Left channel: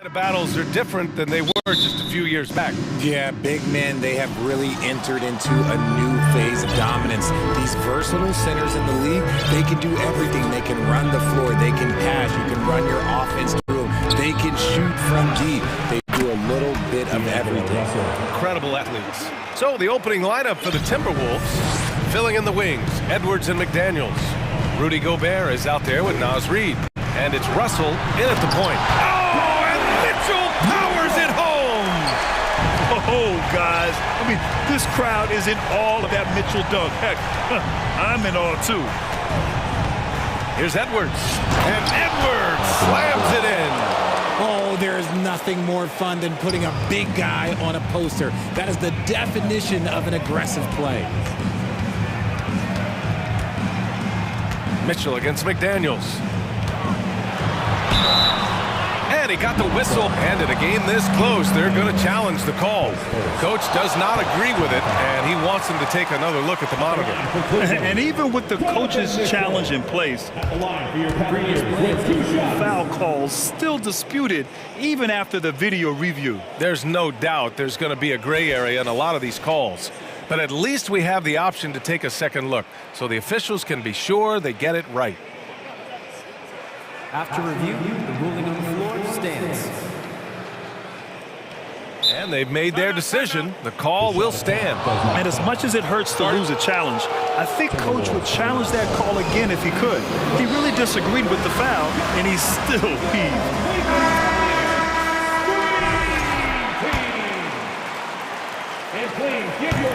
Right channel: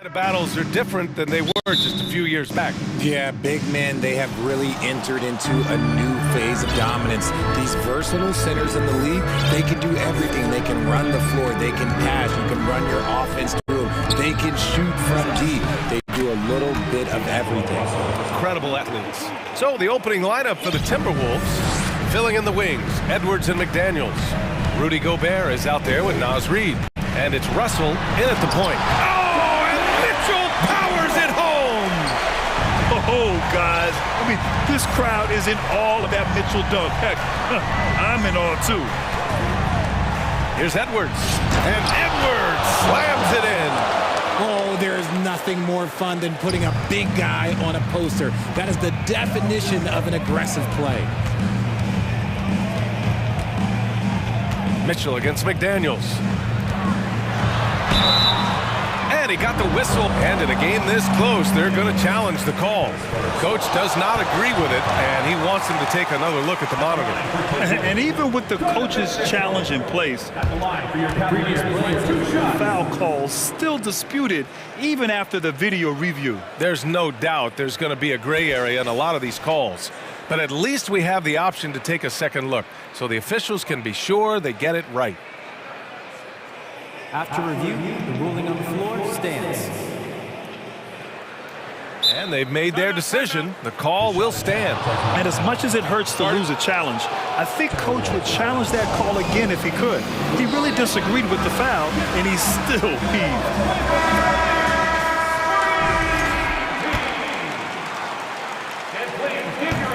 The battles are different than they were just a few years back. Yeah, big men, they have really entered into a new phase of dominance. These versatile centers in the league, they can do everything. They can run the floor, they can pass, you can run your offense through them, they can shoot from deep. They do a little bit of everything. Incredible athletes. So the opening lineup for the Timberwolves, filling in the wings, Edwards and McDaniels. Rudy Gobert is out there with Naz Reid. And it's Russell in at the point. Oh, and Mitchell powers it home! Oh, guys, I mean, this crowd is in awe of that Mitchell dunk. Heck, I'm in awe, too. Here's Edwards, and Edwards slams it in. Oh, there is nothing more fun than putting a big guy on a poster. That is the definition of an aggressive play. Mitchell against McDaniels. And he got the whistle. And in a game this close, they're going to challenge the call. Coach does not agree with it, and he wants him to take another look at the monitor. And even with the coach's challenge in place, foul calls still disputed even after the video review. There's no doubt there's going to be a gray area in a lot of these calls. But at least we have the option to take a second look, so the officials can be sure they get it right. After review, the ruling on the floor stands. And they've made their decision. The call will stand. And as much as it hurts to lose a challenge, I think Coach would challenge that call again if he could. He really disagreed with the foul, and he's still peeved.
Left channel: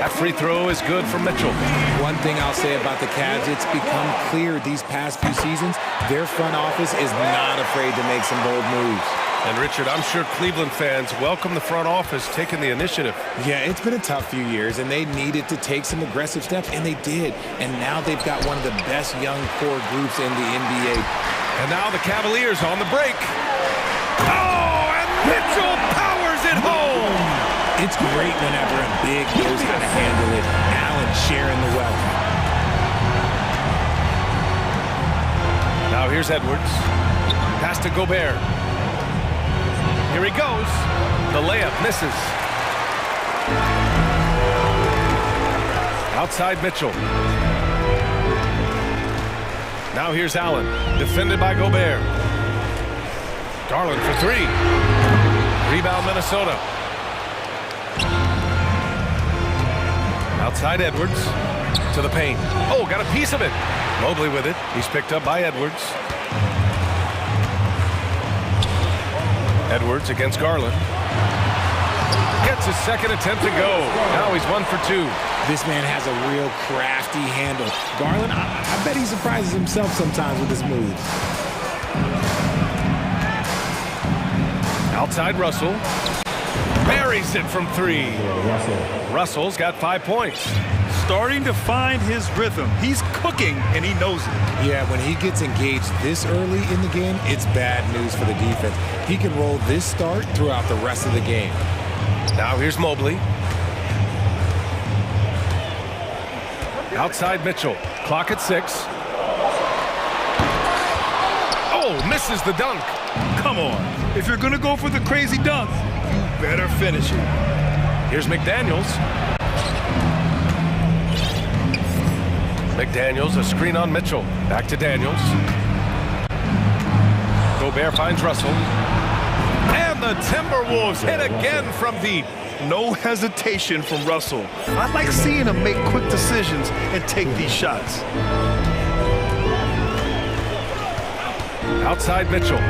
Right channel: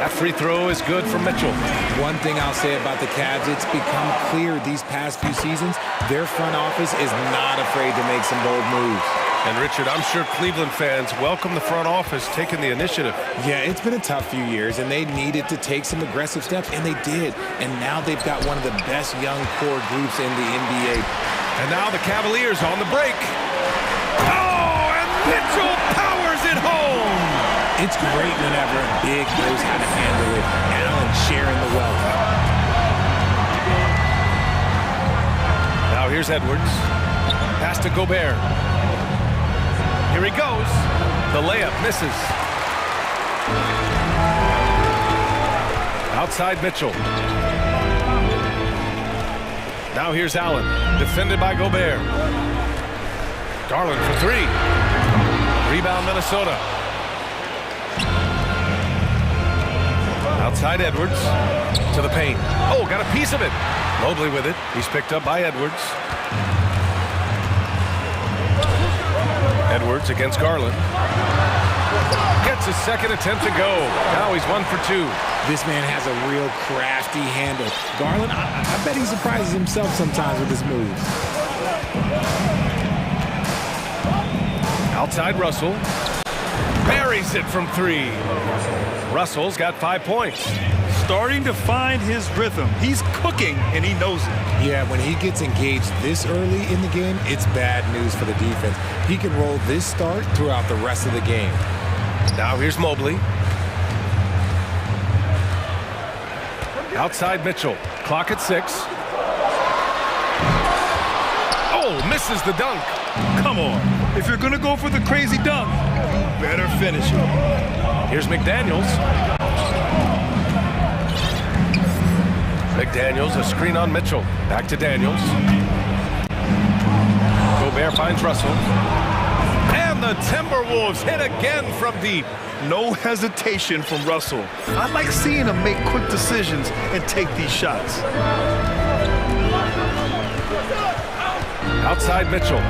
That free throw is good for Mitchell. One thing I'll say about the Cavs, it's become clear these past few seasons, their front office is not afraid to make some bold moves. And Richard, I'm sure Cleveland fans welcome the front office taking the initiative. Yeah, it's been a tough few years, and they needed to take some aggressive steps, and they did. And now they've got one of the best young core groups in the NBA. And now the Cavaliers on the break. Oh, and Mitchell powers it home! It's great whenever a big knows how to handle it. Allen sharing the wealth. Now here's Edwards. Pass to Gobert. Here he goes. The layup misses. Outside Mitchell. Now here's Allen. Defended by Gobert. Garland for three. Rebound Minnesota. Outside Edwards to the paint. Oh, got a piece of it. Mobley with it. He's picked up by Edwards. Edwards against Garland. Gets his second attempt to go. Now he's 1 for 2. This man has a real crafty handle. Garland, I bet he surprises himself sometimes with his moves. Outside Russell. Buries it from three. Russell's got 5 points. Starting to find his rhythm. He's cooking, and he knows it. Yeah, when he gets engaged this early in the game, it's bad news for the defense. He can roll this start throughout the rest of the game. Now here's Mobley. Outside Mitchell. Clock at 6. Oh, misses the dunk. Come on. If you're going to go for the crazy dunk, you better finish it. Here's McDaniels. McDaniels, a screen on Mitchell. Back to Daniels. Gobert finds Russell. And the Timberwolves hit again from deep. No hesitation from Russell. I like seeing him make quick decisions and take these shots. Outside Mitchell.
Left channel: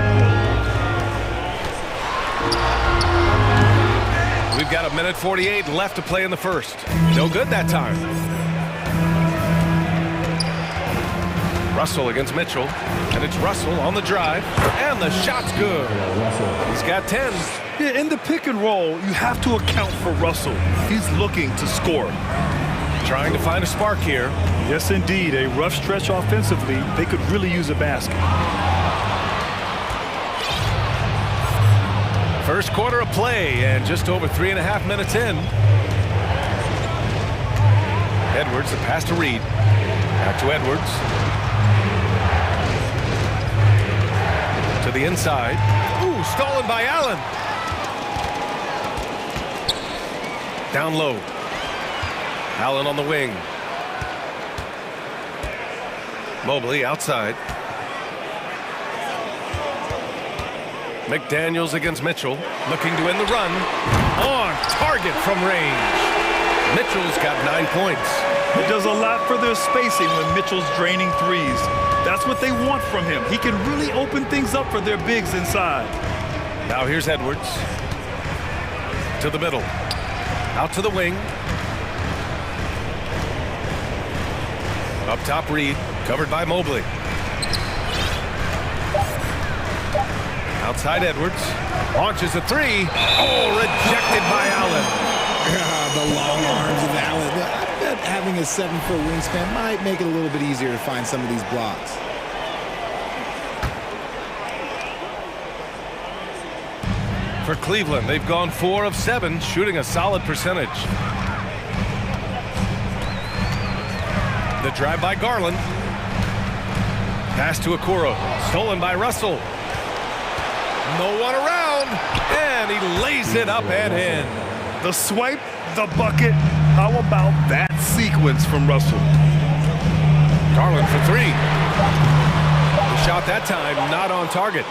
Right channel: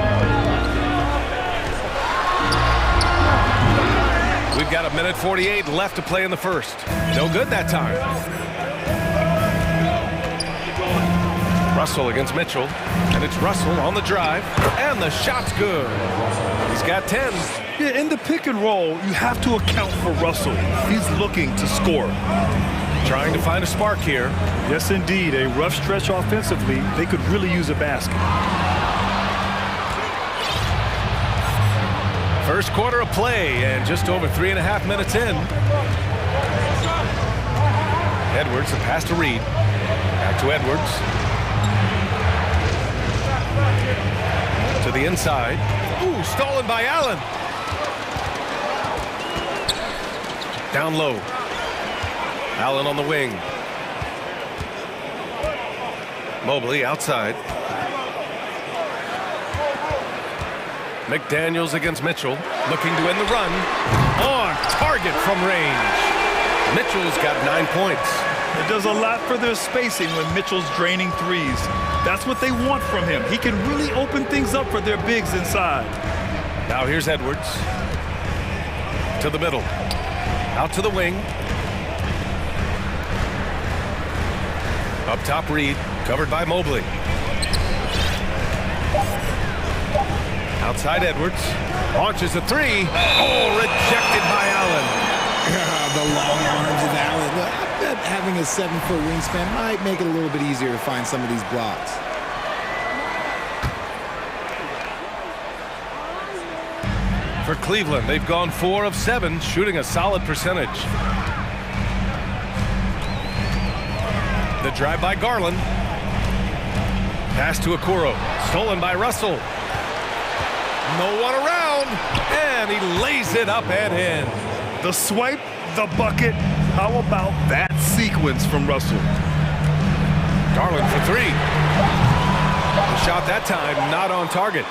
We've got 1:48 left to play in the first. No good that time. Russell against Mitchell. And it's Russell on the drive. And the shot's good. He's got 10. Yeah, in the pick and roll, you have to account for Russell. He's looking to score. Trying to find a spark here. Yes, indeed. A rough stretch offensively. They could really use a basket. First quarter of play, and just over 3.5 minutes in. Edwards, the pass to Reid. Back to Edwards. To the inside. Ooh, stolen by Allen. Down low. Allen on the wing. Mobley outside. McDaniels against Mitchell, looking to end the run. On target from range. Mitchell's got 9 points. It does a lot for their spacing when Mitchell's draining threes. That's what they want from him. He can really open things up for their bigs inside. Now here's Edwards. To the middle. Out to the wing. Up top, Reed, covered by Mobley. Outside Edwards. Launches a three. Oh, rejected by Allen. The long arms of Allen. I bet having a 7-foot wingspan might make it a little bit easier to find some of these blocks. For Cleveland, they've gone 4 of 7, shooting a solid percentage. The drive by Garland. Pass to Okoro. Stolen by Russell. No one around. And he lays it up and in. The swipe, the bucket. How about that sequence from Russell? Garland for 3. The shot that time not on target.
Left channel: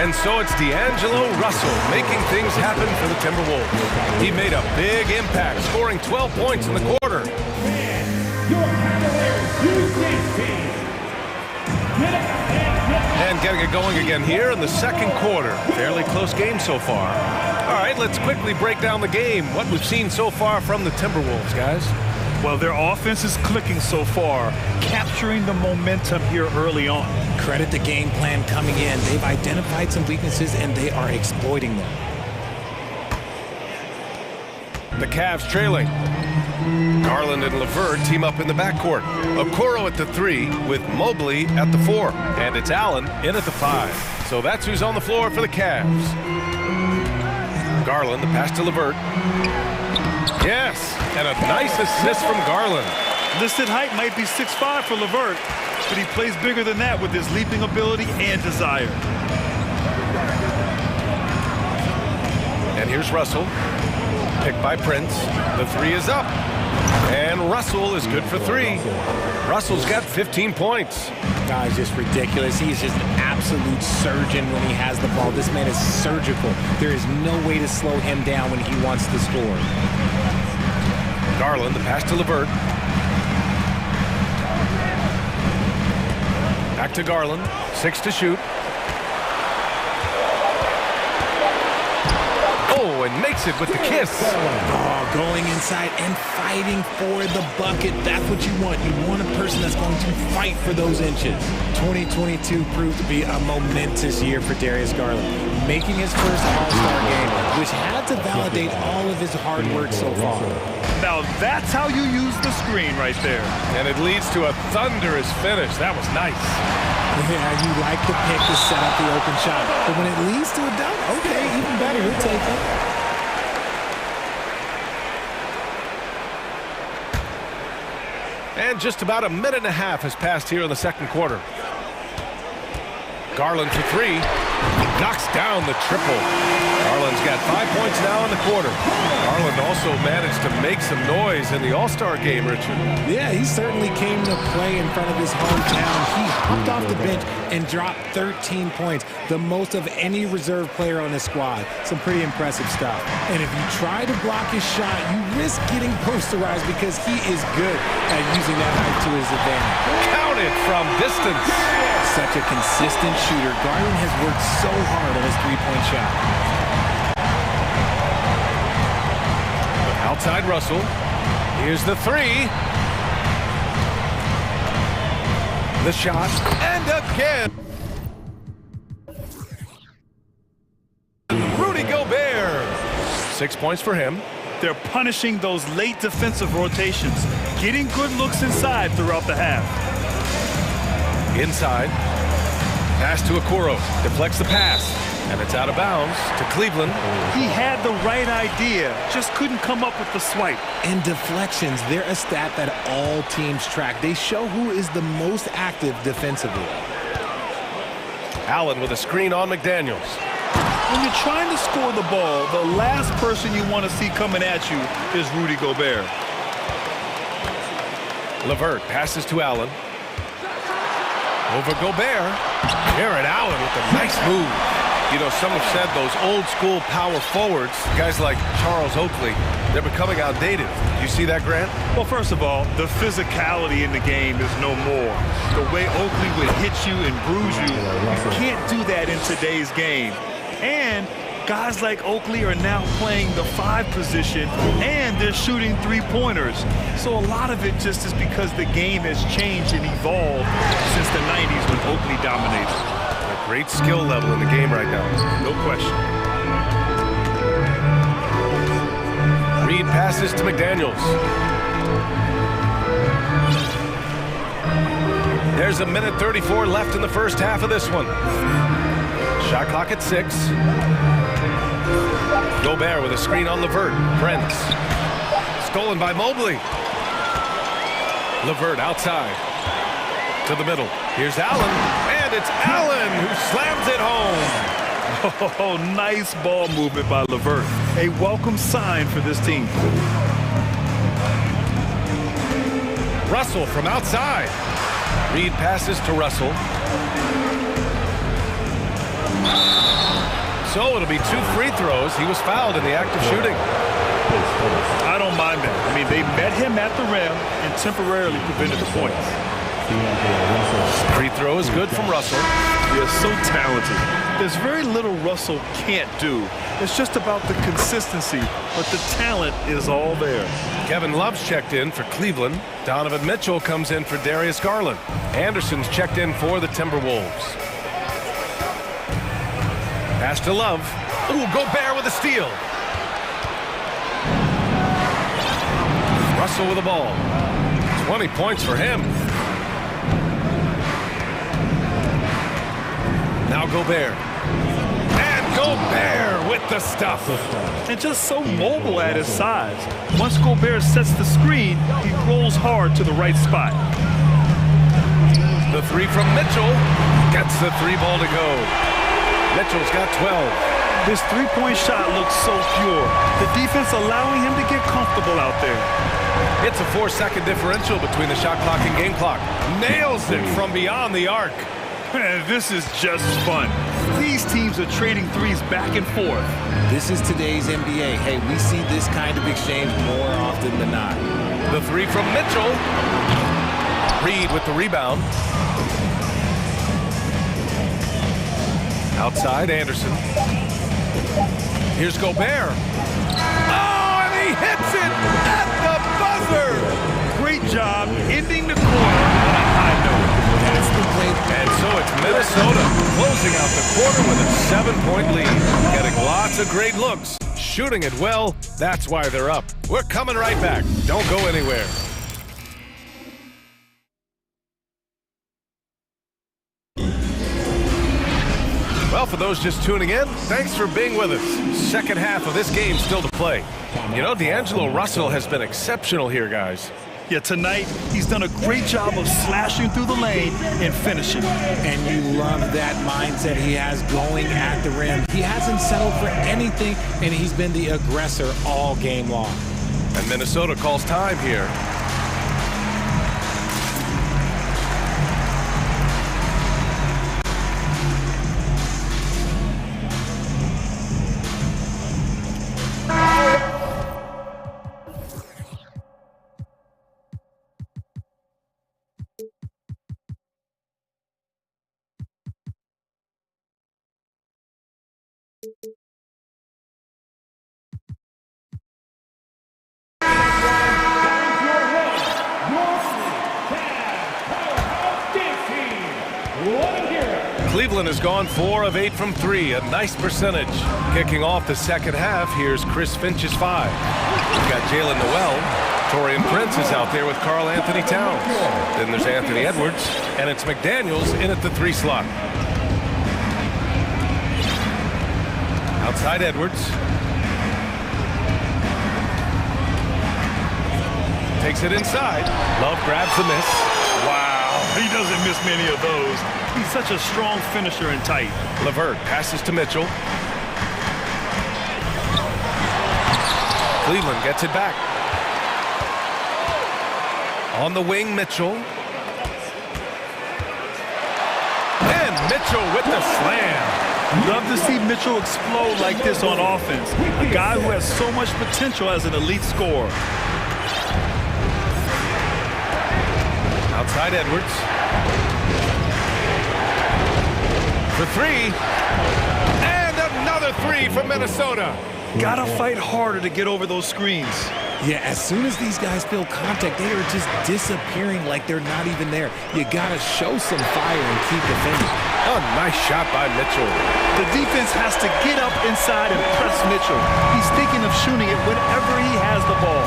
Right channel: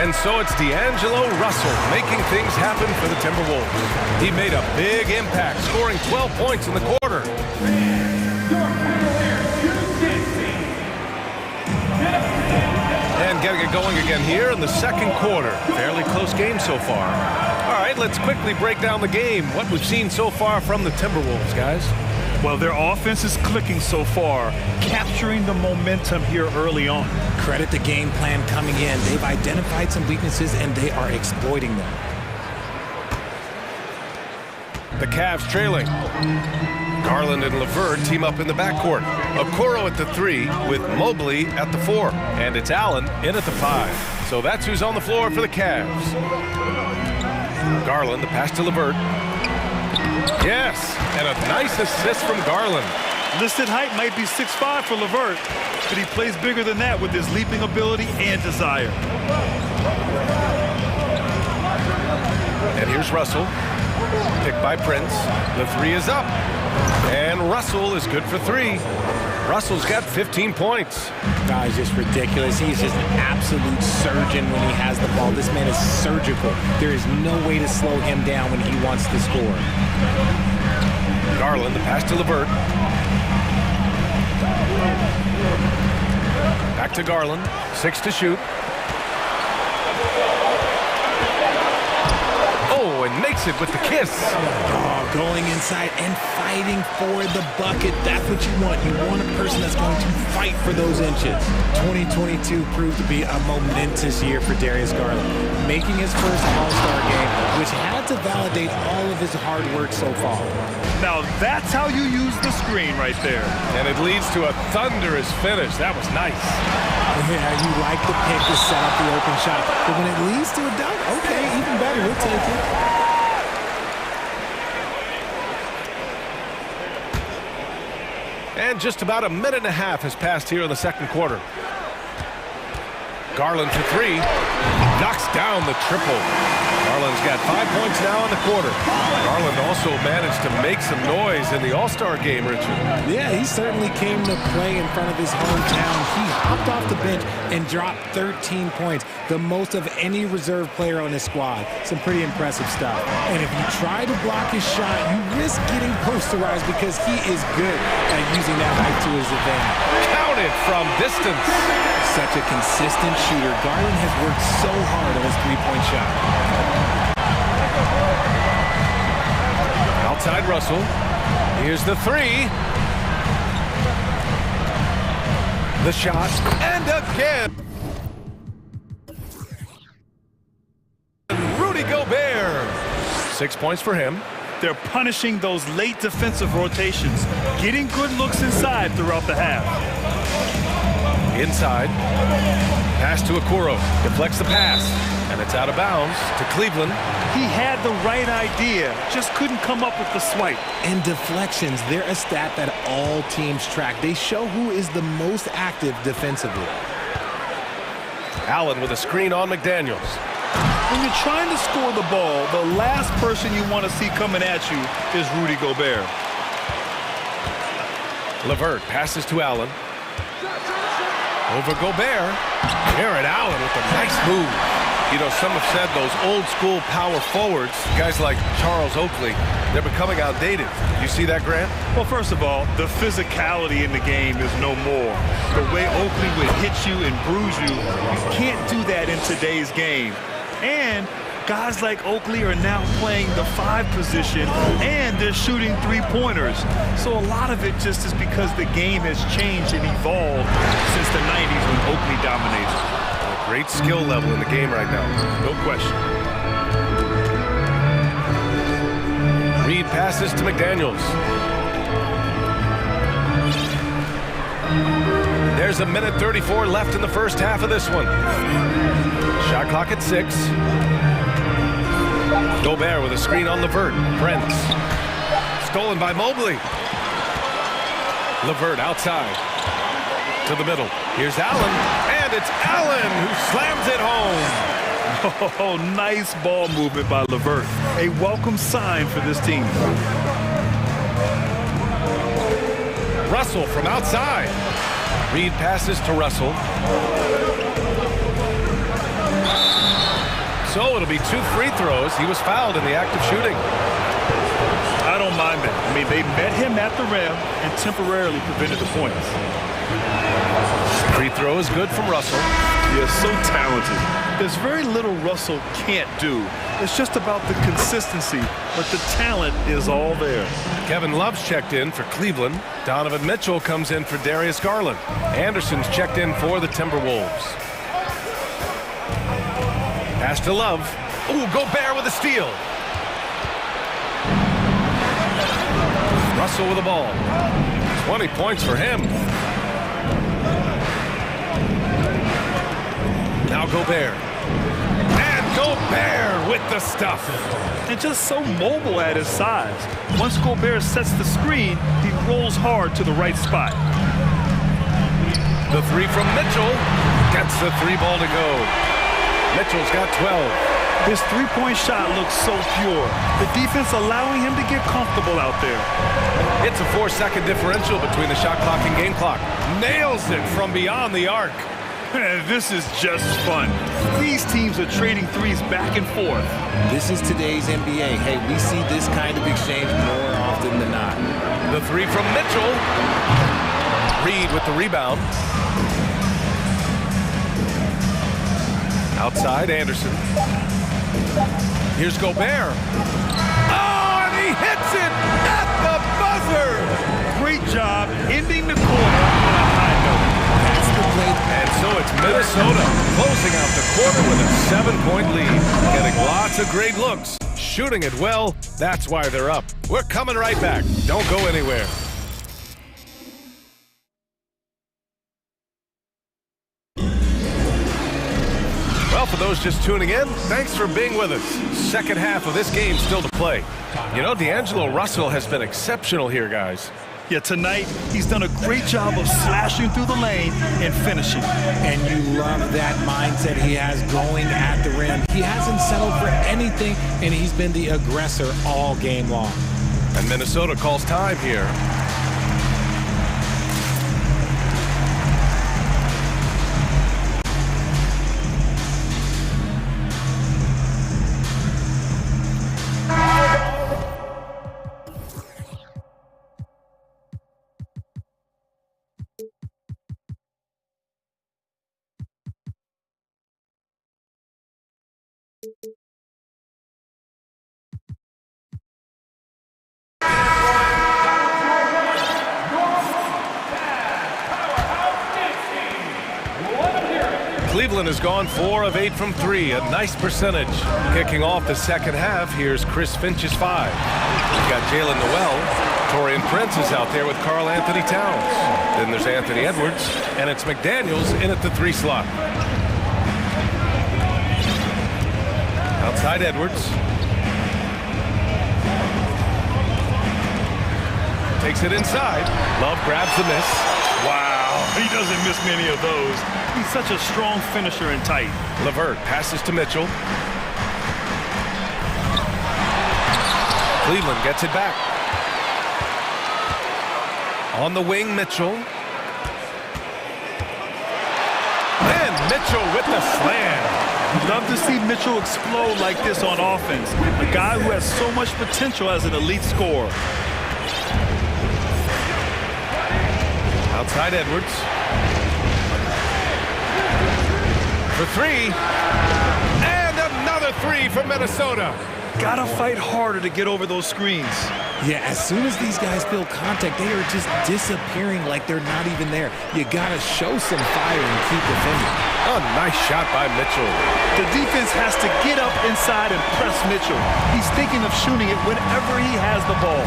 And so it's D'Angelo Russell making things happen for the Timberwolves. He made a big impact, scoring 12 points in the quarter. And getting it going again here in the second quarter. Fairly close game so far. All right, let's quickly break down the game. What we've seen so far from the Timberwolves, guys. Well, their offense is clicking so far, capturing the momentum here early on. Credit the game plan coming in. They've identified some weaknesses, and they are exploiting them. The Cavs trailing. Garland and LeVert team up in the backcourt. Okoro at the 3 with Mobley at the 4. And it's Allen in at the 5. So that's who's on the floor for the Cavs. Garland, the pass to LeVert. Yes, and a nice assist from Garland. Listed height might be 6'5" for LeVert, but he plays bigger than that with his leaping ability and desire. And here's Russell. Picked by Prince. The 3 is up. And Russell is good for 3. Russell's got 15 points. He's just ridiculous. He's just an absolute surgeon when he has the ball. This man is surgical. There is no way to slow him down when he wants to score. Garland, the pass to LeVert. Back to Garland. 6 to shoot. Oh, and makes it with the kiss. Oh, going inside and fighting for the bucket. That's what you want. You want a person that's going to fight for those inches. 2022 proved to be a momentous year for Darius Garland, making his first All-Star game, which had to validate all of his hard work so far. Now that's how you use the screen right there. And it leads to a thunderous finish. That was nice. Yeah, you like the pick to set up the open shot, but when it leads to a dunk, okay, even better, we'll take it. And just about a minute and a half has passed here in the second quarter. Garland for 3. Knocks down the triple. Garland's got 5 points now in the quarter. Garland also managed to make some noise in the All-Star game, Richard. Yeah, he certainly came to play in front of his hometown. He hopped off the bench and dropped 13 points, the most of any reserve player on his squad. Some pretty impressive stuff. And if you try to block his shot, you risk getting posterized because he is good at using that height to his advantage. Counted from distance. Such a consistent shooter. Garland has worked so hard on his three-point shot. Outside Russell. Here's the 3. The shot. And again. Rudy Gobert. 6 points for him. They're punishing those late defensive rotations, getting good looks inside throughout the half. Inside. Pass to Okoro. Deflects the pass. And it's out of bounds to Cleveland. He had the right idea, just couldn't come up with the swipe. And deflections, they're a stat that all teams track. They show who is the most active defensively. Allen with a screen on McDaniels. When you're trying to score the ball, the last person you want to see coming at you is Rudy Gobert. LeVert passes to Allen. Over Gobert. Jared Allen with a nice move. You know, some have said those old-school power forwards, guys like Charles Oakley, they're becoming outdated. You see that, Grant? Well, first of all, the physicality in the game is no more. The way Oakley would hit you and bruise you, you can't do that in today's game. And guys like Oakley are now playing the 5 position, and they're shooting 3-pointers. So a lot of it just is because the game has changed and evolved since the 90s when Oakley dominated. A great skill level in the game right now. No question. Reed passes to McDaniels. There's a minute 34 left in the first half of this one. Shot clock at 6. Gobert with a screen on LeVert. Brent. Stolen by Mobley. LeVert outside. To the middle. Here's Allen. And it's Allen who slams it home. Oh, nice ball movement by LeVert. A welcome sign for this team. Russell from outside. Reed passes to Russell. So it'll be 2 free throws. He was fouled in the act of shooting. I don't mind that. I mean, they met him at the rim and temporarily prevented the points. Free throw is good from Russell. He is so talented. There's very little Russell can't do. It's just about the consistency, but the talent is all there. Kevin Love's checked in for Cleveland. Donovan Mitchell comes in for Darius Garland. Anderson's checked in for the Timberwolves. Pass to Love. Ooh, Gobert with a steal. Russell with the ball. 20 points for him. Now Gobert. And Gobert with the stuff. And just so mobile at his size. Once Gobert sets the screen, he rolls hard to the right spot. The 3 from Mitchell. Gets the 3 ball to go. Mitchell's got 12. His 3-point shot looks so pure. The defense allowing him to get comfortable out there. It's a 4-second differential between the shot clock and game clock. Nails it from beyond the arc. This is just fun. These teams are trading threes back and forth. This is today's NBA. Hey, we see this kind of exchange more often than not. The 3 from Mitchell. Reed with the rebound. Outside, Anderson. Here's Gobert. Oh, and he hits it at the buzzer. Great job ending the quarter on a high note. That's the play. And so it's Minnesota closing out the quarter with a 7-point lead. Getting lots of great looks. Shooting it well. That's why they're up. We're coming right back. Don't go anywhere. Well, for those just tuning in, thanks for being with us. Second half of this game still to play. You know, D'Angelo Russell has been exceptional here, guys. Yeah, tonight he's done a great job of slashing through the lane and finishing. And you love that mindset he has going at the rim. He hasn't settled for anything, and he's been the aggressor all game long. And Minnesota calls time here. Cleveland has gone 4 of 8 from 3, a nice percentage. Kicking off the second half, here's Chris Finch's 5. We've got Jalen Noel. Torian Prince is out there with Karl Anthony Towns. Then there's Anthony Edwards, and it's McDaniels in at the 3 slot. Outside Edwards. Takes it inside. Love grabs the miss. Wow, he doesn't miss many of those. He's such a strong finisher and tight. LeVert passes to Mitchell. Cleveland gets it back. On the wing, Mitchell. And Mitchell with the slam. Love to see Mitchell explode like this on offense. A guy who has so much potential as an elite scorer. Outside Edwards. For three. And another three from Minnesota. Gotta fight harder to get over those screens. Yeah, as soon as these guys feel contact, they are just disappearing like they're not even there. You gotta show some fire and keep defending. A nice shot by Mitchell. The defense has to get up inside and press Mitchell. He's thinking of shooting it whenever he has the ball.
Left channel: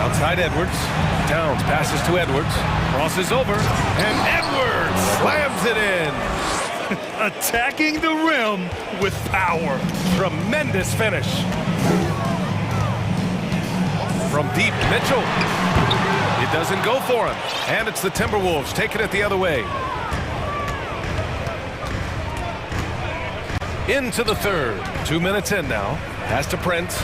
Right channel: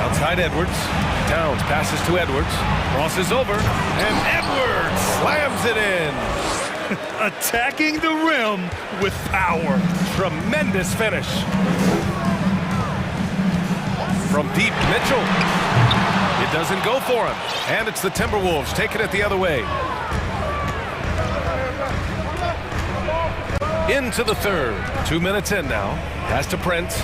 Outside Edwards. Towns passes to Edwards. Crosses over. And Edwards slams it in. Attacking the rim with power. Tremendous finish. From deep, Mitchell. It doesn't go for him. And it's the Timberwolves taking it the other way. Into the third. 2 minutes in now. Pass to Prince.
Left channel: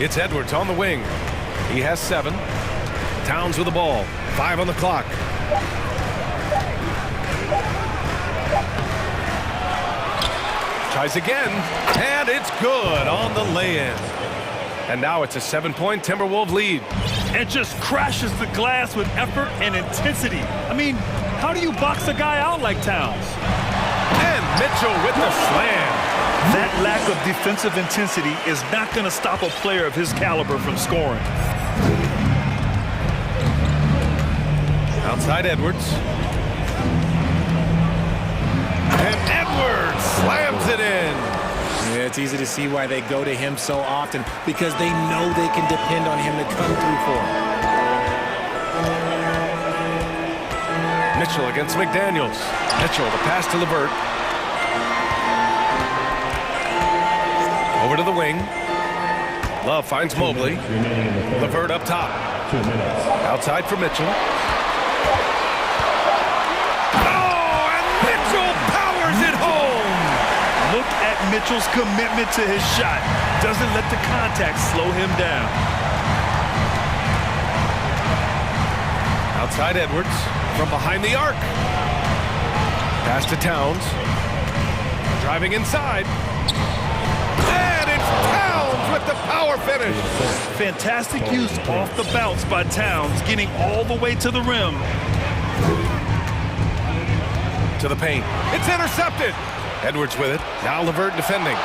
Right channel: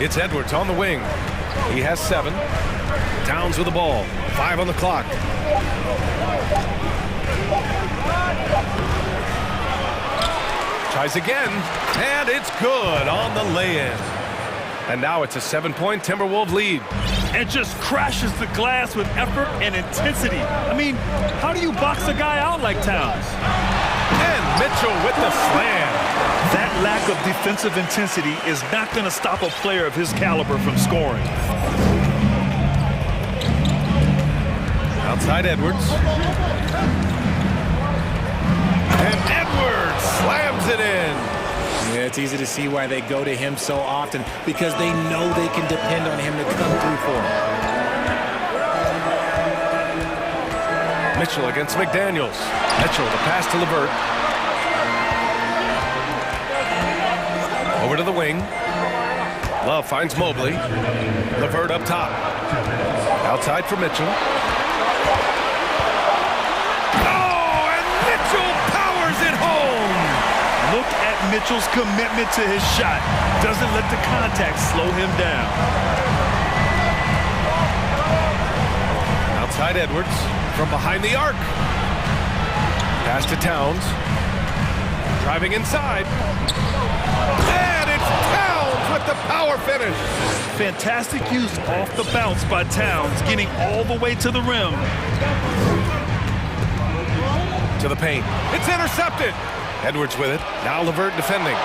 It's Edwards on the wing. He has 7. Towns with the ball. 5 on the clock. Tries again, and it's good on the lay-in. And now it's a 7-point Timberwolves lead. And just crashes the glass with effort and intensity. I mean, how do you box a guy out like Towns? And Mitchell with the slam. That lack of defensive intensity is not going to stop a player of his caliber from scoring. Outside Edwards. And Edwards slams it in. Yeah, it's easy to see why they go to him so often, because they know they can depend on him to come through for them. Mitchell against McDaniels. Mitchell, the pass to LeVert. Over to the wing. Love finds Mobley. LeVert up top. Outside for Mitchell. Oh, and Mitchell powers it home. Look at Mitchell's commitment to his shot. Doesn't let the contact slow him down. Outside Edwards from behind the arc. Pass to Towns. Driving inside. And it's Towns with the power finish. Fantastic use off the bounce by Towns, getting all the way to the rim. To the paint. It's intercepted. Edwards with it. Now LeVert defending.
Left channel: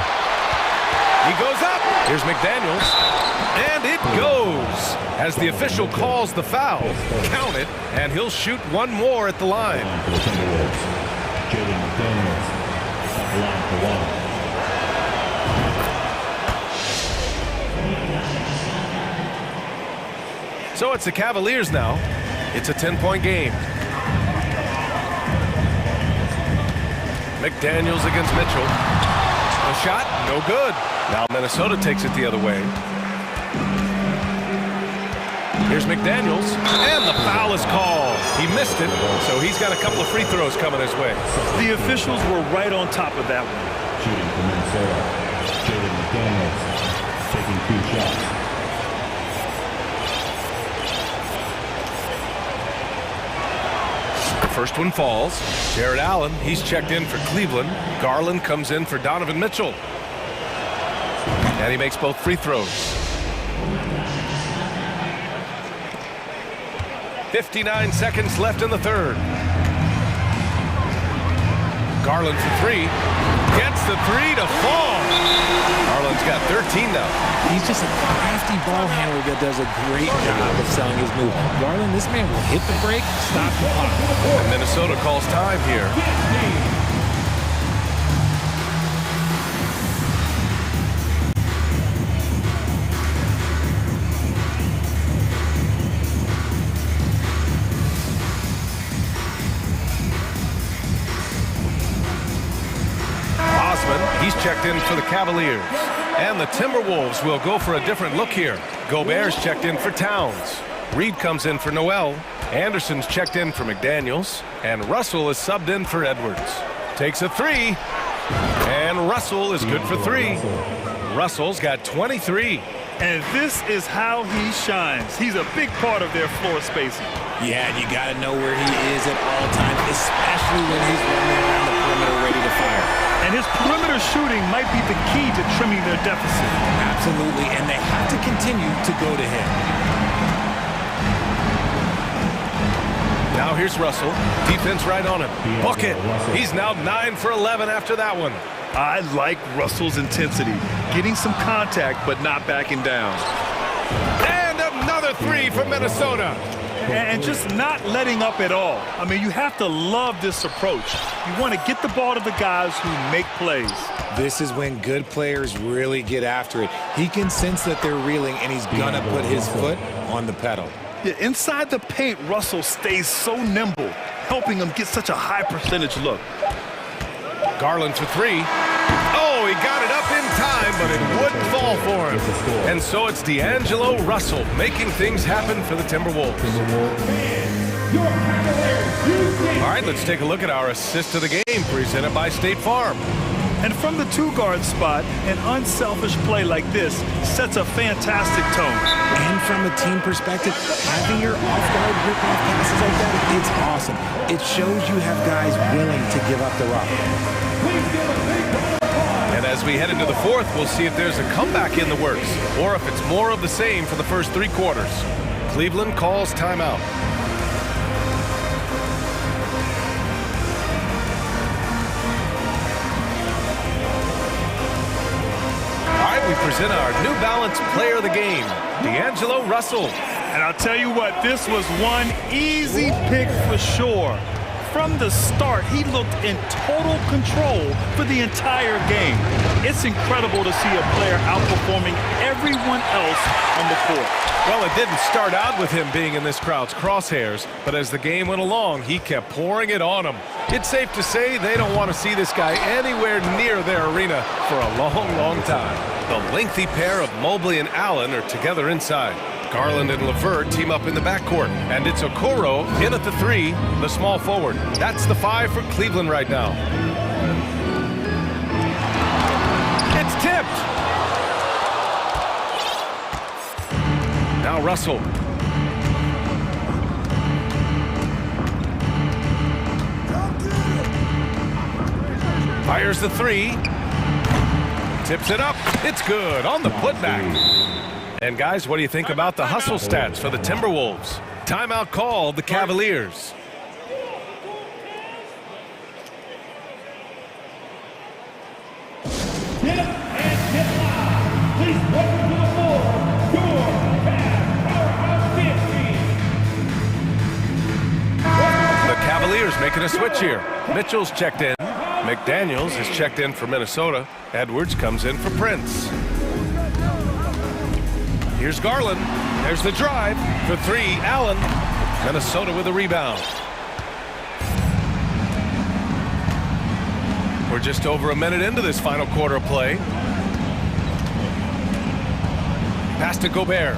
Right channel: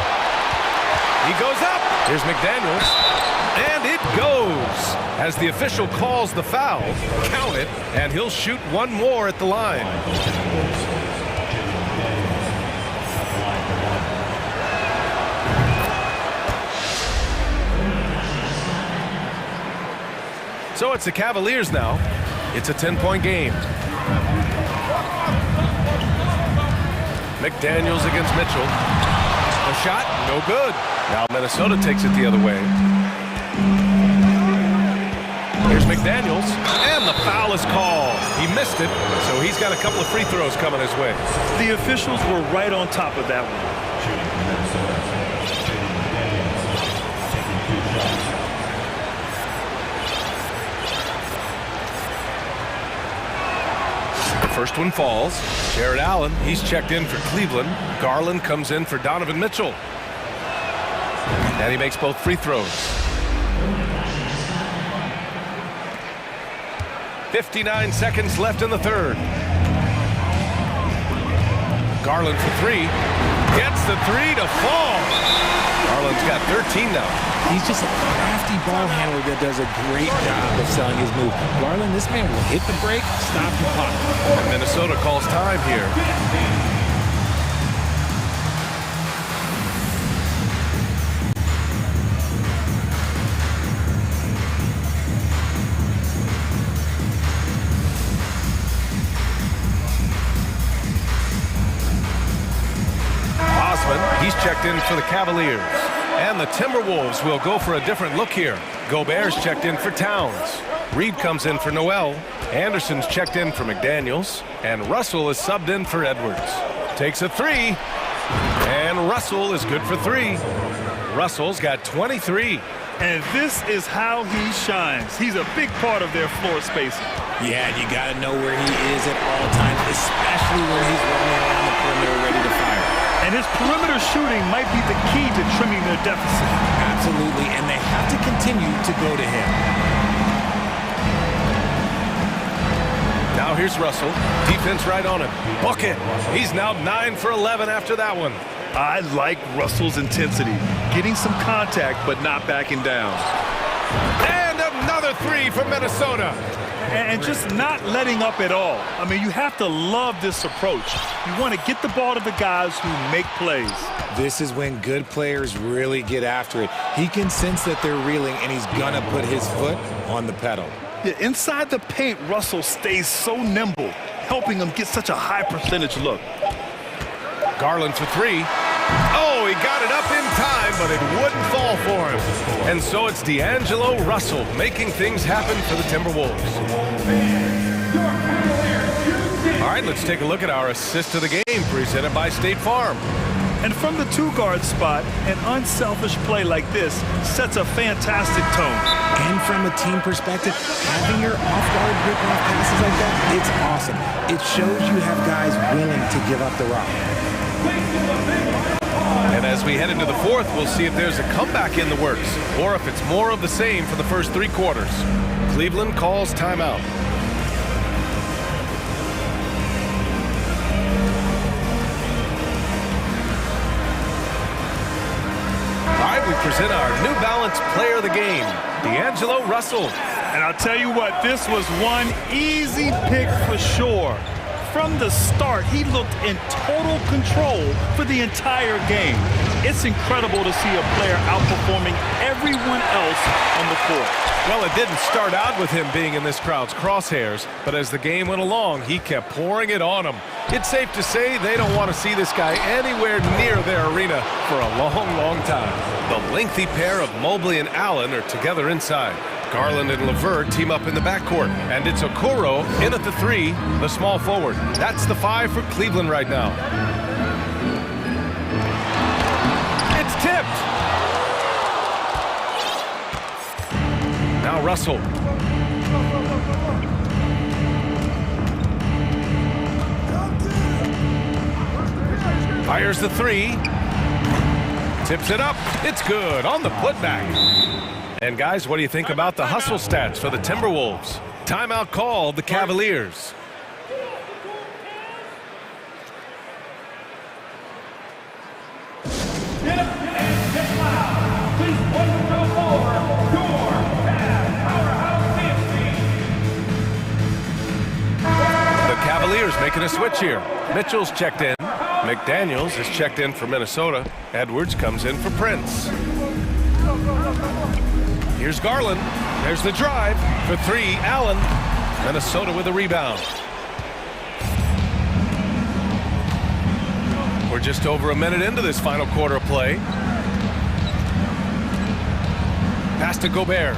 He goes up. Here's McDaniels. And it goes. As the official calls the foul, count it, and he'll shoot one more at the line. So it's the Cavaliers now. It's a 10-point game. McDaniels against Mitchell. A shot, no good. Now Minnesota takes it the other way. Here's McDaniels, and the foul is called. He missed it, so he's got a couple of free throws coming his way. The officials were right on top of that one. Shooting for Minnesota. Jaden McDaniels taking 2 shots. First one falls. Jared Allen, he's checked in for Cleveland. Garland comes in for Donovan Mitchell. And he makes both free throws. 59 seconds left in the third. Garland for 3. Gets the 3 to fall. Garland's got 13 now. He's just a crafty ball handler that does a great job of selling his move. Garland, this man will hit the break, stop, and pop. And Minnesota calls time here. Osman, he's checked in for the Cavaliers. And the Timberwolves will go for a different look here. Gobert's checked in for Towns. Reed comes in for Noel. Anderson's checked in for McDaniels. And Russell is subbed in for Edwards. Takes a three. And Russell is good for three. Russell's got 23. And this is how he shines. He's a big part of their floor spacing. Yeah, and you got to know where he is at all times, especially when he's roaming around the perimeter ready to fire. And his perimeter shooting might be the key to trimming their deficit. Absolutely, and they have to continue to go to him. Now here's Russell. Defense right on him. Bucket. He's now 9 for 11 after that one. I like Russell's intensity. Getting some contact, but not backing down. And another three from Minnesota. And just not letting up at all. I mean, you have to love this approach. You want to get the ball to the guys who make plays. This is when good players really get after it. He can sense that they're reeling, and he's going to put his foot on the pedal. Yeah, inside the paint, Russell stays so nimble, helping him get such a high percentage look. Garland for three. Oh, he got it up in time, but it wouldn't fall for him. And so it's D'Angelo Russell making things happen for the Timberwolves. All right, let's take a look at our assist of the game presented by State Farm. And from the two-guard spot, an unselfish play like this sets a fantastic tone. And from a team perspective, having your off-guard rip-off passes like that, it's awesome. It shows you have guys willing to give up the rock. And as we head into the fourth, we'll see if there's a comeback in the works or if it's more of the same for the first three quarters. Cleveland calls timeout. All right, we present our New Balance player of the game, D'Angelo Russell. And I'll tell you what, this was one easy pick for sure. From the start, he looked in total control for the entire game. It's incredible to see a player outperforming everyone else on the court. Well, it didn't start out with him being in this crowd's crosshairs, but as the game went along, he kept pouring it on them. It's safe to say they don't want to see this guy anywhere near their arena for a long, long time. The lengthy pair of Mobley and Allen are together inside. Garland and LeVert team up in the backcourt. And it's Okoro in at the three, the small forward. That's the 5 for Cleveland right now. It's tipped. Now Russell. Fires the three. Tips it up. It's good on the putback. And guys, what do you think about the hustle stats for the Timberwolves? Timeout called the Cavaliers. The Cavaliers making a switch here. Mitchell's checked in. McDaniels is checked in for Minnesota. Edwards comes in for Prince. Here's Garland. There's the drive. For three, Allen. Minnesota with a rebound. We're just over a minute into this final quarter of play. Pass to Gobert.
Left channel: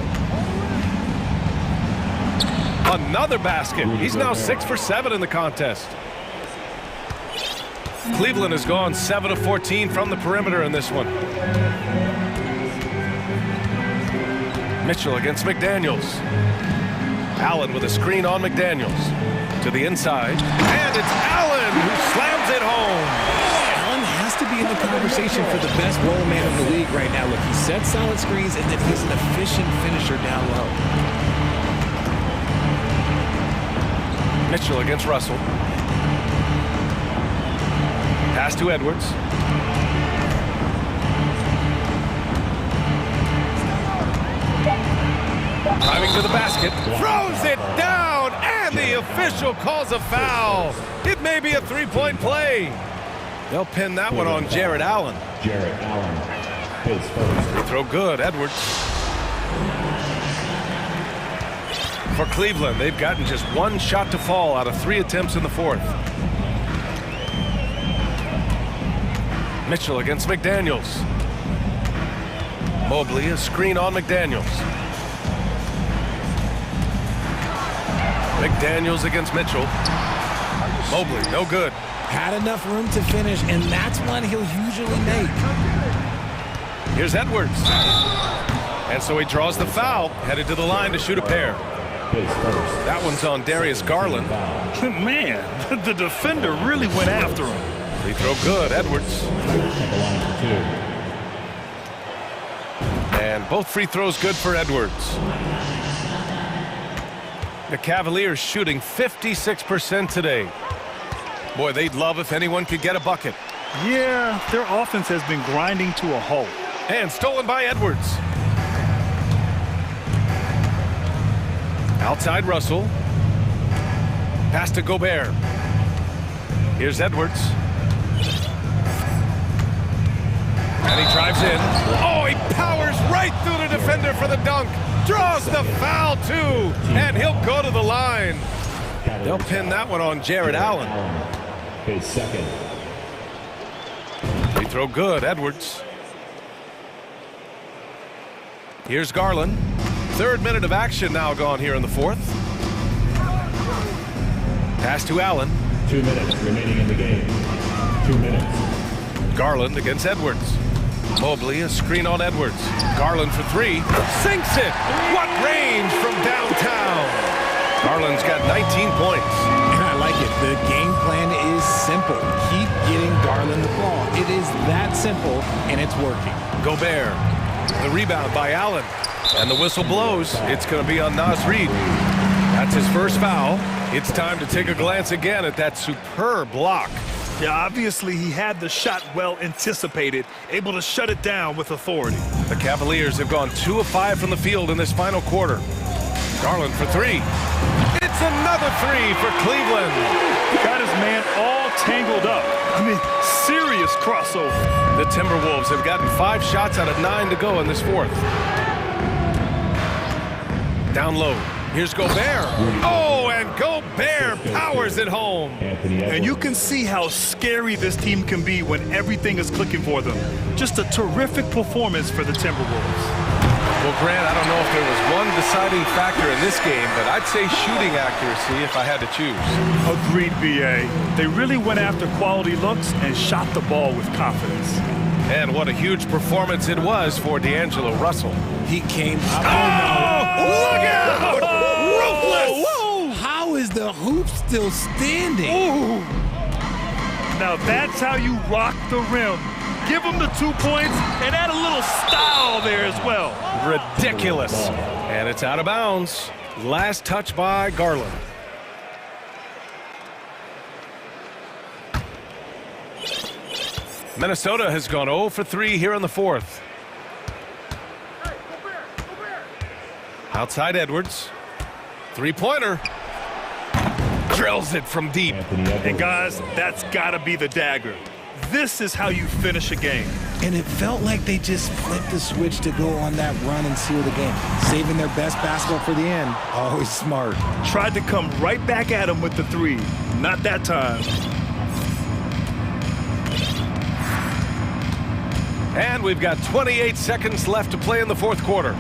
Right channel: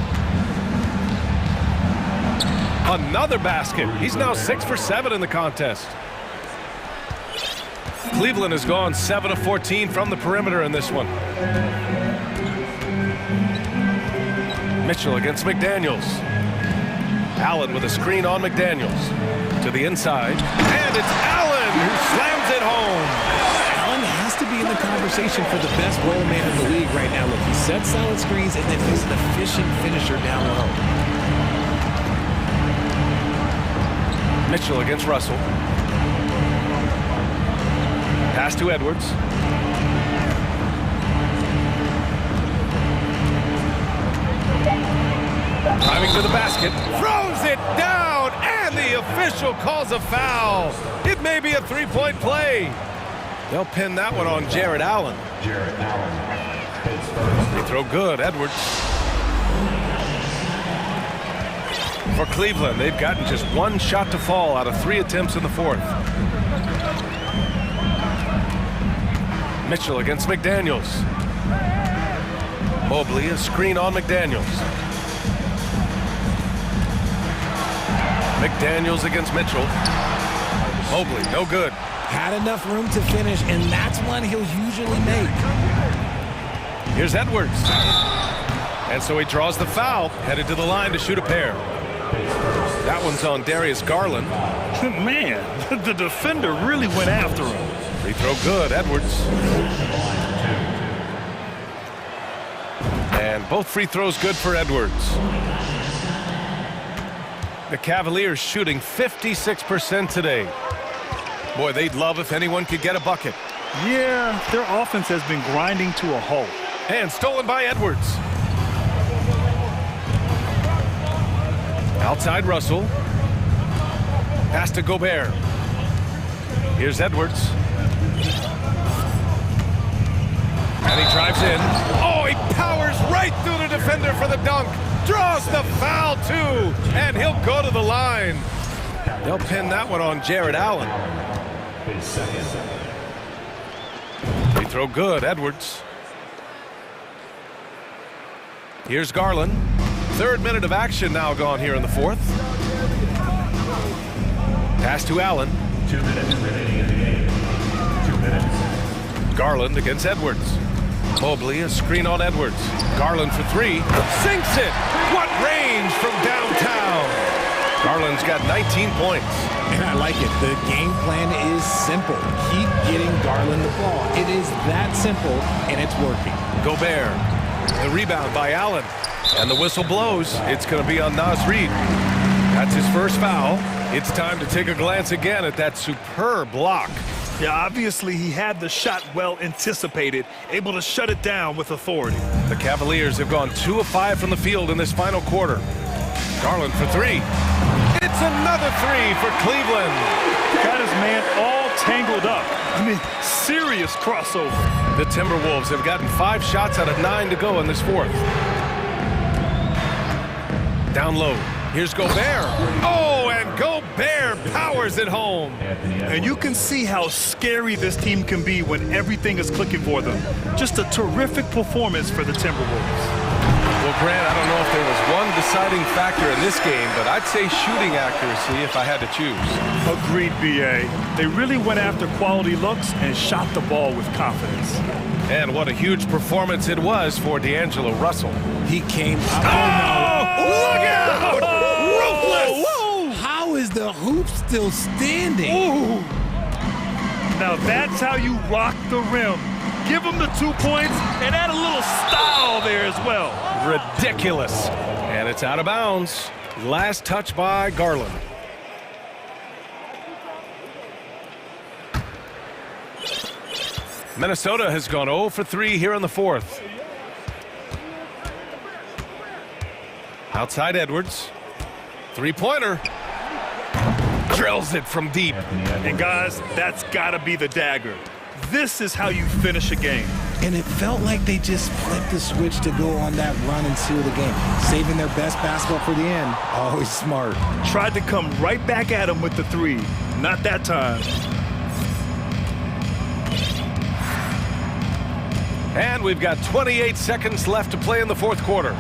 Another basket. He's now 6 for 7 in the contest. Cleveland has gone 7 of 14 from the perimeter in this one. Mitchell against McDaniels. Allen with a screen on McDaniels. To the inside. And it's Allen who slams it home. Allen has to be in the conversation for the best role man in the league right now. Look, he sets solid screens, and then he's an efficient finisher down low. Mitchell against Russell. Pass to Edwards. Driving to the basket. Throws it down, and the official calls a foul. It may be a three-point play. They'll pin that one on Jared Allen. Jared Allen. Free throw good, Edwards. For Cleveland, they've gotten just one shot to fall out of 3 attempts in the fourth. Mitchell against McDaniels. Mobley, a screen on McDaniels. McDaniels against Mitchell. Mobley, no good. Had enough room to finish, and that's one he'll usually make. Here's Edwards. And so he draws the foul, headed to the line to shoot a pair. That one's on Darius Garland. Man, the defender really went after him. Free throw good, Edwards. And both free throws good for Edwards. The Cavaliers shooting 56% today. Boy, they'd love if anyone could get a bucket. Yeah, their offense has been grinding to a halt. And stolen by Edwards. Outside Russell. Pass to Gobert. Here's Edwards. And he drives in. Oh, he powers right through the defender for the dunk. Draws the foul, too. And he'll go to the line. They'll pin that one on Jared Allen. His second. Free throw good, Edwards. Here's Garland. Third minute of action now gone here in the fourth. Pass to Allen. 2 minutes remaining in the game. 2 minutes. Garland against Edwards. Mobley, a screen on Edwards. Garland for three. Sinks it! What range from downtown! Garland's got 19 points. And I like it. The game plan is simple. Keep getting Garland the ball. It is that simple, and it's working. Gobert. The rebound by Allen. And the whistle blows. It's going to be on Naz Reid. That's his first foul. It's time to take a glance again at that superb block. Yeah, obviously he had the shot well anticipated, able to shut it down with authority. The Cavaliers have gone 2 of 5 from the field in this final quarter. Garland for three. It's another three for Cleveland. Got his man all tangled up. I mean, serious crossover. The Timberwolves have gotten 5 shots out of 9 to go in this fourth. Down low. Here's Gobert. Oh, and Gobert powers it home. And you can see how scary this team can be when everything is clicking for them. Just a terrific performance for the Timberwolves. Well, Grant, I don't know if there was one deciding factor in this game, but I'd say shooting accuracy if I had to choose. Agreed, B.A. They really went after quality looks and shot the ball with confidence. And what a huge performance it was for D'Angelo Russell. He came up. Oh, look out! Ruthless! Whoa. How is the hoop still standing? Ooh. Now that's how you rock the rim. Give him the 2 points and add a little style there as well. Ridiculous. And it's out of bounds. Last touch by Garland. Minnesota has gone 0 for 3 here in the fourth. Outside Edwards. Three-pointer. Drills it from deep. And guys, that's got to be the dagger. This is how you finish a game. And it felt like they just flipped the switch to go on that run and seal the game. Saving their best basketball for the end. Always smart. Tried to come right back at him with the three. Not that time. And we've got 28 seconds left to play in the fourth quarter.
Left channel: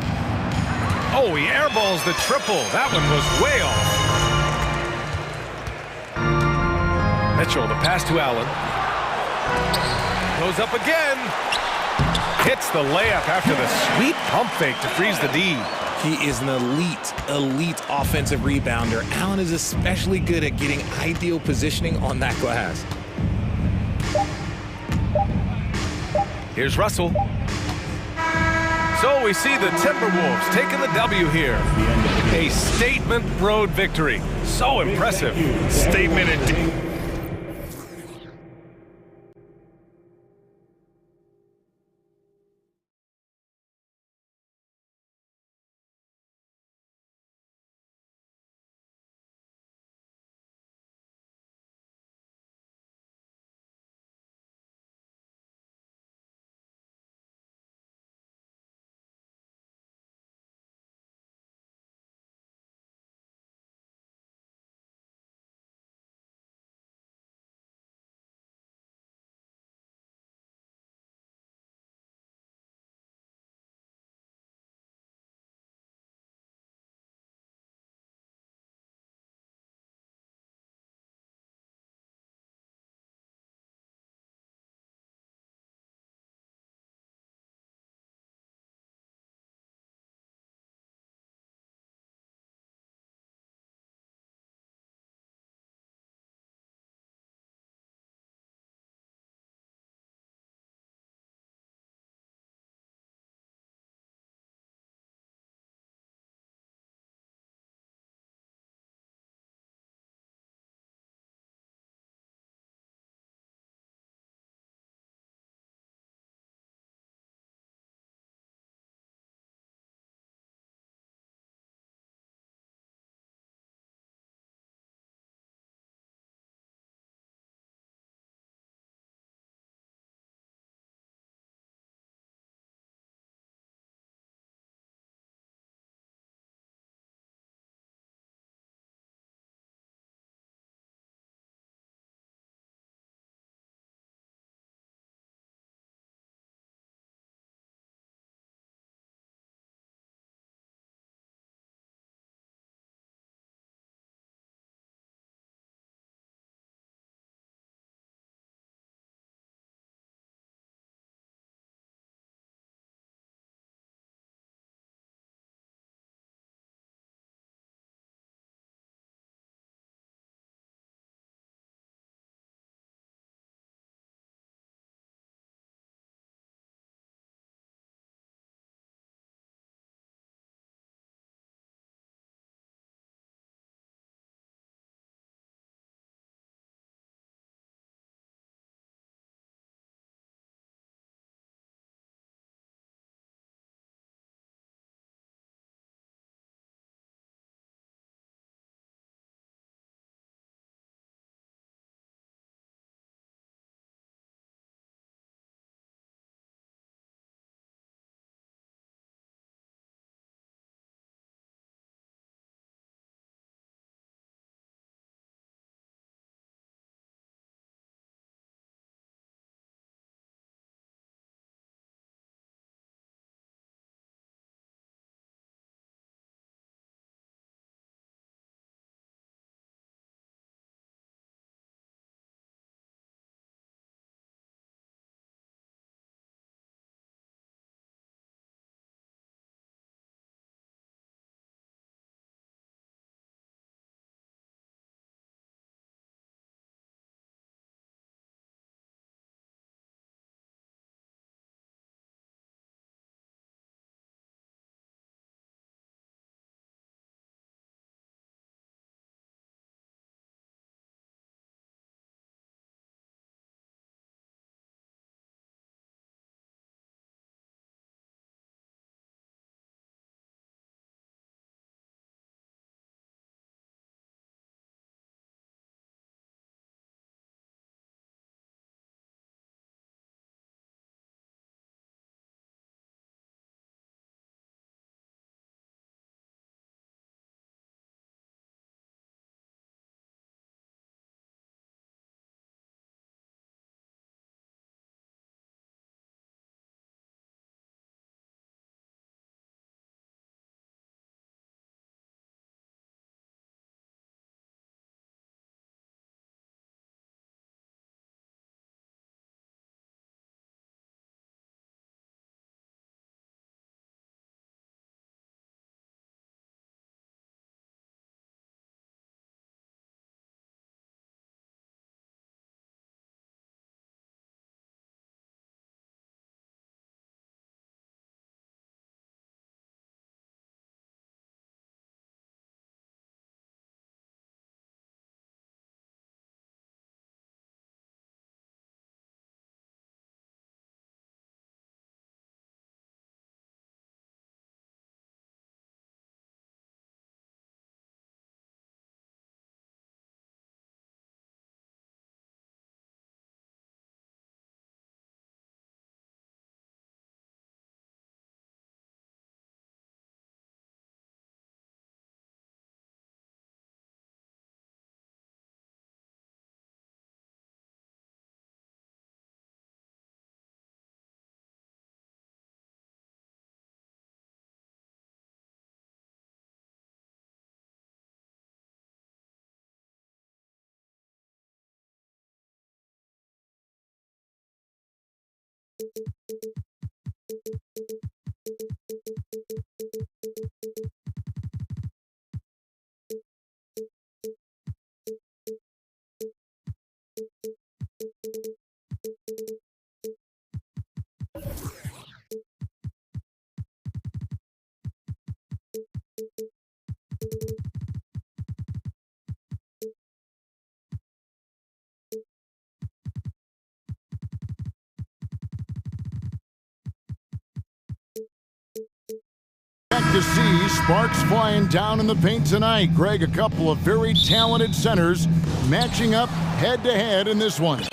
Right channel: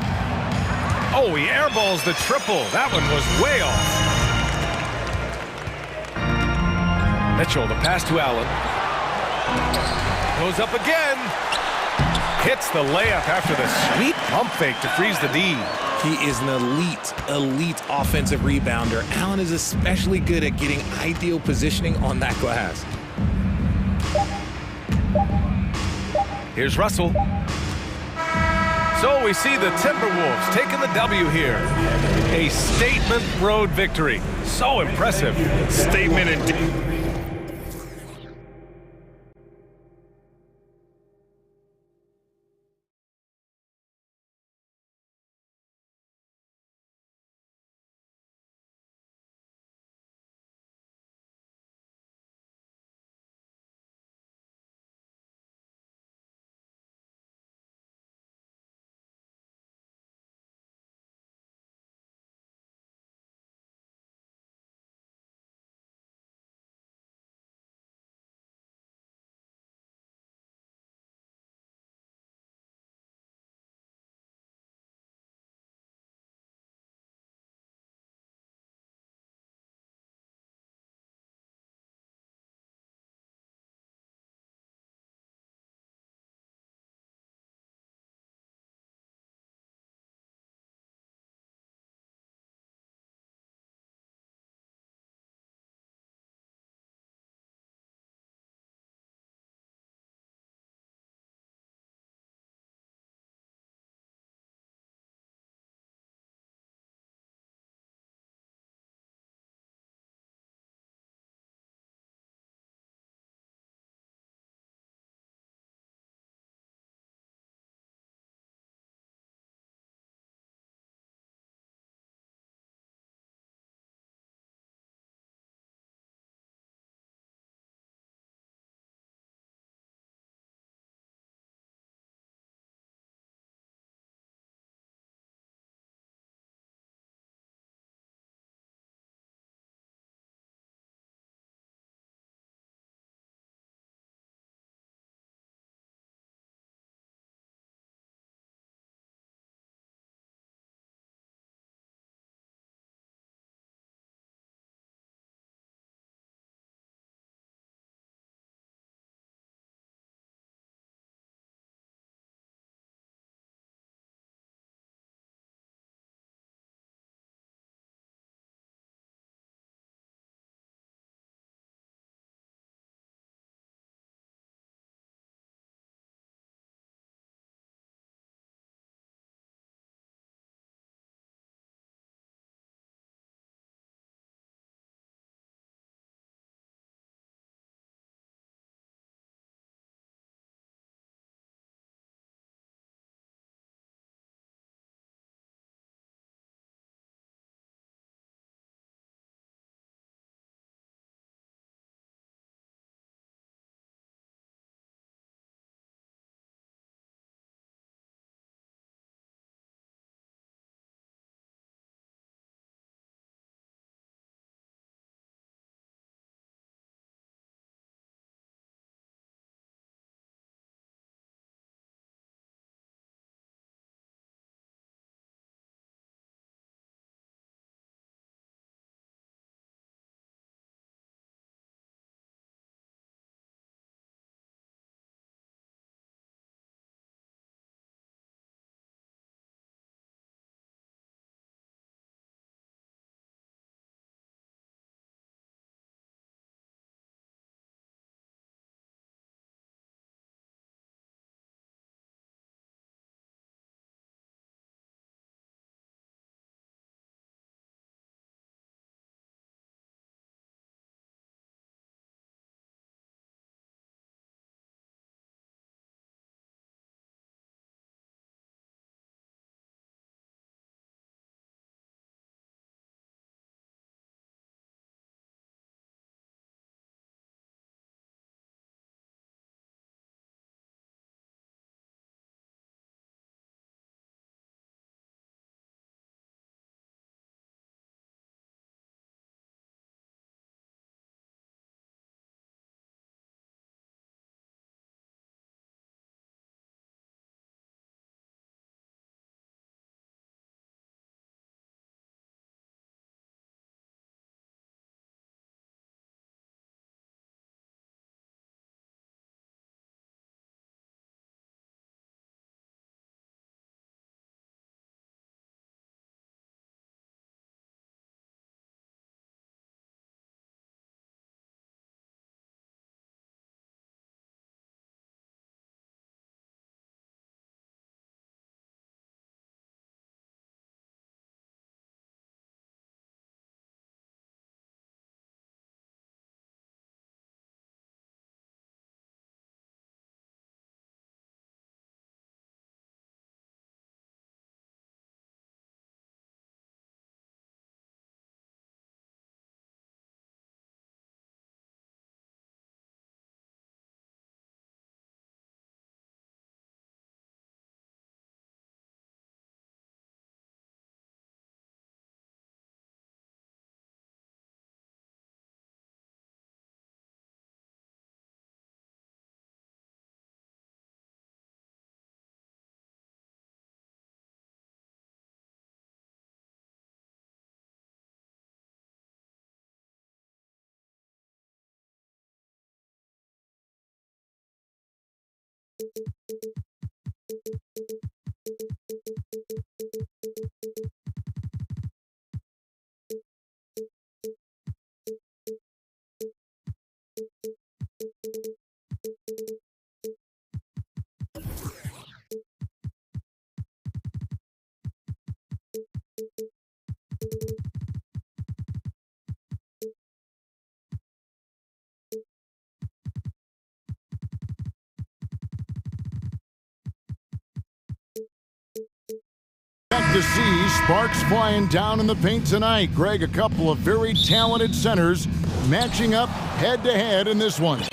Oh, he airballs the triple. That one was way off. Mitchell, the pass to Allen. Goes up again. Hits the layup after the sweet pump fake to freeze the D. He is an elite offensive rebounder. Allen is especially good at getting ideal positioning on that glass. Here's Russell. So we see the Timberwolves taking the W here. A statement road victory. So impressive. Statement indeed. To see sparks flying down in the paint tonight. Greg, a couple of very talented centers matching up head-to-head in this one.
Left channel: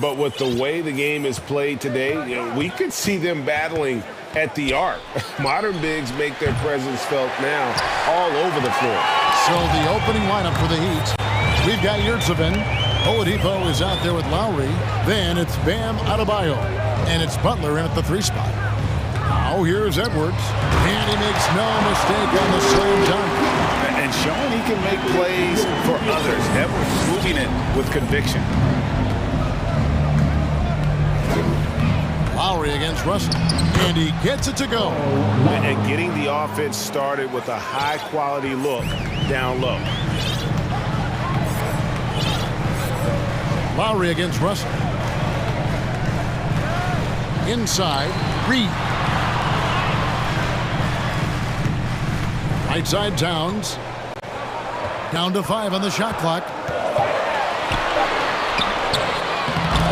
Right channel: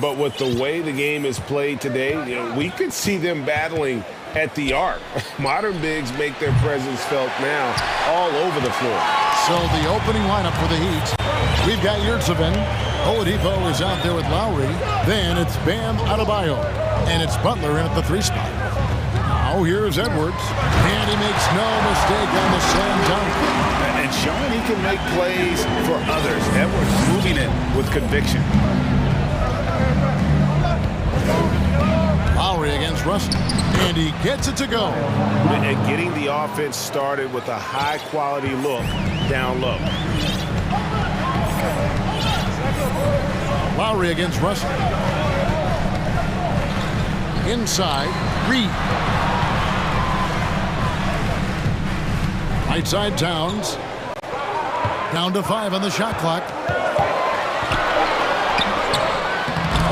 But with the way the game is played today, we could see them battling at the arc. Modern bigs make their presence felt now all over the floor. So the opening lineup for the Heat. We've got Yurtseven. Oladipo is out there with Lowry. Then it's Bam Adebayo. And it's Butler in at the 3 spot. Now here's Edwards. And he makes no mistake on the slam dunk. And showing he can make plays for others. Edwards moving it with conviction. Lowry against Russell. And he gets it to go. And getting the offense started with a high-quality look down low. Lowry against Russell. Inside, Reed. Right side, Towns. Down to 5 on the shot clock.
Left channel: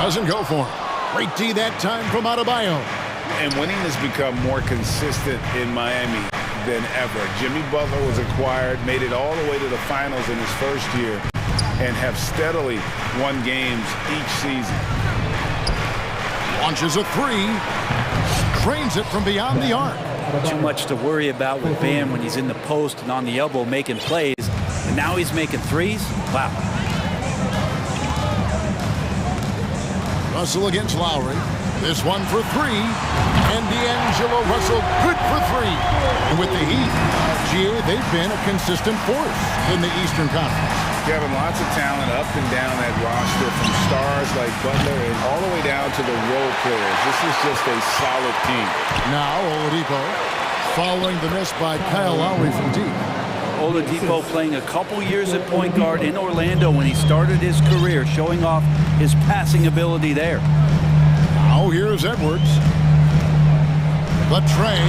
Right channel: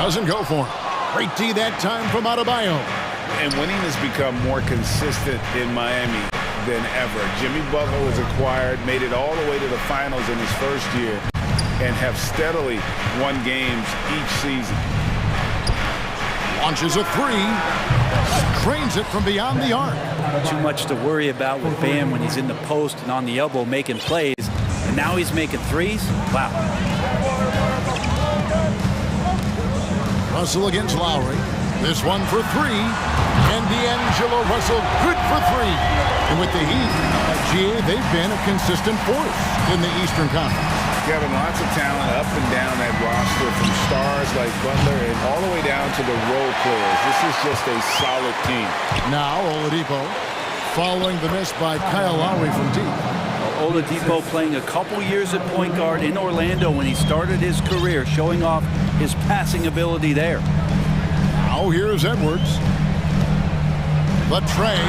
Doesn't go for him. Great D that time from Adebayo. And winning has become more consistent in Miami than ever. Jimmy Butler was acquired, made it all the way to the finals in his first year, and have steadily won games each season. Launches a 3. Drains it from beyond the arc. Too much to worry about with Bam when he's in the post and on the elbow making plays. And now he's making threes? Wow. Russell against Lowry. This one for 3. And D'Angelo Russell good for 3. And with the Heat, GA, they've been a consistent force in the Eastern Conference. Kevin, lots of talent up and down that roster, from stars like Butler and all the way down to the role players. This is just a solid team. Now Oladipo following the miss by Kyle Lowry from deep. Oladipo playing a couple years at point guard in Orlando when he started his career, showing off his passing ability there. Now here's Edwards. The tray.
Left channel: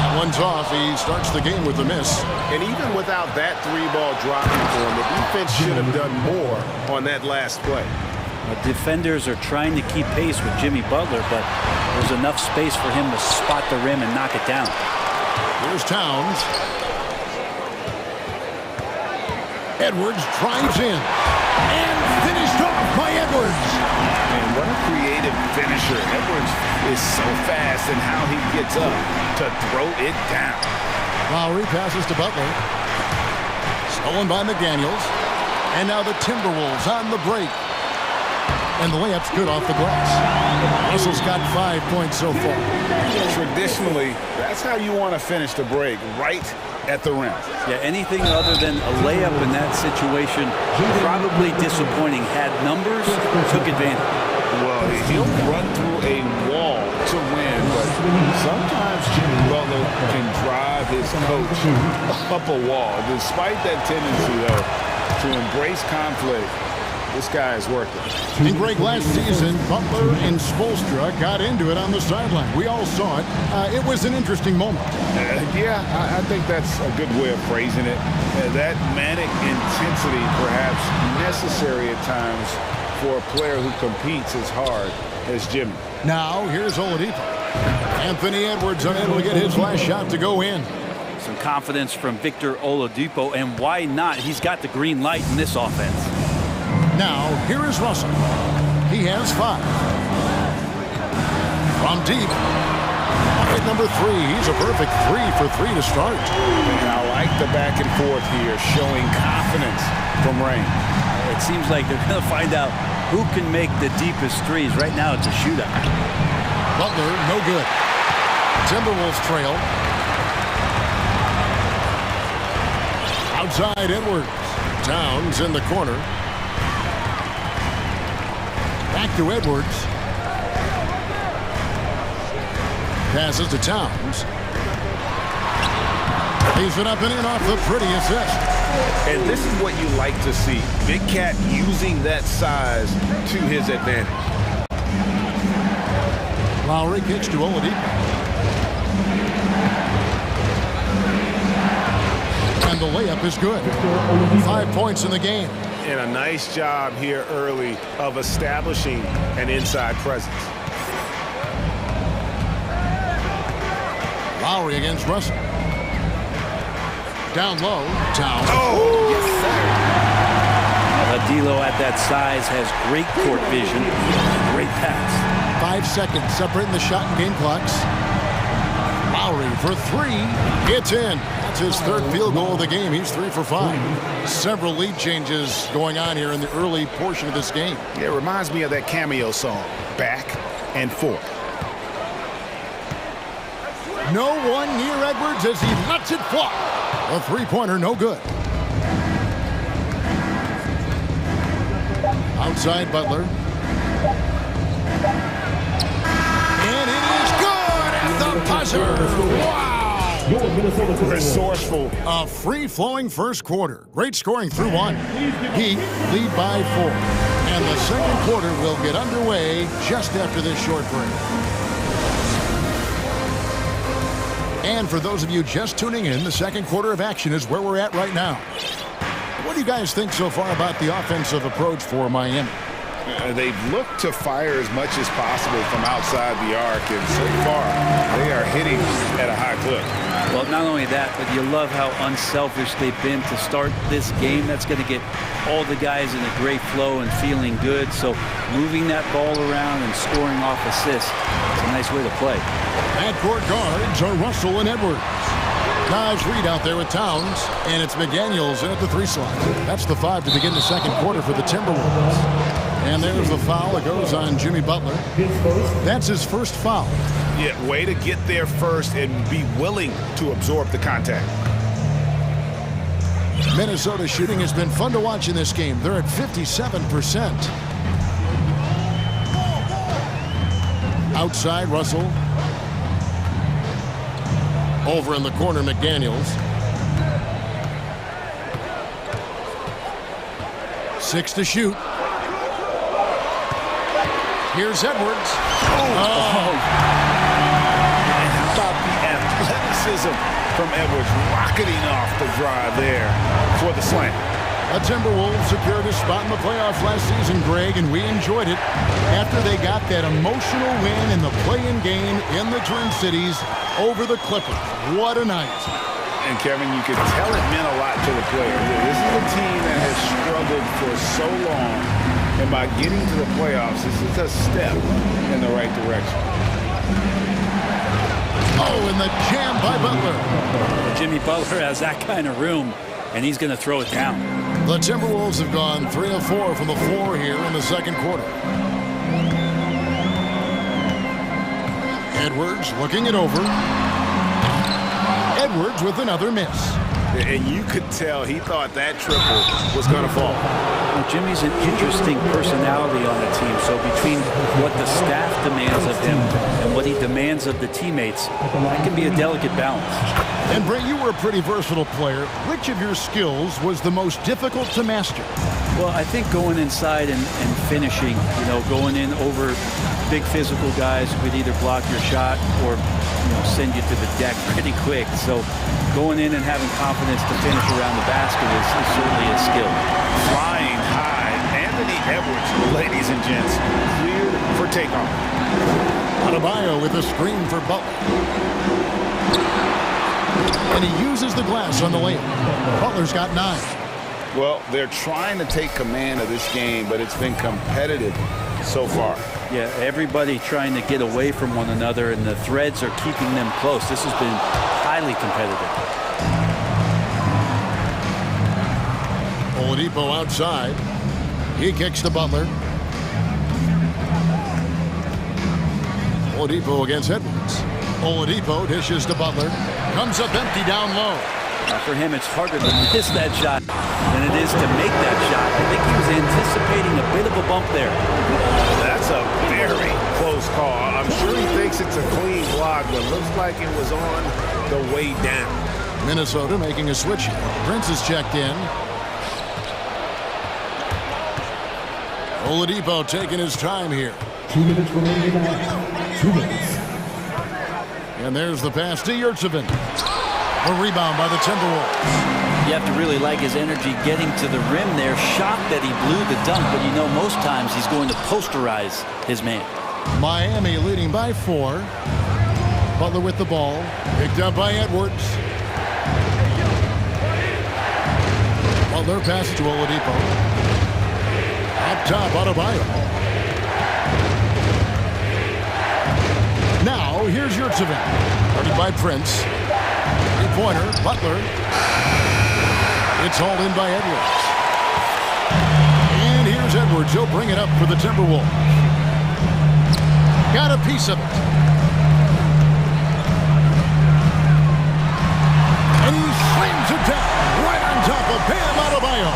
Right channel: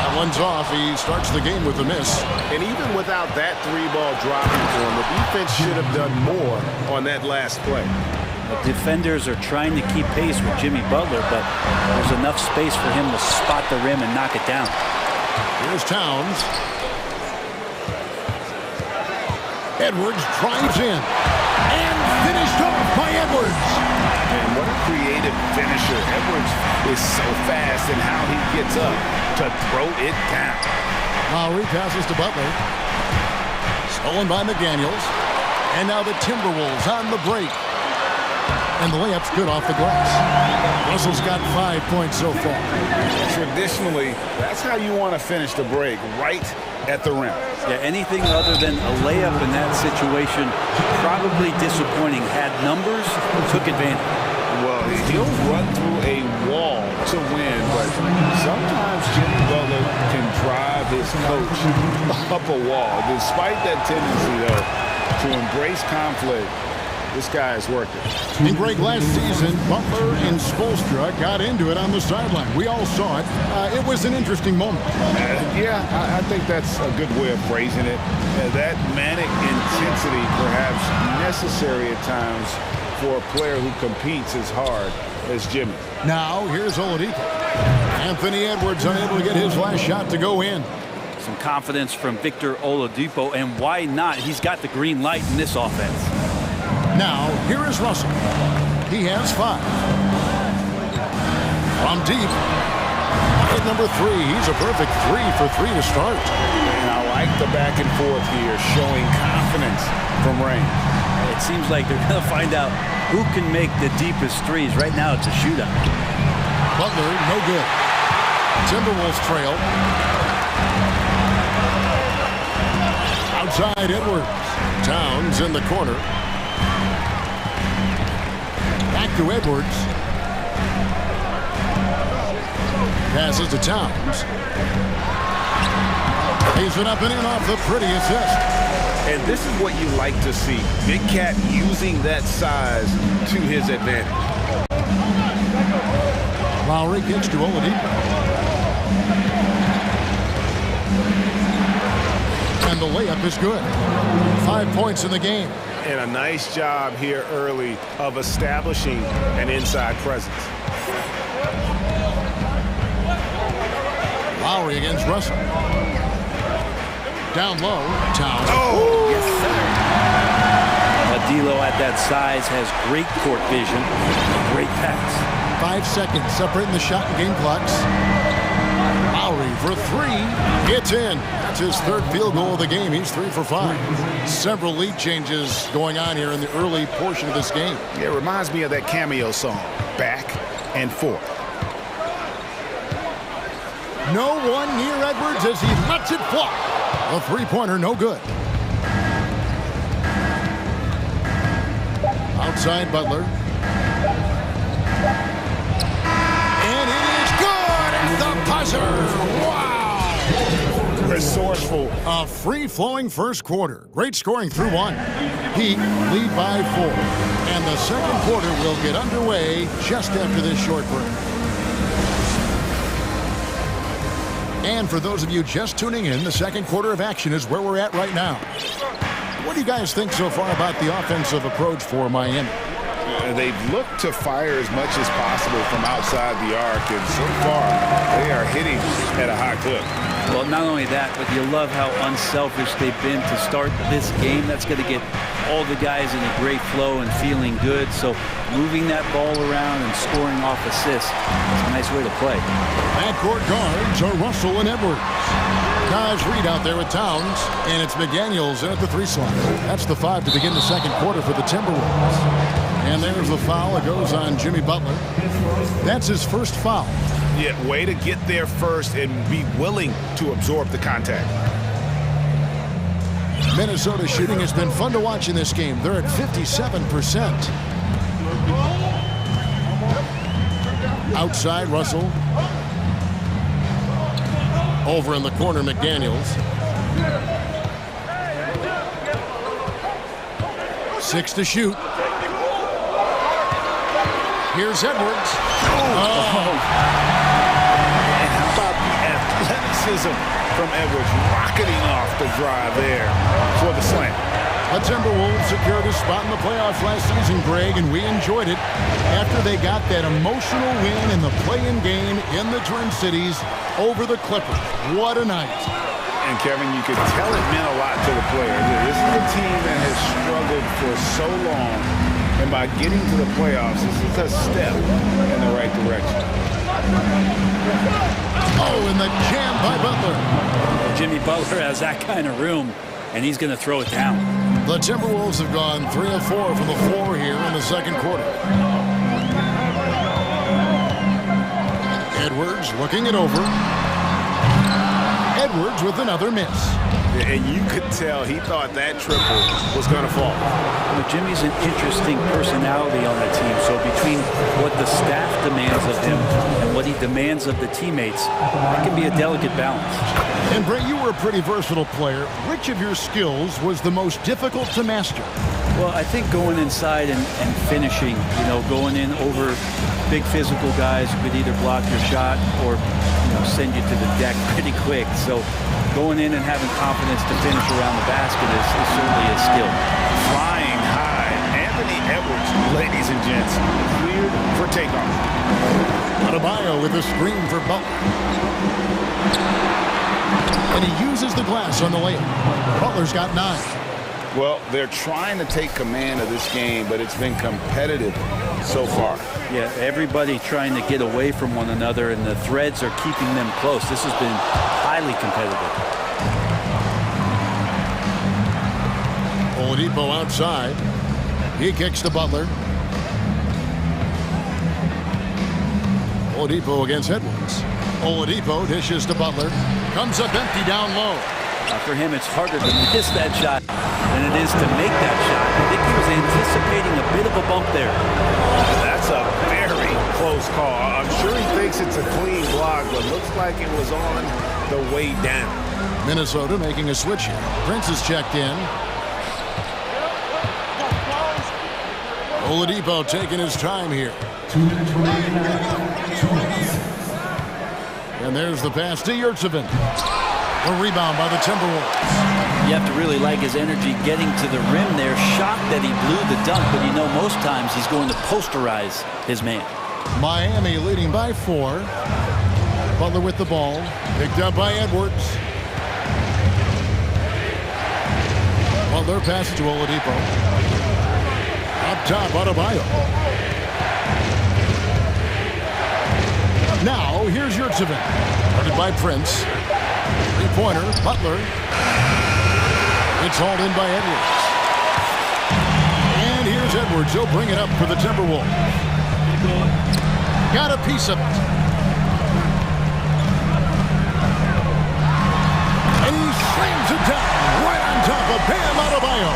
That one's off. He starts the game with a miss. And even without that 3-ball dropping for him, the defense should have done more on that last play. The defenders are trying to keep pace with Jimmy Butler, but there's enough space for him to spot the rim and knock it down. Here's Towns. Edwards drives in. And finished off by Edwards. Man, what a creative finisher. Edwards is so fast in how he gets up to throw it down. Lowry passes to Butler. Stolen by McDaniels. And now the Timberwolves on the break. And the layup's good off the glass. Russell's got 5 points so far. Traditionally, that's how you want to finish the break, right at the rim. Yeah, anything other than a layup in that situation, probably disappointing. Had numbers, took advantage. Well, he'll run through a wall to win, but sometimes Jimmy Butler can drive his coach up a wall. Despite that tendency, though, to embrace conflict, this guy is worth it. And Greg, last season, Butler and Spoelstra got into it on the sideline. We all saw it. It was an interesting moment. I think that's a good way of phrasing it. That manic intensity, perhaps necessary at times for a player who competes as hard as Jimmy. Now, here's Oladipo. Anthony Edwards unable to get his last shot to go in. Some confidence from Victor Oladipo, and why not? He's got the green light in this offense. Now, here is Russell. He has 5. From deep. At number 3, he's a perfect 3 for 3 to start. And I like the back and forth here, showing confidence from range. It seems like they're going to find out who can make the deepest threes. Right now, it's a shootout. Butler, no good. Timberwolves trail. Outside Edwards. Towns in the corner. Back to Edwards. Passes to Towns. Leaves it up and in off the pretty assist. And this is what you like to see. Big Cat using that size to his advantage. Lowry kicks to Oladipo. And the layup is good. 5 points in the game. And a nice job here early of establishing an inside presence. Lowry against Russell. Down low, Towns. Oh, Yes, sir. D'Lo at that size has great court vision. A great pass. 5 seconds separating the shot and game clocks. Lowry for three. It's in. That's his third field goal of the game. He's 3 for 5. Several lead changes going on here in the early portion of this game. Yeah, it reminds me of that cameo song, Back and Forth. No one near Edwards as he lets it fly. A three-pointer, no good. Outside Butler. And it is good at the buzzer. Wow! Resourceful. A free-flowing first quarter. Great scoring through one. Heat lead by 4. And the second quarter will get underway just after this short break. And for those of you just tuning in, the second quarter of action is where we're at right now. What do you guys think so far about the offensive approach for Miami? They've looked to fire as much as possible from outside the arc, and so far they are hitting at a high clip. Well, not only that, but you love how unselfish they've been to start this game. That's going to get all the guys in a great flow and feeling good. So moving that ball around and scoring off assists, it's a nice way to play. Backcourt guards are Russell and Edwards. Naz Reid out there with Towns, and it's McDaniels in at the 3 slot. That's the 5 to begin the second quarter for the Timberwolves. And there's the foul that goes on Jimmy Butler. That's his first foul. Yeah, way to get there first and be willing to absorb the contact. Minnesota shooting has been fun to watch in this game. They're at 57%. Outside, Russell. Over in the corner, McDaniels. 6 to shoot. Here's Edwards. And how about the athleticism from Edwards rocketing off the drive there for the slam. The Timberwolves secured a spot in the playoffs last season, Greg, and we enjoyed it after they got that emotional win in the play-in game in the Twin Cities over the Clippers. What a night. And Kevin, you could tell it meant a lot to the players. This is a team that has struggled for so long. And by getting to the playoffs, this is a step in the right direction. Oh, and the jam by Butler. Jimmy Butler has that kind of room, and he's going to throw it down. The Timberwolves have gone 3 of 4 from the floor here in the second quarter. Edwards looking it over. Edwards with another miss. And you could tell he thought that triple was going to fall. Well, Jimmy's an interesting personality on the team. So between what the staff demands of him and what he demands of the teammates, that can be a delicate balance. And Brett, you were a pretty versatile player. Which of your skills was the most difficult to master? Well, I think going inside and finishing, going in over big physical guys who could either block your shot or, send you to the deck pretty quick. So going in and having confidence to finish around the basket is certainly a skill. Flying high, Anthony Edwards, ladies and gents, cleared for takeoff. Adebayo with a screen for Butler. And he uses the glass on the layup. Butler's got 9. Well, they're trying to take command of this game, but it's been competitive so far. Yeah, everybody trying to get away from one another, and the threads are keeping them close. This has been highly competitive. Oladipo outside. He kicks to Butler. Oladipo against Edwards. Oladipo dishes to Butler. Comes up empty down low. For him, it's harder to miss that shot than it is to make that shot. I think he was anticipating a bit of a bump there. That's That's a very close call. I'm sure he thinks it's a clean block, but looks like it was on the way down. Minnesota making a switch here. Prince is checked in. Oladipo taking his time here. 2 minutes remaining now. 2 minutes. And there's the pass to Yurtsevin. A rebound by the Timberwolves. You have to really like his energy getting to the rim there. Shocked that he blew the dunk, but you know most times he's going to posterize his man. Miami leading by 4. Butler with the ball. Picked up by Edwards. Butler passes to Oladipo. Up top, Adebayo. Now, here's Yurtsevin. Guarded by Prince. Three-pointer, Butler. It's hauled in by Edwards. And here's Edwards. He'll bring it up for the Timberwolves. Got a piece of it. And he slams it down right on top of Bam Adebayo.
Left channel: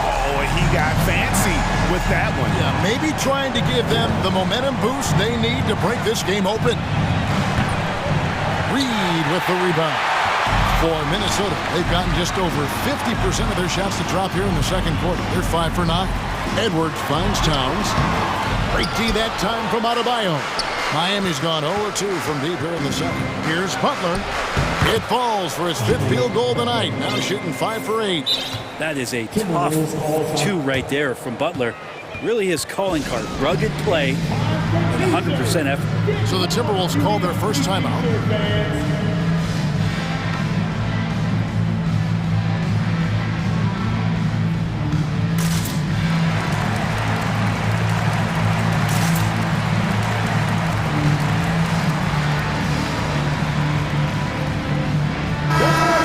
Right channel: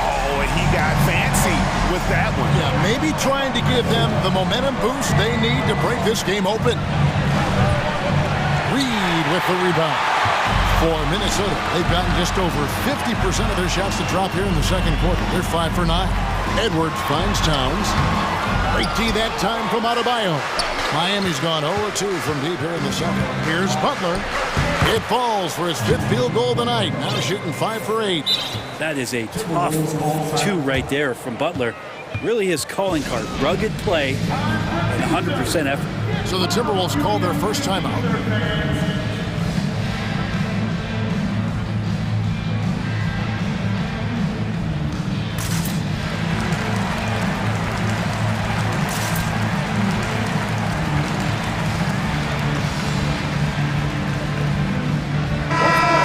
Oh, he got fancy with that one. Yeah, maybe trying to give them the momentum boost they need to break this game open. Reed with the rebound. For Minnesota, they've gotten just over 50% of their shots to drop here in the second quarter. They're 5 for 9. Edwards finds Towns. Great D that time from Adebayo. Miami's gone 0-2 from deep here in the second. Here's Butler. It falls for his 5th field goal of the night. Now shooting 5 for 8. That is a tough 2 right there from Butler. Really his calling card. Rugged play and 100% effort. So the Timberwolves called their first timeout.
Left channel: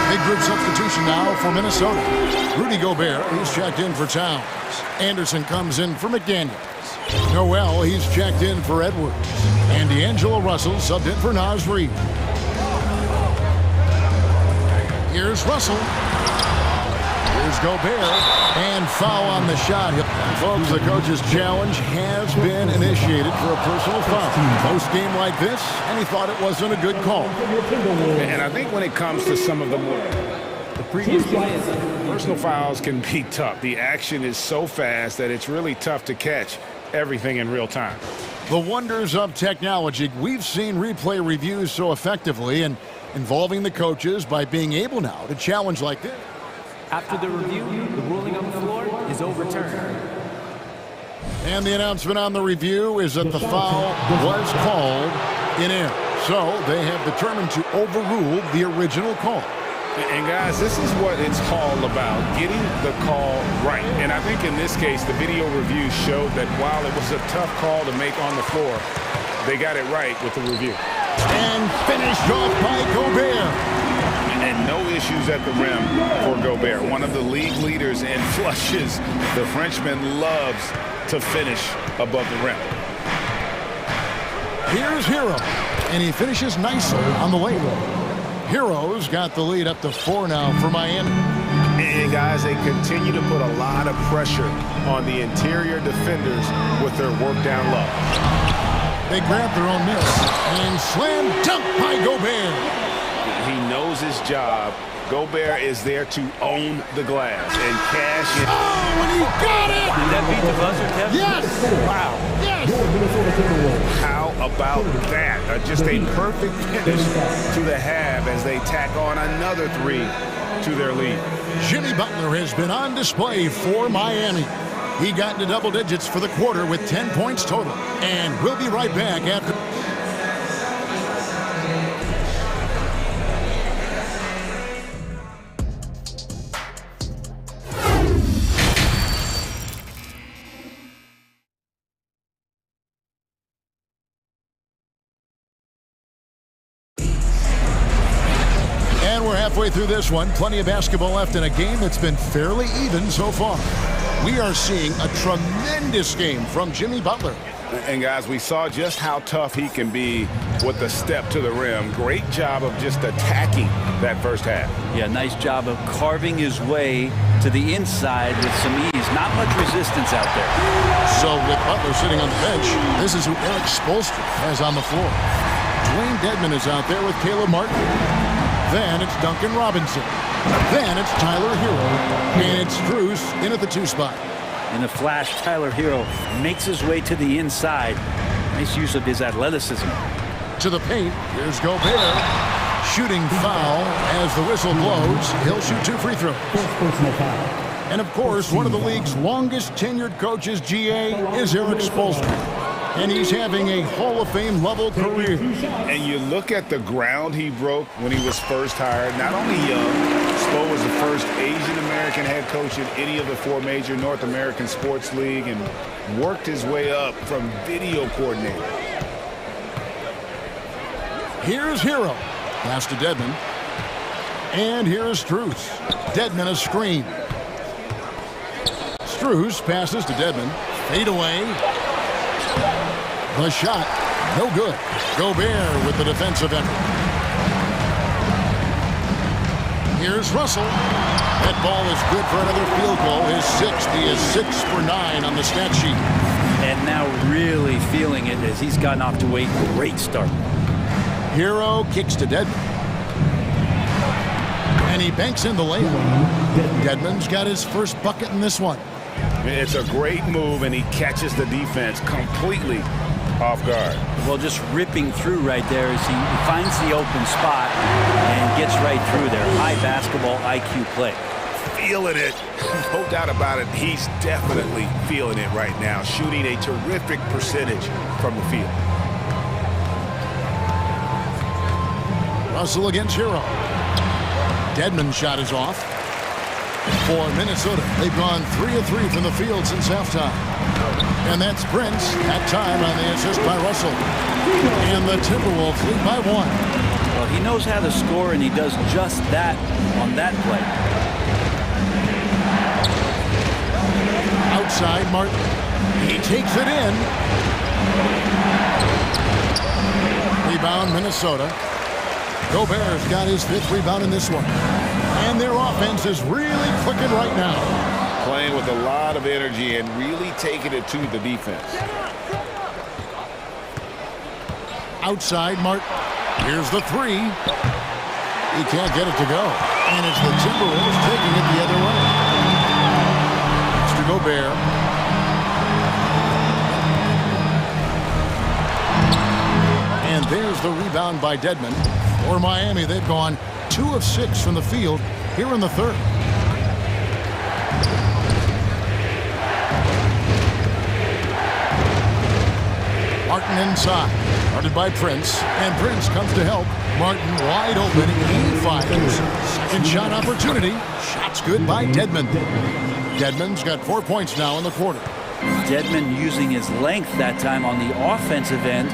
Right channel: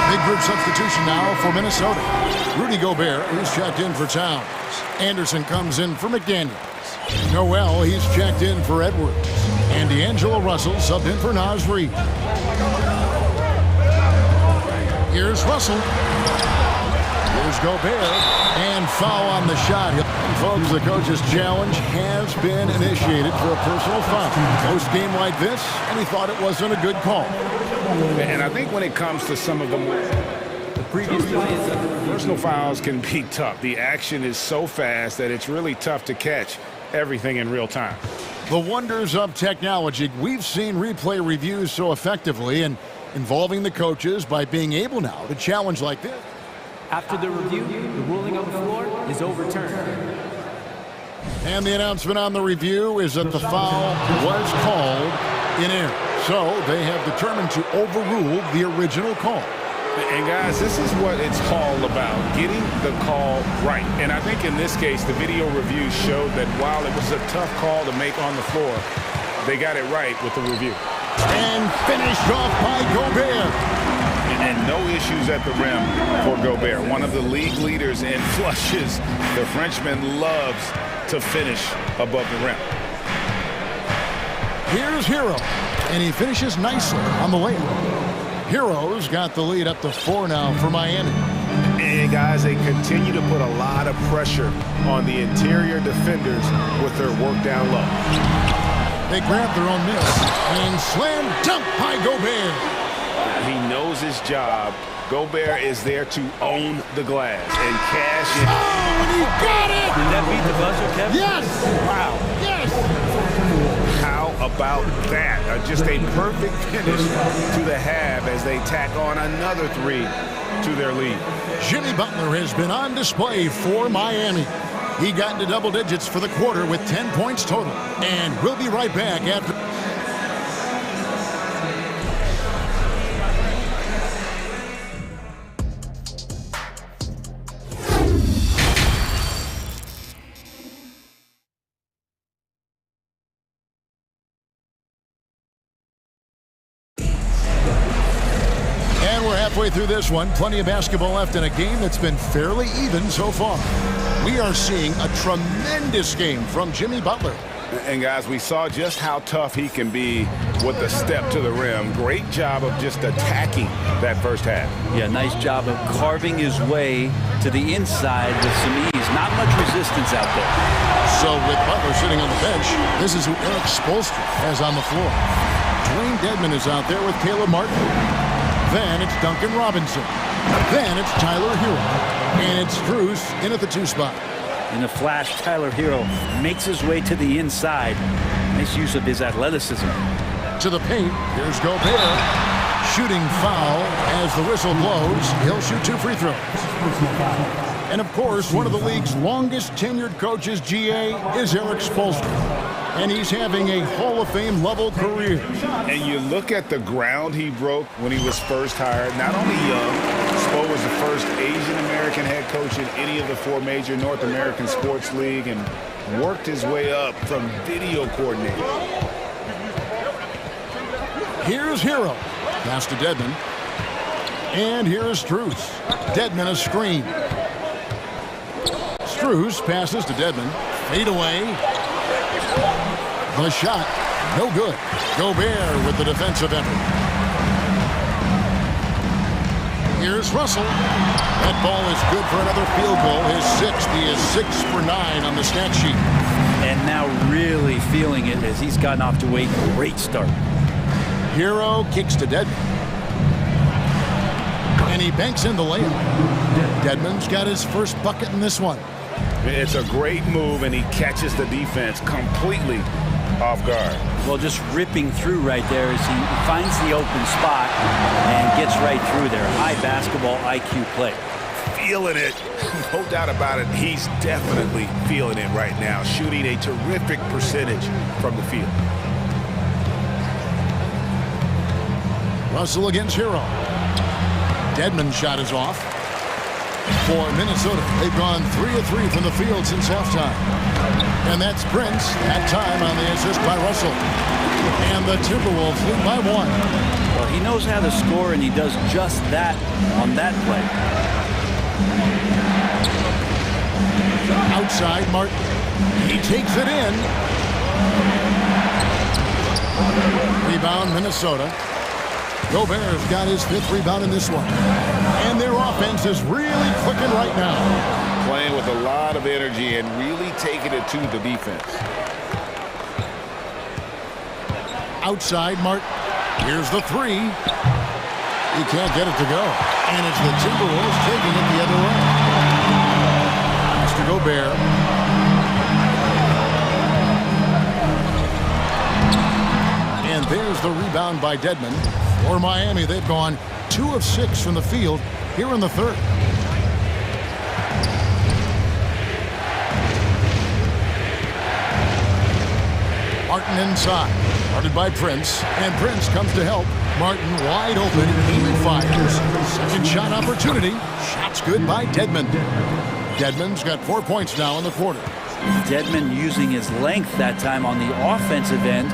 Big group substitution now for Minnesota. Rudy Gobert, he's checked in for Towns. Anderson comes in for McDaniels. Noel, he's checked in for Edwards. And D'Angelo Russell subbed in for Naz Reid. Here's Russell. Here's Gobert. And foul on the shot. And folks, the coach's challenge has been initiated for a personal foul. Close game like this, and he thought it wasn't a good call. And I think when it comes to some of the more Previous play is under review. personal fouls can be tough. The action is so fast that it's really tough to catch everything in real time. The wonders of technology. We've seen replay reviews so effectively and involving the coaches by being able now to challenge like this. After the review, the ruling on the floor is overturned. And the announcement on the review is that the foul was called in error. So they have determined to overrule the original call. And guys, this is what it's all about, getting the call right. And I think in this case, the video review showed that while it was a tough call to make on the floor, they got it right with the review. And finished off by Gobert. And no issues at the rim for Gobert. One of the league leaders in flushes. The Frenchman loves to finish above the rim. Here's Hero. And he finishes nicely on the layup. Hero's got the lead up to 4 now for Miami. And guys, they continue to put a lot of pressure on the interior defenders with their work down low. They grab their own miss and slam dunk by Gobert. He knows his job. Gobert is there to own the glass and cash in. Oh, and he got it! Did that beat the buzzer, Kevin? Yes! Wow. Yes! How about that? Just a perfect finish to the half as they tack on another 3 to their lead. Jimmy Butler has been on display for Miami. He got into double digits for the quarter with 10 points total. And we'll be right back after. And we're halfway through this one. Plenty of basketball left in a game that's been fairly even so far. We are seeing a tremendous game from Jimmy Butler. And guys, we saw just how tough he can be with the step to the rim. Great job of just attacking that first half. Yeah, nice job of carving his way to the inside with some ease. Not much resistance out there. So with Butler sitting on the bench, this is who Eric Spoelstra has on the floor. Dwayne Dedmon is out there with Caleb Martin. Then it's Duncan Robinson. Then it's Tyler Hero. And it's Strus in at the 2 spot. In a flash, Tyler Hero makes his way to the inside. Nice use of his athleticism. To the paint, here's Gobert. Shooting foul as the whistle blows. He'll shoot 2 free throws. Personal foul. And of course, one of the league's longest tenured coaches, GA, is Eric Spoelstra. And he's having a Hall of Fame level career. And you look at the ground he broke when he was first hired. Not only young, Spo was the first Asian American head coach in any of the 4 major North American sports league and worked his way up from video coordinator. Here's Hero. Pass to Dedmon. And here's Strus. Dedmon a screen. Strus passes to Dedmon. Fade away. The shot, no good. Gobert with the defensive effort. Here's Russell. That ball is good for another field goal. His 6th. He is 6 for 9 on the stat sheet. And now really feeling it as he's gotten off to a great start. Hero kicks to Dedmon. And he banks in the layup. Dedmon's got his first bucket in this one. It's a great move, and he catches the defense completely off guard. Well, just ripping through right there as he finds the open spot and gets right through there. High basketball IQ play. Feeling it. No doubt about it. He's definitely feeling it right now. Shooting a terrific percentage from the field. Russell against Hero. Dedmon's shot is off. For Minnesota, they've gone 3 of 3 from the field since halftime. And that's Prince, that time on the assist by Russell. And the Timberwolves lead by 1. Well, he knows how to score, and he does just that on that play. Outside, Martin. He takes it in. Rebound, Minnesota. Gobert's got his 5th rebound in this one. And their offense is really clicking right now. Playing with a lot of energy and really taking it to the defense. Outside, Martin. Here's the 3. He can't get it to go. And it's the Timberwolves taking it the other way. Mr. Gobert. And there's the rebound by Dedmon. For Miami, they've gone 2 of 6 from the field here in the 3rd. Martin inside, guarded by Prince, and Prince comes to help. Martin wide open, he fires. Second shot opportunity. Shot's good by Dedmon. Dedmon's got 4 points now in the quarter. Dedmon using his length that time on the offensive end.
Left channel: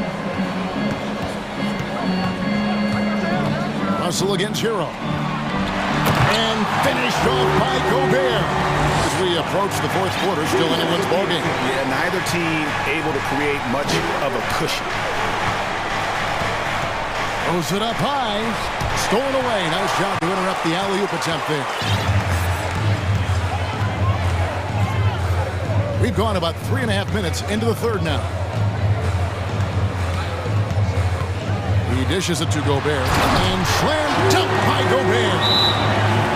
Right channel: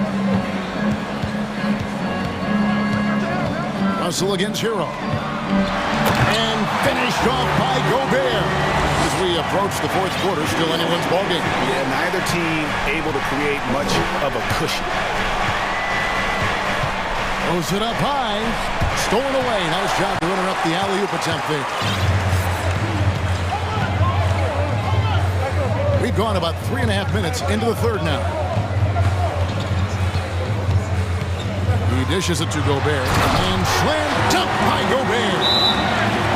Russell against Hero. And finished off by Gobert. As we approach the 4th quarter, still anyone's ballgame. Yeah, neither team able to create much of a cushion. Throws it up high. Stolen away. Nice job to interrupt the alley-oop attempt there. We've gone about 3.5 minutes into the 3rd now. He dishes it to Gobert. And slam dunk by Gobert.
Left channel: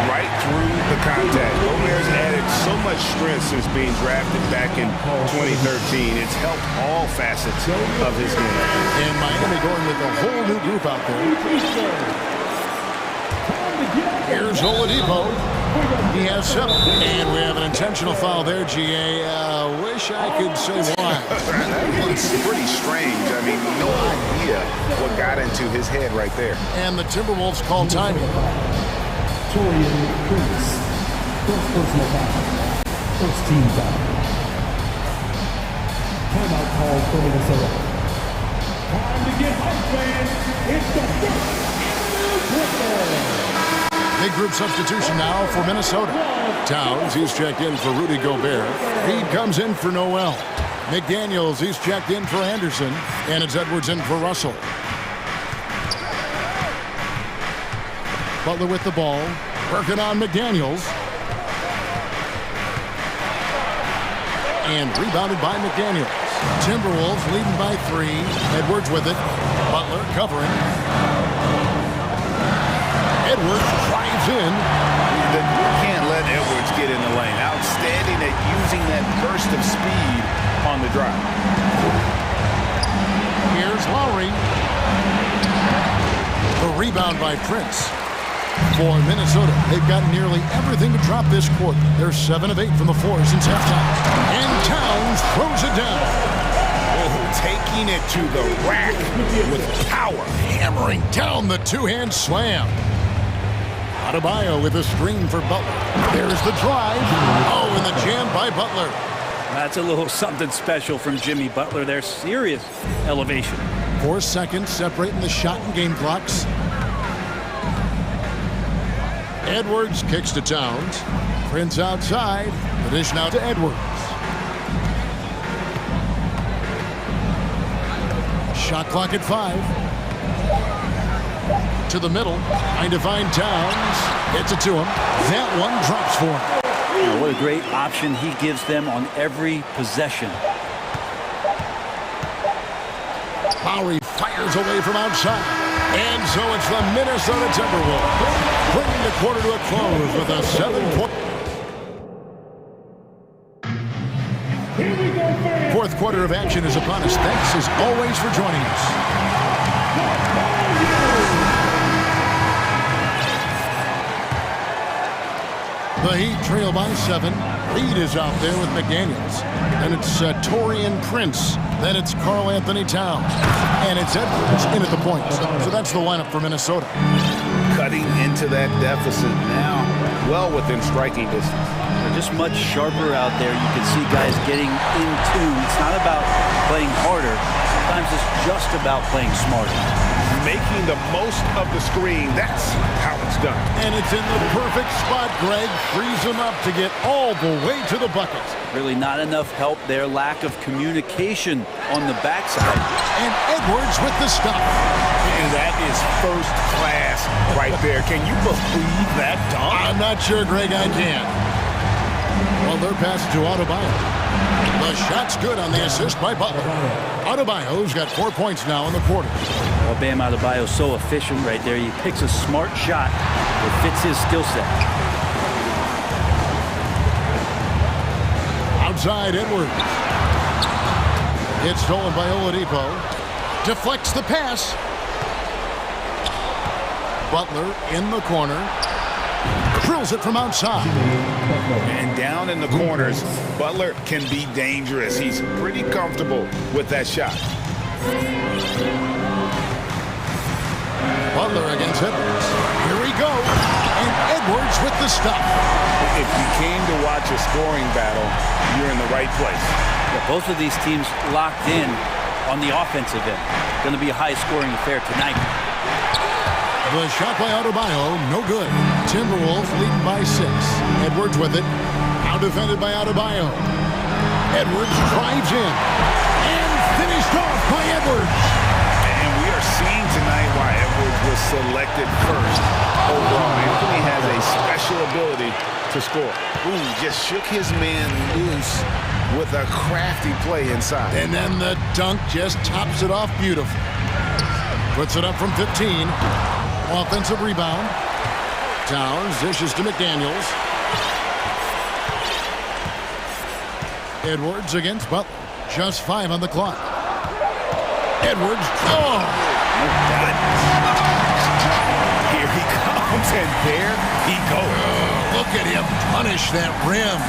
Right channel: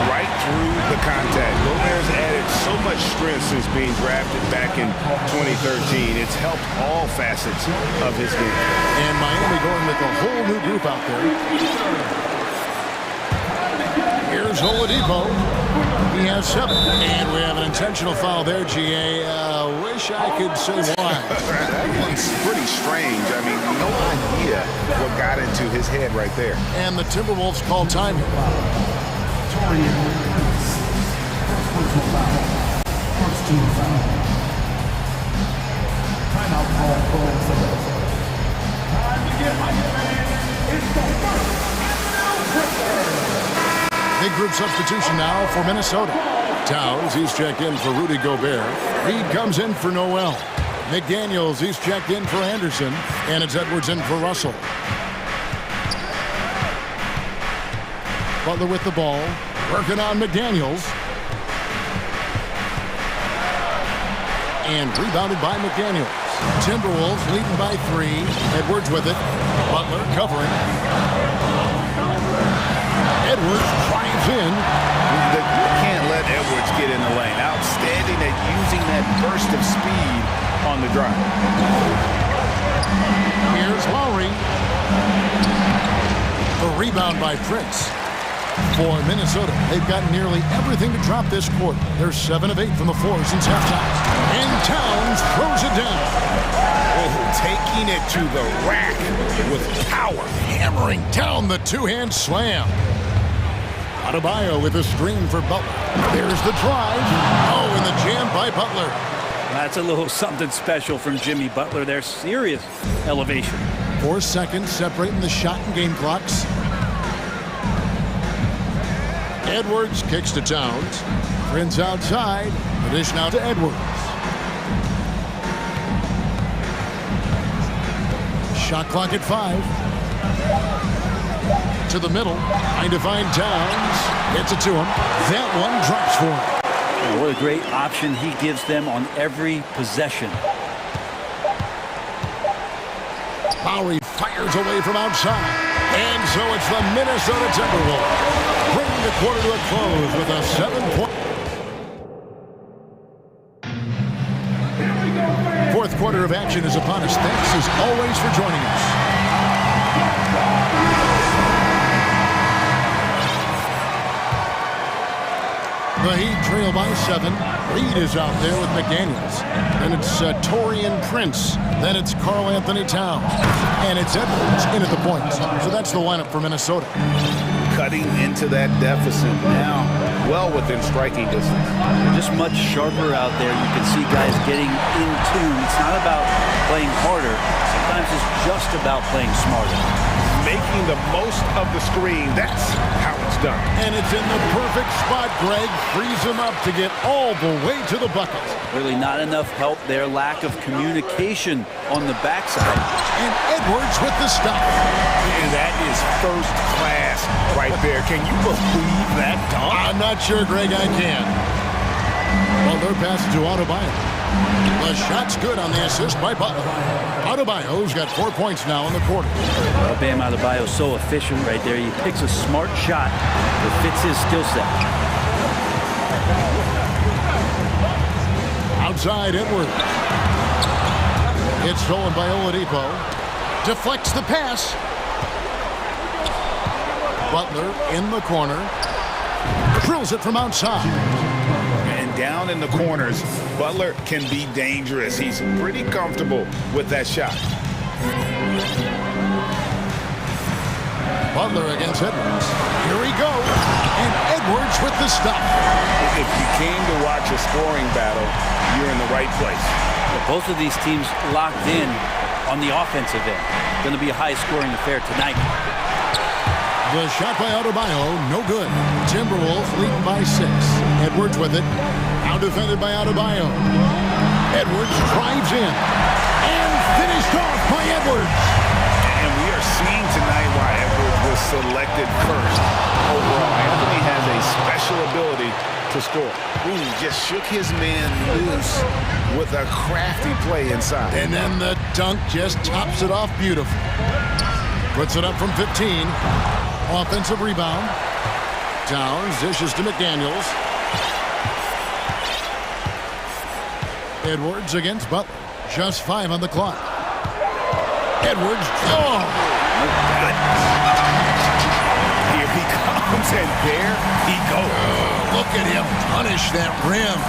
Right through the contact. Gobert's added so much strength since being drafted back in 2013. It's helped all facets of his game. And Miami going with a whole new group out there. Here's Oladipo. He has 7. And we have an intentional foul there, GA. Wish I could say why. That one's pretty strange. I mean, no idea what got into his head right there. And the Timberwolves call timing. Torian Prince. First personal foul. First team foul. Timeout called for Minnesota. Time to get hyped, fans. It's the first New Big group substitution now for Minnesota. Towns, he's checked in for Rudy Gobert. Reed comes in for Noel. McDaniels, he's checked in for Anderson. And it's Edwards in for Russell. Butler with the ball. Working on McDaniels. And rebounded by McDaniels. Timberwolves leading by 3. Edwards with it. Butler covering. Edwards drives in. You can't let Edwards get in the lane. Outstanding at using that burst of speed on the drive. Here's Lowry. The rebound by Prince. For Minnesota, they've got nearly everything to drop this quarter. They're 7 of 8 from the floor since halftime. And Towns throws it down. Oh, taking it to the rack with power. Hammering down the two-hand slam. Adebayo with a screen for Butler. There's the drive. Oh, and the jam by Butler. That's a little something special from Jimmy Butler there. Serious elevation. 4 seconds separating the shot and game clocks. Edwards kicks to Towns. Prince outside. The dish now to Edwards. Shot clock at 5. To the middle. Trying to find Towns. Gets it to him. That one drops for him. You know, what a great option he gives them on every possession. Lowry fires away from outside. And so it's the Minnesota Timberwolves bringing the quarter to a close with a 7-point. Fourth quarter of action is upon us. Thanks as always for joining us. The Heat trail by 7. Reed is out there with McDaniels. Then it's Taurean Prince. Then it's Karl Anthony Towns. And it's Edwards in at the point. So that's the lineup for Minnesota. Cutting into that deficit now, well within striking distance. They're just much sharper out there. You can see guys getting in tune. It's not about playing harder. Sometimes it's just about playing smarter. Making the most of the screen. That's how it's done. And it's in the perfect spot. Greg frees him up to get all the way to the bucket. Really not enough help there. Lack of communication on the backside. And Edwards with the stuff. And that is first class right there. Can you believe that dunk? I'm not sure, Greg, I can. Well, they're passing to Adebayo. The shot's good on the assist by Butler. Adebayo's got 4 points now in the quarter. Well, Bam Adebayo's so efficient right there. He picks a smart shot that fits his skill set. Outside Edwards. It's stolen by Oladipo. Deflects the pass. Butler in the corner. Drills it from outside. And down in the corners, Butler can be dangerous. He's pretty comfortable with that shot. Butler against Edwards. Here we go. And Edwards with the stuff. If you came to watch a scoring battle, you're in the right place. Yeah, both of these teams locked in on the offensive end. Going to be a high-scoring affair tonight. The shot by Adebayo, no good. Timberwolves leading by 6. Edwards with it. Out defended by Adebayo. Edwards drives in. And finished off by Edwards. And we are seeing tonight why Edwards was selected first overall. Anthony has a special ability to score. Ooh, just shook his man loose with a crafty play inside. And then the dunk just tops it off beautifully. Puts it up from 15. Offensive rebound. Towns dishes to McDaniels. Edwards against Butler. Just 5 on the clock. Edwards. Oh! God. Here he comes, and there he goes. Oh, look at him punish that rim.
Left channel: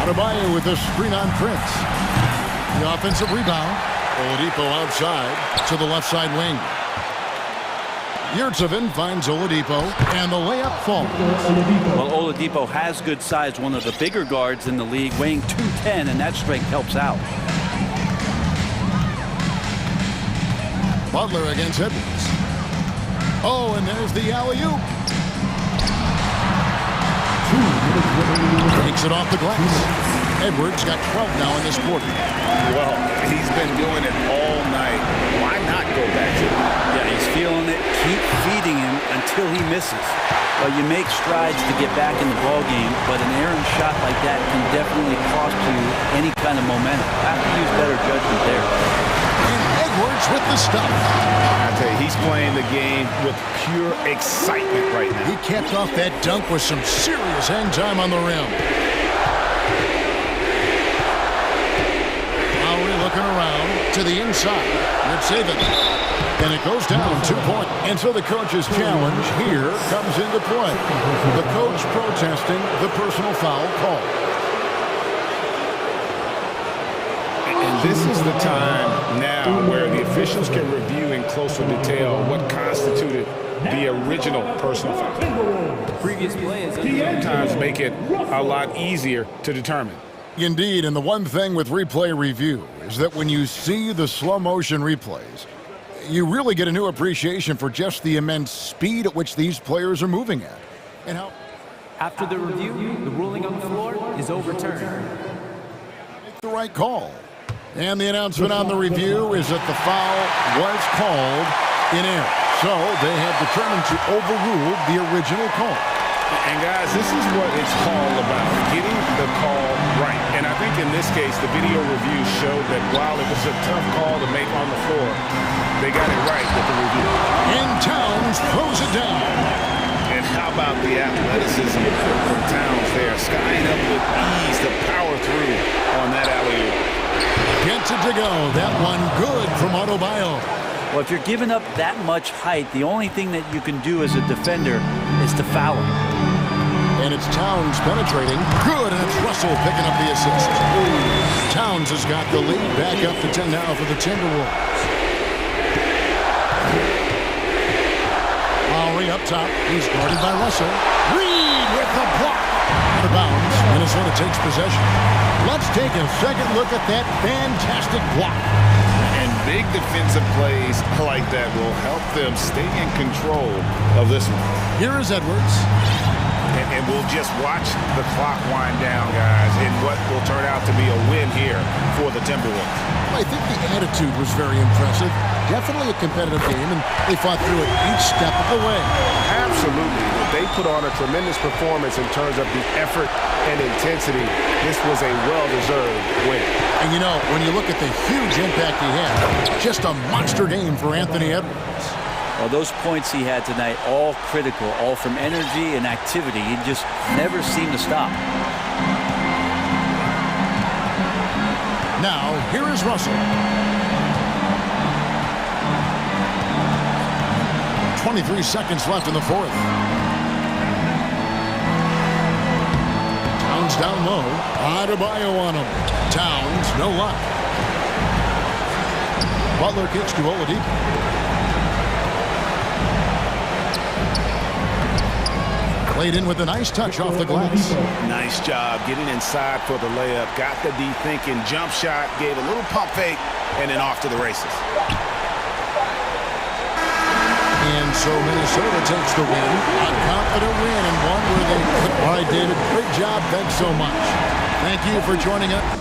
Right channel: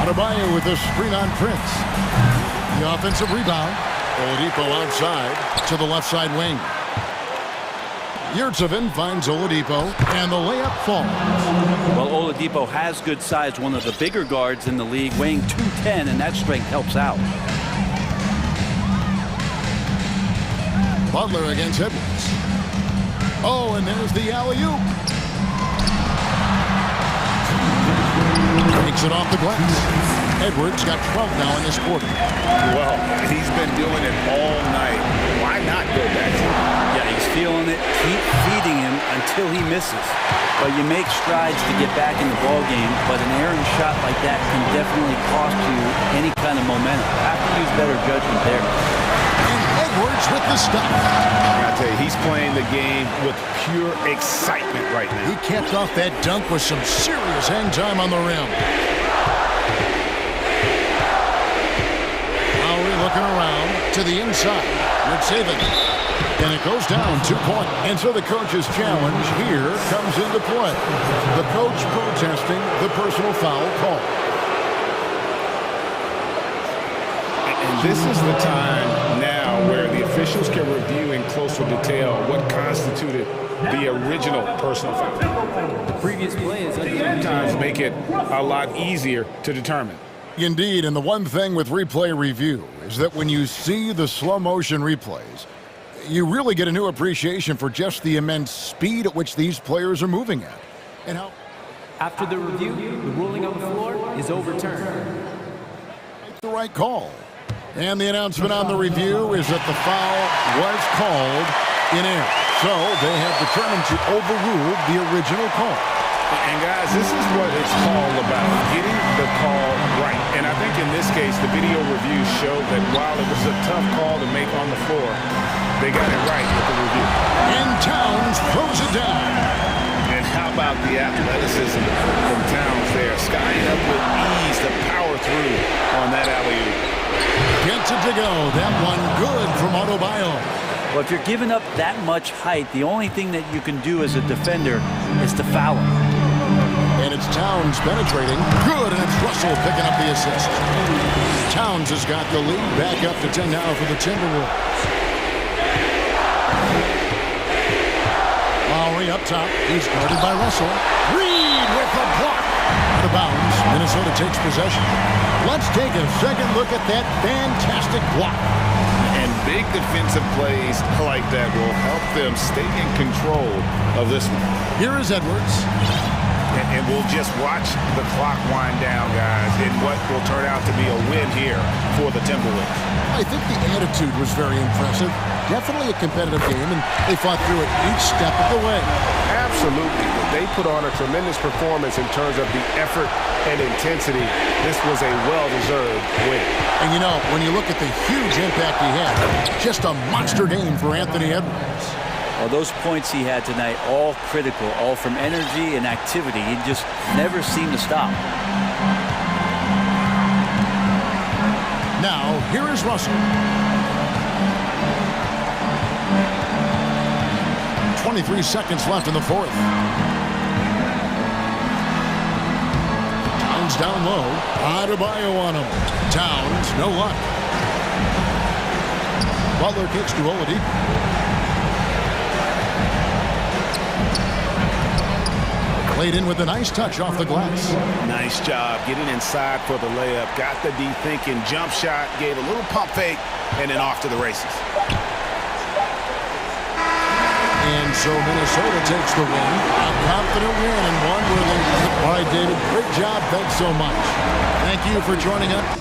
Adebayo with a screen on Prince. The offensive rebound. Oladipo outside to the left side wing. Yurtsevin finds Oladipo, and the layup falls. Well, Oladipo has good size, one of the bigger guards in the league, weighing 210, and that strength helps out. Butler against Edwards. Oh, and there's the alley-oop. Takes it off the glass. Edwards got 12 now in this quarter. Well, he's been doing it all night. Why not go back to it? Yeah, he's feeling it. Keep feeding him until he misses. Well, you make strides to get back in the ball game, but an errant shot like that can definitely cost you any kind of momentum. Have to use better judgment there. And Edwards with the stop. I tell you, he's playing the game with pure excitement right now. He capped off that dunk with some serious hang time on the rim. Lowry looking around to the inside. Ritsaven. And it goes down 2 points. And so the coach's challenge here comes into play. The coach protesting the personal foul call. And this is the time now where the officials can review in closer detail what constituted the original personal foul. The previous play is under Sometimes make it a lot easier to determine. Indeed, and the one thing with replay review is that when you see the slow motion replays, you really get a new appreciation for just the immense speed at which these players are moving at. And how After the review, the ruling on the floor is overturned. make the right call. And the announcement on the review is that the foul was called in error. So they have determined to overrule the original call. And guys, this is what it's all about, getting the call right. And I think in this case, the video review showed that while it was a tough call to make on the floor, they got it right with the review. And Towns throws it down. And how about the athleticism from Towns there, skying up with ease to power through on that alley-oop. Gets it to go. That one good from Adebayo. Well, if you're giving up that much height, the only thing that you can do as a defender is to foul him. And it's Towns penetrating. Good, and it's Russell picking up the assist. Towns has got the lead back up to 10 now for the Timberwolves. Lowry up top. He's guarded by Russell. Reed with the block. Out of bounds. Minnesota takes possession. Let's take a second look at that fantastic block. And big defensive plays like that will help them stay in control of this one. Here is Edwards. And we'll just watch the clock wind down, guys, in what will turn out to be a win here for the Timberwolves. I think the attitude was very impressive. Definitely a competitive game, and they fought through it each step of the way. Absolutely. They put on a tremendous performance in terms of the effort and intensity. This was a well-deserved win. And you know, when you look at the huge impact he had, just a monster game for Anthony Edwards. Well, those points he had tonight, all critical, all from energy and activity. He just never seemed to stop. Now, here is Russell. 23 seconds left in the fourth. Towns down low. Adebayo on him. Towns, no luck. Butler kicks to Oladipo. Played in with a nice touch off the glass. Nice job getting inside for the layup. Got the D thinking, jump shot, gave a little pump fake, and then off to the races. And so Minnesota takes the win. A confident win, and one where they... All right, David, great job. Thanks so much. Thank you for joining us.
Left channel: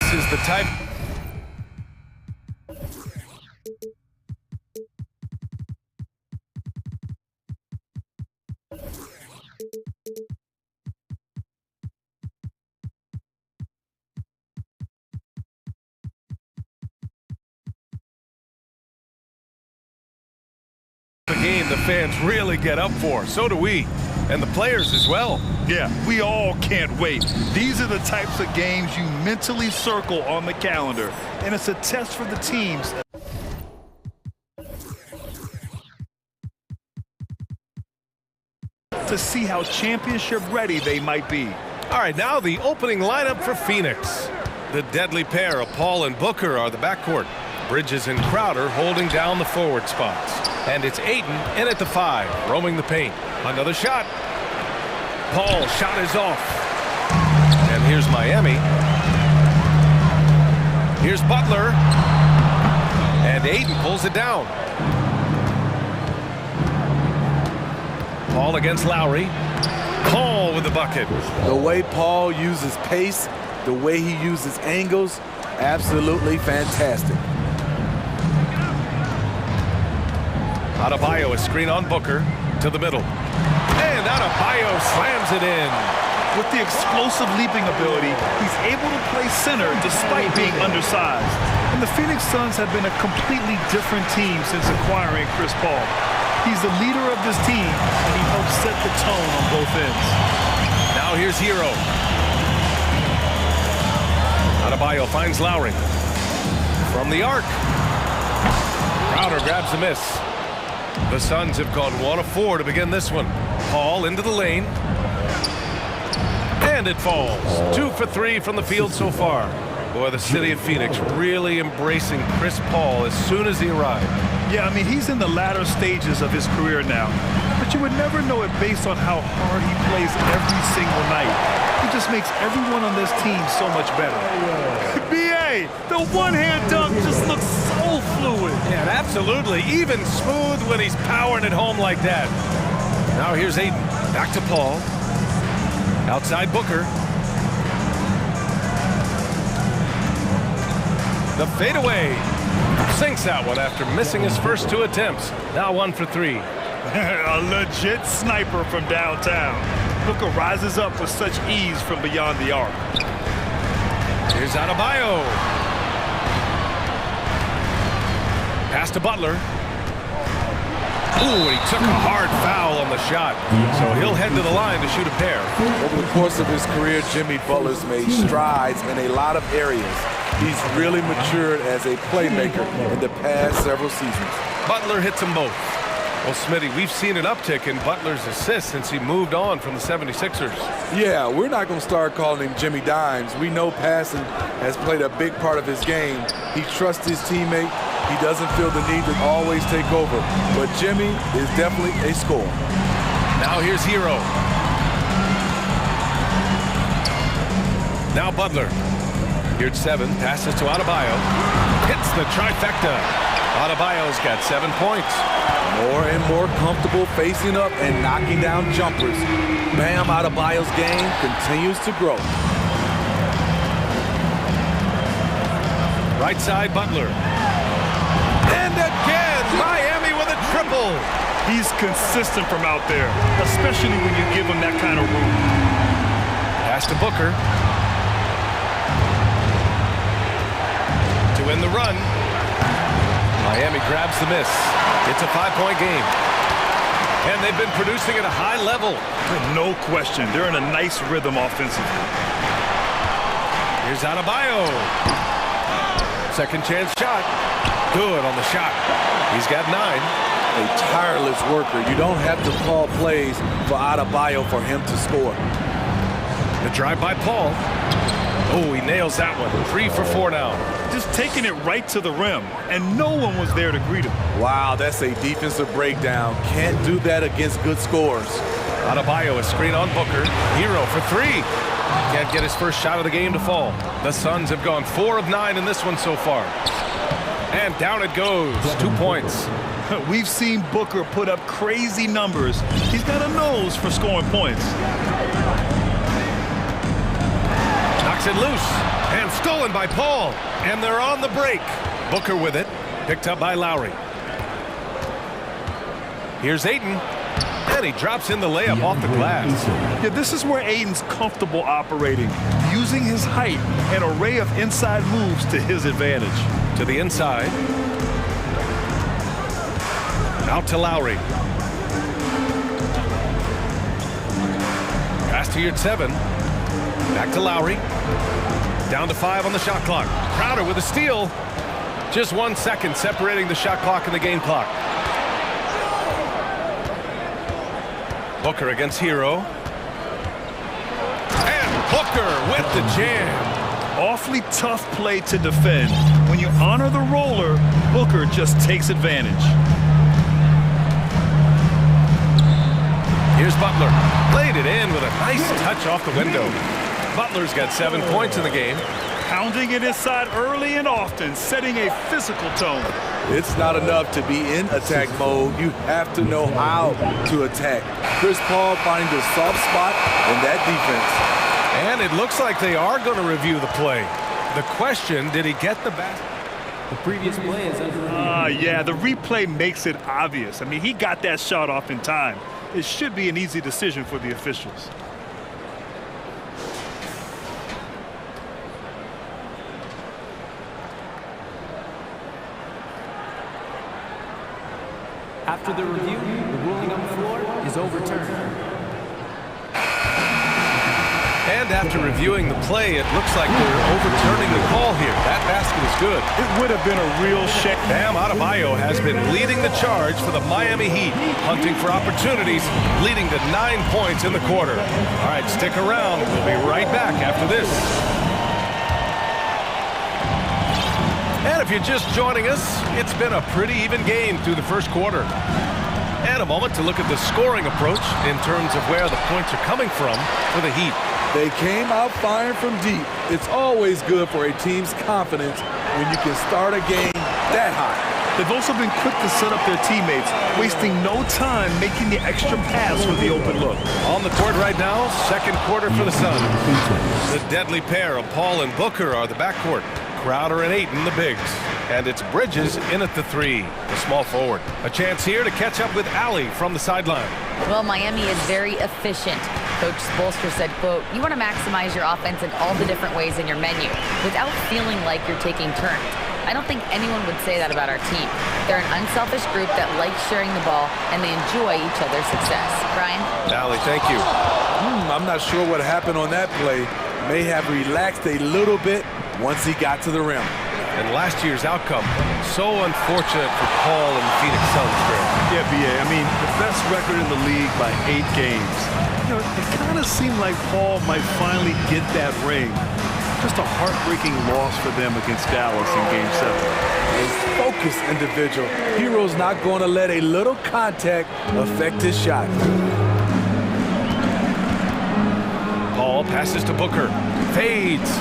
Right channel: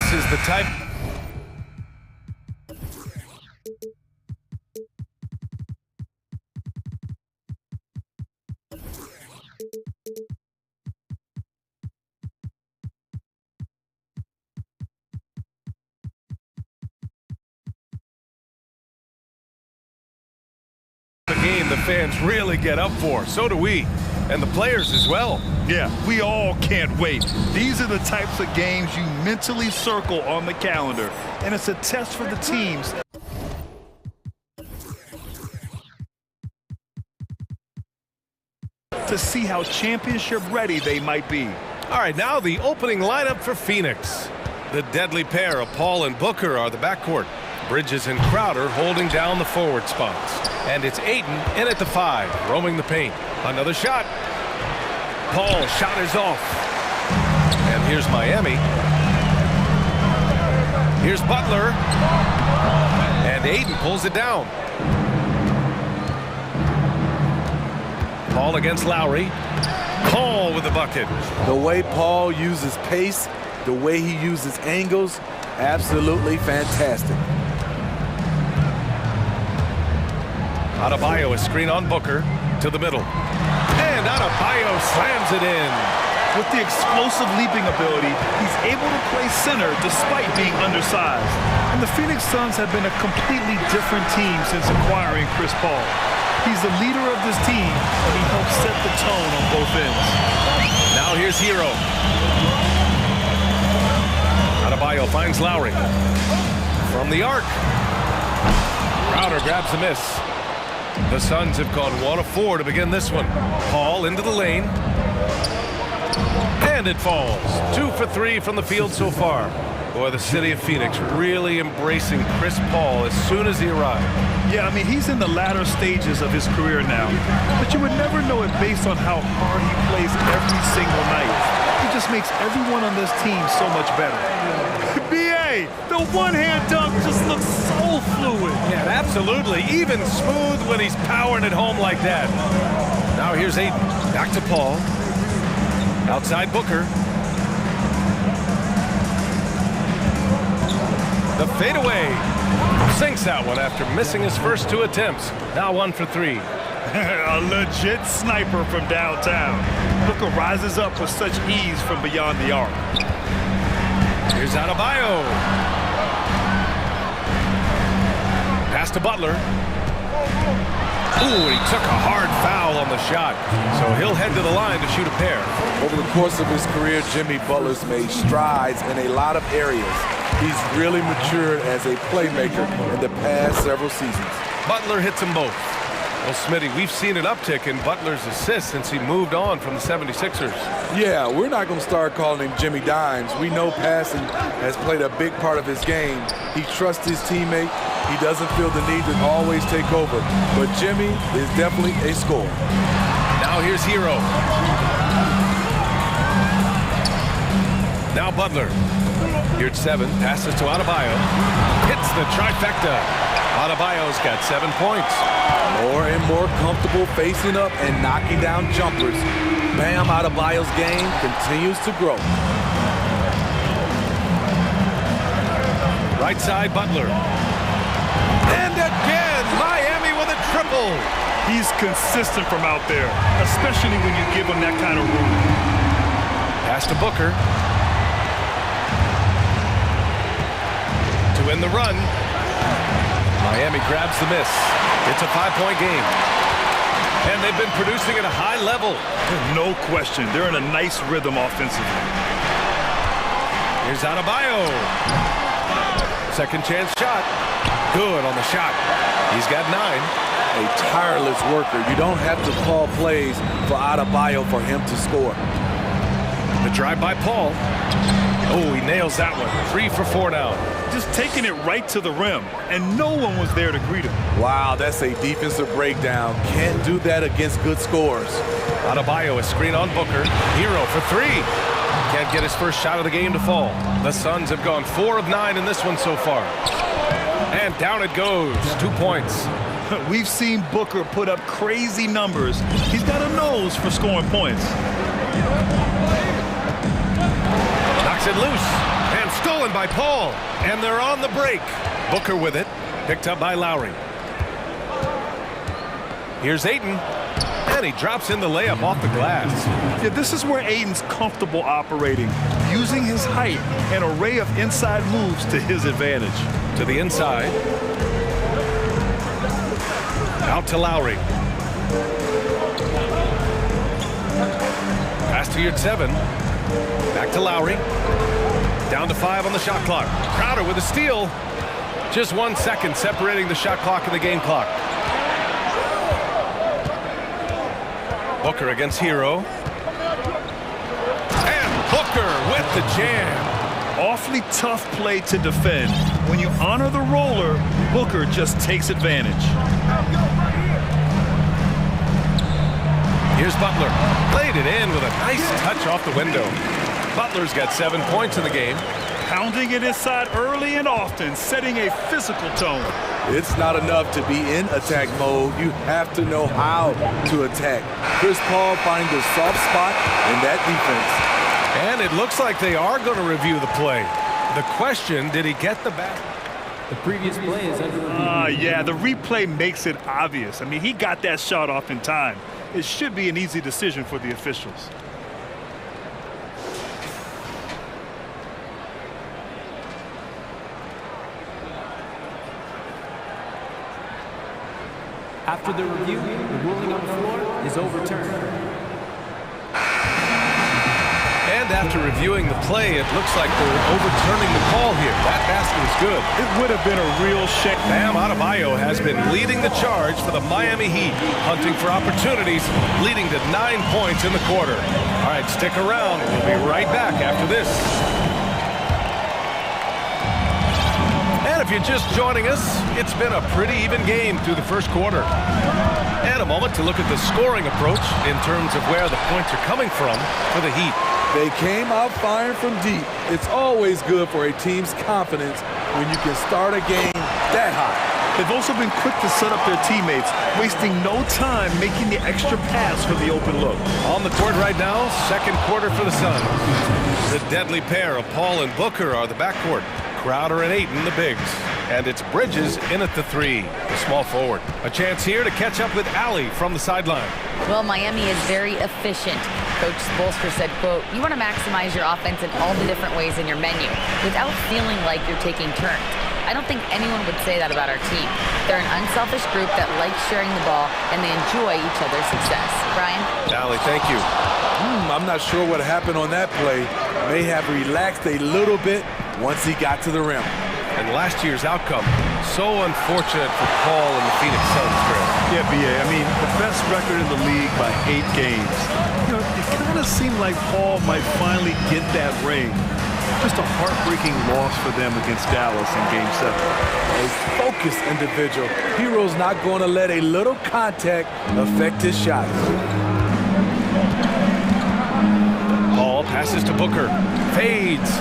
This is the type. The game the fans really get up for. So do we. And the players as well. Yeah, we all can't wait. These are the types of games you mentally circle on the calendar. And it's a test for the teams. To see how championship ready they might be. All right, now the opening lineup for Phoenix. The deadly pair of Paul and Booker are the backcourt. Bridges and Crowder holding down the forward spots. And it's Ayton in at the 5, roaming the paint. Another shot. Paul's shot is off. And here's Miami. Here's Butler. And Ayton pulls it down. Paul against Lowry. Paul with the bucket. The way Paul uses pace, the way he uses angles, absolutely fantastic. Adebayo, a screen on Booker to the middle. And Adebayo slams it in. With the explosive leaping ability, he's able to play center despite being undersized. And the Phoenix Suns have been a completely different team since acquiring Chris Paul. He's the leader of this team, and he helps set the tone on both ends. Now here's Hero. Adebayo finds Lowry. From the arc. Crowder grabs the miss. The Suns have gone 1 of 4 to begin this one. Paul into the lane. And it falls. 2 for 3 from the field so far. Boy, the city of Phoenix really embracing Chris Paul as soon as he arrived. Yeah, I mean, he's in the latter stages of his career now. But you would never know it based on how hard he plays every single night. He just makes everyone on this team so much better. B.A., the one-hand dunk just looks so fluid. Yeah, absolutely. Even smooth when he's powering it home like that. Now here's Ayton. Back to Paul. Outside Booker. The fadeaway. Sinks that one after missing his first 2 attempts. Now 1 for 3. A legit sniper from downtown. Booker rises up with such ease from beyond the arc. Here's Adebayo. Pass to Butler. Ooh, he took a hard foul on the shot. So he'll head to the line to shoot a pair. Over the course of his career, Jimmy Butler's made strides in a lot of areas. He's really matured as a playmaker in the past several seasons. Butler hits them both. Well, Smitty, we've seen an uptick in Butler's assists since he moved on from the 76ers. Yeah, we're not going to start calling him Jimmy Dimes. We know passing has played a big part of his game. He trusts his teammate. He doesn't feel the need to always take over. But Jimmy is definitely a scorer. Now here's Hero. Now Butler. Here at 7, passes to Adebayo. Hits the trifecta. Adebayo's got 7 points. More and more comfortable facing up and knocking down jumpers. Bam Adebayo's game continues to grow. Right side, Butler. And again, Miami with a triple. He's consistent from out there, especially when you give him that kind of room. Pass to Booker. To end the run. Miami grabs the miss. It's a 5-point game. And they've been producing at a high level. No question. They're in a nice rhythm offensively. Here's Adebayo. Second chance shot. Good on the shot. He's got 9. A tireless worker. You don't have to call plays for Adebayo for him to score. The drive by Paul. Oh, he nails that one. 3 for 4 now. Just taking it right to the rim, and no one was there to greet him. Wow, that's a defensive breakdown. Can't do that against good scores. Adebayo, a screen on Booker. Hero for 3. Can't get his first shot of the game to fall. The Suns have gone 4 of 9 in this one so far. And down it goes. 2 points. We've seen Booker put up crazy numbers. He's got a nose for scoring points. Knocks it loose. And stolen by Paul. And they're on the break. Booker with it. Picked up by Lowry. Here's Ayton. And he drops in the layup off the glass. Yeah, this is where Ayton's comfortable operating, using his height and array of inside moves to his advantage. To the inside. Out to Lowry. Pass to your 7. Back to Lowry. Down to 5 on the shot clock. Crowder with a steal. Just 1 second separating the shot clock and the game clock. Booker against Hero. And Booker with the jam. Awfully tough play to defend. When you honor the roller, Booker just takes advantage. Here's Butler. Played it in with a nice touch off the window. Butler's got 7 points in the game. Pounding it inside early and often, setting a physical tone. It's not enough to be in attack mode. You have to know how to attack. Chris Paul finding the soft spot in that defense. And it looks like they are going to review the play. The question, did he get the basket? The previous play is under review. Yeah, the replay makes it obvious. I mean, he got that shot off in time. It should be an easy decision for the officials. After the review, the ruling on the floor is overturned. And after reviewing the play, it looks like they're overturning the call here. That basket is good. It would have been a real shame. Bam Adebayo has been leading the charge for the Miami Heat, hunting for opportunities, leading to 9 points in the quarter. All right, stick around. We'll be right back after this. And if you're just joining us, it's been a pretty even game through the first quarter. And a moment to look at the scoring approach in terms of where the points are coming from for the Heat. They came out firing from deep. It's always good for a team's confidence when you can start a game that hot. They've also been quick to set up their teammates, wasting no time making the extra pass for the open look. On the court right now, second quarter for the Suns. The deadly pair of Paul and Booker are the backcourt. Crowder and Ayton, the bigs. And it's Bridges in at the 3, the small forward. A chance here to catch up with Allie from the sideline. Well, Miami is very efficient. Coach Spoelstra said, quote, "You want to maximize your offense in all the different ways in your menu without feeling like you're taking turns." I don't think anyone would say that about our team. They're an unselfish group that likes sharing the ball, and they enjoy each other's success. Brian? Allie, thank you. I'm not sure what happened on that play. May have relaxed a little bit once he got to the rim. And last year's outcome, so unfortunate for Paul and the Phoenix Suns, Graham. Yeah, B.A., I mean, the best record in the league by 8 games. You know, it kind of seemed like Paul might finally get that ring. Just a heartbreaking loss for them against Dallas in Game 7. A focused individual. Hero's not going to let a little contact affect his shot. Paul passes to Booker. Fades.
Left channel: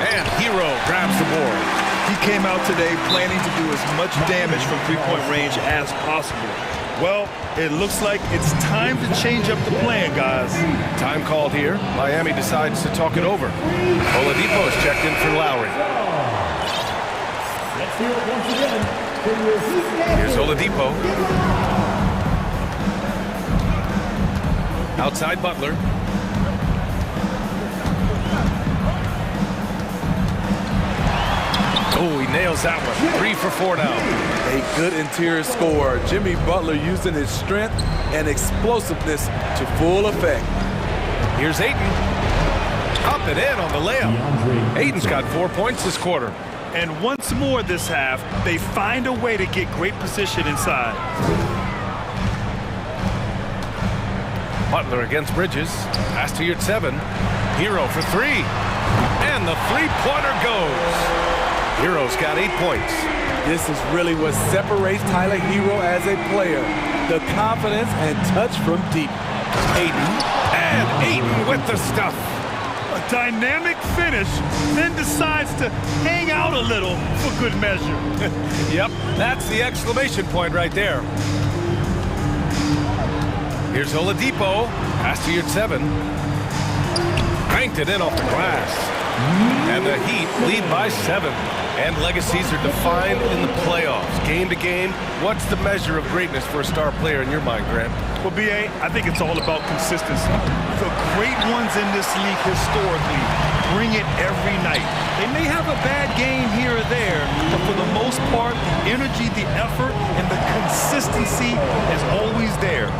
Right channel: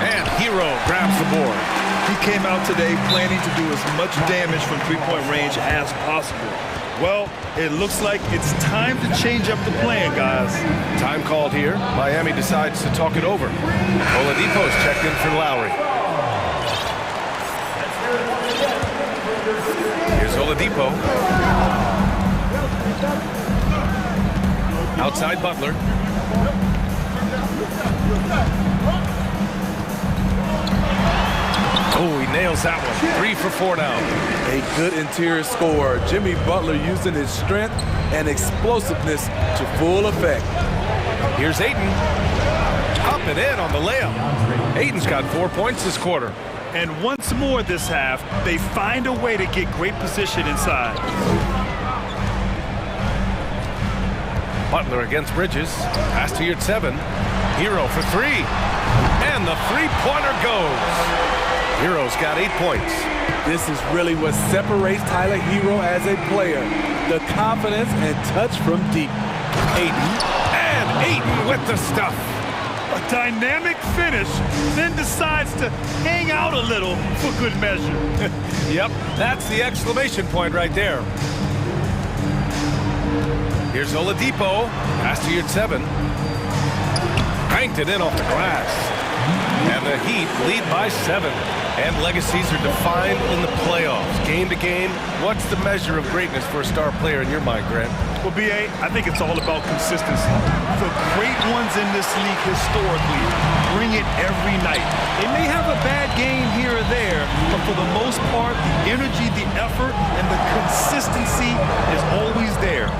And Hero grabs the board. He came out today planning to do as much damage from three-point range as possible. Well, it looks like it's time to change up the plan, guys. Time called here. Miami decides to talk it over. Oladipo's checked in for Lowry. Here's Oladipo. Outside Butler. Oh, he nails that one. 3 for 4 now. A good interior scorer. Jimmy Butler using his strength and explosiveness to full effect. Here's Ayton. Up and in on the layup. Ayton's got 4 points this quarter. And once more this half, they find a way to get great position inside. Butler against Bridges. Pass to your 7. Hero for three. And the three-pointer goes. Hero's got 8 points. This is really what separates Tyler Hero as a player. The confidence and touch from deep. Ayton. And Ayton with the stuff. A dynamic finish, then decides to hang out a little for good measure. Yep, that's the exclamation point right there. Here's Oladipo. Pass to Yurtseven. Banked it in off the glass. And the Heat lead by 7. And legacies are defined in the playoffs. Game to game, what's the measure of greatness for a star player in your mind, Grant? Well, B.A., I think it's all about consistency. The great ones in this league historically bring it every night. They may have a bad game here or there, but for the most part, the energy, the effort, and the consistency is always there.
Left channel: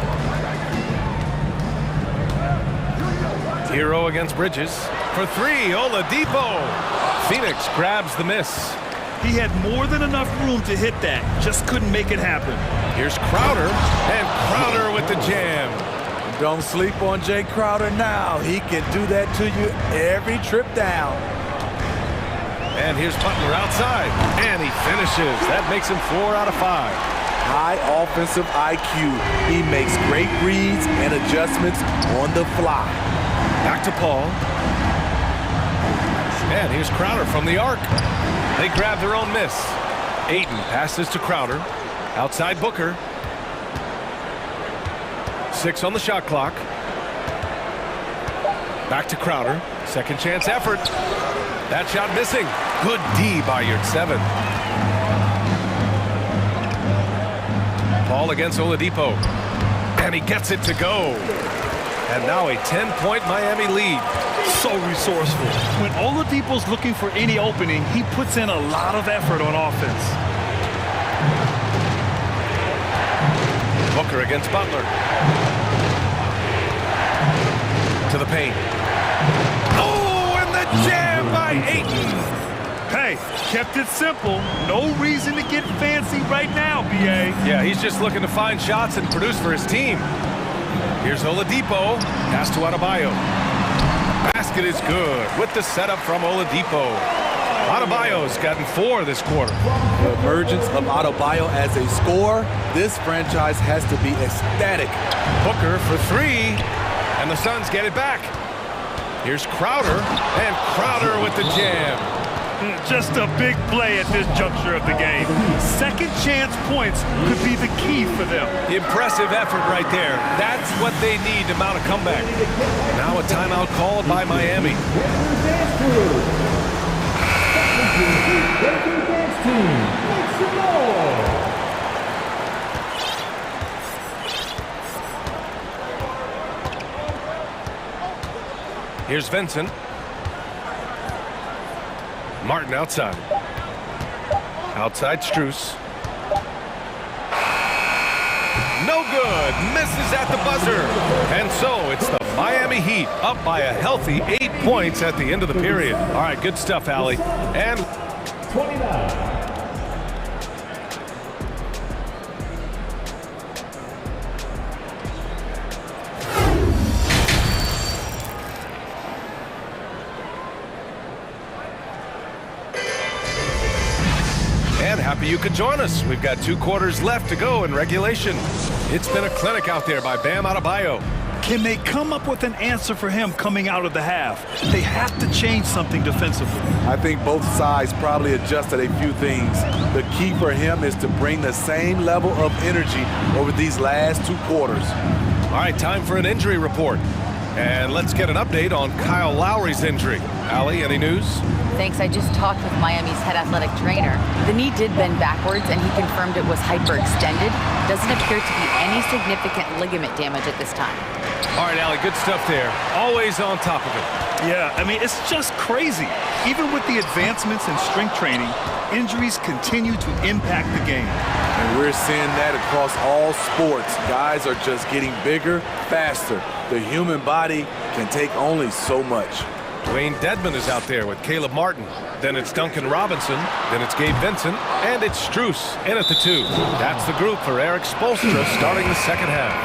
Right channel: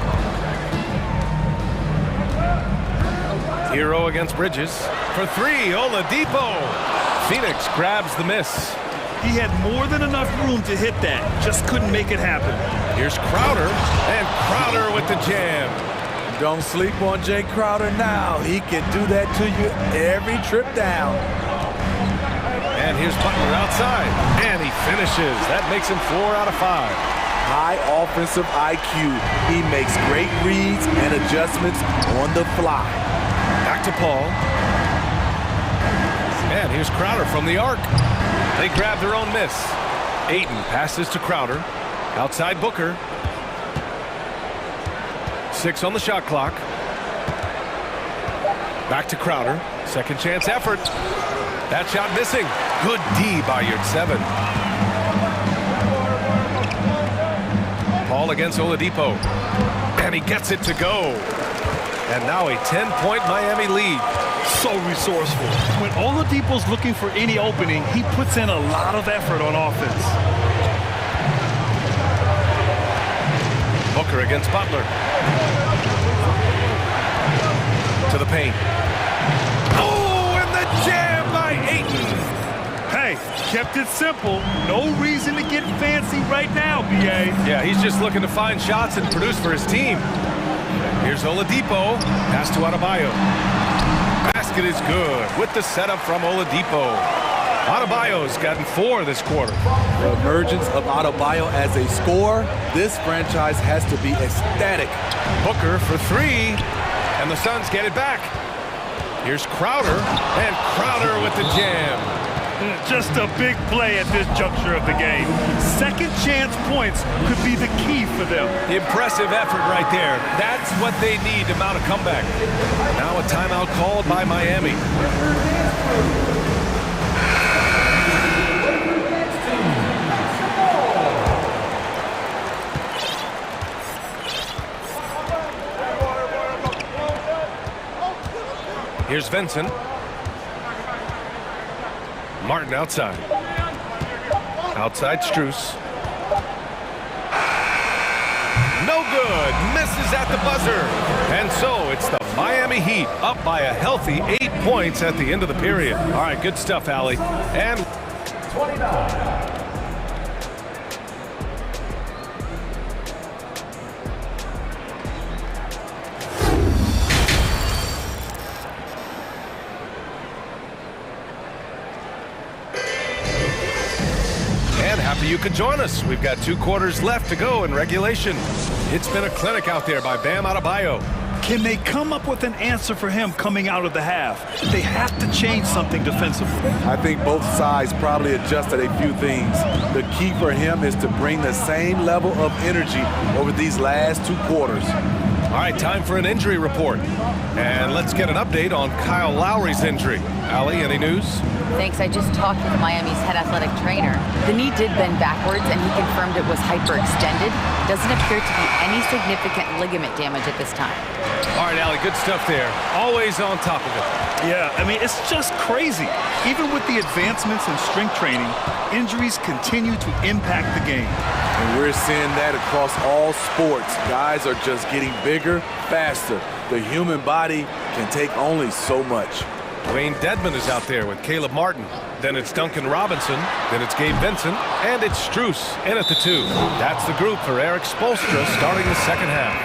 Hero against Bridges. For three, Oladipo. Phoenix grabs the miss. He had more than enough room to hit that, just couldn't make it happen. Here's Crowder, and Crowder with the jam. Don't sleep on Jay Crowder now. He can do that to you every trip down. And here's Butler outside, and he finishes. That makes him 4 out of 5. High offensive IQ. He makes great reads and adjustments on the fly. Back to Paul. And here's Crowder from the arc. They grab their own miss. Ayton passes to Crowder. Outside Booker. 6 on the shot clock. Back to Crowder. Second chance effort. That shot missing. Good D by Yurtseven. Paul against Oladipo. And he gets it to go. And now a 10-point Miami lead. So resourceful. When Oladipo's looking for any opening, he puts in a lot of effort on offense. Booker against Butler. To the paint. Oh, and the jam by Ayton. Hey, kept it simple. No reason to get fancy right now, B.A. Yeah, he's just looking to find shots and produce for his team. Here's Oladipo. Pass to Adebayo. Basket is good with the setup from Oladipo. Adebayo's gotten 4 this quarter. The emergence of Adebayo as a scorer, this franchise has to be ecstatic. Booker for 3, and the Suns get it back. Here's Crowder, and Crowder with the jam. Just a big play at this juncture of the game. Second chance points could be the key for them. Impressive effort right there. That's what they need to mount a comeback. Now a timeout called by Miami. Here's Vincent. Martin outside. Outside Strus. No good. Misses at the buzzer. And so it's the Miami Heat up by a healthy 8 points at the end of the period. All right, good stuff, Allie. And 29. And happy you could join us. We've got 2 quarters left to go in regulation. It's been a clinic out there by Bam Adebayo. Can they come up with an answer for him coming out of the half? They have to change something defensively. I think both sides probably adjusted a few things. The key for him is to bring the same level of energy over these last 2 quarters. All right, time for an injury report. And let's get an update on Kyle Lowry's injury. Allie, any news? Thanks. I just talked with Miami's head athletic trainer. The knee did bend backwards, and he confirmed it was hyperextended. Doesn't appear to be any significant ligament damage at this time. All right, Allie, good stuff there. Always on top of it. Yeah, I mean, it's just crazy. Even with the advancements in strength training, injuries continue to impact the game. And we're seeing that across all sports. Guys are just getting bigger, faster. The human body can take only so much. Wayne Dedman is out there with Caleb Martin. Then it's Duncan Robinson. Then it's Gabe Vincent. And it's Strus in at the 2. That's the group for Eric Spoelstra starting the second half.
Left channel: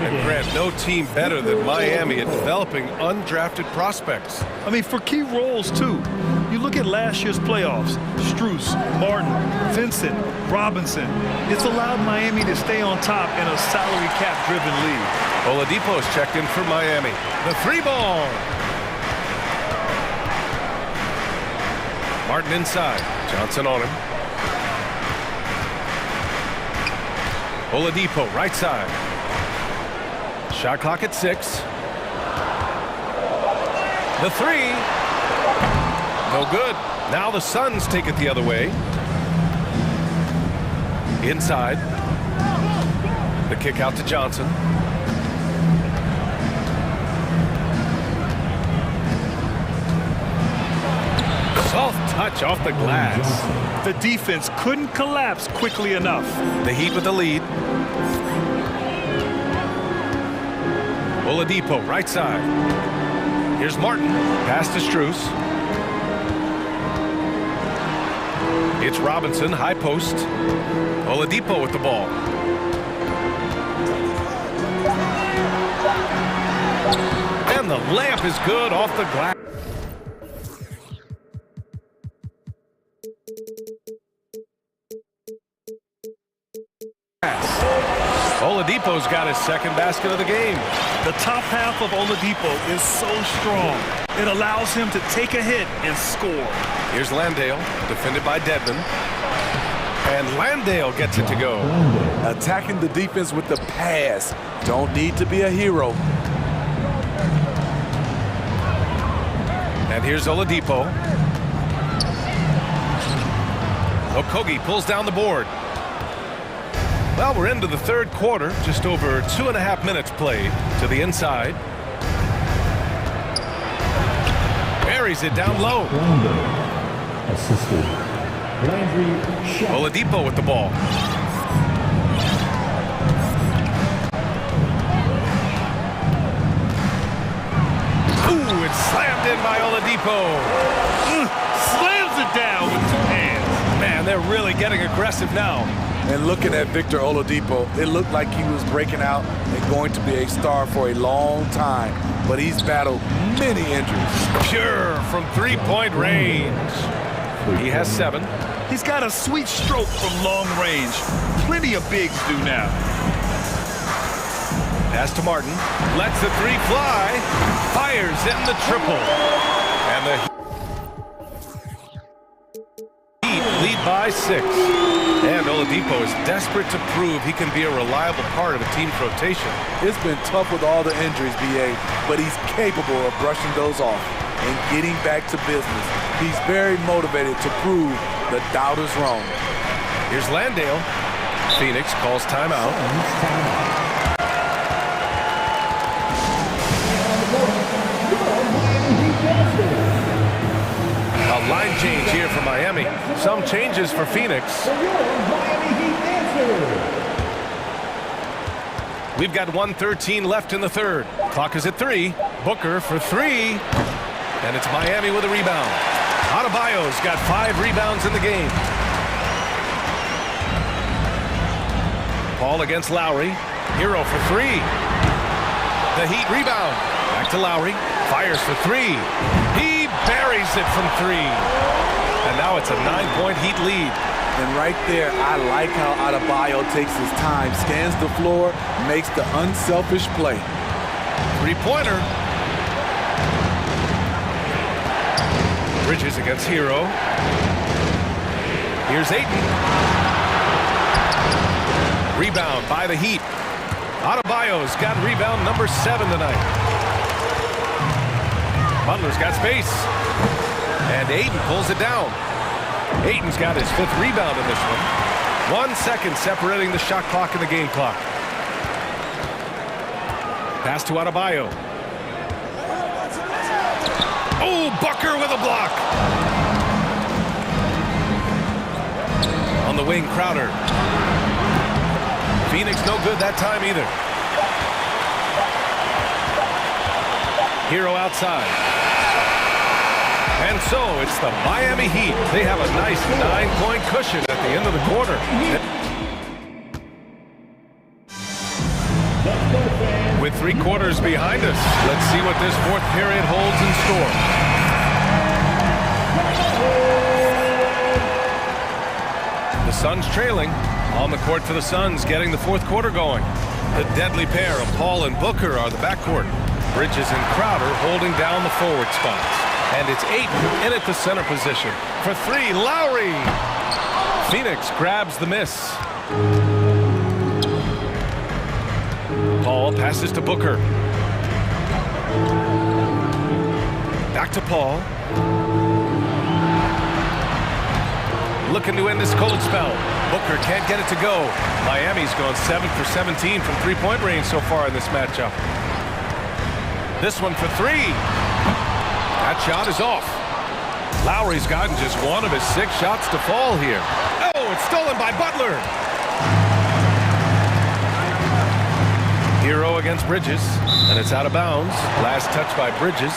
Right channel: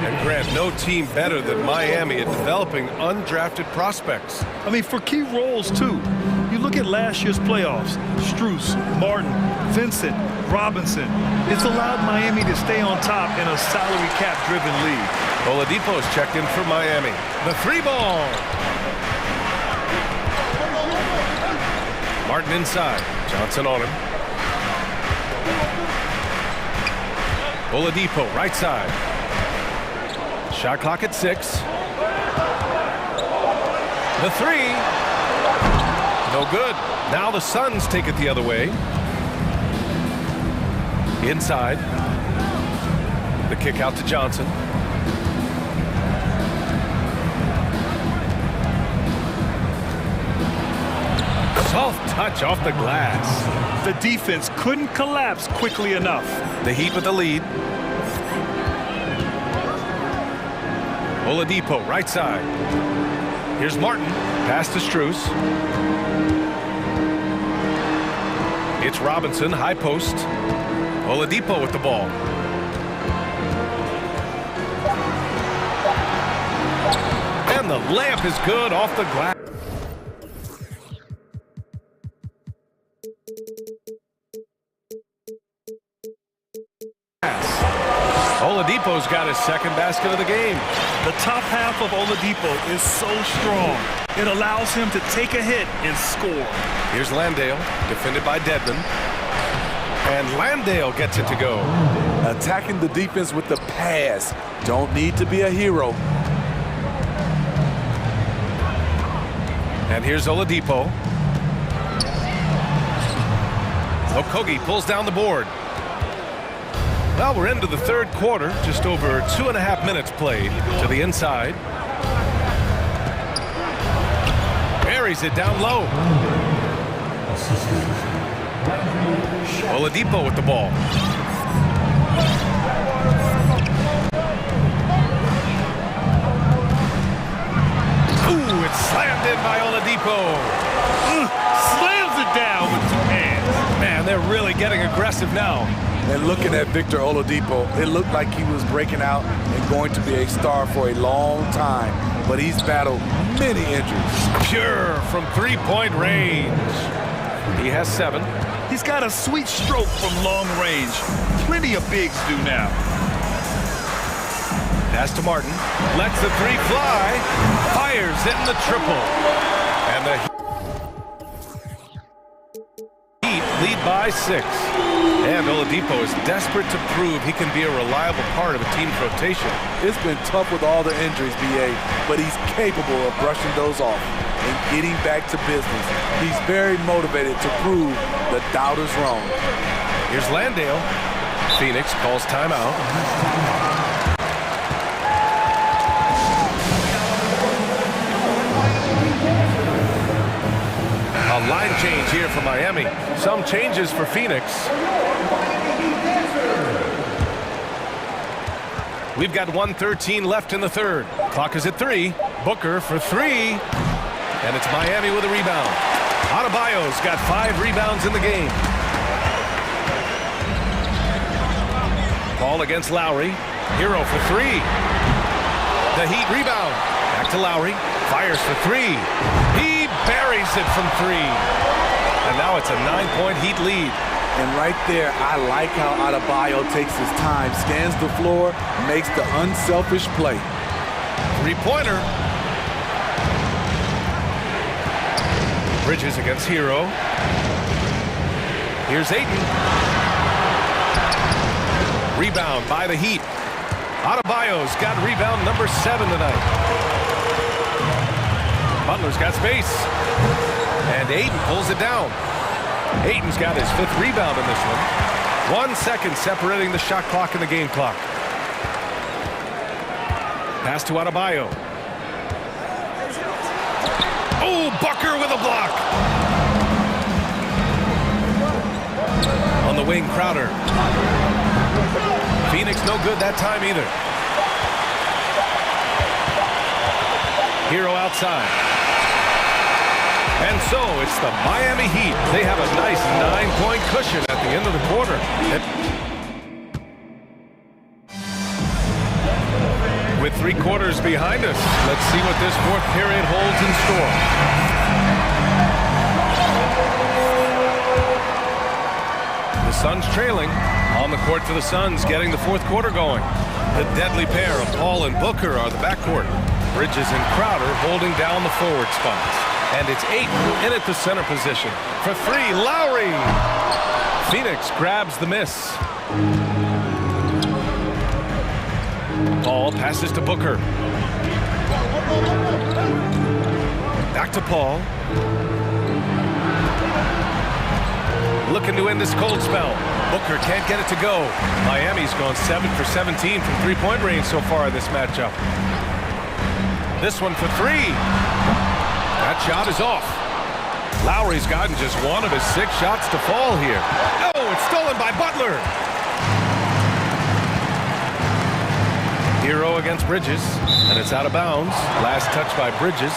And Grant, no team better than Miami at developing undrafted prospects. I mean, for key roles, too. You look at last year's playoffs, Strus, Martin, Vincent, Robinson. It's allowed Miami to stay on top in a salary cap-driven league. Oladipo's checked in for Miami. The three ball. Martin inside. Johnson on him. Oladipo, right side. Shot clock at 6. The three. No good. Now the Suns take it the other way. Inside. The kick out to Johnson. Soft touch off the glass. The defense couldn't collapse quickly enough. The Heat with the lead. Oladipo, right side. Here's Martin. Pass to Strus. It's Robinson, high post. Oladipo with the ball. And the layup is good off the glass. Oladipo's got his second basket of the game. The top half of Oladipo is so strong. It allows him to take a hit and score. Here's Landale, defended by Dedmon. And Landale gets it to go. Attacking the defense with the pass. Don't need to be a hero. And here's Oladipo. Okogie pulls down the board. Well, we're into the third quarter. Just over 2.5 minutes played. To the inside. Buries it down low. Oladipo with the ball. Ooh, it's slammed in by Oladipo. Slams it down with 2 hands. Man, they're really getting aggressive now. And looking at Victor Oladipo, it looked like he was breaking out and going to be a star for a long time. But he's battled many injuries. Pure from three-point range. He has 7. He's got a sweet stroke from long range. Plenty of bigs do now. Pass to Martin. Lets the three fly. Fires in the triple. And the Heat lead by 6. And Oladipo is desperate to prove he can be a reliable part of a team's rotation. It's been tough with all the injuries, BA, but he's capable of brushing those off and getting back to business. He's very motivated to prove the doubters wrong. Here's Landale. Phoenix calls timeout. A line change here for Miami. Some changes for Phoenix. We've got 1:13 left in the third. Clock is at 3. Booker for 3. And it's Miami with a rebound. Adebayo's got 5 rebounds in the game. Paul against Lowry. Hero for 3. The Heat rebound. Back to Lowry. Fires for 3. He buries it from 3. And now it's a 9-point Heat lead. And right there, I like how Adebayo takes his time, scans the floor, makes the unselfish play. Three-pointer. Bridges against Hero. Here's Ayton. Rebound by the Heat. Adebayo's got rebound number 7 tonight. Butler's got space. And Ayton pulls it down. Ayton's got his 5th rebound in this one. 1 second separating the shot clock and the game clock. Pass to Adebayo. Oh, Booker with a block. On the wing, Crowder. Phoenix no good that time either. Hero outside. And so it's the Miami Heat. They have a nice 9-point cushion at the end of the quarter. With 3 quarters behind us, let's see what this 4th period holds in store. The Suns trailing. On the court for the Suns, getting the 4th quarter going. The deadly pair of Paul and Booker are the backcourt. Bridges and Crowder holding down the forward spots. And it's Ayton in at the center position. For 3, Lowry! Phoenix grabs the miss. Paul passes to Booker. Back to Paul. Looking to end this cold spell. Booker can't get it to go. Miami's gone 7 for 17 from 3-point range so far in this matchup. This one for 3. That shot is off. Lowry's gotten just 1 of his 6 shots to fall here. Oh, it's stolen by Butler. Hero against Bridges, and it's out of bounds. Last touch by Bridges.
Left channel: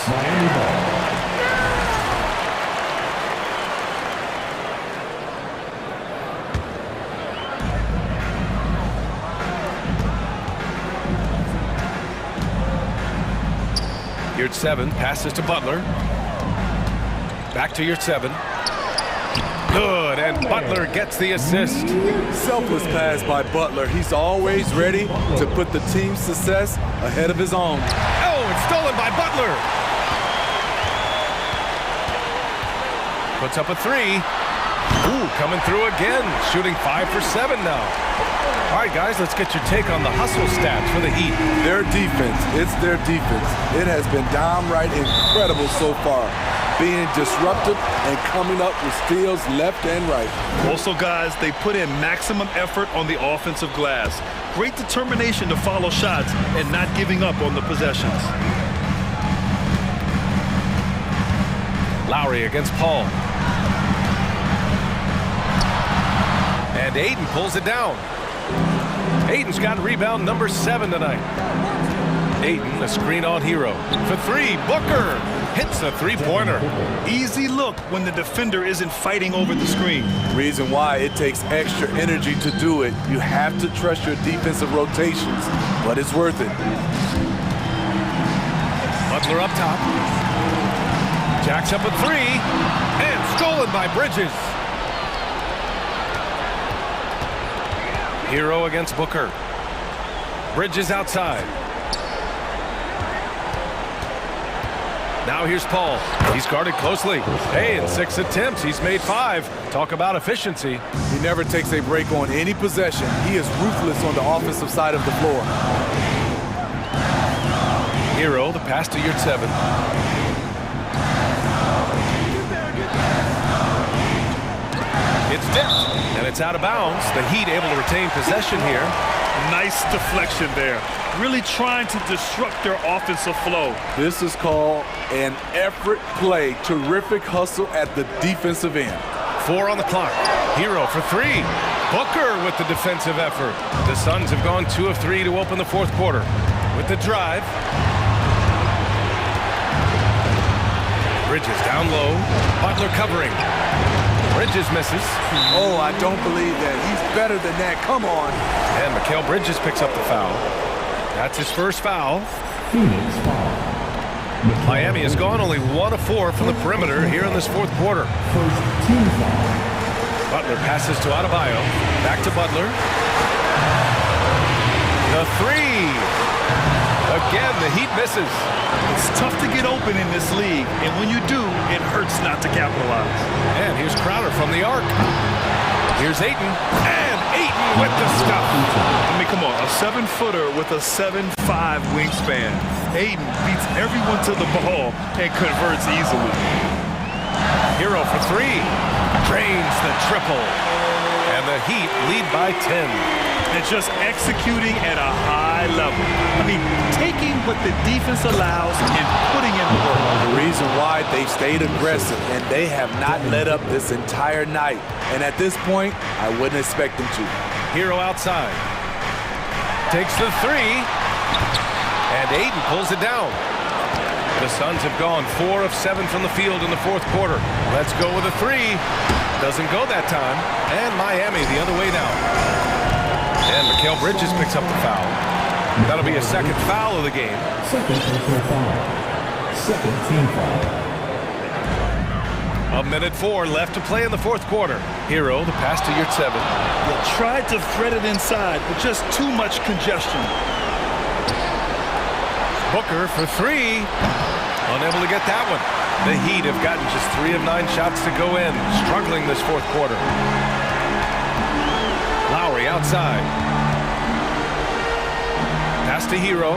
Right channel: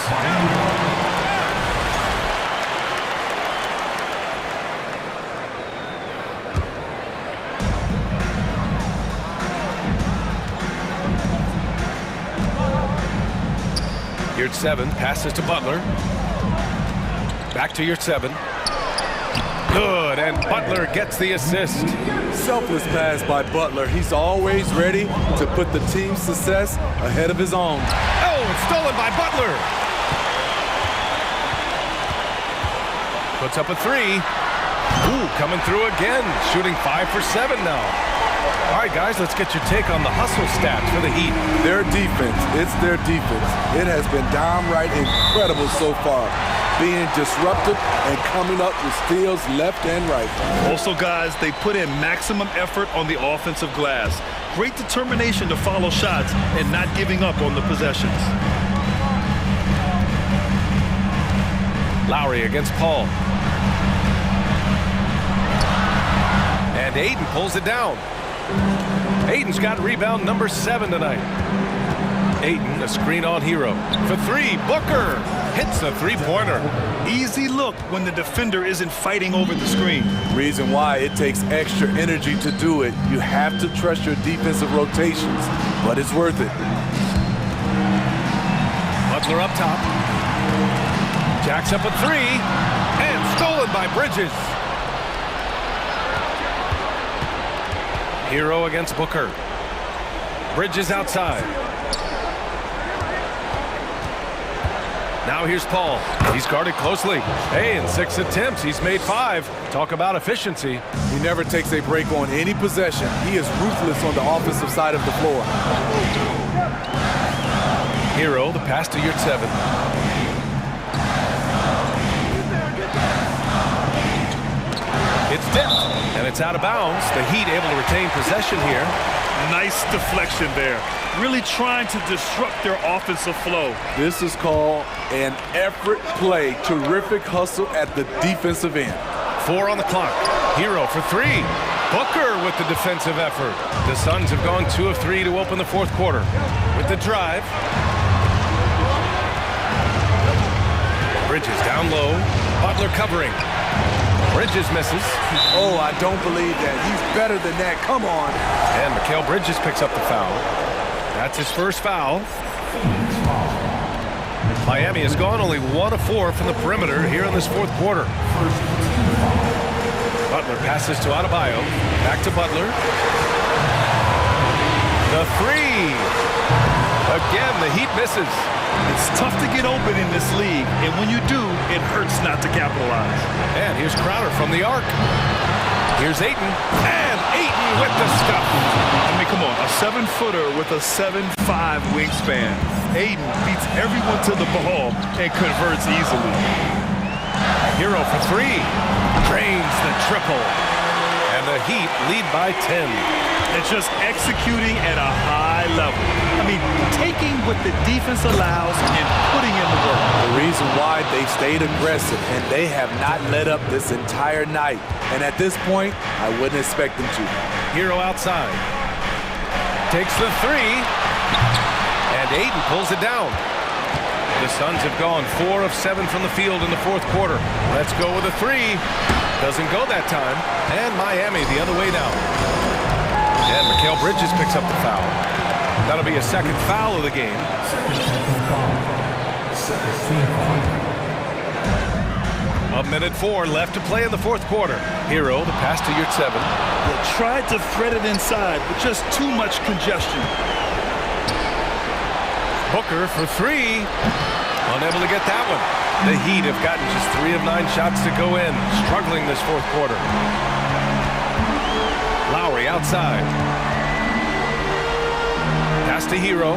Yard 7 passes to Butler. Back to Yard 7. Good, and Butler gets the assist. Selfless pass by Butler. He's always ready to put the team's success ahead of his own. Oh, it's stolen by Butler. Puts up a 3. Ooh, coming through again. Shooting 5 for 7 now. All right, guys, let's get your take on the hustle stats for the Heat. Their defense, it's their defense. It has been downright incredible so far. Being disruptive and coming up with steals left and right. Also, guys, they put in maximum effort on the offensive glass. Great determination to follow shots and not giving up on the possessions. Lowry against Paul. And Ayton pulls it down. Ayton's got rebound number 7 tonight. Ayton, a screen on Hero. For 3, Booker hits a 3-pointer. Easy look when the defender isn't fighting over the screen. Reason why it takes extra energy to do it. You have to trust your defensive rotations, but it's worth it. Butler up top. Jacks up a 3, and stolen by Bridges. Hero against Booker. Bridges outside. Now here's Paul. He's guarded closely. Hey, in 6 attempts, he's made 5. Talk about efficiency. He never takes a break on any possession. He is ruthless on the offensive side of the floor. Hero, the pass to Yard 7. It's dipped, and it's out of bounds. The Heat able to retain possession here. Nice deflection there. Really trying to disrupt their offensive flow. This is called an effort play. Terrific hustle at the defensive end. 4 on the clock. Hero for 3. Booker with the defensive effort. The Suns have gone 2 of 3 to open the 4th quarter. With the drive. Bridges down low. Butler covering. Bridges misses. Oh, I don't believe that. He's better than that. Come on. And Mikal Bridges picks up the foul. That's his first foul. Phoenix foul. Miami has gone only 1 of 4 from the perimeter here in this 4th quarter. First team foul. Butler passes to Adebayo. Back to Butler. The 3. Again, the Heat misses. It's tough to get open in this league, and when you do, it hurts not to capitalize. And here's Crowder from the arc. Here's Ayton, and Ayton with the stuff. I mean, come on, a 7-footer with a 7'5" wingspan. Ayton beats everyone to the ball and converts easily. Hero for 3, drains the triple. And the Heat lead by 10. And just executing at a high level. I mean, taking what the defense allows and putting in the work. The reason why they stayed aggressive and they have not let up this entire night. And at this point, I wouldn't expect them to. Hero outside. Takes the 3. And Ayton pulls it down. The Suns have gone 4 of 7 from the field in the 4th quarter. Let's go with a 3. Doesn't go that time. And Miami the other way now. And Mikal Bridges picks up the foul. That'll be a second foul of the game. Second personal foul. Second team foul. 1:04 left to play in the fourth quarter. Hero, the pass to Yurtseven. Yeah, tried to thread it inside, but just too much congestion. Booker for three. Unable to get that one. The Heat have gotten just 3 of 9 shots to go in. Struggling this fourth quarter. Lowry outside. Pass to Hero.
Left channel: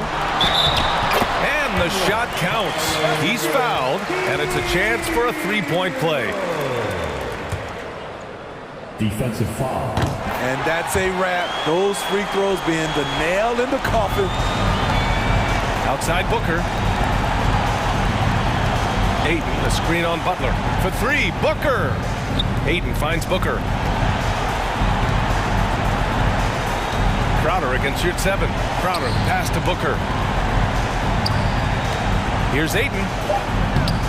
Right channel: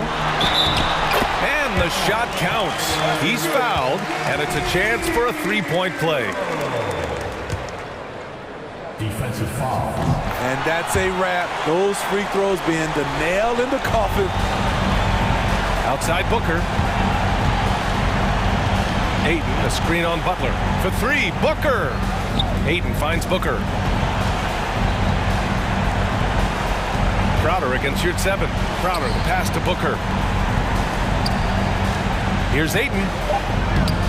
And the shot counts. He's fouled, and it's a chance for a three-point play. Defensive foul. And that's a wrap. Those free throws being the nail in the coffin. Outside Booker. Ayton, a screen on Butler. For three, Booker. Ayton finds Booker. Crowder against Yurtseven. Crowder, the pass to Booker. Here's Ayton.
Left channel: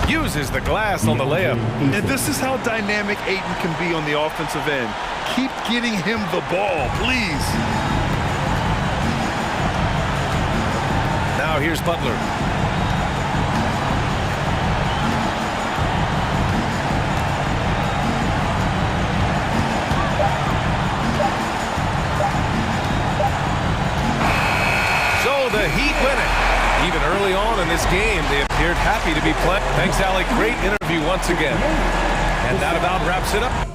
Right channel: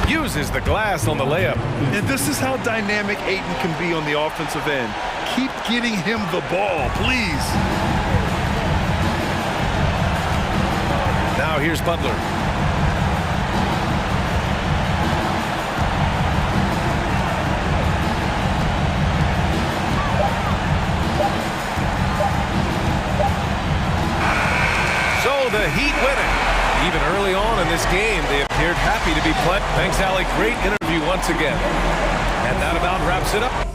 Uses the glass on the layup. And this is how dynamic Ayton can be on the offensive end. Keep getting him the ball, please. Now here's Butler. So the Heat win it. Even early on in this game, they appeared happy to be playing. Thanks, Alec. Great interview once again. And that about wraps it up.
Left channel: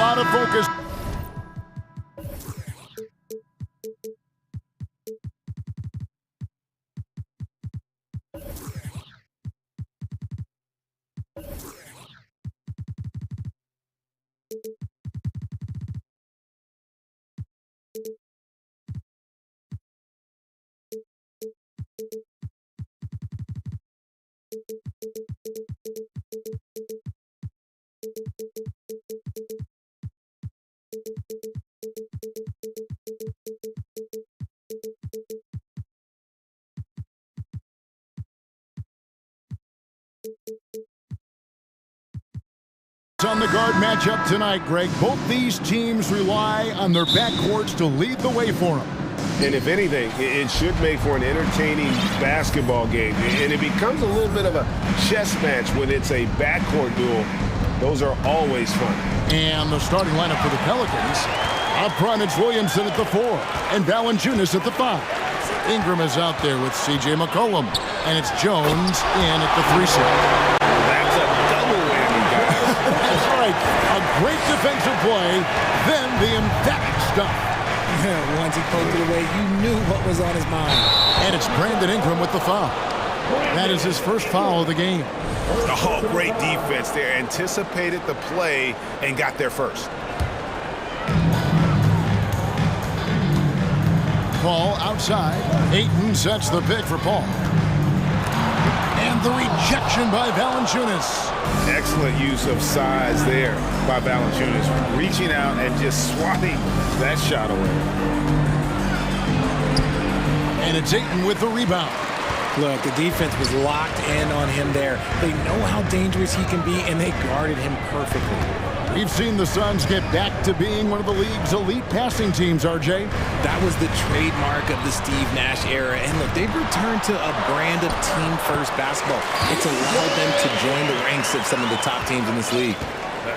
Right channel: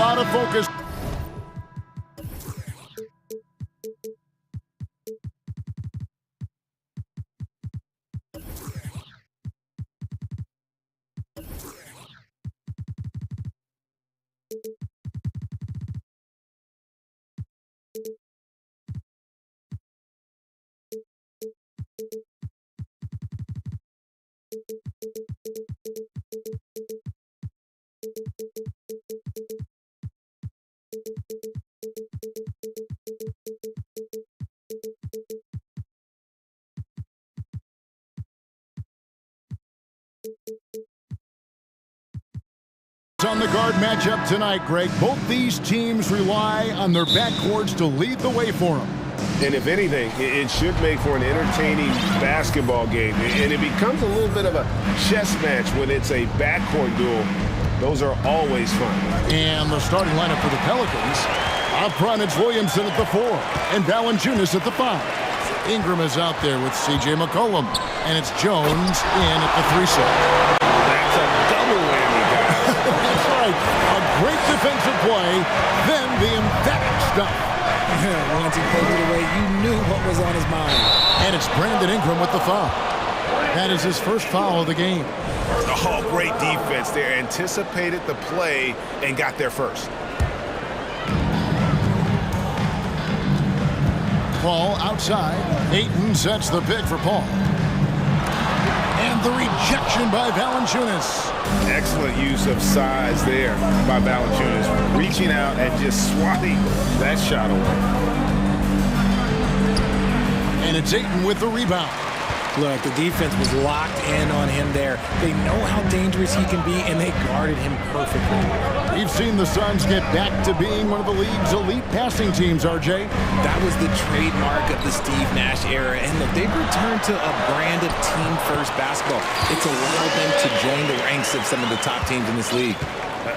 lot of focus. On the guard matchup tonight, Greg, both these teams rely on their backcourts to lead the way for them. And if anything, it should make for an entertaining basketball game. And it becomes a little bit of a chess match when it's a backcourt duel. Those are always fun. And the starting lineup for the Pelicans. Up front, it's Williamson at the 4 and Valanciunas at the 5. Ingram is out there with C.J. McCollum. And it's Jones in at the 3 set. Well, that's a double whammy, guys. That's right. A great defensive play, then the emphatic stuff. Yeah, once he poked it away, you knew what was on his mind. And it's Brandon Ingram with the foul. That is his first foul of the game. Oh, great defense there. Anticipated the play and got there first. Paul outside. Ayton sets the pick for Paul. And the rejection by Valanciunas. Excellent use of size there by Valanciunas, reaching out and just swatting that shot away. And it's Ayton with the rebound. Look, the defense was locked in on him there. They know how dangerous he can be, and they guarded him perfectly. We've seen the Suns get back to being one of the league's elite passing teams, RJ. That was the trademark of the Steve Nash era. And look, they've returned to a brand of team-first basketball. It's allowed them to join the ranks of some of the top teams in this league.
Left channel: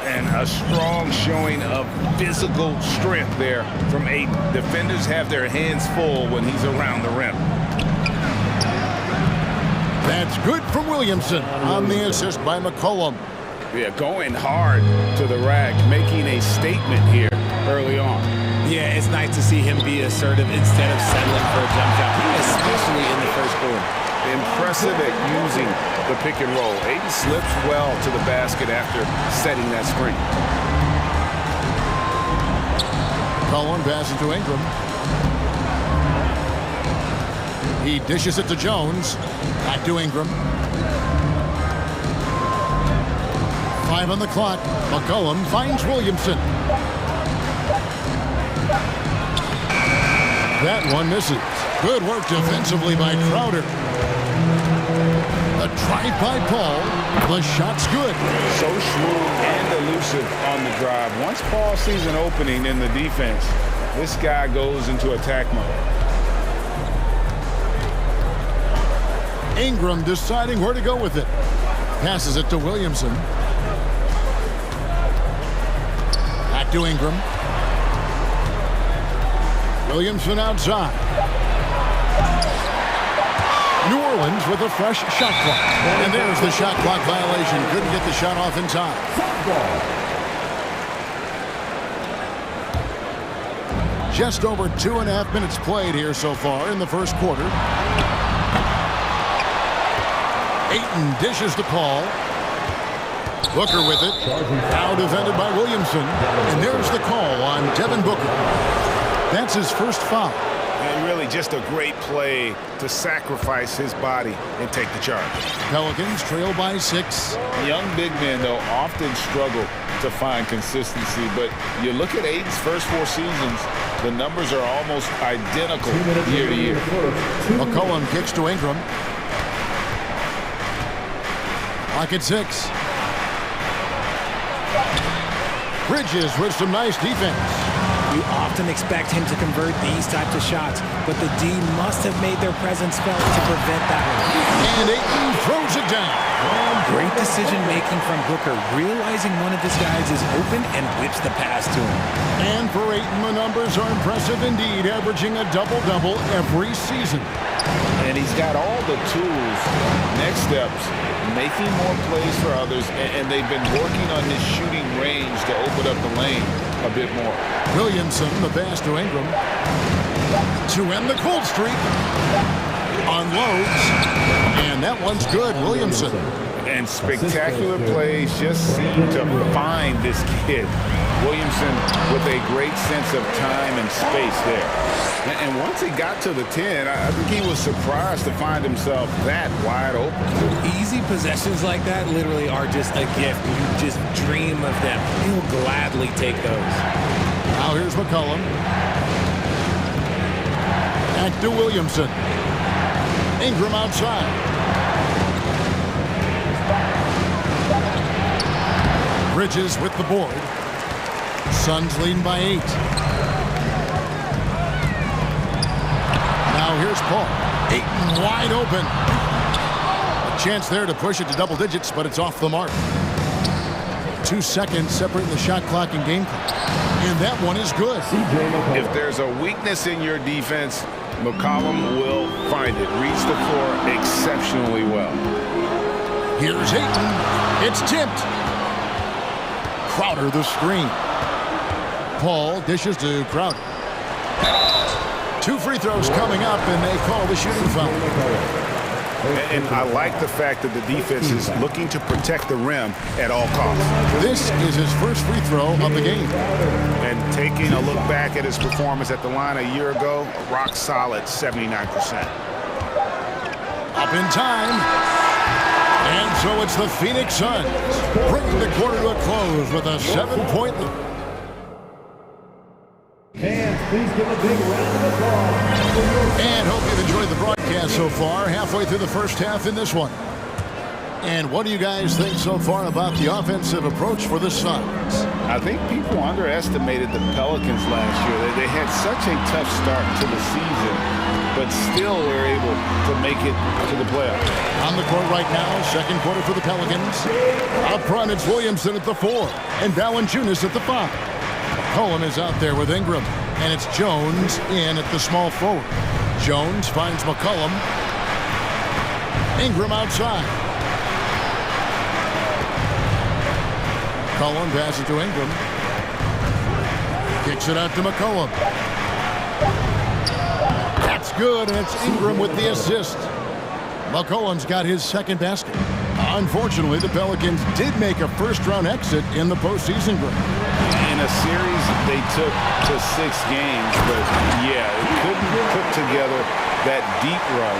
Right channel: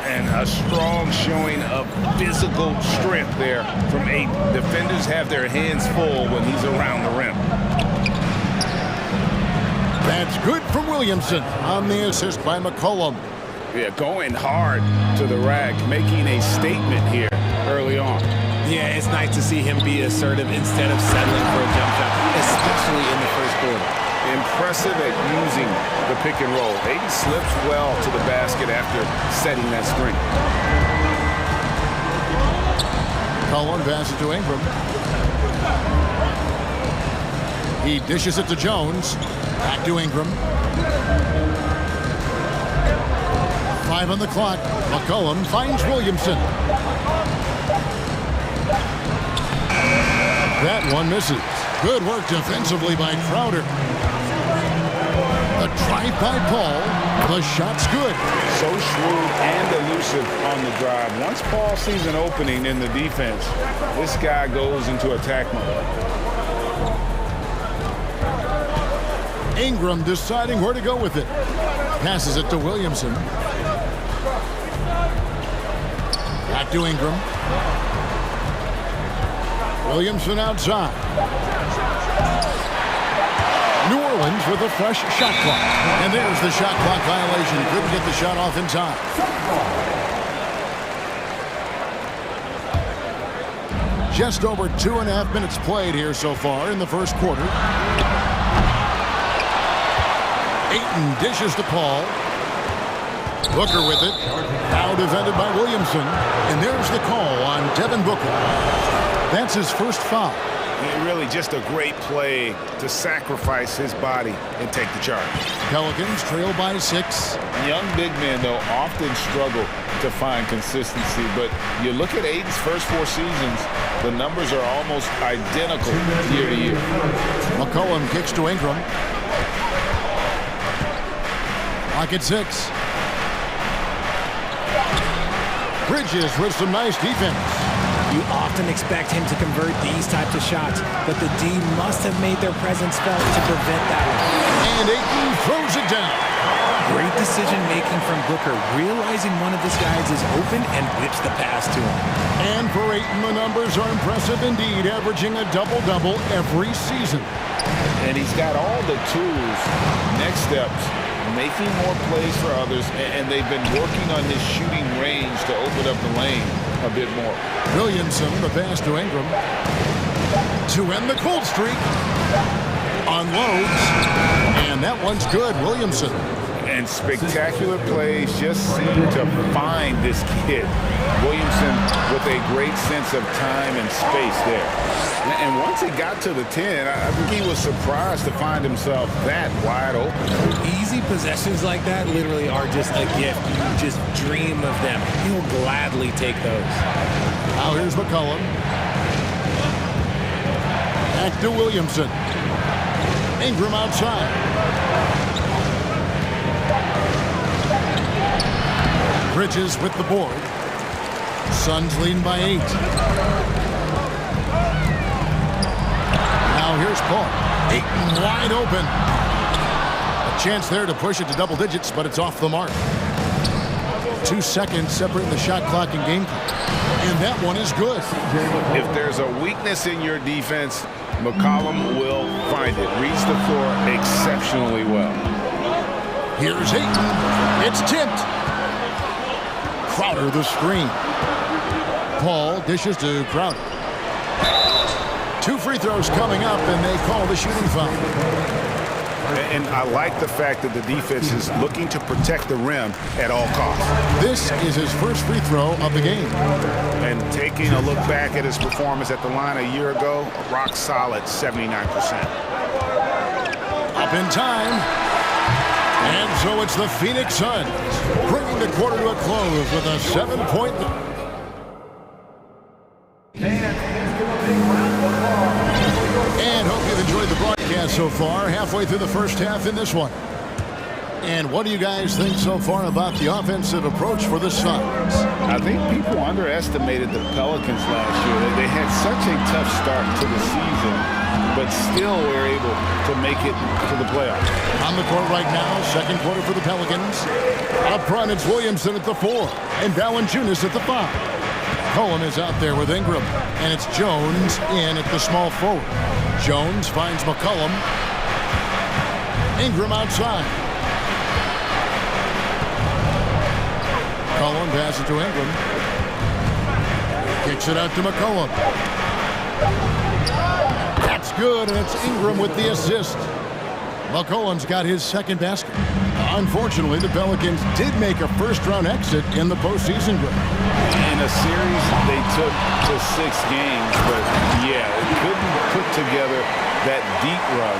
And a strong showing of physical strength there from Ayton. Defenders have their hands full when he's around the rim. That's good from Williamson on the assist by McCollum. Yeah, going hard to the rack, making a statement here early on. Yeah, it's nice to see him be assertive instead of settling for a jump shot, especially in the first quarter. Impressive at using the pick and roll. Ayton slips well to the basket after setting that screen. McCollum passes to Ingram. He dishes it to Jones. Back to Ingram. 5 on the clock. McCollum finds Williamson. That one misses. Good work defensively by Crowder. The drive by Paul. The shot's good. So shrewd and elusive on the drive. Once Paul sees an opening in the defense, this guy goes into attack mode. Ingram deciding where to go with it. Passes it to Williamson. Back to Ingram. Williamson outside. New Orleans with a fresh shot clock. And there's the shot clock violation. Couldn't get the shot off in time. Just over 2.5 minutes played here so far in the first quarter. Ayton dishes to Paul. Booker with it. Now defended by Williamson. And there's the call on Devin Booker. That's his first foul. And really just a great play to sacrifice his body and take the charge. Pelicans trail by 6. Young big men, though, often struggle to find consistency. But you look at Ayton's first 4 seasons, the numbers are almost identical year to year. McCollum kicks to Ingram. Clock at 6. Bridges with some nice defense. You often expect him to convert these types of shots, but the D must have made their presence felt to prevent that one. And Ayton throws it down. Great decision-making from Booker, realizing one of his guys is open and whips the pass to him. And for Ayton, the numbers are impressive indeed, averaging a double-double every season. And he's got all the tools, next steps, making more plays for others, and they've been working on his shooting range to open up the lane a bit more. Williamson, the pass to Ingram. To end the cold streak. Unloads. And that one's good, Williamson. And spectacular plays just seem to find this kid. Williamson with a great sense of time and space there. And once he got to the 10, I think he was surprised to find himself that wide open. Easy possessions like that literally are just a gift. You just dream of them. He'll gladly take those. Now here's McCollum. Back to Williamson. Ingram outside. Bridges with the board. Suns leading by 8. Now here's Paul. Ayton wide open. A chance there to push it to double digits, but it's off the mark. 2 seconds separating the shot clock and game clock. And that one is good. If there's a weakness in your defense, McCollum will find it. Reads the floor exceptionally well. Here's Ayton. It's tipped. Crowder the screen. Paul dishes to Crowder. 2 free throws coming up, and they call the shooting foul. And I like the fact that the defense is looking to protect the rim at all costs. This is his first free throw of the game. And taking a look back at his performance at the line a year ago, a rock solid 79%. Up in time. And so it's the Phoenix Suns bringing the quarter to a close with a 7-point lead. Fans, please give a big round of applause. And hope you've enjoyed the broadcast so far. Halfway through the first half in this one. And what do you guys think so far about the offensive approach for the Suns? I think people underestimated the Pelicans last year. They had such a tough start to the season, but still were able to make it to the playoffs. On the court right now, second quarter for the Pelicans. Up front, it's Williamson at the 4 and Valanciunas at the 5. Cohen is out there with Ingram, and it's Jones in at the small forward. Jones finds McCollum. Ingram outside. McCollum passes to Ingram. Kicks it out to McCollum. That's good, and it's Ingram with the assist. McCollum's got his second basket. Unfortunately, the Pelicans did make a first-round exit in the postseason, Greg. In a series they took to 6 games, but yeah, couldn't put together that deep run.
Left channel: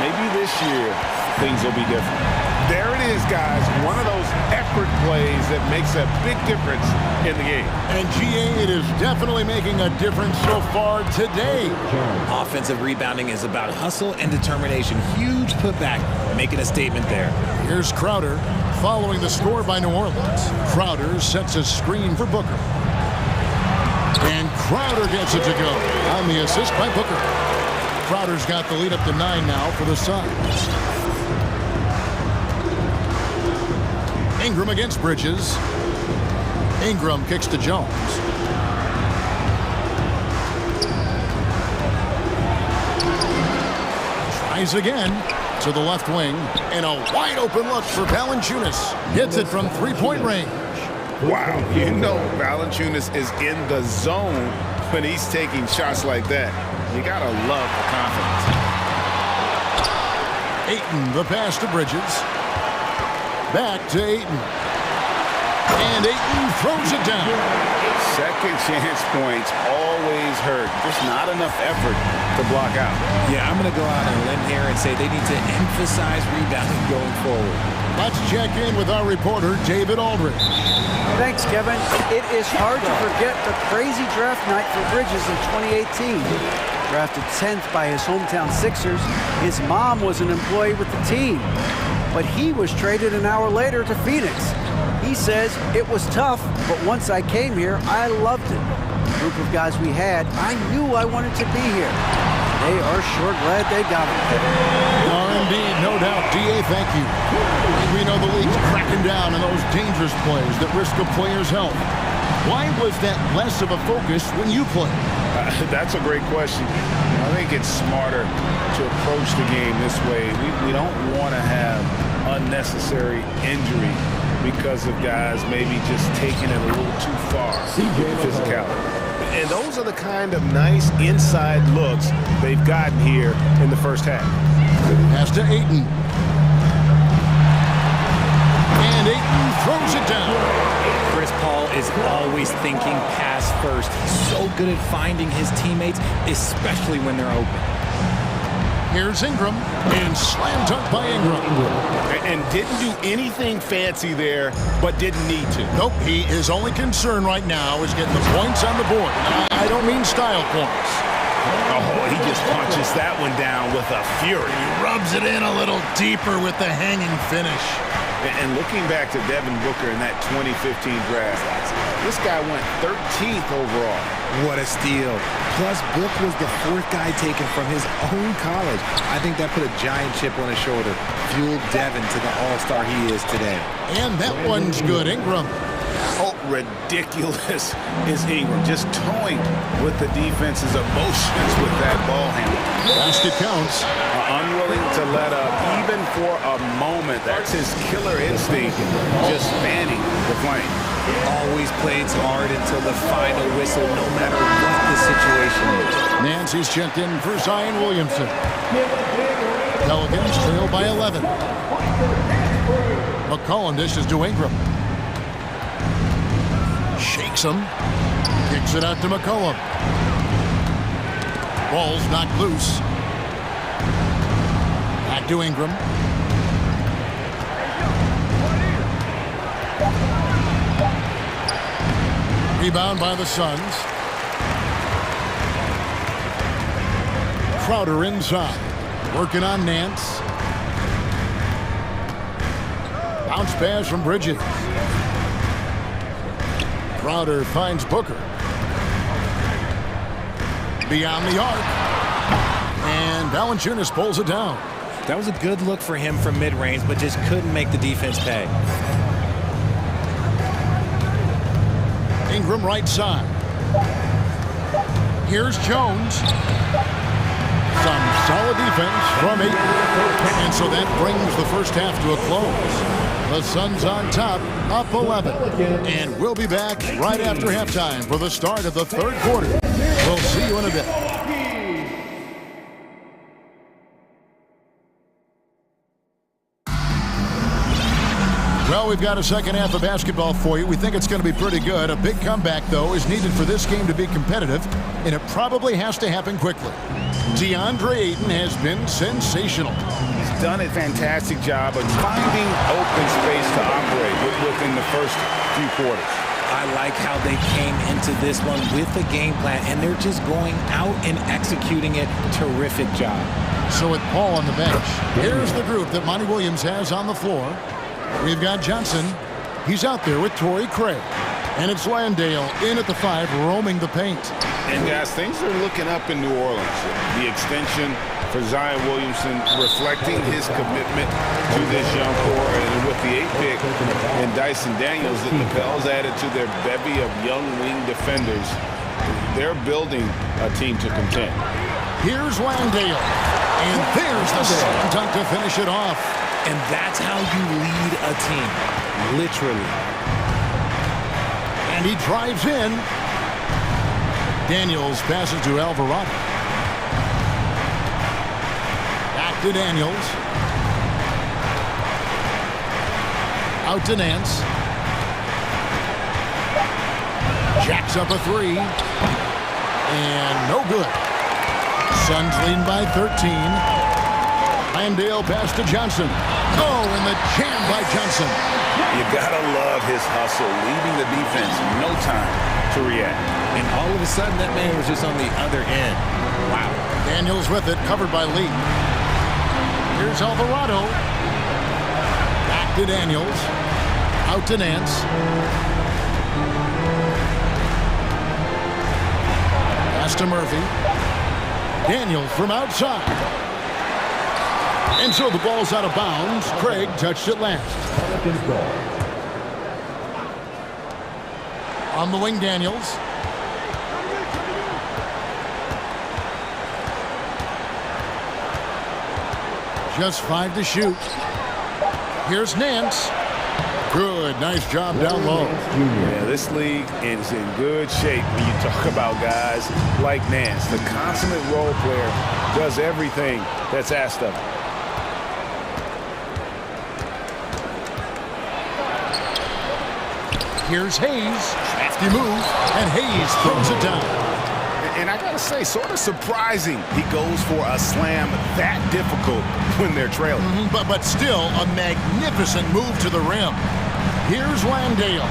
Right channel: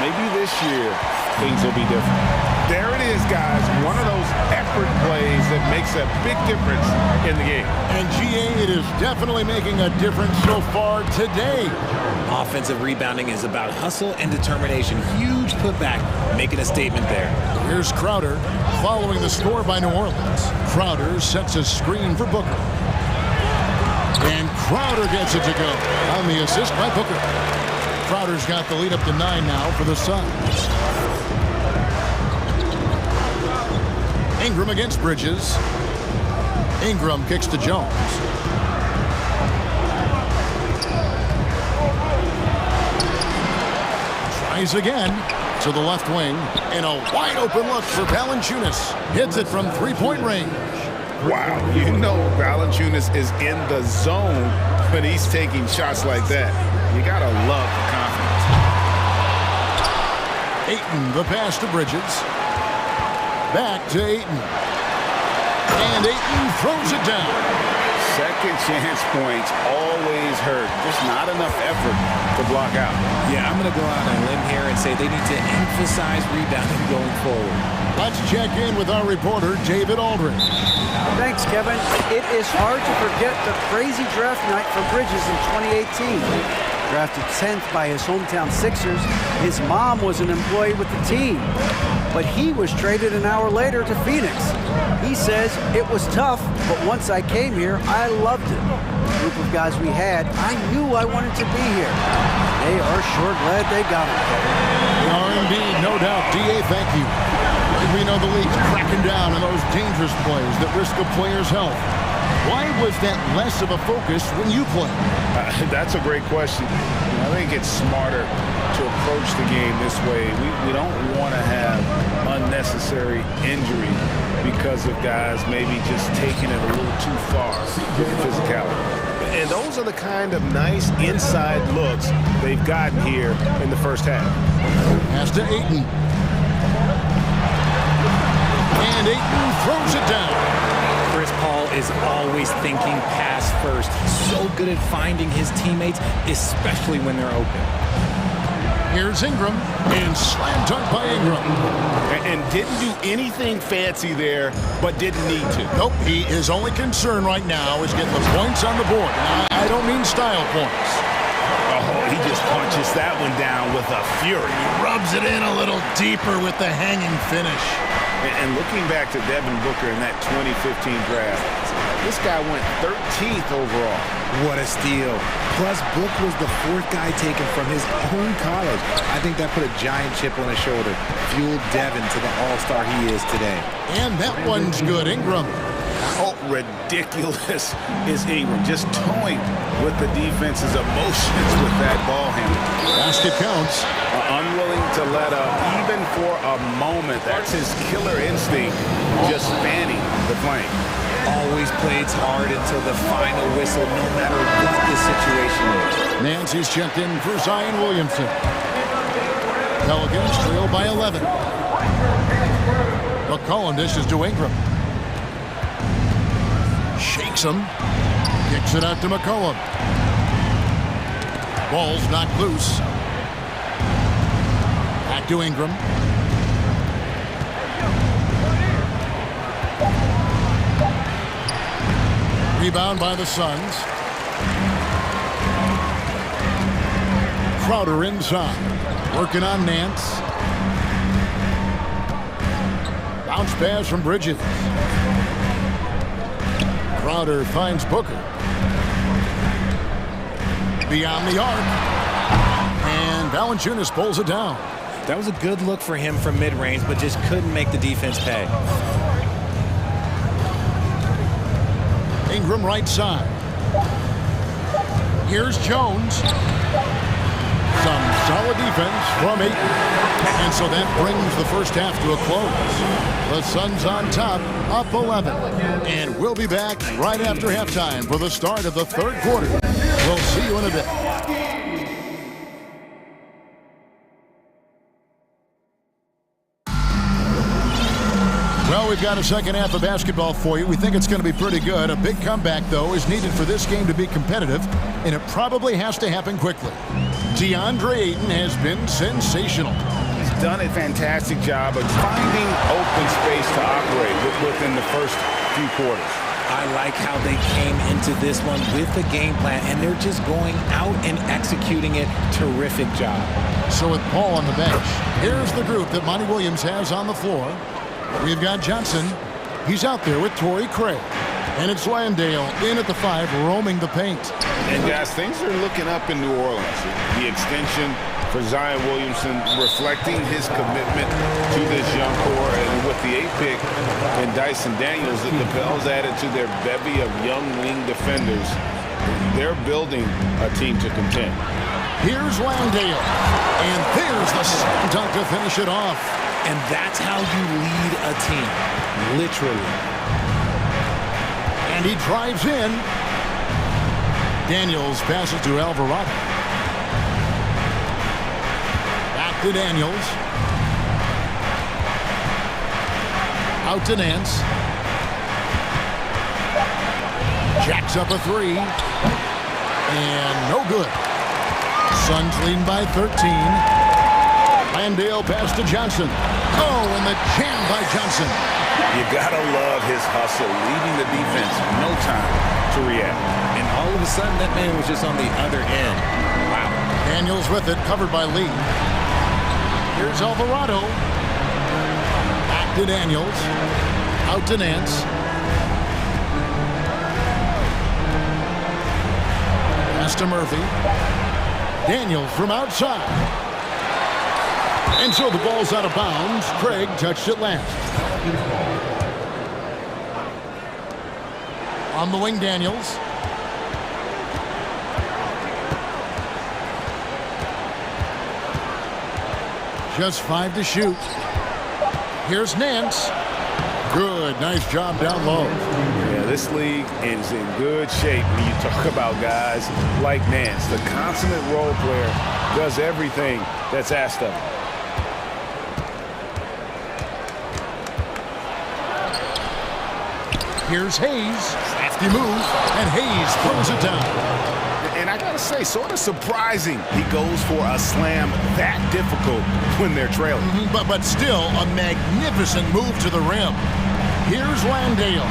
Maybe this year things will be different. There it is, guys. One of those effort plays that makes a big difference in the game. And GA, it is definitely making a difference so far today. Offensive rebounding is about hustle and determination. Huge putback, making a statement there. Here's Crowder following the score by New Orleans. Crowder sets a screen for Booker. And Crowder gets it to go on the assist by Booker. Crowder's got the lead up to 9 now for the Suns. Ingram against Bridges. Ingram kicks to Jones. Tries again to the left wing. And a wide open look for Valanciunas. Hits it from 3-point range. Wow, you know Valanciunas is in the zone when he's taking shots like that. You gotta love the confidence. Ayton, the pass to Bridges. Back to Ayton. And Ayton throws it down. Second chance points always hurt. Just not enough effort to block out. Yeah, I'm going to go out on a limb here and say they need to emphasize rebounding going forward. Let's check in with our reporter, David Aldridge. Thanks, Kevin. It is hard to forget the crazy draft night for Bridges in 2018. Drafted 10th by his hometown Sixers, his mom was an employee with the team. But he was traded an hour later to Phoenix. He says, it was tough, but once I came here, I loved it. The group of guys we had, I knew I wanted to be here. And they are sure glad they got him, Kevin. They are indeed, no doubt. DA, thank you. We know the league's cracking down on those dangerous plays that risk a player's health. Why was that less of a focus when you played? That's a great question. I think it's smarter to approach the game this way. We don't want to have unnecessary injury because of guys maybe just taking it a little too far with the physicality. And those are the kind of nice inside looks they've gotten here in the first half. Pass to Ayton. And Ayton throws it down. Chris Paul is always thinking pass first. He's so good at finding his teammates, especially when they're open. Here's Ingram, and slam dunk by Ingram. And didn't do anything fancy there, but didn't need to. Nope, his only concern right now is getting the points on the board. And I don't mean style points. Oh, he just punches that one down with a fury. He rubs it in a little deeper with the hanging finish. And looking back to Devin Booker in that 2015 draft, this guy went 13th overall. What a steal. Plus, Book was the 4th guy taken from his own college. I think that put a giant chip on his shoulder, fueled Devin to the all-star he is today. And that one's good. Ingram. How ridiculous is Ingram? Just toying with the defense's emotions with that ball handle. Basket counts. Unwilling to let up even for a moment. That's his killer instinct, just fanning the flame. Always plays hard until the final whistle, no matter what the situation is. Nancy's checked in for Zion Williamson. Pelicans trail by 11. McCollum dishes to Ingram. Shakes him. Kicks it out to McCollum. Ball's knocked loose. Back to Ingram. Rebound by the Suns. Crowder inside. Working on Nance. Bounce pass from Bridges. Crowder finds Booker. Beyond the arc. And Valanciunas pulls it down. That was a good look for him from mid-range, but just couldn't make the defense pay. Ingram right side. Here's Jones. Some solid defense from Ayton. And so that brings the first half to a close. The Suns on top, up 11. And we'll be back right after halftime for the start of the third quarter. We'll see you in a bit. Well, we've got a second half of basketball for you. We think it's going to be pretty good. A big comeback, though, is needed for this game to be competitive, and it probably has to happen quickly. DeAndre Ayton has been sensational. He's done a fantastic job of finding open space to operate within the first few quarters. I like how they came into this one with a game plan, and they're just going out and executing it. Terrific job. So with Paul on the bench, here's the group that Monty Williams has on the floor. We've got Johnson. He's out there with Torrey Craig. And it's Landale in at the 5, roaming the paint. And guys, things are looking up in New Orleans. The extension for Zion Williamson reflecting his commitment to this young core. And with the 8th pick and Dyson Daniels, the Pels added to their bevy of young wing defenders. They're building a team to contend. Here's Landale. And there's the slam dunk to finish it off. And that's how you lead a team, literally. And he drives in. Daniels passes to Alvarado. Back to Daniels. Out to Nance. Jacks up a 3. And no good. Suns leading by 13. Landale pass to Johnson. Oh, and the jam by Johnson. You gotta love his hustle, leaving the defense no time to react. And all of a sudden, that man was just on the other end. Wow. Daniels with it, covered by Lee. Here's Alvarado. Back to Daniels. Out to Nance. Pass to Murphy. Daniels from outside. And so the ball's out of bounds. Craig touched it last. On the wing, Daniels. Just 5 to shoot. Here's Nance. Good, nice job down low. Yeah, this league is in good shape when you talk about guys like Nance. The consummate role player does everything that's asked of him. Here's Hayes. Crafty move, and Hayes throws it down. And I gotta say, sort of surprising he goes for a slam that difficult when they're trailing. But still a magnificent move to the rim. Here's Landale.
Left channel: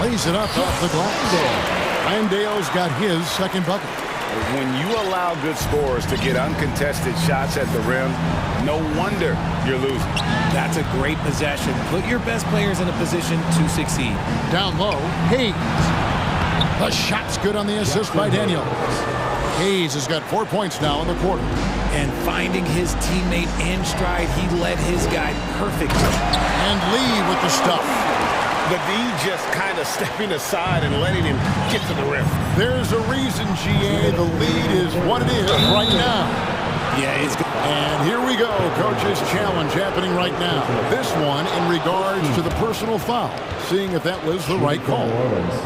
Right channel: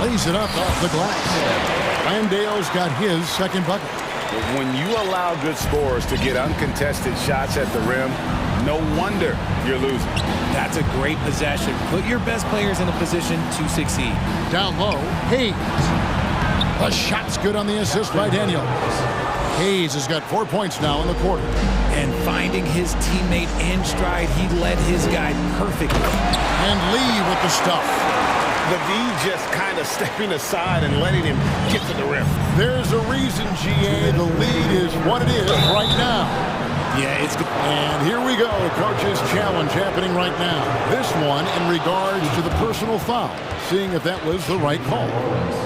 Lays it up off the glass. Landale's got his second bucket. When you allow good scorers to get uncontested shots at the rim, no wonder you're losing. That's a great possession. Put your best players in a position to succeed. Down low, Hayes. The shot's good on the assist by Daniels. Hayes has got 4 points now in the quarter. And finding his teammate in stride, he led his guy perfectly. And Lee with the stuff. The D just kind of stepping aside and letting him get to the rim. There's a reason, GA, the lead is what it is right now. Yeah, it's good. And here we go, Coach's Challenge happening right now. This one in regards to the personal foul, seeing if that was the right call.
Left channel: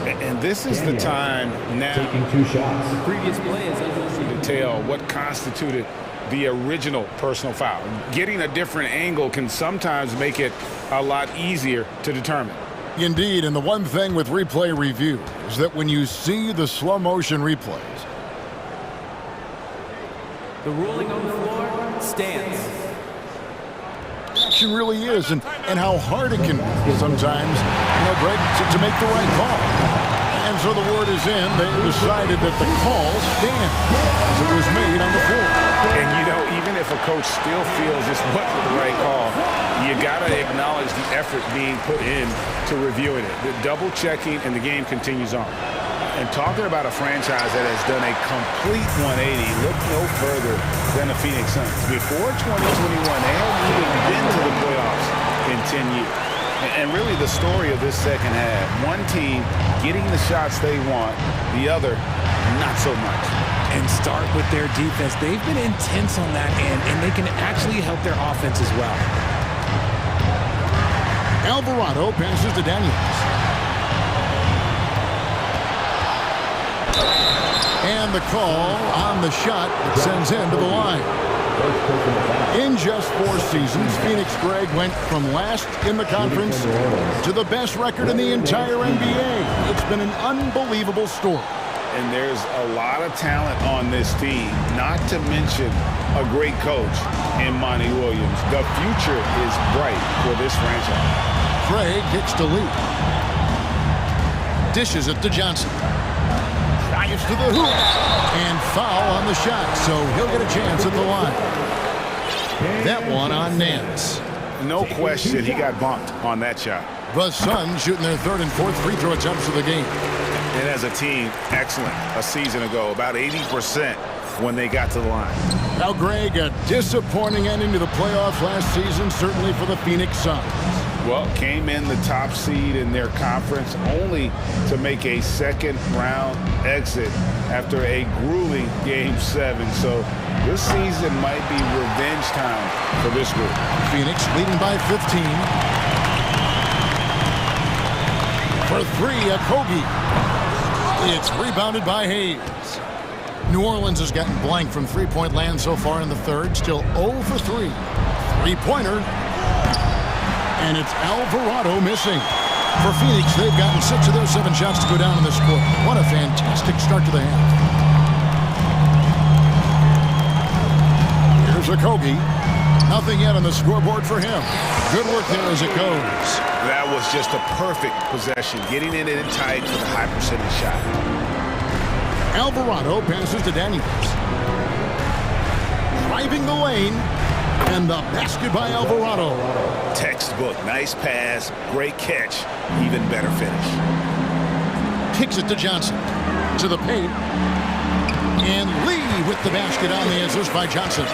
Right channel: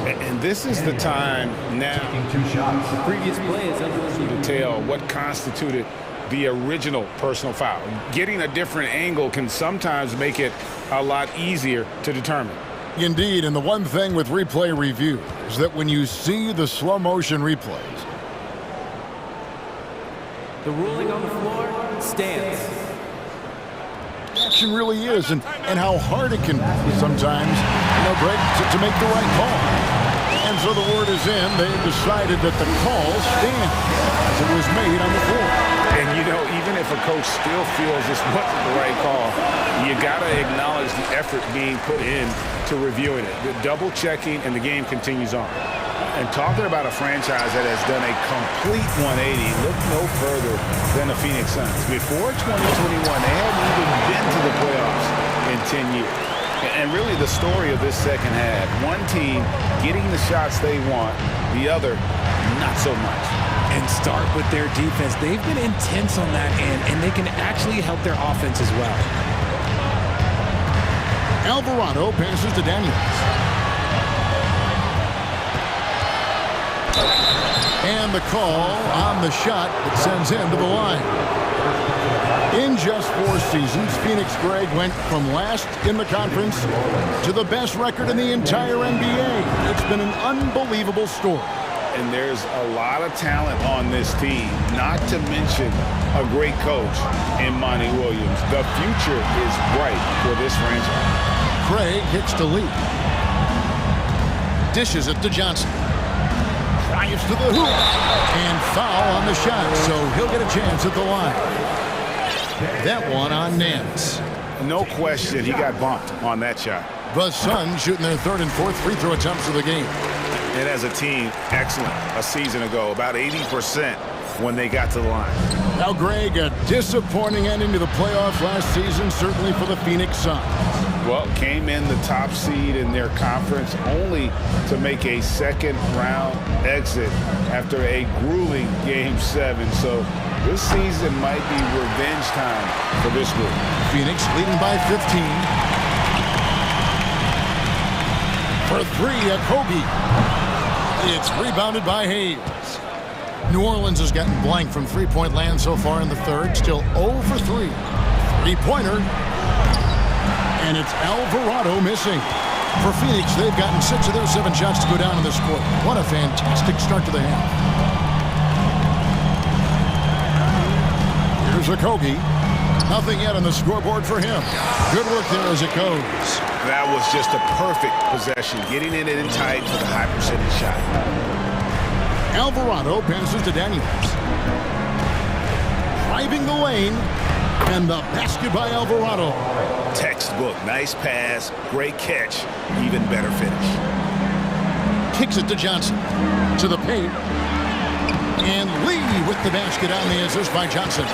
And this is the time now The previous play is under review. to tell what constituted the original personal foul. Getting a different angle can sometimes make it a lot easier to determine. Indeed, and the one thing with replay review is that when you see the slow motion replays, The ruling on the floor stands. action really is, and how hard it can be sometimes, Greg, to make the right call. And so the word is in. They decided that the call stands as it was made on the floor. And, even if a coach still feels this wasn't the right call, you got to acknowledge the effort being put in to reviewing it. The double checking, and the game continues on. And talking about a franchise that has done a complete 180, look no further than the Phoenix Suns. Before 2021, they hadn't even been to the playoffs in 10 years. And really the story of this second half, one team getting the shots they want, the other not so much. And start with their defense. They've been intense on that end, and they can actually help their offense as well. Alvarado passes to Daniels. And the call on the shot that sends him to the line. In just 4 seasons, Phoenix, Greg, went from last in the conference to the best record in the entire NBA. It's been an unbelievable story. And there's a lot of talent on this team, not to mention a great coach in Monty Williams. The future is bright for this franchise. Craig hits to Lee. Dishes it to Johnson. Drives to the hoop. And foul on the shot, so he'll get a chance at the line. That one on Nance. No question, he got bumped on that shot. The Suns shooting their 3rd and 4th free throw attempts of the game. And as a team, excellent a season ago, about 80% when they got to the line. Now, Greg, a disappointing ending to the playoffs last season, certainly for the Phoenix Suns. Well, came in the top seed in their conference only to make a second-round exit after a grueling Game 7. So this season might be revenge time for this group. Phoenix leading by 15. For 3, Okogie. It's rebounded by Hayes. New Orleans has gotten blank from three-point land so far in the third. Still 0 for 3. Three-pointer. And it's Alvarado missing. For Phoenix, they've gotten 6 of their 7 shots to go down in this quarter. What a fantastic start to the half. Here's Okogie. Nothing yet on the scoreboard for him. Good work there as it goes. That was just a perfect possession, getting it in tight for the high percentage shot. Alvarado passes to Daniels. Driving the lane, and the basket by Alvarado. Textbook, nice pass, great catch, even better finish. Kicks it to Johnson. To the paint. And Lee with the basket on the assist by Johnson.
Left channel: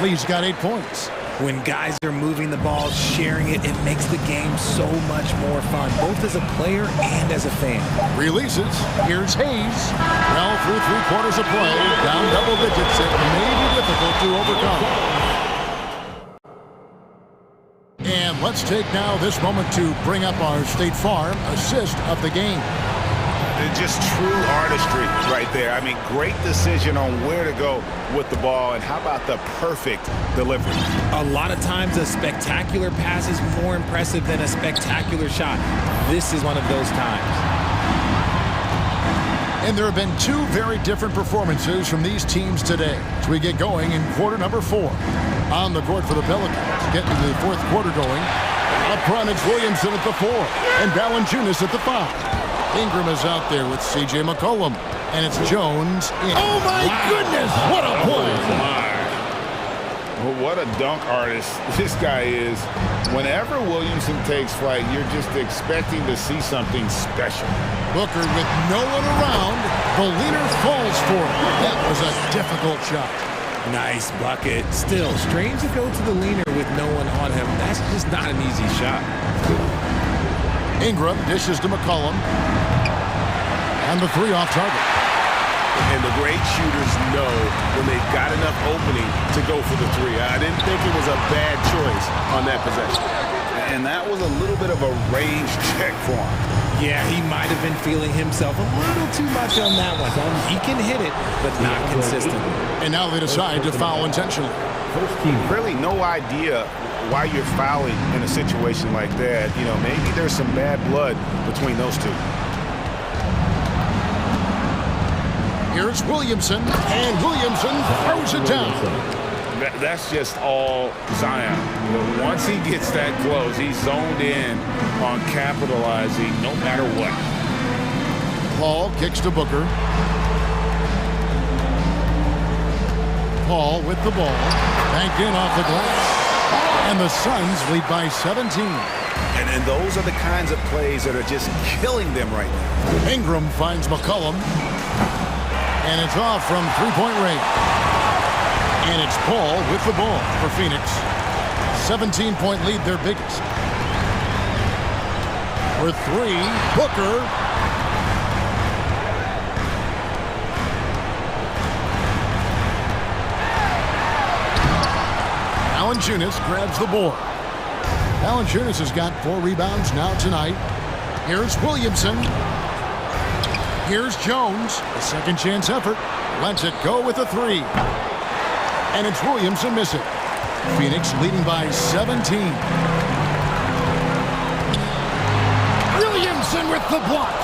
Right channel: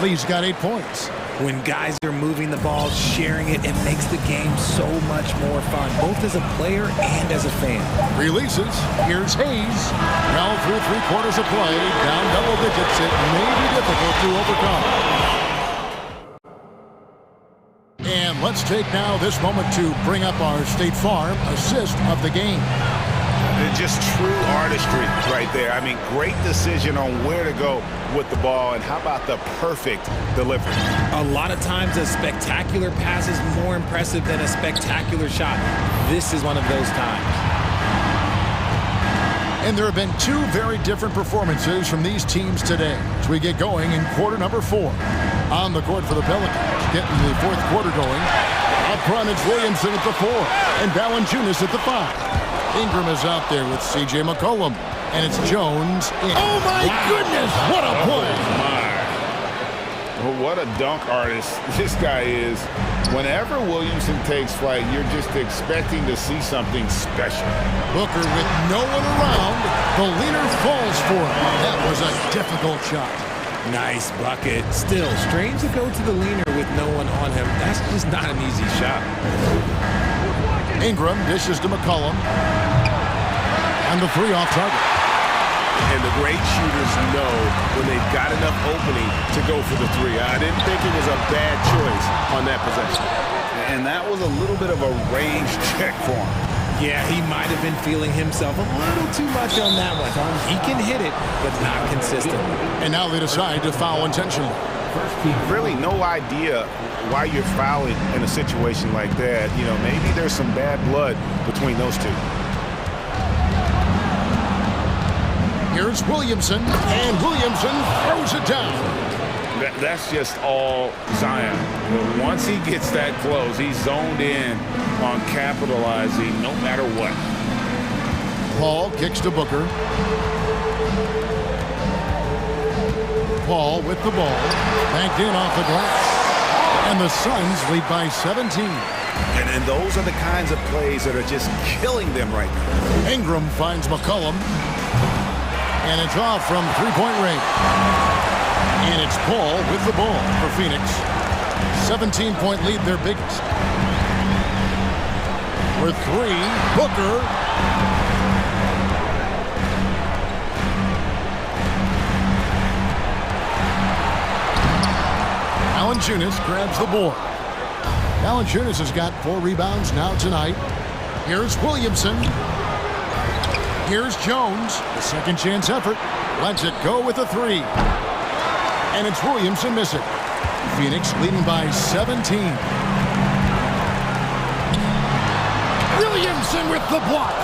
Lee's got 8 points. When guys are moving the ball, sharing it, it makes the game so much more fun, both as a player and as a fan. Releases. Here's Hayes. Well, through 3 quarters of play, down double digits, it may be difficult to overcome. And let's take now this moment to bring up our State Farm assist of the game. Just true artistry right there. I mean, great decision on where to go with the ball, and how about the perfect delivery? A lot of times a spectacular pass is more impressive than a spectacular shot. This is one of those times. And there have been two very different performances from these teams today as we get going in quarter number 4. On the court for the Pelicans, getting the fourth quarter going. Up front, it's Williamson at the 4 and Valanciunas at the 5. Ingram is out there with C.J. McCollum, and it's Jones in. Oh, my goodness! What a play! Oh, my. Well, what a dunk artist this guy is. Whenever Williamson takes flight, you're just expecting to see something special. Booker with no one around. The leaner falls for it. That was a difficult shot. Nice bucket. Still, strange to go to the leaner with no one on him. That's just not an easy shot. Ingram dishes to McCollum. And the 3 off target. And the great shooters know when they've got enough opening to go for the 3. I didn't think it was a bad choice on that possession. And that was a little bit of a range check for him. Yeah, he might have been feeling himself a little too much on that one. He can hit it, but not consistently. And now they decide to foul intentionally. Really no idea why you're fouling in a situation like that. You know, maybe there's some bad blood between those two. Here's Williamson, and Williamson throws it down. That's just all Zion. You know, once he gets that close, he's zoned in on capitalizing no matter what. Paul kicks to Booker. Paul with the ball, banked in off the glass. And the Suns lead by 17. And those are the kinds of plays that are just killing them right now. Ingram finds McCollum. And it's off from three-point range. And it's Paul with the ball for Phoenix. 17-point lead, their biggest. For 3, Booker. Valanciunas grabs the board. Valanciunas has got 4 rebounds now tonight. Here's Williamson. Here's Jones, a second chance effort. Lets it go with a 3. And it's Williamson missing. Phoenix leading by 17. Williamson with the block.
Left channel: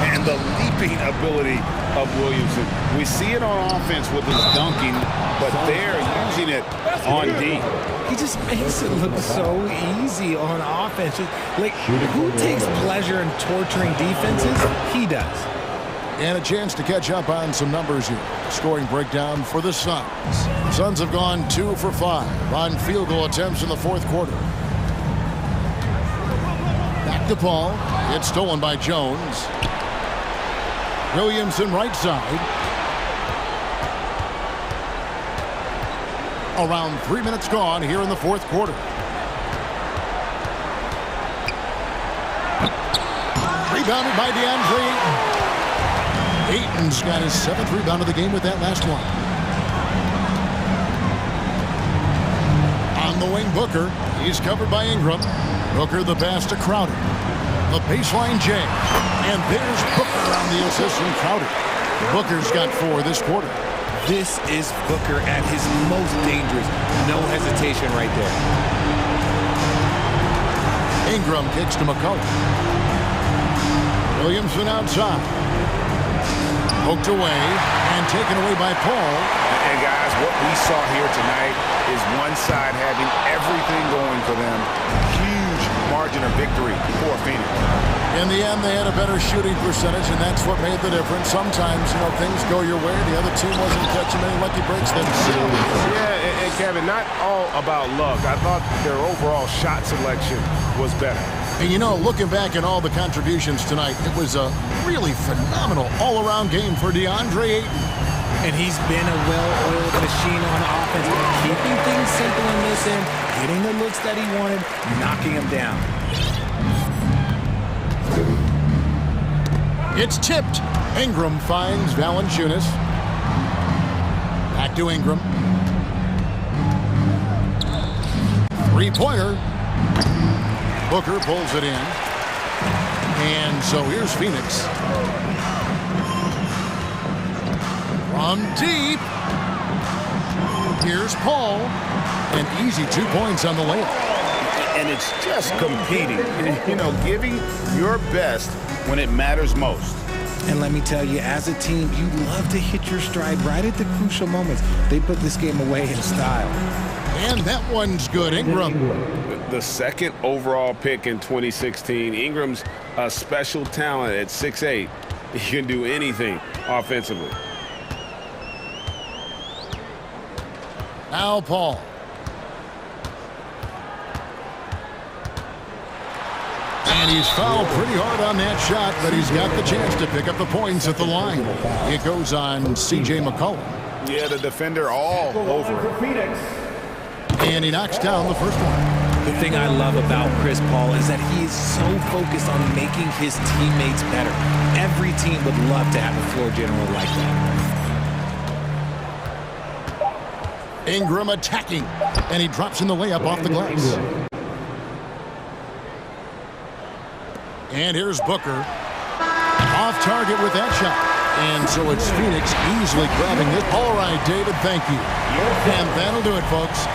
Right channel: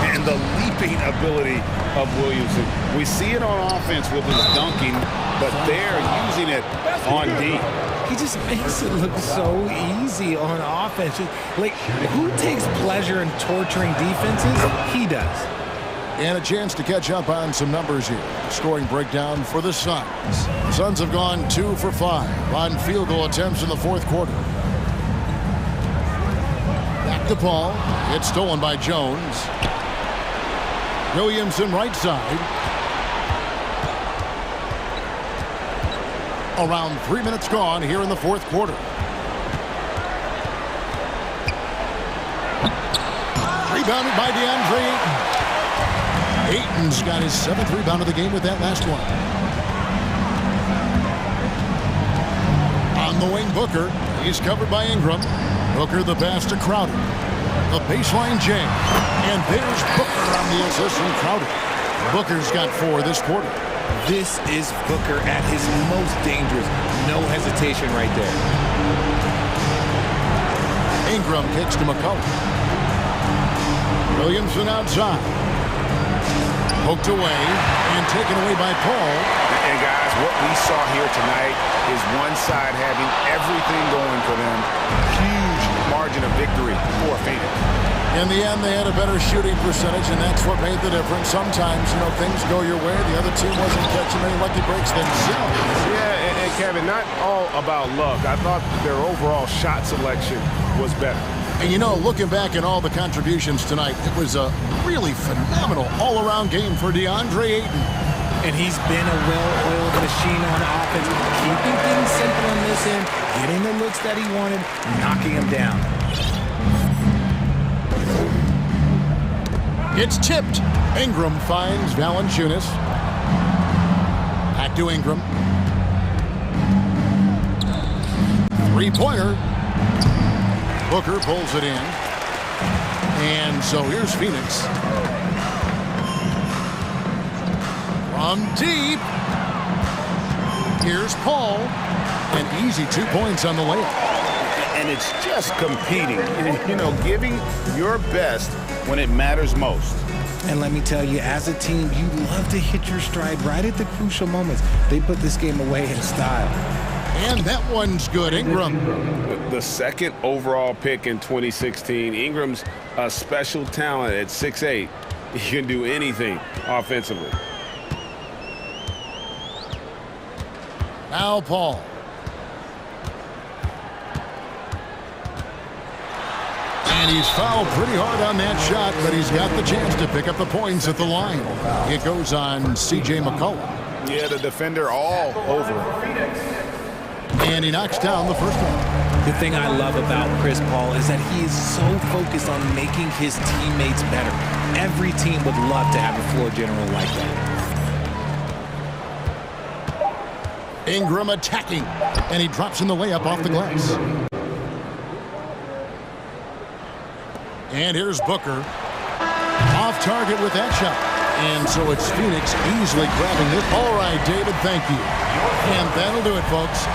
And the leaping ability of Williamson. We see it on offense with his dunking, but they're using it on D. He just makes it look so easy on offense. Like, who takes pleasure in torturing defenses? He does. And a chance to catch up on some numbers here. Scoring breakdown for the Suns. The Suns have gone 2 for 5 on field goal attempts in the fourth quarter. Back to Paul. It's stolen by Jones. Williamson right side. Around 3 minutes gone here in the fourth quarter. Rebounded by DeAndre Ayton. Ayton's got his 7th rebound of the game with that last one. On the wing, Booker. He's covered by Ingram. Booker the pass to Crowder. The baseline J. And there's Booker on the assist from Crowder. Booker's got 4 this quarter. This is Booker at his most dangerous. No hesitation right there. Ingram kicks to McCollum. Williamson outside. Poked away and taken away by Paul. And guys, what we saw here tonight is one side having everything going for them. Huge margin of victory for Phoenix. In the end, they had a better shooting percentage, and that's what made the difference. Sometimes, you know, things go your way. The other team wasn't catching many lucky breaks themselves. Yeah, and Kevin, not all about luck. I thought their overall shot selection was better. And, you know, looking back at all the contributions tonight, it was a really phenomenal all-around game for DeAndre Ayton. And he's been a well-oiled machine on offense, keeping things simple in this end, getting the looks that he wanted, knocking them down. It's tipped. Ingram finds Valanciunas. Back to Ingram. Three-pointer. Booker pulls it in. And so here's Phoenix. From deep. Here's Paul. An easy 2 points on the layup. And it's just competing, you know, giving your best when it matters most. And let me tell you, as a team, you love to hit your stride right at the crucial moments. They put this game away in style. And that one's good. Ingram. The second overall pick in 2016. Ingram's a special talent at 6'8". He can do anything offensively. Now Paul. And he's fouled pretty hard on that shot, but he's got the chance to pick up the points at the line. It goes on C.J. McCollum. Yeah, the defender all over him. And he knocks down the first one. The thing I love about Chris Paul is that he is so focused on making his teammates better. Every team would love to have a floor general like that. Ingram attacking, and he drops in the layup off the glass. And here's Booker. Off target with that shot. And so it's Phoenix easily grabbing this. All right, David, thank you. And that'll do it, folks.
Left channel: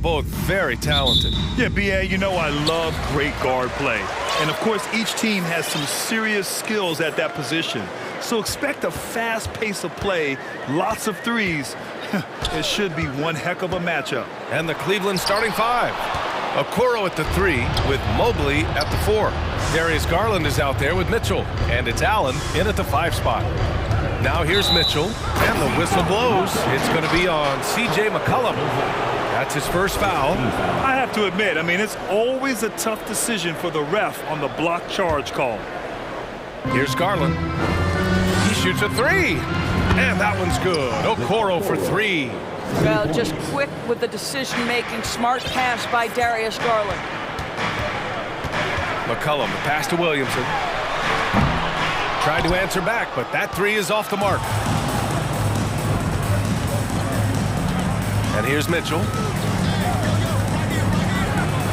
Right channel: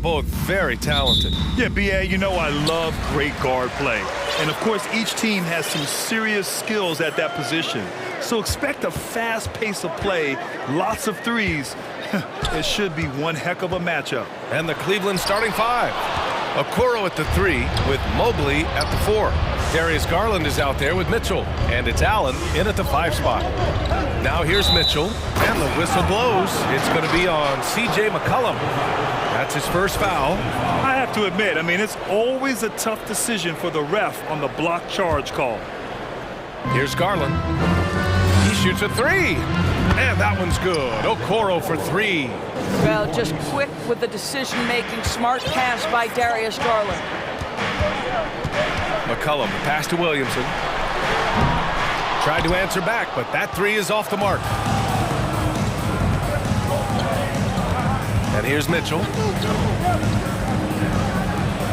both very talented. Yeah, B.A., you know I love great guard play. And, of course, each team has some serious skills at that position. So expect a fast pace of play, lots of threes. It should be one heck of a matchup. And the Cleveland starting five. Okoro at the 3 with Mobley at the 4. Darius Garland is out there with Mitchell. And it's Allen in at the 5 spot. Now here's Mitchell, and the whistle blows. It's going to be on C.J. McCollum. That's his first foul. I have to admit, I mean, it's always a tough decision for the ref on the block charge call. Here's Garland. He shoots a 3. And that one's good. Okoro for 3. Well, just quick with the decision-making, smart pass by Darius Garland. McCollum, the pass to Williamson. Tried to answer back, but that 3 is off the mark. And here's Mitchell.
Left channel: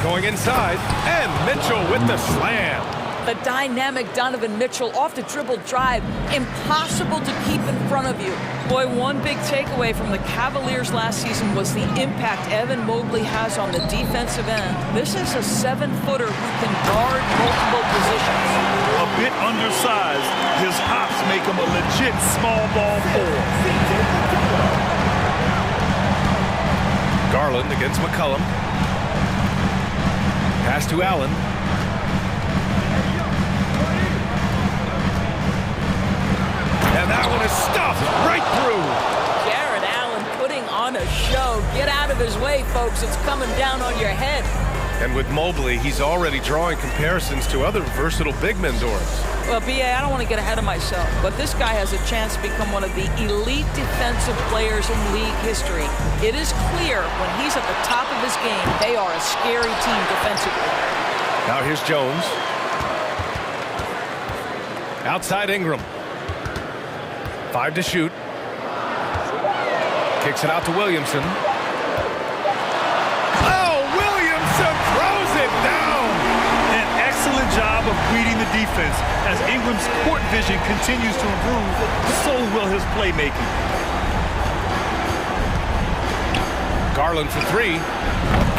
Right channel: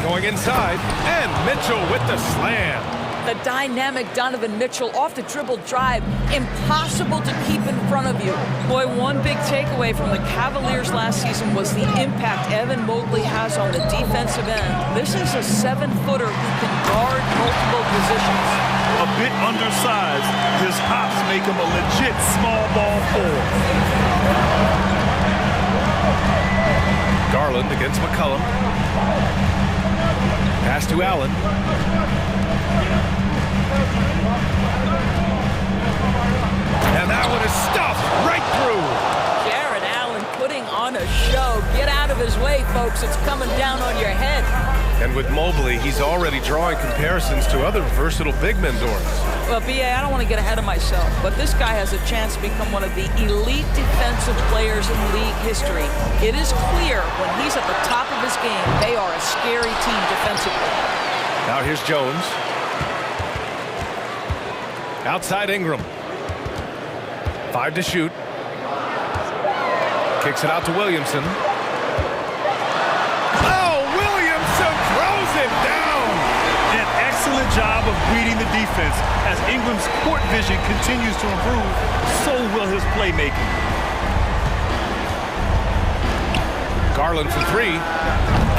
Going inside, and Mitchell with the slam. The dynamic Donovan Mitchell off the dribble drive. Impossible to keep in front of you. Boy, one big takeaway from the Cavaliers last season was the impact Evan Mobley has on the defensive end. This is a 7-footer who can guard multiple positions. A bit undersized, his hops make him a legit small ball 4. Garland against McCollum. Pass to Allen. And that one is stuffed right through. Jared Allen putting on a show. Get out of his way, folks. It's coming down on your head. And with Mobley, he's already drawing comparisons to other versatile big men, Doris. Well, B.A., I don't want to get ahead of myself, but this guy has a chance to become one of the elite defensive players in league history. It is clear when he's at the top of his game, they are a scary team defensively. Now here's Jones. Outside Ingram. 5 to shoot. Kicks it out to Williamson. Oh, Williamson throws it down. An excellent job of reading the defense. As Ingram's court vision continues to improve, so will his playmaking. Garland for 3.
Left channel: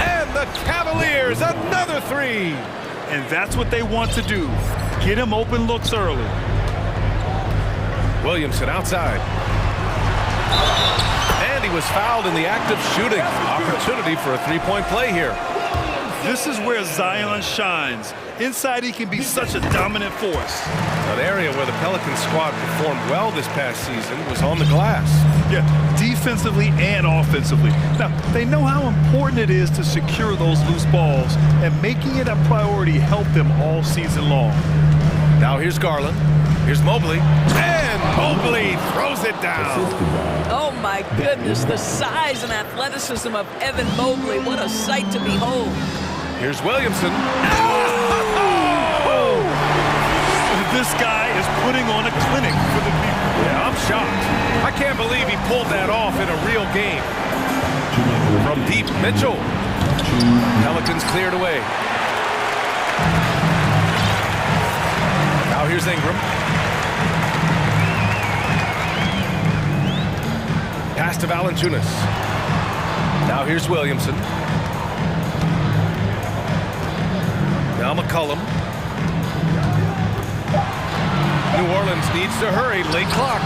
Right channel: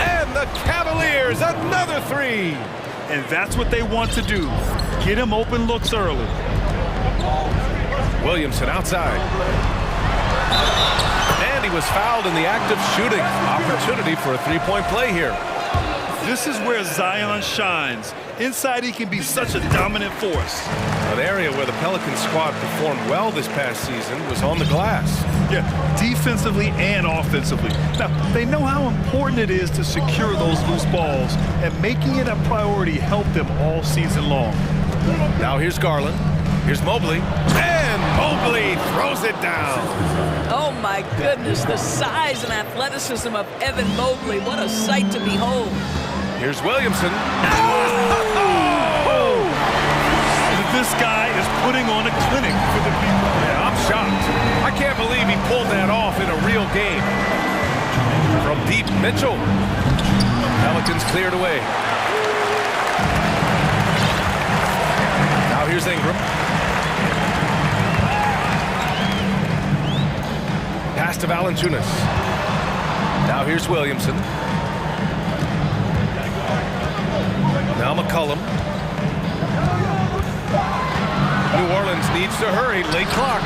And the Cavaliers, another 3. And that's what they want to do. Get him open looks early. Williamson outside. And he was fouled in the act of shooting. Opportunity for a 3-point play here. This is where Zion shines. Inside, he can be such a dominant force. An area where the Pelicans squad performed well this past season was on the glass. Yeah, defensively and offensively. Now, they know how important it is to secure those loose balls, and making it a priority helped them all season long. Now here's Garland. Here's Mobley. And Mobley throws it down. Oh, my goodness, the size and athleticism of Evan Mobley. What a sight to behold. Here's Williamson. Oh! This guy is putting on a clinic for the people. Yeah, I'm shocked. I can't believe he pulled that off in a real game. From deep, Mitchell. Pelicans cleared away. Now here's Ingram. Pass to Valanciunas. Now here's Williamson. Now McCollum. New Orleans needs to hurry. Late clock.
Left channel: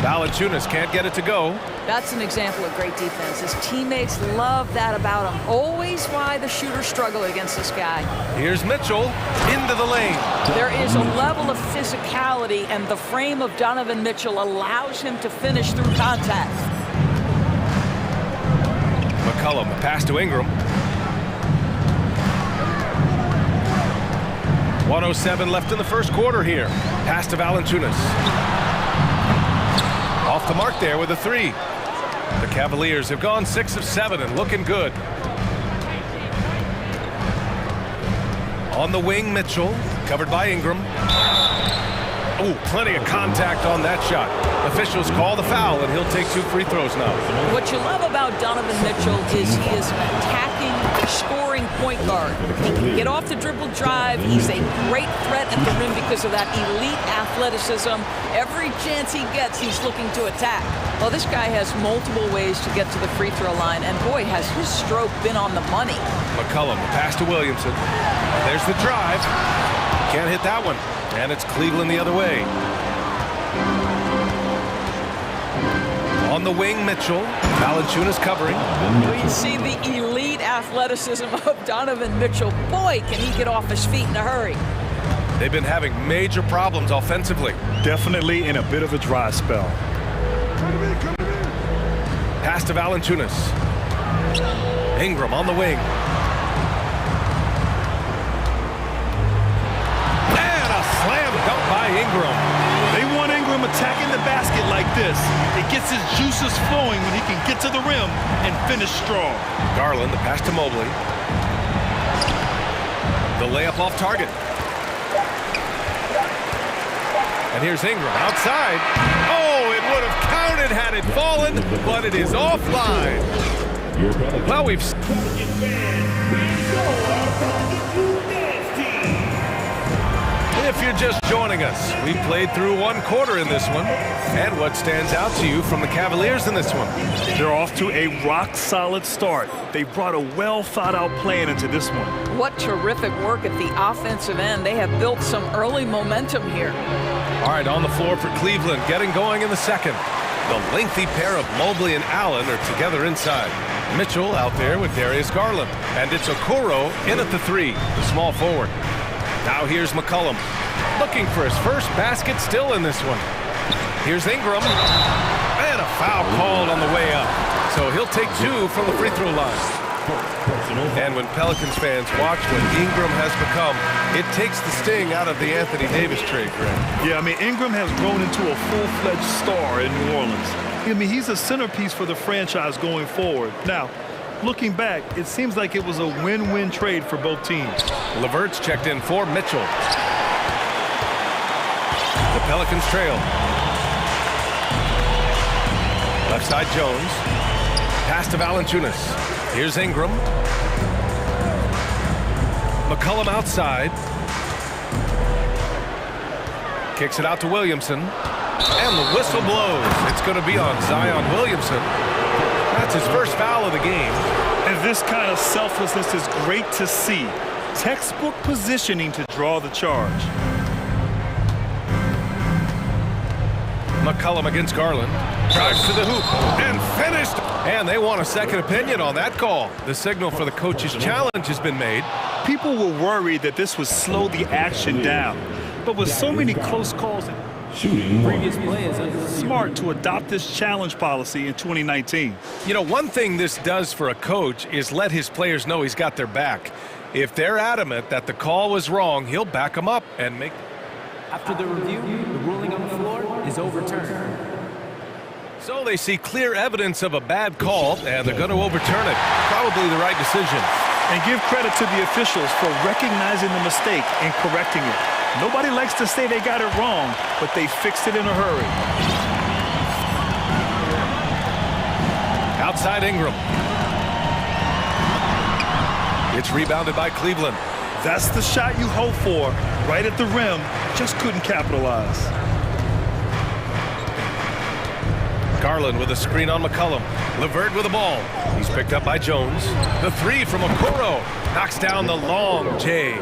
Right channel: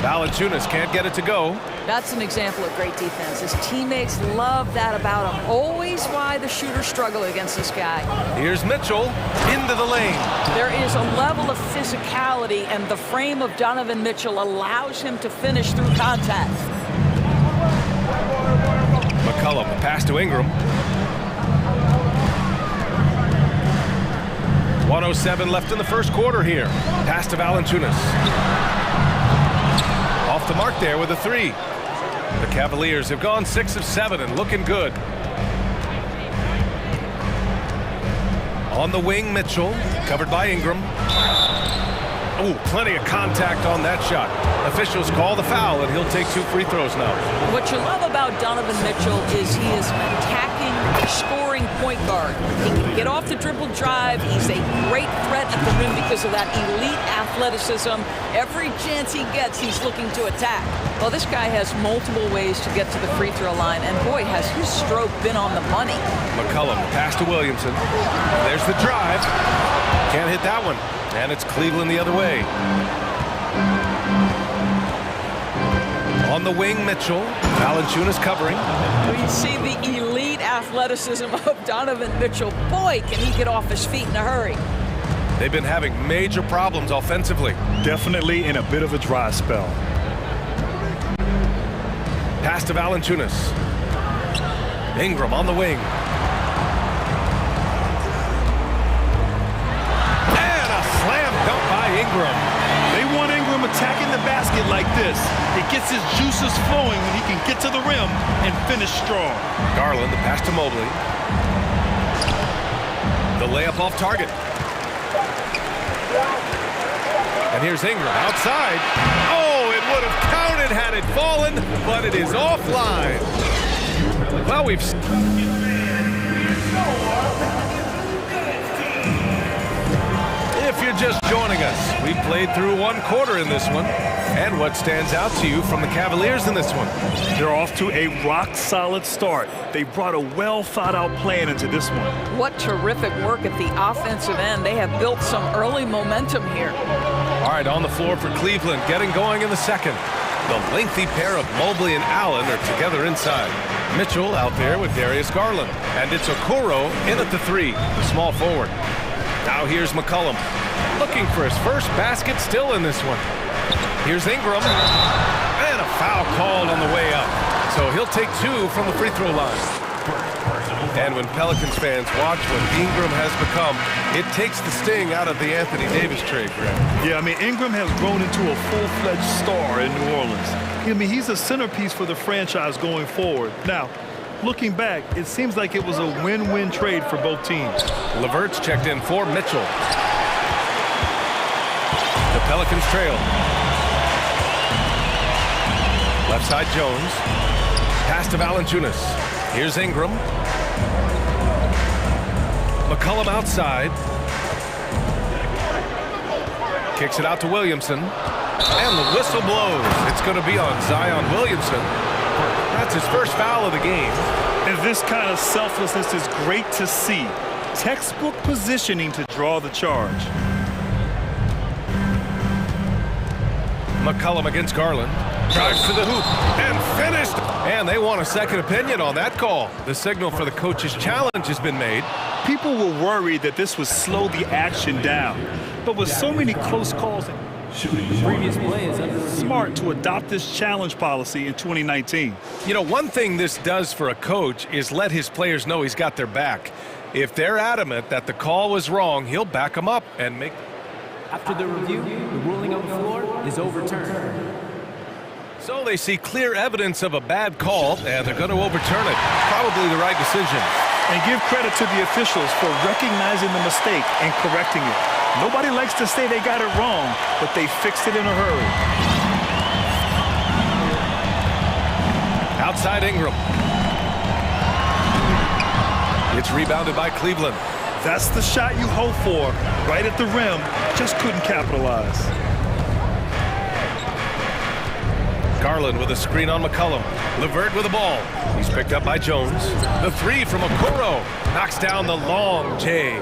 Valanciunas can't get it to go. That's an example of great defense. His teammates love that about him. Always why the shooters struggle against this guy. Here's Mitchell into the lane. There is a level of physicality, and the frame of Donovan Mitchell allows him to finish through contact. McCollum, a pass to Ingram. 1:07 left in the first quarter here. Pass to Valanciunas. Off the mark there with a 3. The Cavaliers have gone 6 of 7 and looking good. On the wing, Mitchell, covered by Ingram. Oh, plenty of contact on that shot. Officials call the foul, and he'll take 2 free throws now. What you love about Donovan Mitchell is he is an attacking, scoring point guard. He can get off the dribble drive. He's a great threat at the rim because of that elite athleticism. Every chance he gets, he's looking to attack. Well, this guy has multiple ways to get to the free throw line, and boy, has his stroke been on the money. McCollum, pass to Williamson. And there's the drive. Can't hit that one. And it's Cleveland the other way. On the wing, Mitchell. Valanciunas covering. We see the elite athleticism of Donovan Mitchell. Boy, can he get off his feet in a hurry. They've been having major problems offensively. Definitely in a bit of a dry spell. Pass to Valanciunas. Ingram on the wing. And a slam dunk by Ingram. They want Ingram attacking the basket like this. It gets his juices flowing when he can get to the rim and finish strong. Garland, the pass to Mobley. The layup off target. And here's Ingram outside. Oh, it would have counted had it fallen, but it is offline. Well, we've... If you're just joining us, we played through 1 quarter in this one. And what stands out to you from the Cavaliers in this one? They're off to a rock-solid start. They brought a well-thought-out plan into this one. What terrific work at the offensive end. They have built some early momentum here. All right, on the floor for Cleveland, getting going in the second. The lengthy pair of Mobley and Allen are together inside. Mitchell out there with Darius Garland. And it's Okoro in at the 3, the small forward. Now here's McCollum, looking for his first basket still in this one. Here's Ingram, and a foul called on the way up. So he'll take 2 from the free throw line. And when Pelicans fans watch what Ingram has become, it takes the sting out of the Anthony Davis trade, Greg. Yeah, I mean, Ingram has grown into a full-fledged star in New Orleans. I mean, he's a centerpiece for the franchise going forward. Now, looking back, it seems like it was a win-win trade for both teams. LeVert's checked in for Mitchell. The Pelicans trail. Left side Jones. Pass to Valanciunas. Here's Ingram. McCollum outside. Kicks it out to Williamson. And the whistle blows. It's going to be on Zion Williamson. That's his first foul of the game. And this kind of selflessness is great to see. Textbook positioning to draw the charge. McCollum against Garland. Drives to the hoop and finished. And they want a second opinion on that call. The signal for the coach's challenge has been made. People were worried that this would slow the action down. But with so many close calls, Previous play is under review. Smart to adopt this challenge policy in 2019. You know, one thing this does for a coach is let his players know he's got their back. If they're adamant that the call was wrong, he'll back them up and make... After the review, the ruling on the floor is overturned. So they see clear evidence of a bad call, and they're going to overturn it. Probably the right decision. And give credit to the officials for recognizing the mistake and correcting it. Nobody likes to say they got it wrong, but they fixed it in a hurry. Outside Ingram. It's rebounded by Cleveland. That's the shot you hope for, right at the rim. Just couldn't capitalize. Garland with a screen on McCollum. LeVert with the ball. He's picked up by Jones. The 3 from Okoro. Knocks down the long J.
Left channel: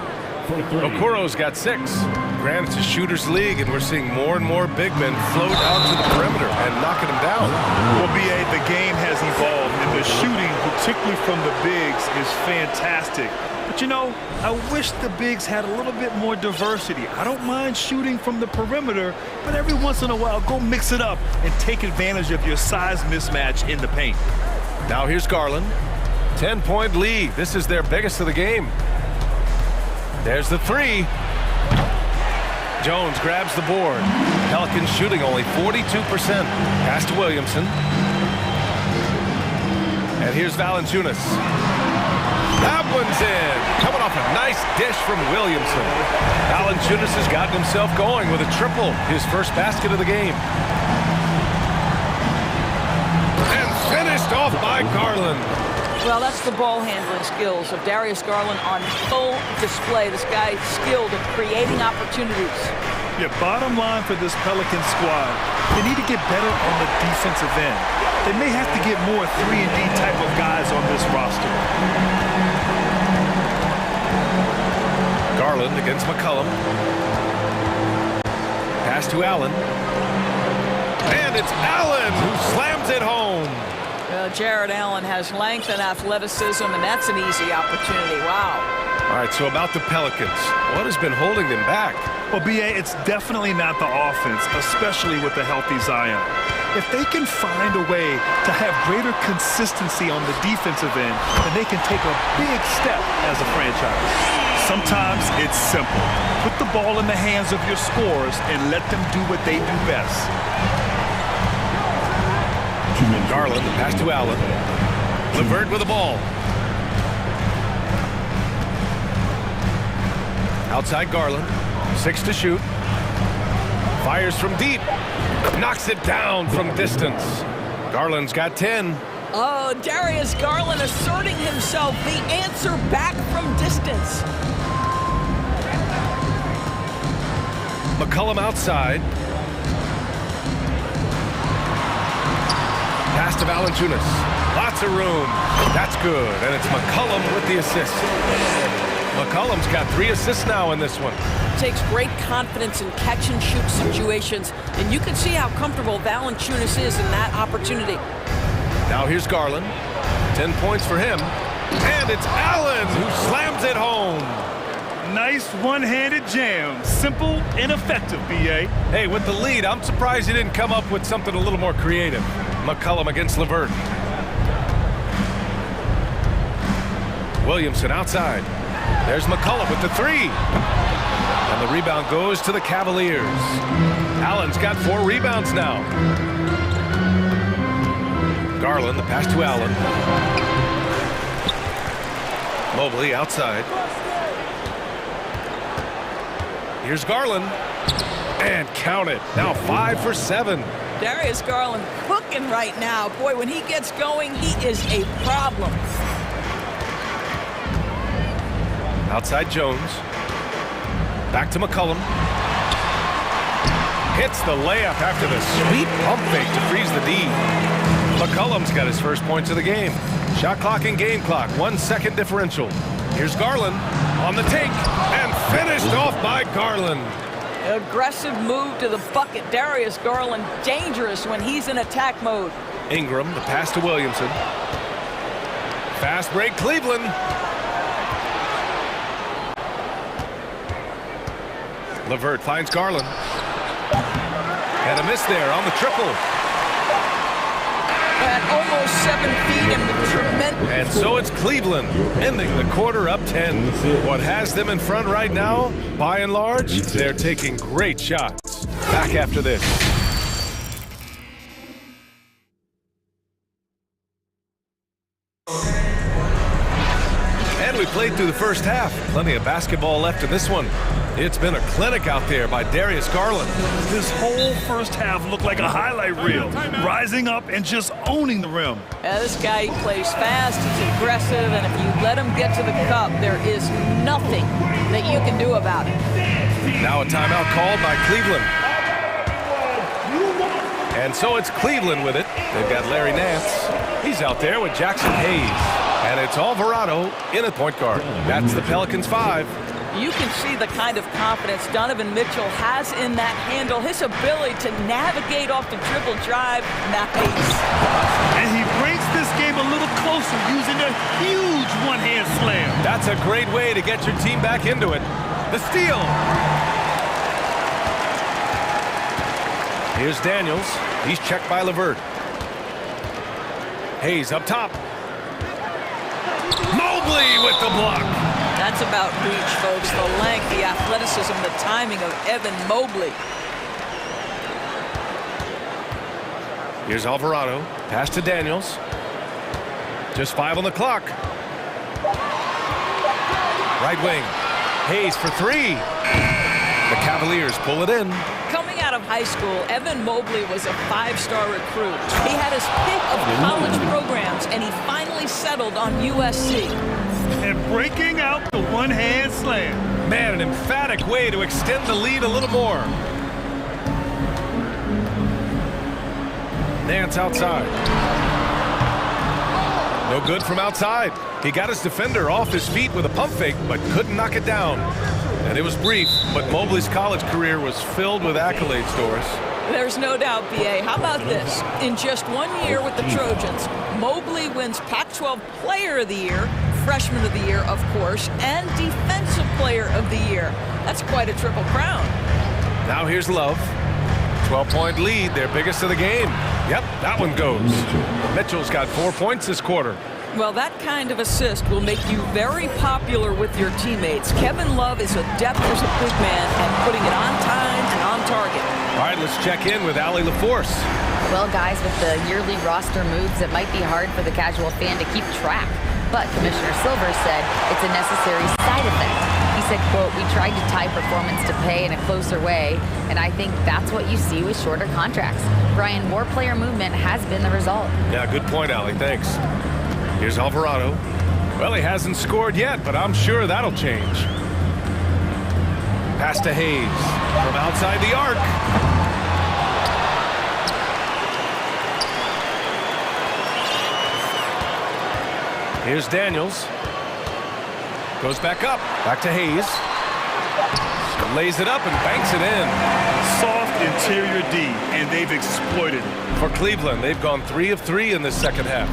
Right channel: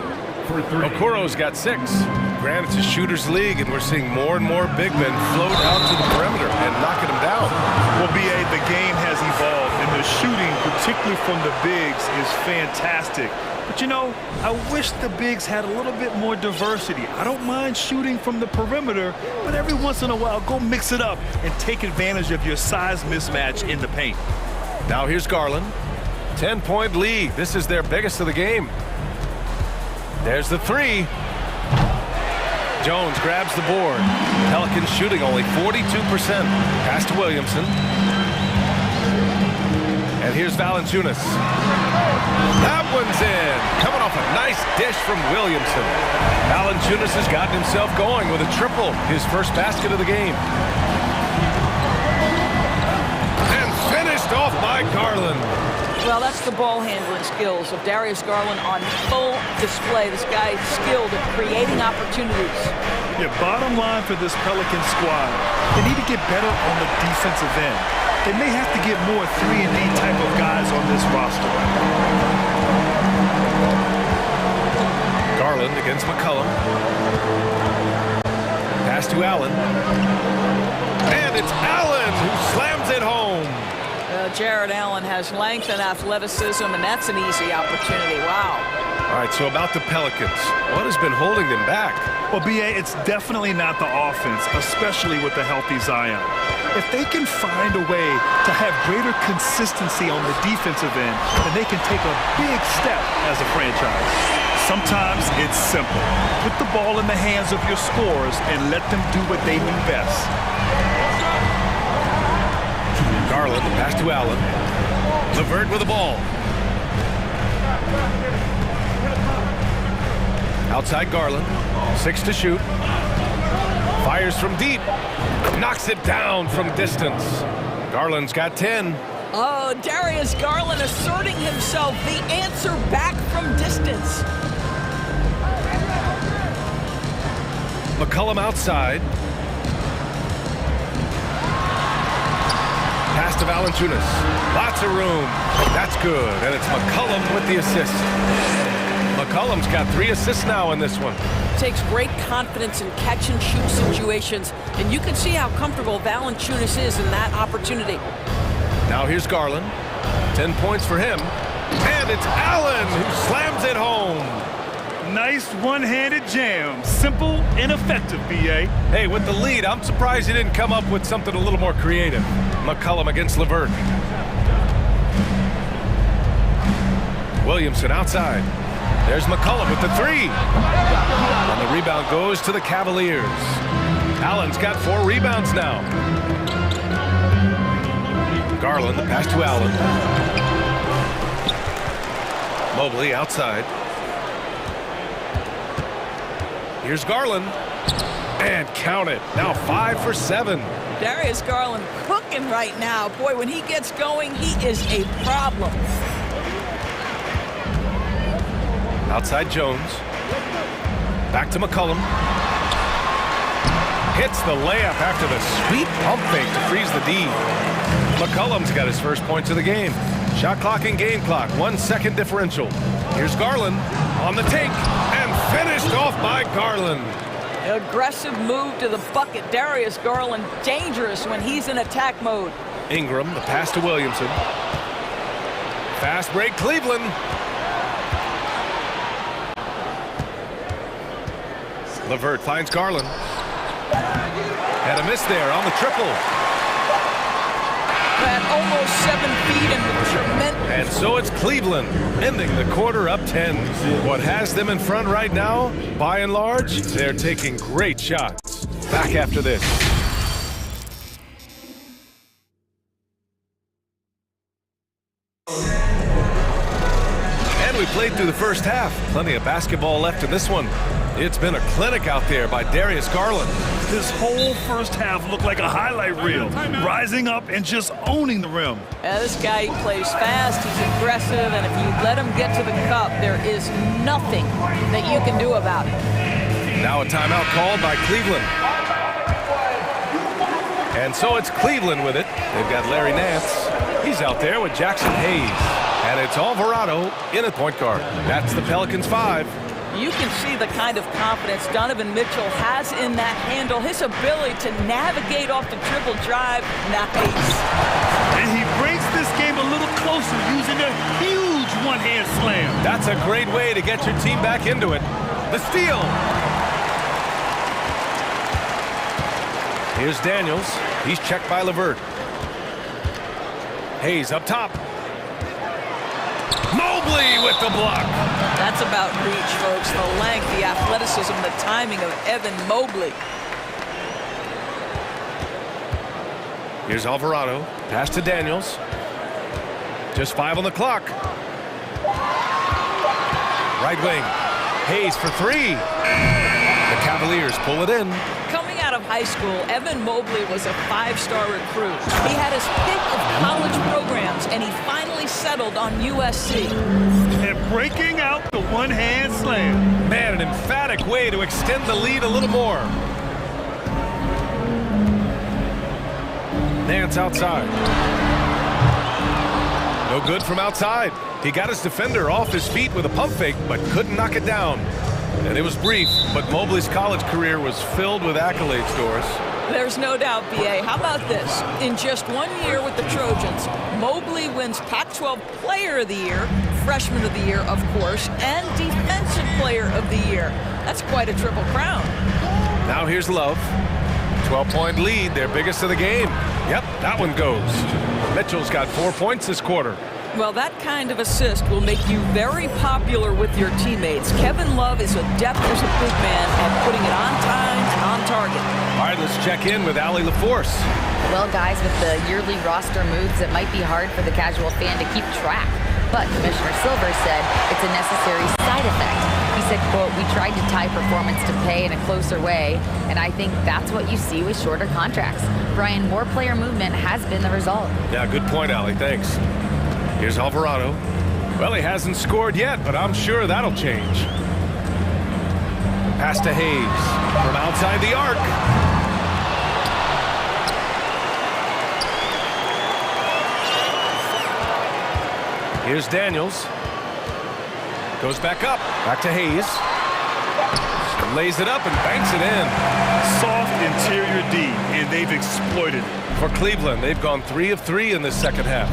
Okoro's got 6. Granted, it's a shooter's league, and we're seeing more and more big men float out to the perimeter and knocking them down. Well, B.A., the game has evolved, and the shooting, particularly from the bigs, is fantastic. But, you know, I wish the bigs had a little bit more diversity. I don't mind shooting from the perimeter, but every once in a while, go mix it up and take advantage of your size mismatch in the paint. Now here's Garland. 10-point lead. This is their biggest of the game. There's the 3. Jones grabs the board. Pelicans shooting only 42%. Pass to Williamson. And here's Valanciunas. That one's in. Coming off a nice dish from Williamson. Valanciunas has gotten himself going with a triple, his first basket of the game. And finished off by Garland. Well, that's the ball handling skills of Darius Garland on full display. This guy's skilled at creating opportunities. Yeah, bottom line for this Pelican squad, they need to get better on the defensive end. They may have to get more 3-and-D type of guys on this roster. Garland against McCollum. Pass to Allen. And it's Allen who slams it home. Well, Jared Allen has length and athleticism, and that's an easy opportunity. Wow. All right, so about the Pelicans, what has been holding them back? Well, B.A., it's definitely not the offense, especially with the healthy Zion. If they can find a way to have greater consistency on the defensive end, then they can take a big step as a franchise. Sometimes it's simple. Put the ball in the hands of your scorers and let them do what they do best. Garland, the pass to Allen. LeVert with the ball. Outside Garland. 6 to shoot. Fires from deep. Knocks it down from distance. Garland's got 10. Oh, Darius Garland asserting himself. The answer back from distance. McCollum outside. Pass to Valanciunas. Lots of room. That's good. And it's McCollum with the assist. McCollum's got 3 assists now in this one. Takes great confidence in catch-and-shoot situations, and you can see how comfortable Valanciunas is in that opportunity. Now here's Garland. 10 points for him. And it's Allen who slams it home. Nice one-handed jam. Simple and effective, B.A. Hey, with the lead, I'm surprised he didn't come up with something a little more creative. McCollum against LeVert. Williamson outside. There's McCollum with the 3. And the rebound goes to the Cavaliers. Allen's got 4 rebounds now. Garland, the pass to Allen. Mobley outside. Here's Garland. And count it. Now 5 for 7. Darius Garland cooking right now. Boy, when he gets going, he is a problem. Outside Jones. Back to McCollum. Hits the layup after the sweet pump fake to freeze the D. McCollum's got his first points of the game. Shot clock and game clock, 1 second differential. Here's Garland on the take and finished off by Garland. Aggressive move to the bucket. Darius Garland dangerous when he's in attack mode. Ingram, the pass to Williamson. Fast break, Cleveland. LeVert finds Garland. Had a miss there on the triple. At almost 7 feet and with tremendous. And so it's Cleveland ending the quarter up 10. What has them in front right now, by and large, they're taking great shots. Back after this. And we played through the first half. Plenty of basketball left in this one. It's been a clinic out there by Darius Garland. This whole first half looked like a highlight reel, rising up and just owning the rim. Yeah, this guy plays fast, he's aggressive, and if you let him get to the cup, there is nothing that you can do about it. Now a timeout called by Cleveland. And so it's Cleveland with it. They've got Larry Nance. He's out there with Jackson Hayes. And it's Alvarado in at point guard. That's the Pelicans 5. You can see the kind of confidence Donovan Mitchell has in that handle. His ability to navigate off the dribble drive, nice. And he brings this game a little closer using a huge one-hand slam. That's a great way to get your team back into it. The steal. Here's Daniels. He's checked by LeVert. Hayes up top. Mobley with the block. That's about reach, folks. The length, the athleticism, the timing of Evan Mobley. Here's Alvarado. Pass to Daniels. Just 5 on the clock. Right wing. Hayes for three. The Cavaliers pull it in. Coming out of high school, Evan Mobley was a five-star recruit. He had his pick of college programs, and he finally settled on USC. And breaking out the one-hand slam. Man, an emphatic way to extend the lead a little more. Nance outside. No good from outside. He got his defender off his feet with a pump fake, but couldn't knock it down. And it was brief, but Mobley's college career was filled with accolades, Doris. There's no doubt, B.A. How about this? In just 1 year with the Trojans, Mobley wins Pac-12 Player of the Year, Freshman of the Year, of course, and Defensive Player of the Year. That's quite a triple crown. Now here's Love. 12-point lead, their biggest of the game. Yep, that one goes. Mitchell's got 4 points this quarter. Well, that kind of assist will make you very popular with your teammates. Kevin Love is adept as a big man at putting it on time and on target. All right, let's check in with Allie LaForce. Well, guys, with the yearly roster moves, it might be hard for the casual fan to keep track. But Commissioner Silver said it's a necessary side effect. He said, quote, "We tried to tie performance to pay in a closer way, and I think that's what you see with shorter contracts." Brian, more player movement has been the result. Yeah, good point, Allie. Thanks. Here's Alvarado. Well, he hasn't scored yet, but I'm sure that'll change. Pass to Hayes from outside the arc. Here's Daniels. Goes back up. Back to Hayes. Lays it up and banks it in. Soft interior D, and they've exploited it. For Cleveland, they've gone 3 of 3 in this second half.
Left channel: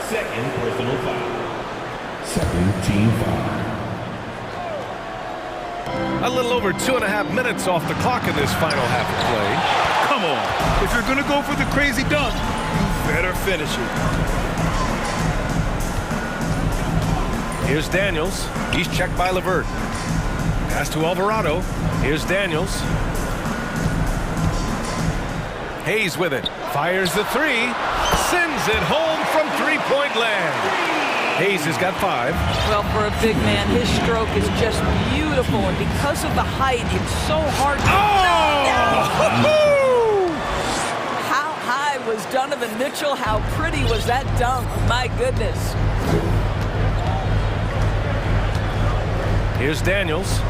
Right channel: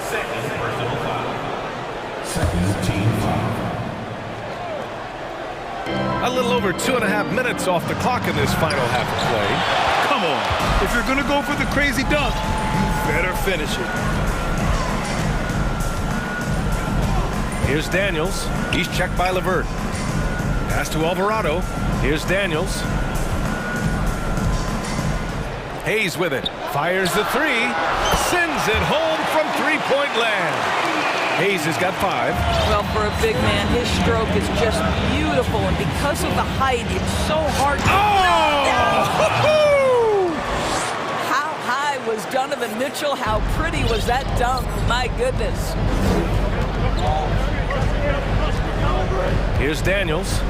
Second personal foul. Second team foul. A little over 2.5 minutes off the clock in this final half of play. Come on. If you're going to go for the crazy dunk, you better finish it. Here's Daniels. He's checked by LeVert. Pass to Alvarado. Here's Daniels. Hayes with it. Fires the three. Sends it home from three-point land. Hayes has got 5. Well, for a big man, his stroke is just beautiful, and because of the height, it's so hard to... Oh! How high was Donovan Mitchell? How pretty was that dunk? My goodness. Here's Daniels.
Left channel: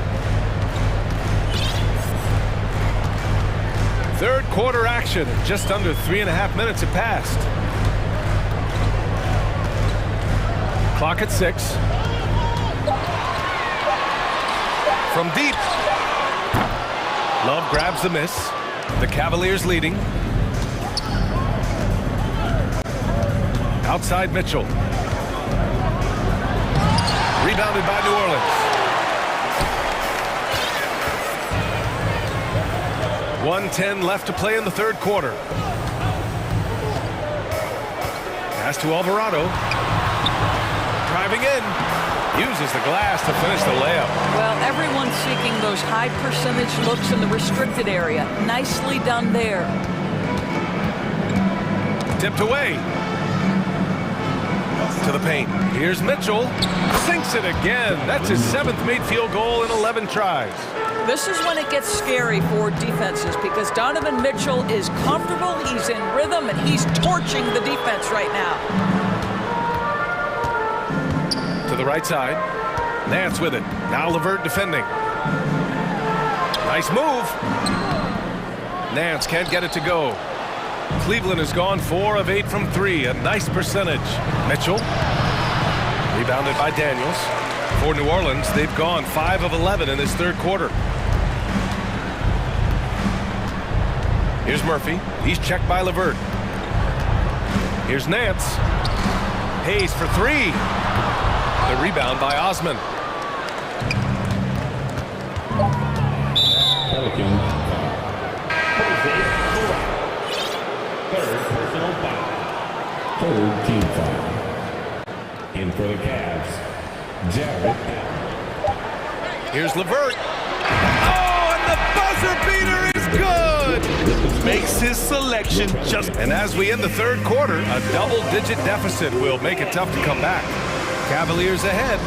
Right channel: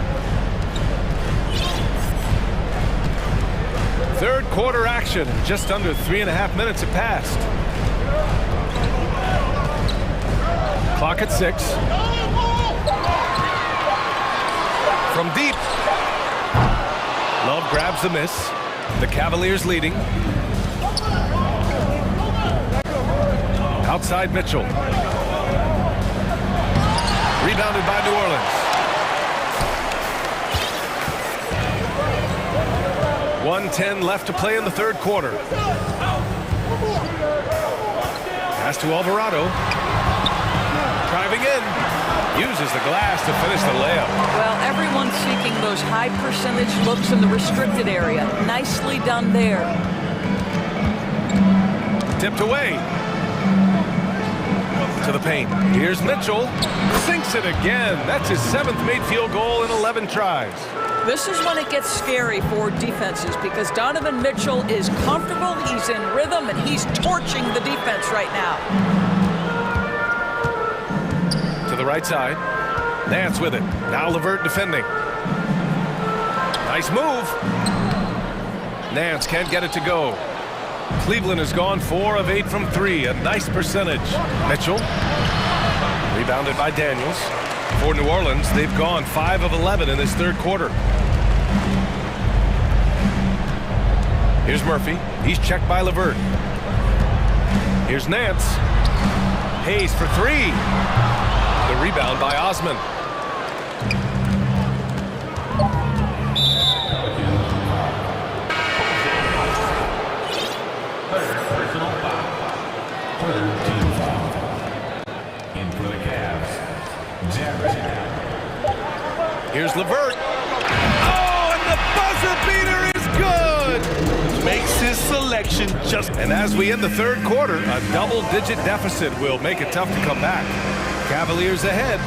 Third quarter action. Just under 3.5 minutes have passed. Clock at 6. From deep. Love grabs the miss. The Cavaliers leading. Outside Mitchell. Rebounded by New Orleans. 1:10 left to play in the third quarter. Pass to Alvarado. Driving in. Uses the glass to finish the layup. Well, everyone's seeking those high percentage looks in the restricted area. Nicely done there. Tipped away. To the paint. Here's Mitchell. Sinks it again. That's his 7th made field goal in 11 tries. This is when it gets scary for defenses because Donovan Mitchell is comfortable, he's in rhythm, and he's torching the defense right now. To the right side. Nance with it. Now LeVert defending. Nice move. Nance can't get it to go. Cleveland has gone 4 of 8 from 3. A nice percentage. Mitchell. Rebounded by Daniels. For New Orleans, they've gone 5 of 11 in this third quarter. Here's Murphy. He's checked by LeVert. Here's Nance. Hayes for 3. The rebound by Osman. Third personal foul. Third team foul. In for the Cavs, Jared. Here's LeVert. Oh, and the buzzer beater is good! makes his selection just... And as we end the third quarter, a double-digit deficit will make it tough to come back. Cavaliers ahead.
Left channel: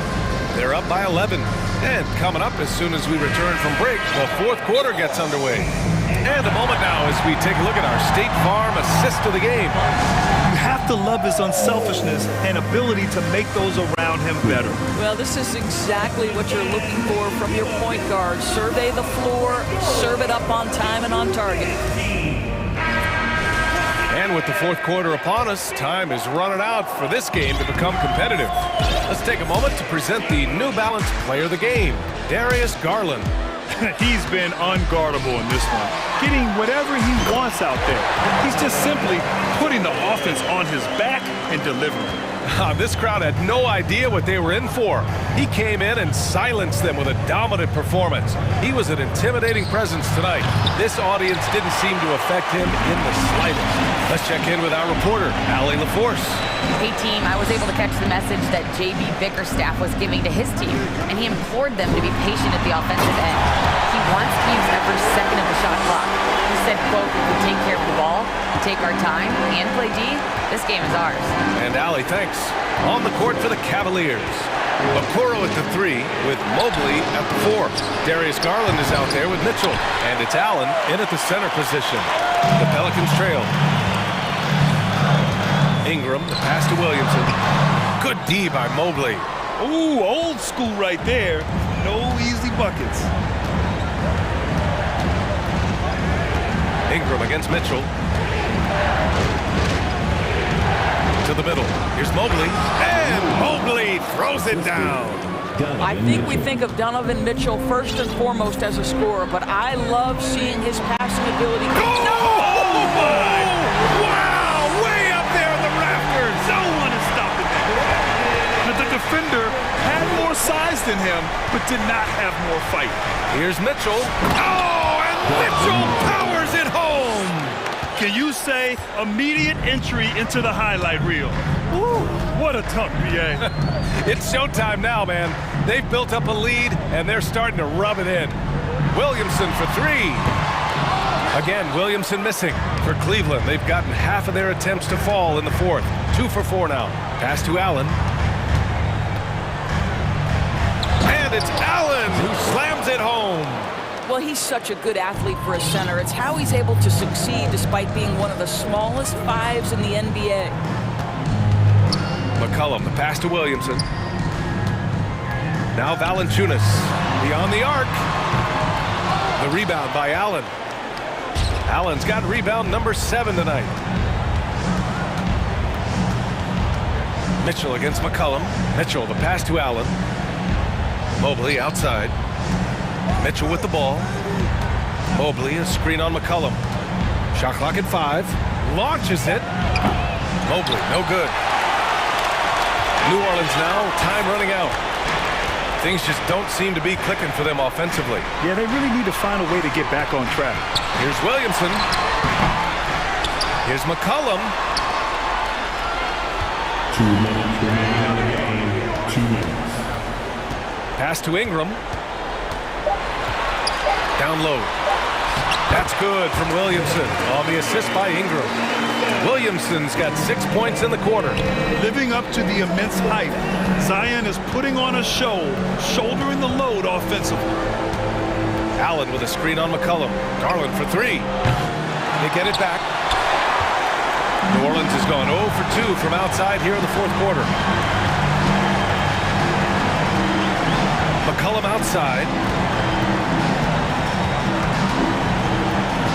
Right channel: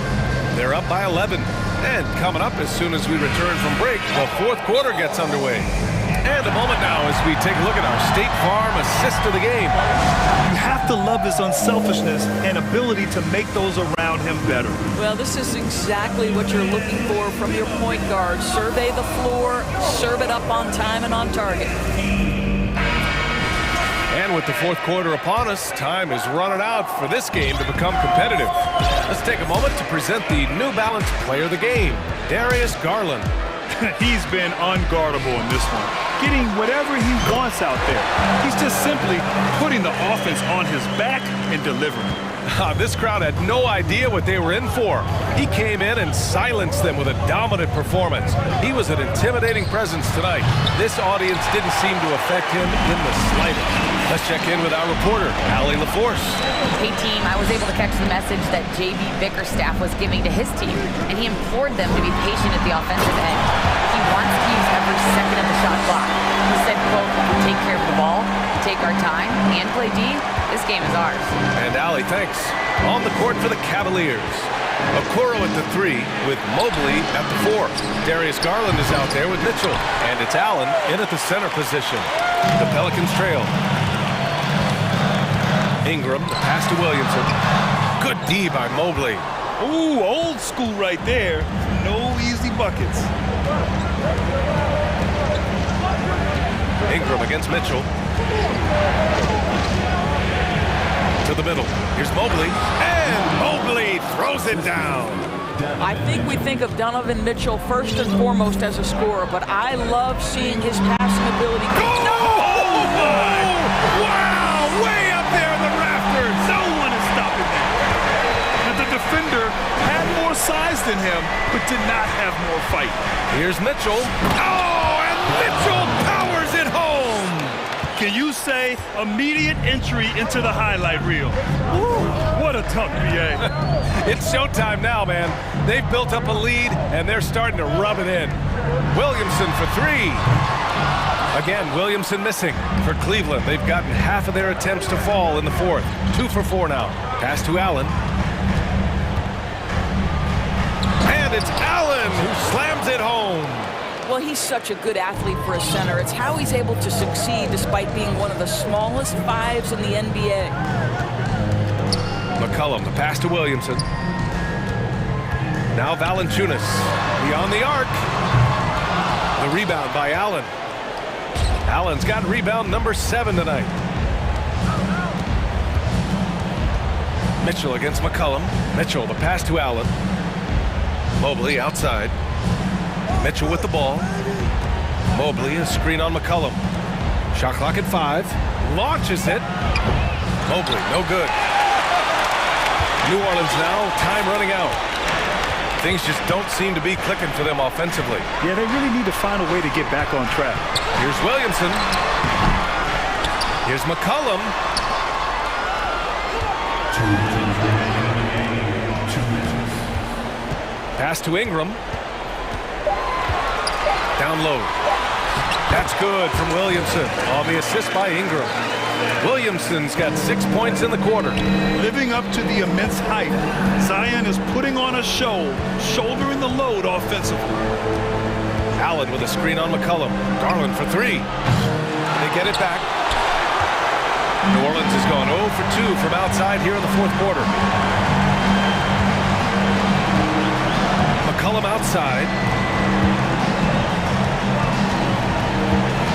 They're up by 11. And coming up as soon as we return from break, the fourth quarter gets underway. And a moment now as we take a look at our State Farm assist of the game. You have to love his unselfishness and ability to make those around him better. Well, this is exactly what you're looking for from your point guard. Survey the floor, serve it up on time and on target. And with the fourth quarter upon us, time is running out for this game to become competitive. Let's take a moment to present the New Balance Player of the Game, Darius Garland. He's been unguardable in this one, getting whatever he wants out there. He's just simply putting the offense on his back and delivering. This crowd had no idea what they were in for. He came in and silenced them with a dominant performance. He was an intimidating presence tonight. This audience didn't seem to affect him in the slightest. Let's check in with our reporter, Allie LaForce. Hey team, I was able to catch the message that JB Bickerstaff was giving to his team, and he implored them to be patient at the offensive end. He wants to use every second of the shot clock. He said, quote, if we take care of the ball, we take our time, and play D, this game is ours. And Allie, thanks. On the court for the Cavaliers. Okoro at the 3 with Mobley at the 4. Darius Garland is out there with Mitchell. And it's Allen in at the center position. The Pelicans trail. Ingram, the pass to Williamson. Good D by Mobley. Ooh, old school right there. No easy buckets. Ingram against Mitchell. To the middle. Here's Mobley. And Mobley throws it down. I think we think of Donovan Mitchell first and foremost as a scorer, but I love seeing his passing ability. Oh my! Wow! Way up there in the rafters! No one is stopping that. Now, the defender had more size than him, but did not have more fight. Here's Mitchell. Oh, and Mitchell powers it home! Can you say immediate entry into the highlight reel? Woo, what a dunk, BA. It's showtime now, man. They've built up a lead, and they're starting to rub it in. Williamson for 3. Again, Williamson missing for Cleveland. They've gotten half of their attempts to fall in the fourth. 2 for 4 now. Pass to Allen. And it's Allen who slams it home. Well, he's such a good athlete for a center. It's how he's able to succeed despite being one of the smallest 5s in the NBA. McCollum, the pass to Williamson. Now Valanciunas beyond the arc. The rebound by Allen. Allen's got rebound number 7 tonight. Mitchell against McCollum. Mitchell, the pass to Allen. Mobley outside. Mitchell with the ball. Mobley, a screen on McCollum. Shot clock at 5. Launches it. Mobley, no good. New Orleans now, time running out. Things just don't seem to be clicking for them offensively. Yeah, they really need to find a way to get back on track. Here's Williamson. Here's McCollum. 2 minutes remaining on the game. 2 minutes. Pass to Ingram. Down low. That's good from Williamson on the assist by Ingram. Williamson's got 6 points in the quarter. Living up to the immense hype, Zion is putting on a show, shouldering the load offensively. Allen with a screen on McCollum. Garland for 3. They get it back. New Orleans has gone 0 for 2 from outside here in the fourth quarter. McCollum outside.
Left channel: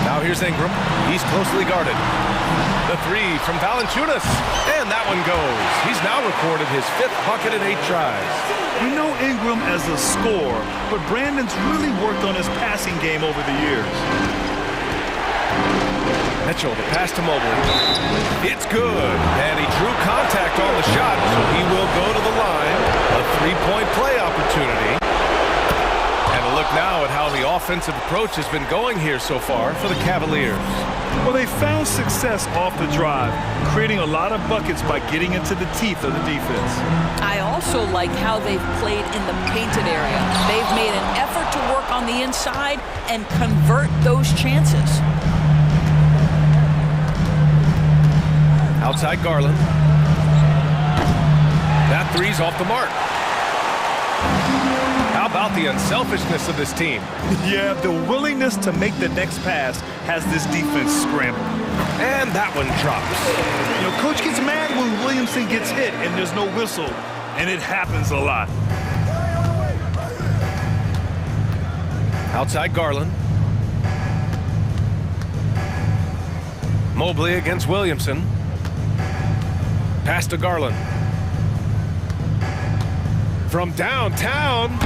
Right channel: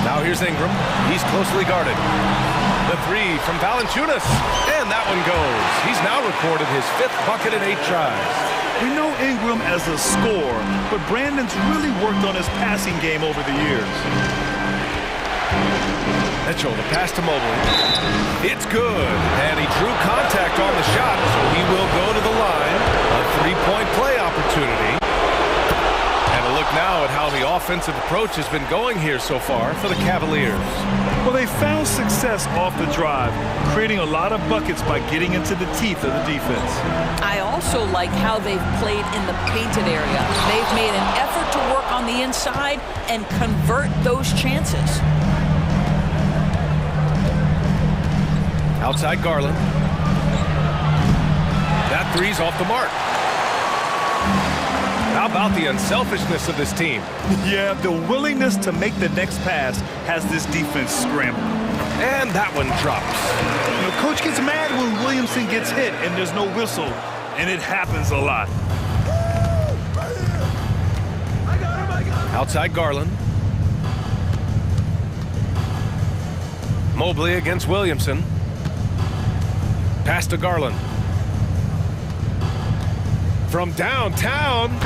Now here's Ingram. He's closely guarded. The 3 from Valanciunas. And that one goes. He's now recorded his 5th bucket in 8 tries. We know Ingram as a scorer, but Brandon's really worked on his passing game over the years. Mitchell, the pass to Mobley. It's good. And he drew contact on the shot, so he will go to the line. A 3-point play opportunity. And a look now at how the offensive approach has been going here so far for the Cavaliers. Well, they found success off the drive, creating a lot of buckets by getting into the teeth of the defense. I also like how they've played in the painted area. They've made an effort to work on the inside and convert those chances. Outside Garland. That three's off the mark. How about the unselfishness of this team? Yeah, the willingness to make the next pass has this defense scrambling. And that one drops. You know, coach gets mad when Williamson gets hit and there's no whistle, and it happens a lot. Outside Garland. Mobley against Williamson. Pass to Garland. From downtown,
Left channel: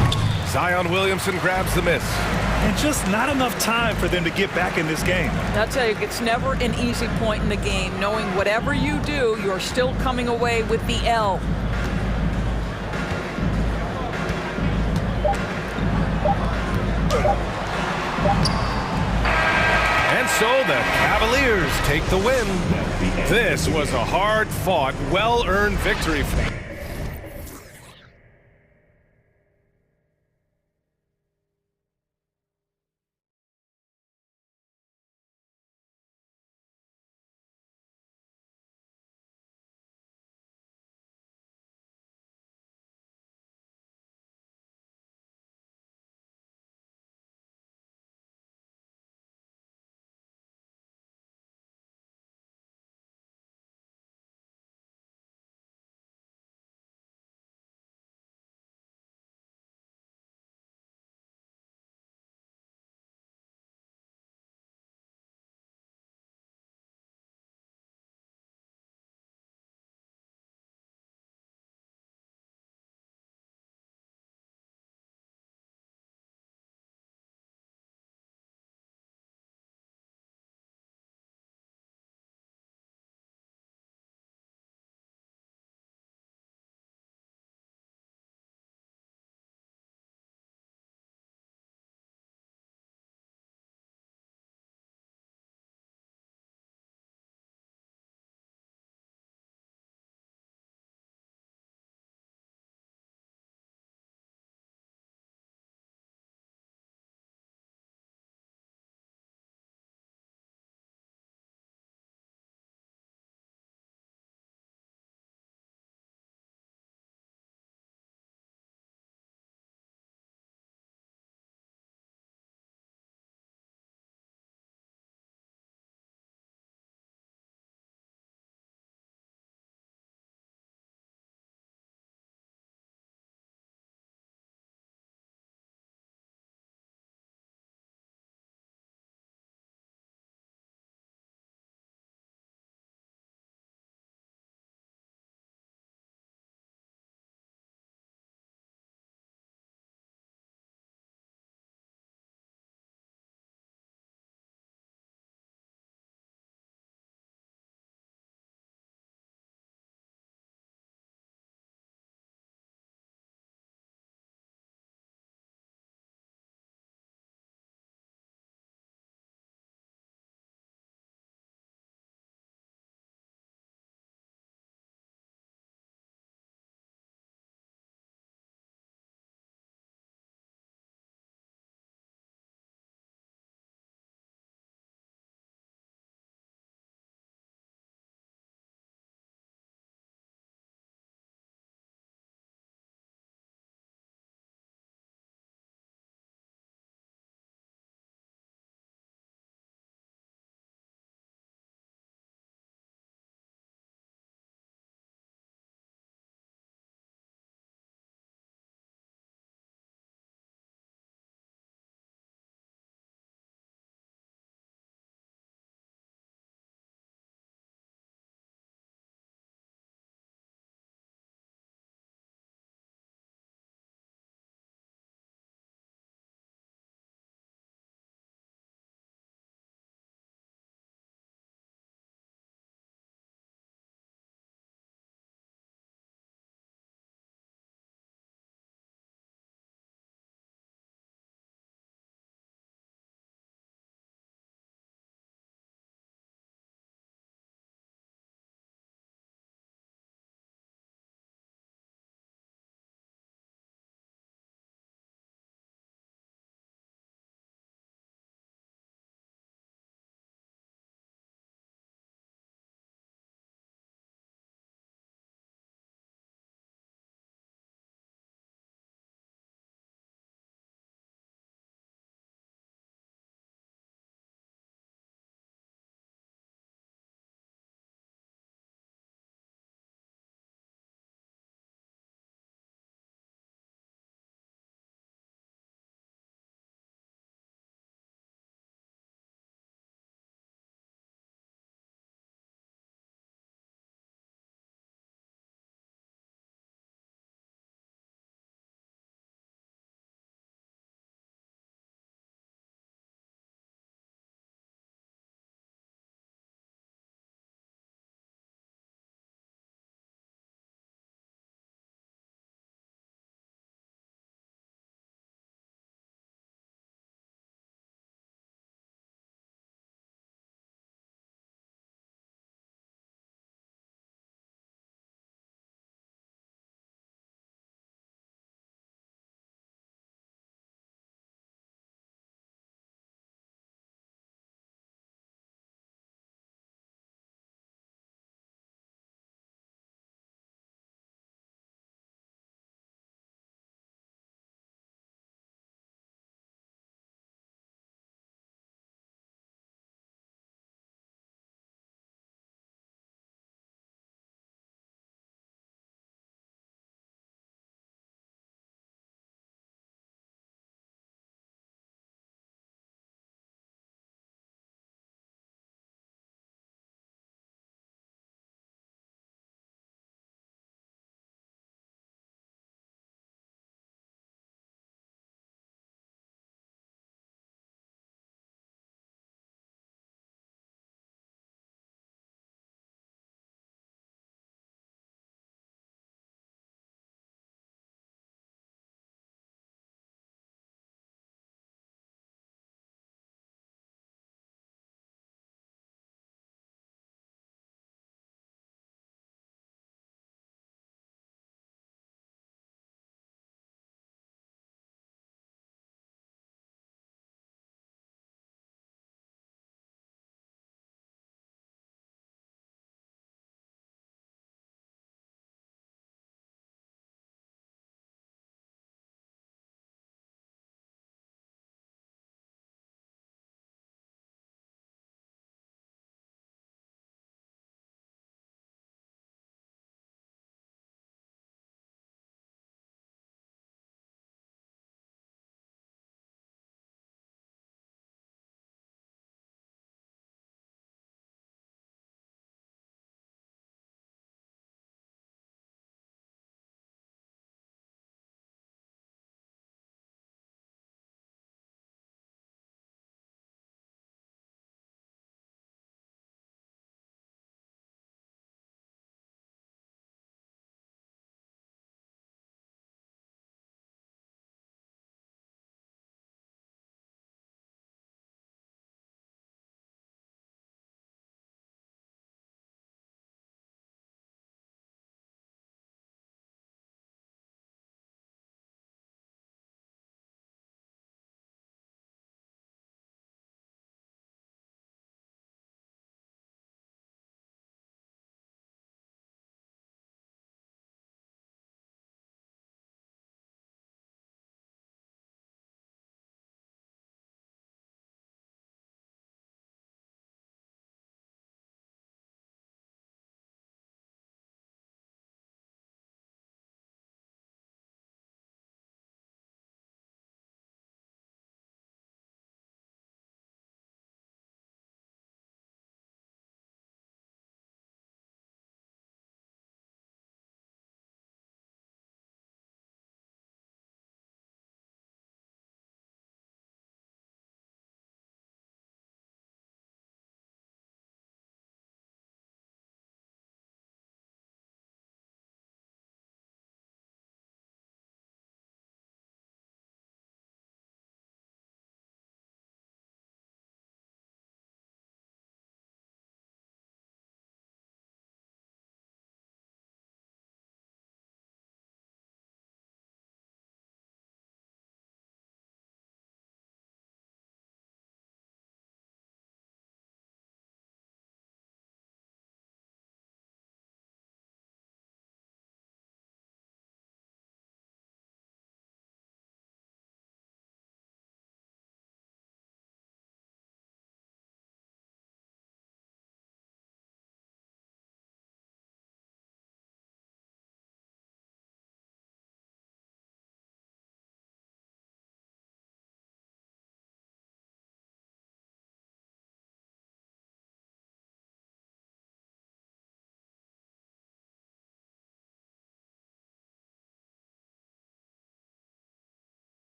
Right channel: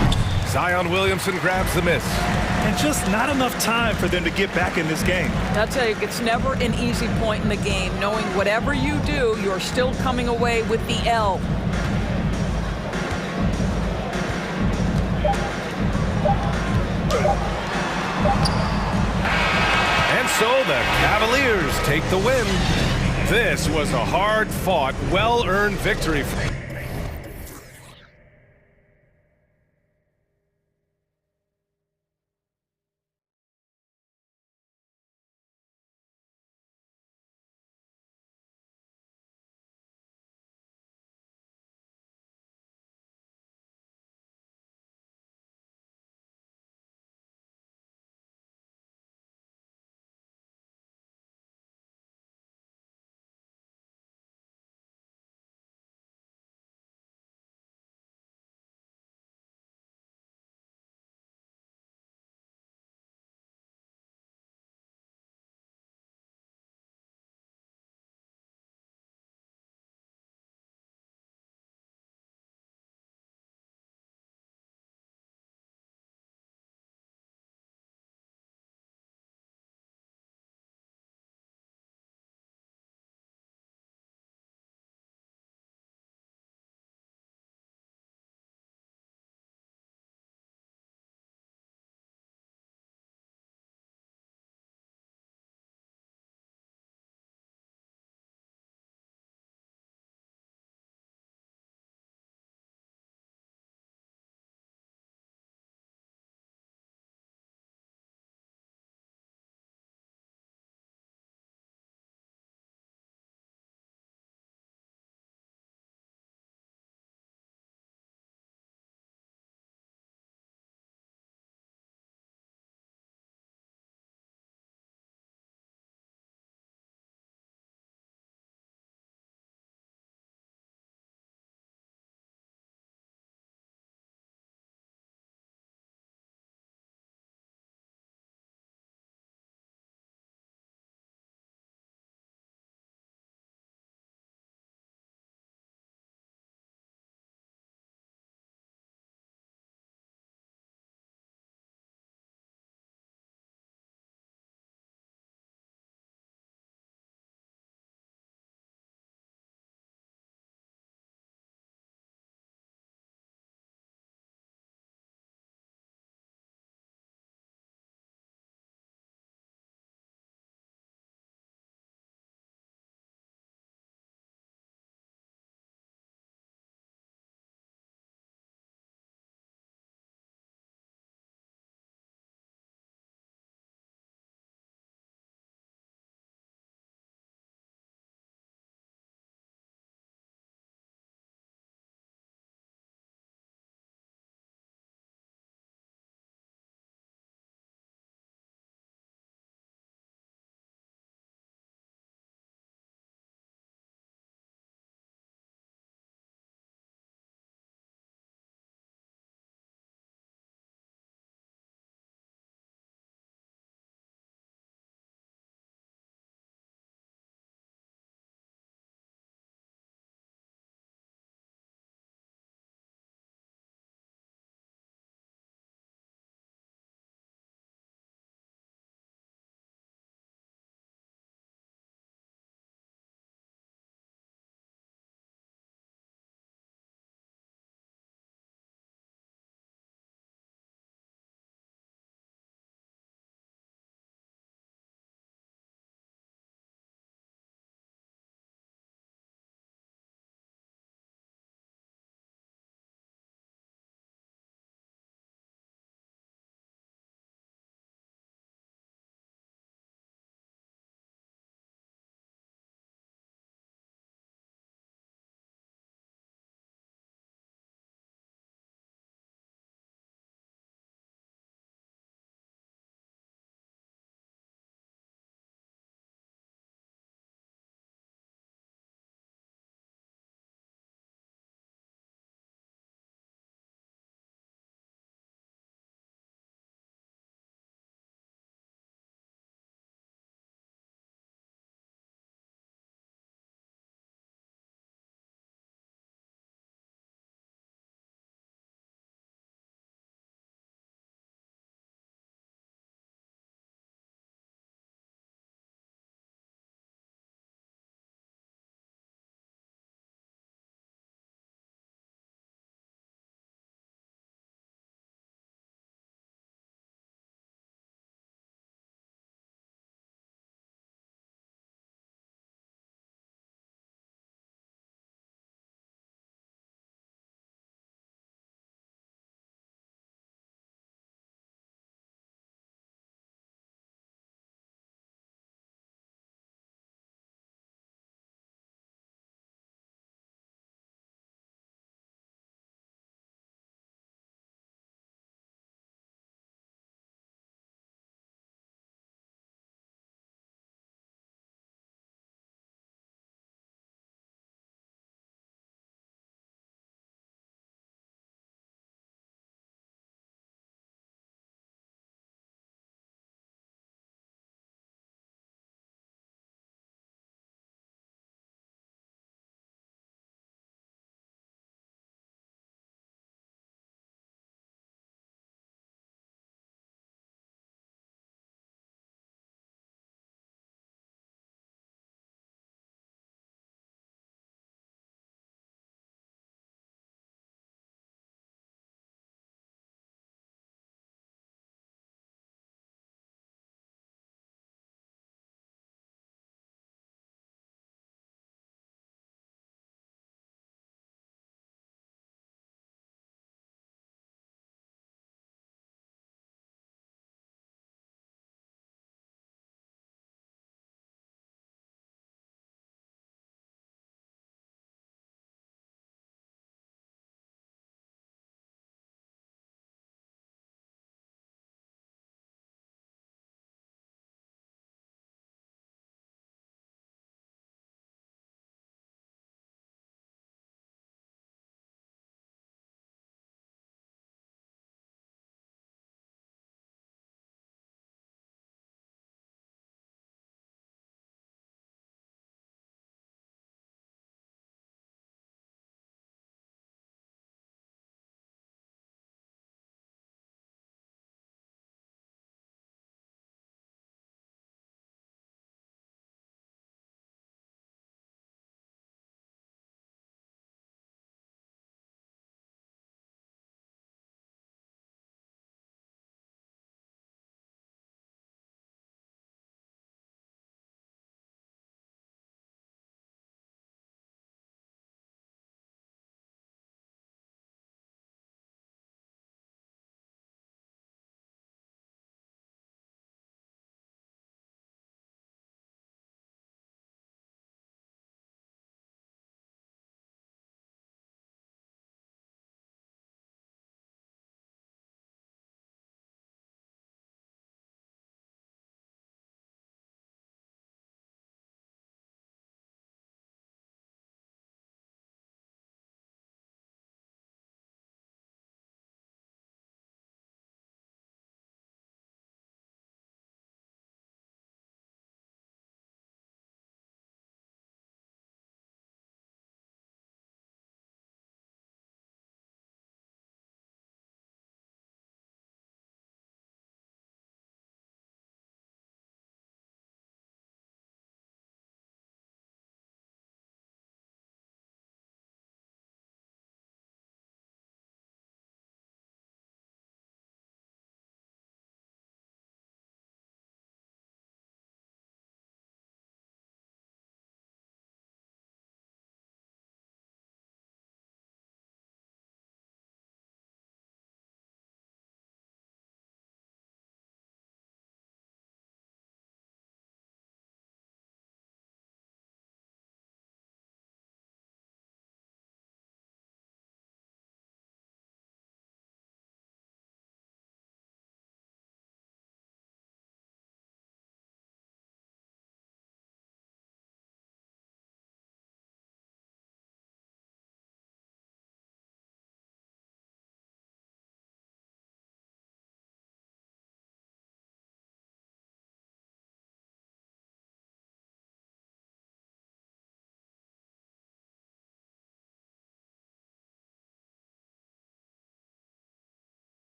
Zion Williamson grabs the miss. And just not enough time for them to get back in this game. I'll tell you, it's never an easy point in the game, knowing whatever you do, you're still coming away with the L. And so the Cavaliers take the win. This was a hard-fought, well-earned victory.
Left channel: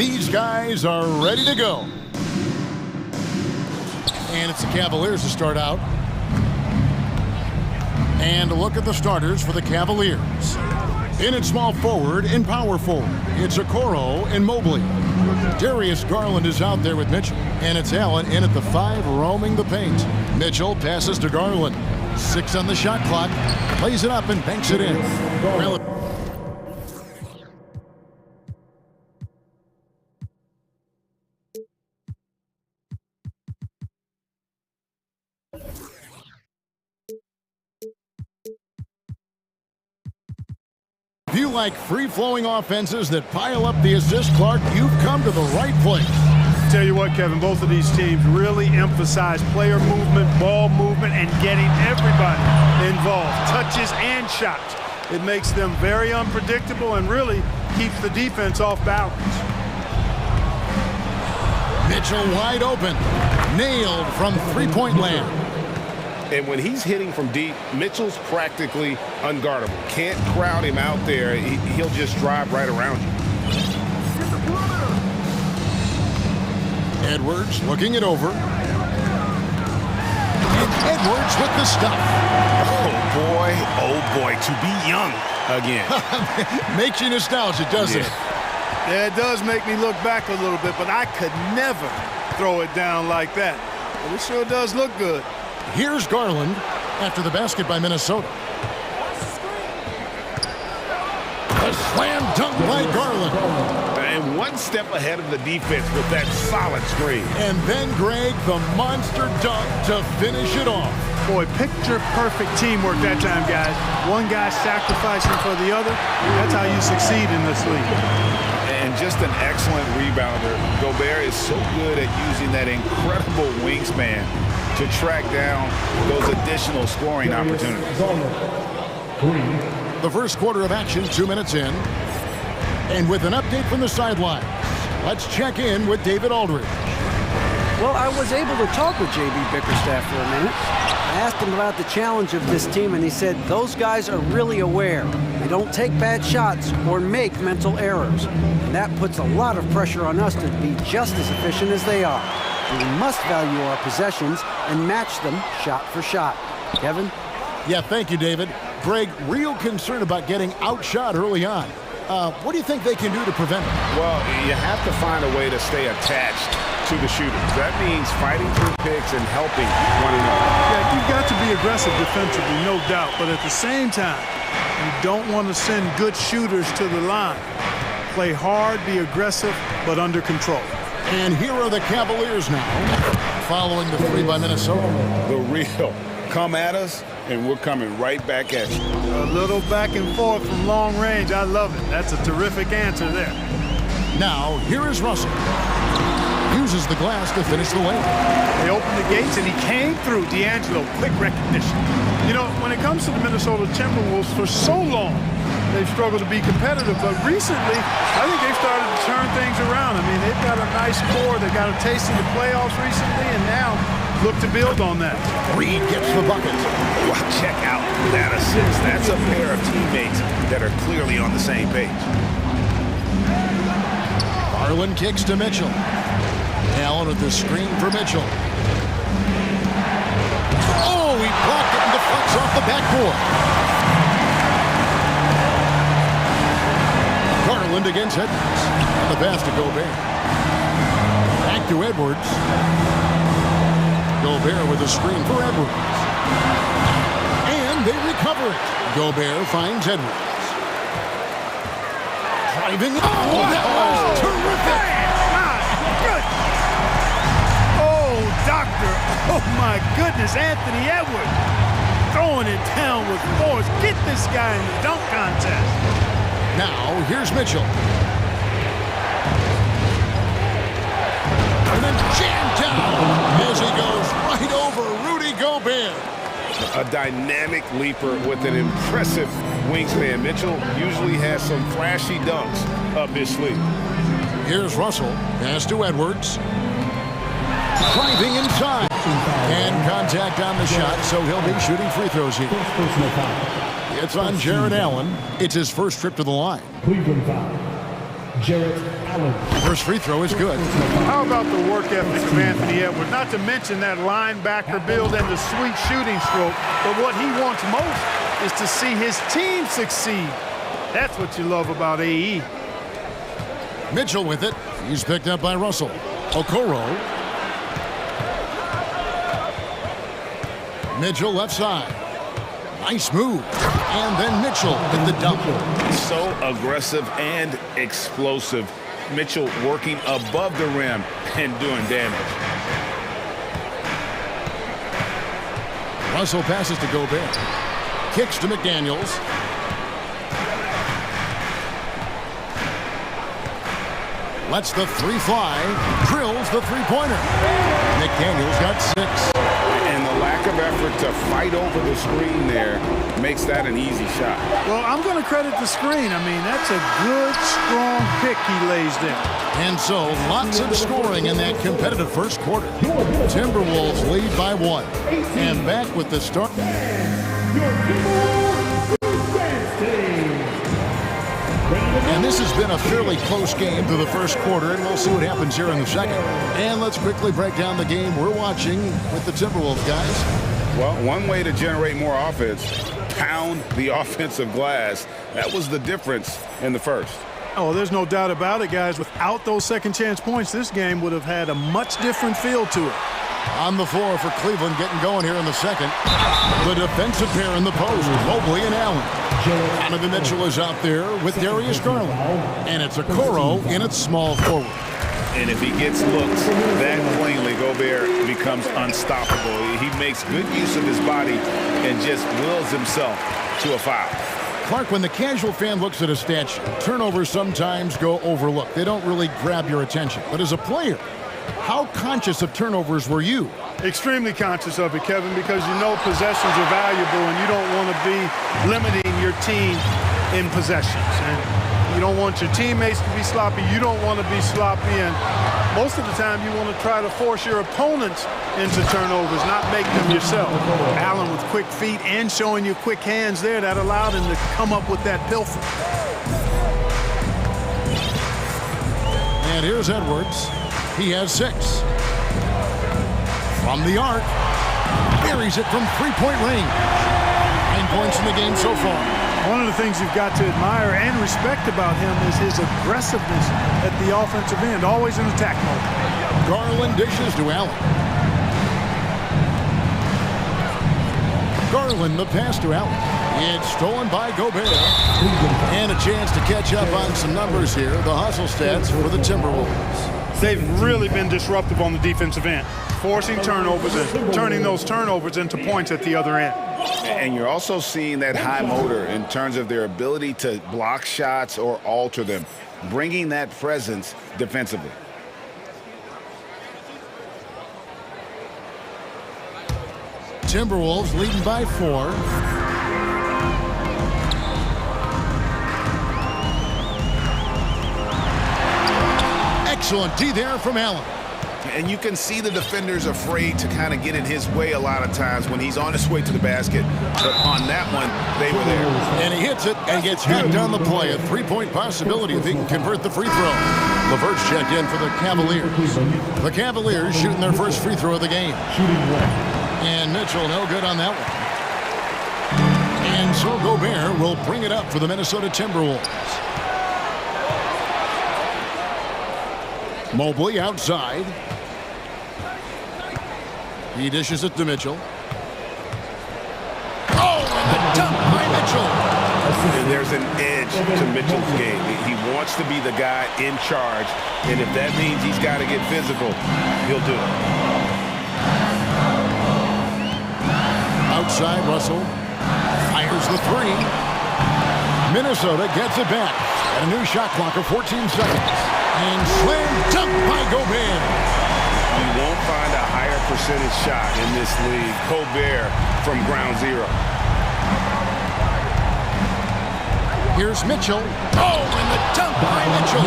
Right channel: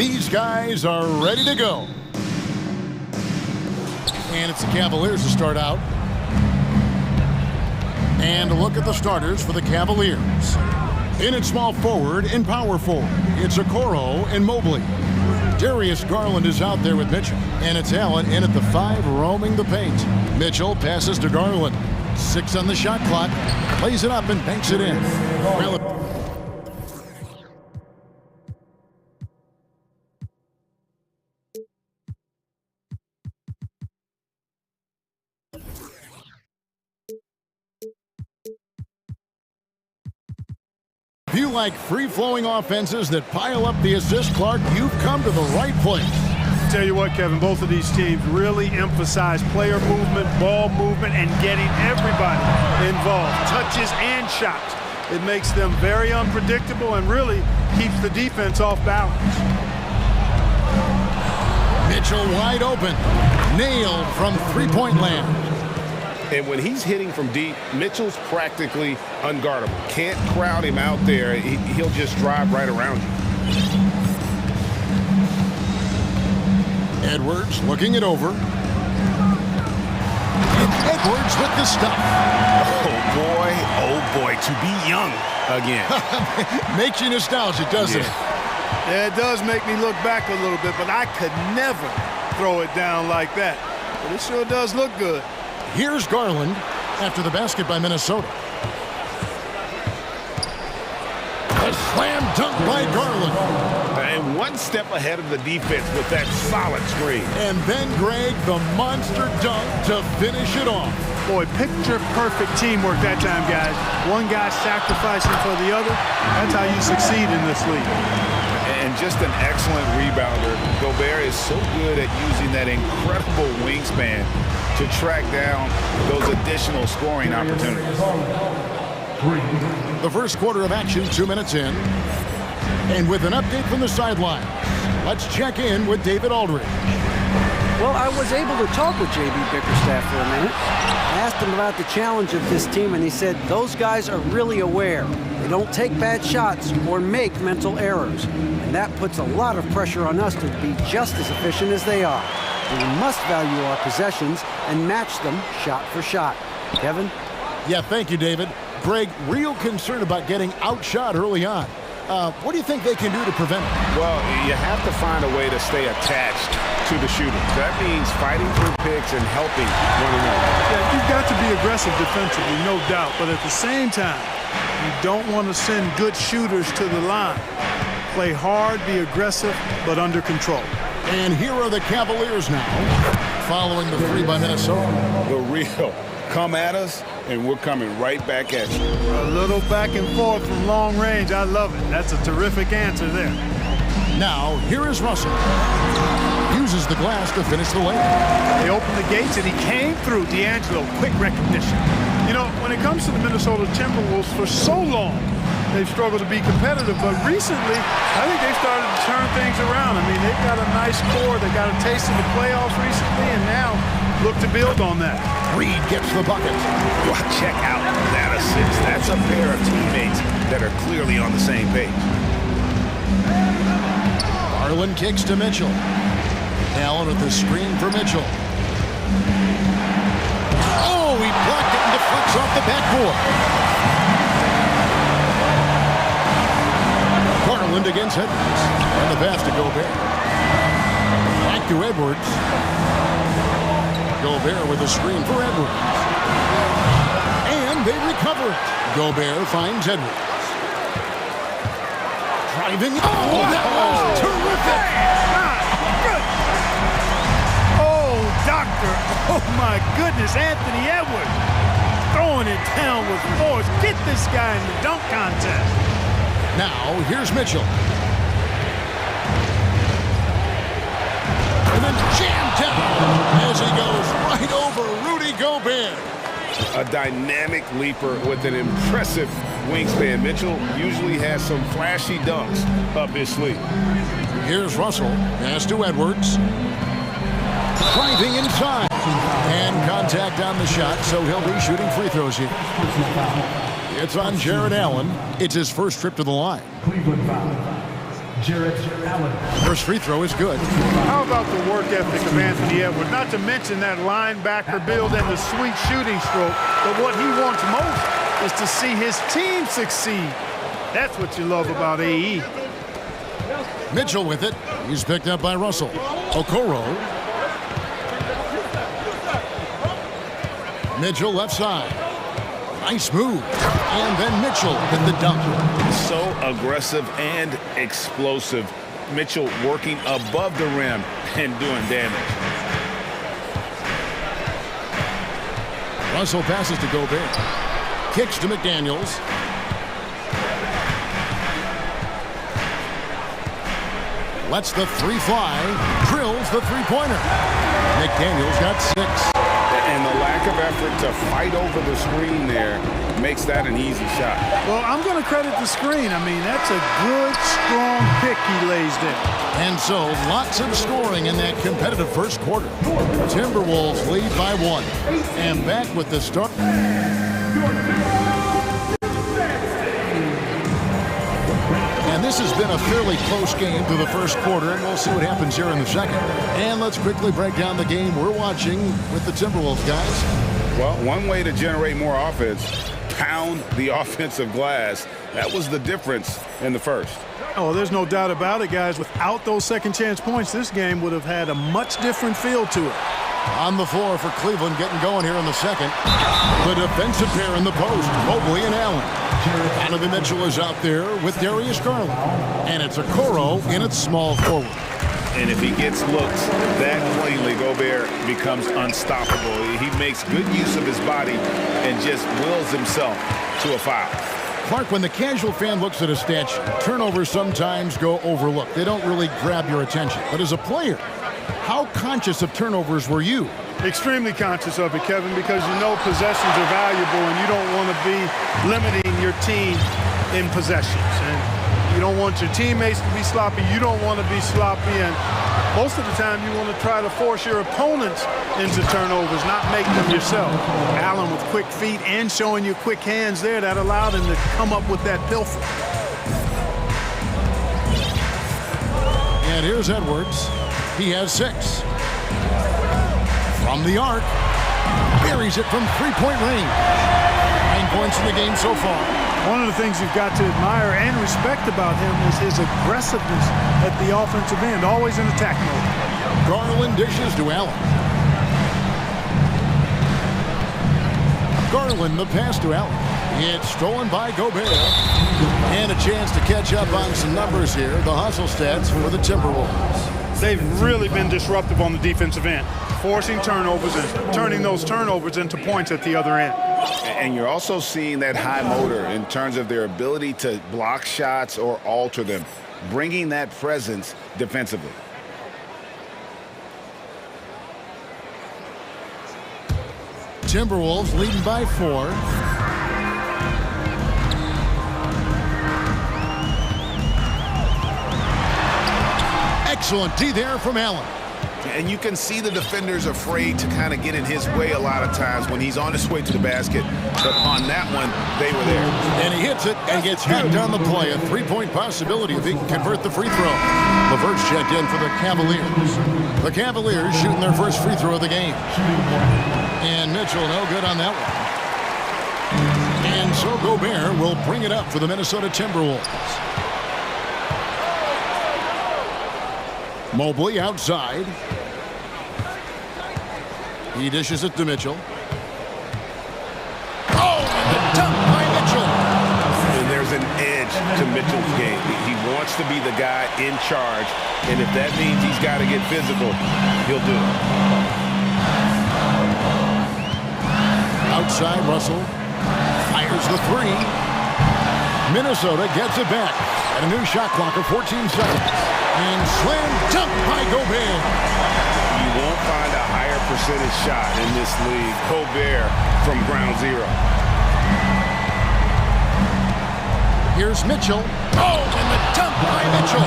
These guys are ready to go. And it's the Cavaliers to start out. And look at the starters for the Cavaliers. In at small forward and power forward, it's Okoro and Mobley. Darius Garland is out there with Mitchell. And it's Allen in at the 5, roaming the paint. Mitchell passes to Garland. 6 on the shot clock. Lays it up and banks it in. If you like free-flowing offenses that pile up the assist, Clark, you've come to the right place. Tell you what, Kevin, both of these teams really emphasize player movement, ball movement, and getting everybody involved, touches and shots. It makes them very unpredictable and really keeps the defense off balance. Mitchell wide open, nailed from three-point land. And when he's hitting from deep, Mitchell's practically unguardable. Can't crowd him out there. He'll just drive right around you. Edwards looking it over. And Edwards with the stuff. Oh boy, to be young again. Makes you nostalgic, doesn't it? Yeah, it does make me look back a little bit, but I could never throw it down like that. But it sure does look good. Here's Garland after the basket by Minnesota. A slam dunk by Garland. And one step ahead of the defense with that solid screen. And then, Greg, the monster dunk to finish it off. Boy, picture-perfect teamwork that time, guys. One guy sacrificing for the other. That's how you succeed in this league. And just an excellent rebounder. Gobert is so good at using that incredible wingspan to track down those additional scoring opportunities. The first quarter of action, 2 minutes in. And with an update from the sidelines, let's check in with David Aldridge. Well, I was able to talk with J.B. Bickerstaff for a minute. I asked him about the challenge of this team, and he said those guys are really aware. They don't take bad shots or make mental errors. And that puts a lot of pressure on us to be just as efficient as they are. We must value our possessions and match them shot for shot. Kevin? Yeah, thank you, David. Greg, real concern about getting outshot early on. What do you think they can do to prevent it? Well, you have to find a way to stay attached to the shooters. That means fighting through picks and helping one another. Yeah, you've got to be aggressive defensively, no doubt. But at the same time, you don't want to send good shooters to the line. Play hard, be aggressive, but under control. And here are the Cavaliers now, following the 3 by Minnesota. The real come at us, and we're coming right back at you. A little back and forth from long range. I love it. That's a terrific answer there. Now, here is Russell. Uses the glass to finish the lane. They opened the gates, and he came through. D'Angelo, quick recognition. You know, when it comes to the Minnesota Timberwolves, for so long, they've struggled to be competitive, but recently, I think they've started to turn things around. I mean, they've got a nice core. They got a taste of the playoffs recently, and now look to build on that. Reed gets the bucket. Well, check out that assist. That's a pair of teammates that are clearly on the same page. Garland kicks to Mitchell. Allen with the screen for Mitchell. Oh, he blocked it and deflects off the backboard. Garland against Edwards. And the pass to Gobert. Back to Edwards. Gobert with a screen for Edwards. And they recover it. Gobert finds Edwards. Driving. Oh, that was terrific. My goodness. Oh, doctor. Oh, my goodness. Anthony Edwards throwing it down with force. Get this guy in the dunk contest. Now, here's Mitchell. And then jammed down as he goes right over Rudy Gobert. A dynamic leaper with an impressive wingspan. Mitchell usually has some flashy dunks up his sleeve. Here's Russell. Pass to Edwards. Driving inside. And contact on the shot, so he'll be shooting free throws here. It's on Jared Allen. It's his first trip to the line. Cleveland foul. First free throw is good. How about the work ethic of Anthony Edwards? Not to mention that linebacker build and the sweet shooting stroke, but what he wants most is to see his team succeed. That's what you love about AE. Mitchell with it. He's picked up by Russell. Okoro. Mitchell left side. Nice move. And then Mitchell with the dunk. So aggressive and explosive. Mitchell working above the rim and doing damage. Russell passes to Gobert. Kicks to McDaniels. Lets the three fly. Drills the three-pointer. McDaniels got 6. And the lack of effort to fight over the screen there makes that an easy shot. Well, I'm going to credit the screen. I mean, that's a good, strong pick he lays there. And so, lots of scoring in that competitive first quarter. Timberwolves lead by 1. And back with the start. And this has been a fairly close game through the first quarter, and we'll see what happens here in the second. And let's quickly break down the game we're watching with the Timberwolves, guys. Well, one way to generate more offense, pound the offensive glass. That was the difference in the first. Oh, there's no doubt about it, guys. Without those second chance points, this game would have had a much different feel to it. On the floor for Cleveland, getting going here in the second. The defensive pair in the post, Mobley and Allen. Donovan Mitchell is out there with Darius Garland. And it's Okoro in its small forward. And if he gets looks that plainly, Gobert becomes unstoppable. He makes good use of his body and just wills himself to a foul. Clark, when the casual fan looks at a stat sheet, turnovers sometimes go overlooked. They don't really grab your attention. But as a player, how conscious of turnovers were you? Extremely conscious of it, Kevin, because you know possessions are valuable and you don't want to be limiting your team in possessions. And you don't want your teammates to be sloppy. You don't want to be sloppy. And most of the time you want to try to force your opponents into turnovers, not make them yourself. Allen with quick feet and showing you quick hands there, that allowed him to come up with that pilfer. And here's Edwards. He has 6. From the arc, buries it from three-point range. 9 points in the game so far. One of the things you've got to admire and respect about him is his aggressiveness at the offensive end, always in attack mode. Garland dishes to Allen. Garland, the pass to Allen. It's stolen by Gobert. And a chance to catch up on some numbers here, the hustle stats for the Timberwolves. They've really been disruptive on the defensive end, forcing turnovers and turning those turnovers into points at the other end. And you're also seeing that high motor in terms of their ability to block shots or alter them, bringing that presence defensively. Timberwolves leading by 4. Excellent D there from Allen. And you can see the defenders afraid to kind of get in his way a lot of times when he's on his way to the basket. But on that one, they were there. And he hits it and gets hacked on the play. A three-point possibility if he can convert the free throw. LeVert's checked in for the Cavaliers. The Cavaliers shooting their first free throw of the game. And Mitchell no good on that one. And so Gobert will bring it up for the Minnesota Timberwolves. Mobley outside. He dishes it to Mitchell. Oh, and the dunk by Mitchell. And there's an edge to Mitchell's game. He wants to be the guy in charge, and if that means he's got to get physical, he'll do it. Outside, Russell fires the 3. Minnesota gets it back at a new shot clock of 14 seconds. And slam dunk by Gobert. You won't find a higher percentage shot in this league. Gobert from ground zero. Here's Mitchell. Oh, and the dunk by Mitchell.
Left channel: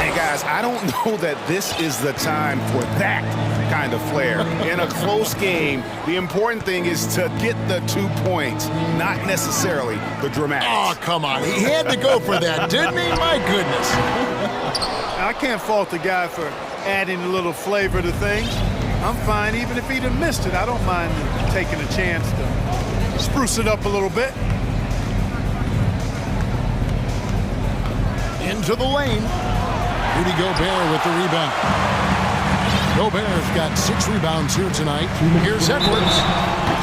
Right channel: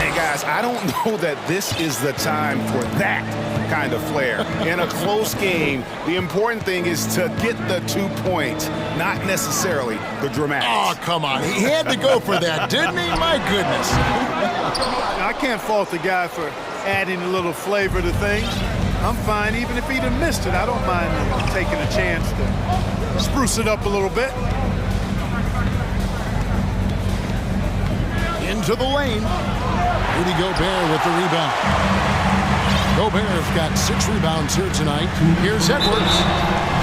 Hey, guys, I don't know that this is the time for that kind of flair. In a close game, the important thing is to get the 2 points, not necessarily the dramatics. Oh, come on. He had to go for that, didn't he? My goodness. I can't fault the guy for adding a little flavor to things. I'm fine even if he'd have missed it. I don't mind taking a chance to spruce it up a little bit. Into the lane. Rudy Gobert with the rebound. Gobert's got 6 rebounds here tonight. Here's Edwards.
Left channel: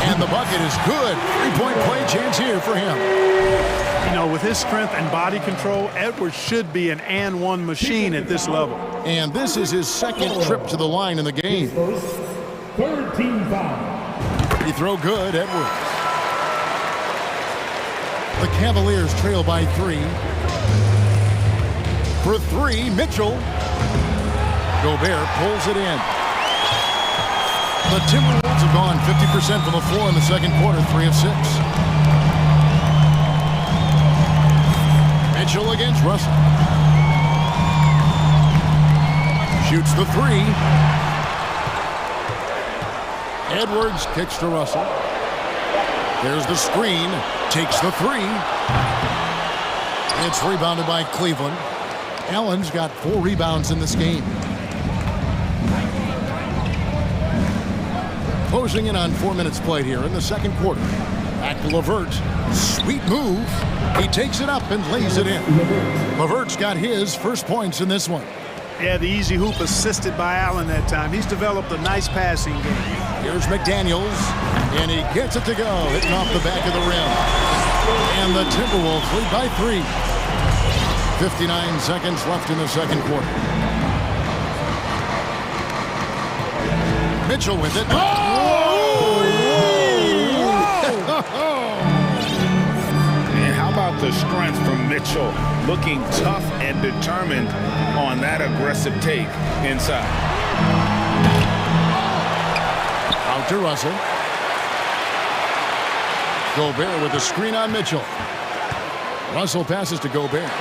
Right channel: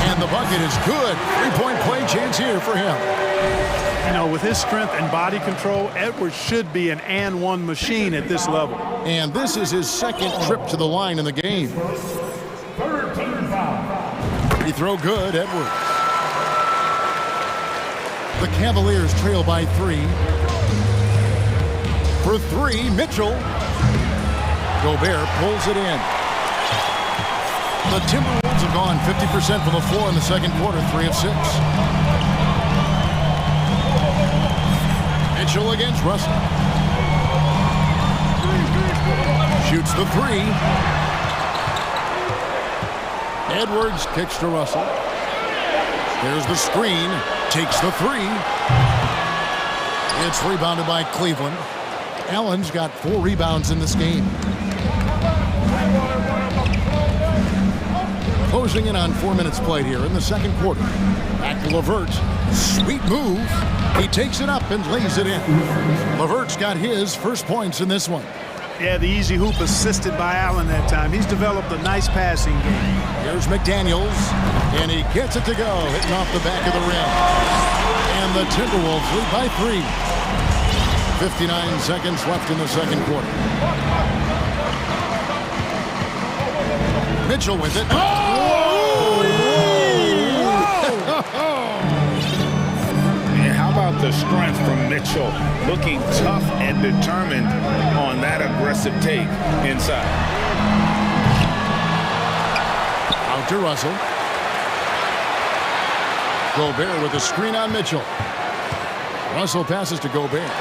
And the bucket is good. 3-point play chance here for him. You know, with his strength and body control, Edwards should be an and-one machine at this level. And this is his second trip to the line in the game. Third team foul. Free throw good, Edwards. The Cavaliers trail by 3. For 3, Mitchell. Gobert pulls it in. The Timberwolves have gone 50% from the floor in the second quarter, 3 of 6. Mitchell against Russell. Shoots the 3. Edwards kicks to Russell. There's the screen. Takes the 3. It's rebounded by Cleveland. Allen's got 4 rebounds in this game. Closing in on 4 minutes played here in the second quarter. Back to LeVert. Sweet move. He takes it up and lays it in. LeVert's got his first points in this one. Yeah, the easy hoop assisted by Allen that time. He's developed a nice passing game. Here's McDaniels, and he gets it to go, hitting off the back of the rim. And the Timberwolves lead by 3. 59 seconds left in the second quarter. Mitchell with it. Oh! And how about the strength from Mitchell? Looking tough and determined on that aggressive take inside. Out to Russell. Gobert with a screen on Mitchell. Russell passes to Gobert.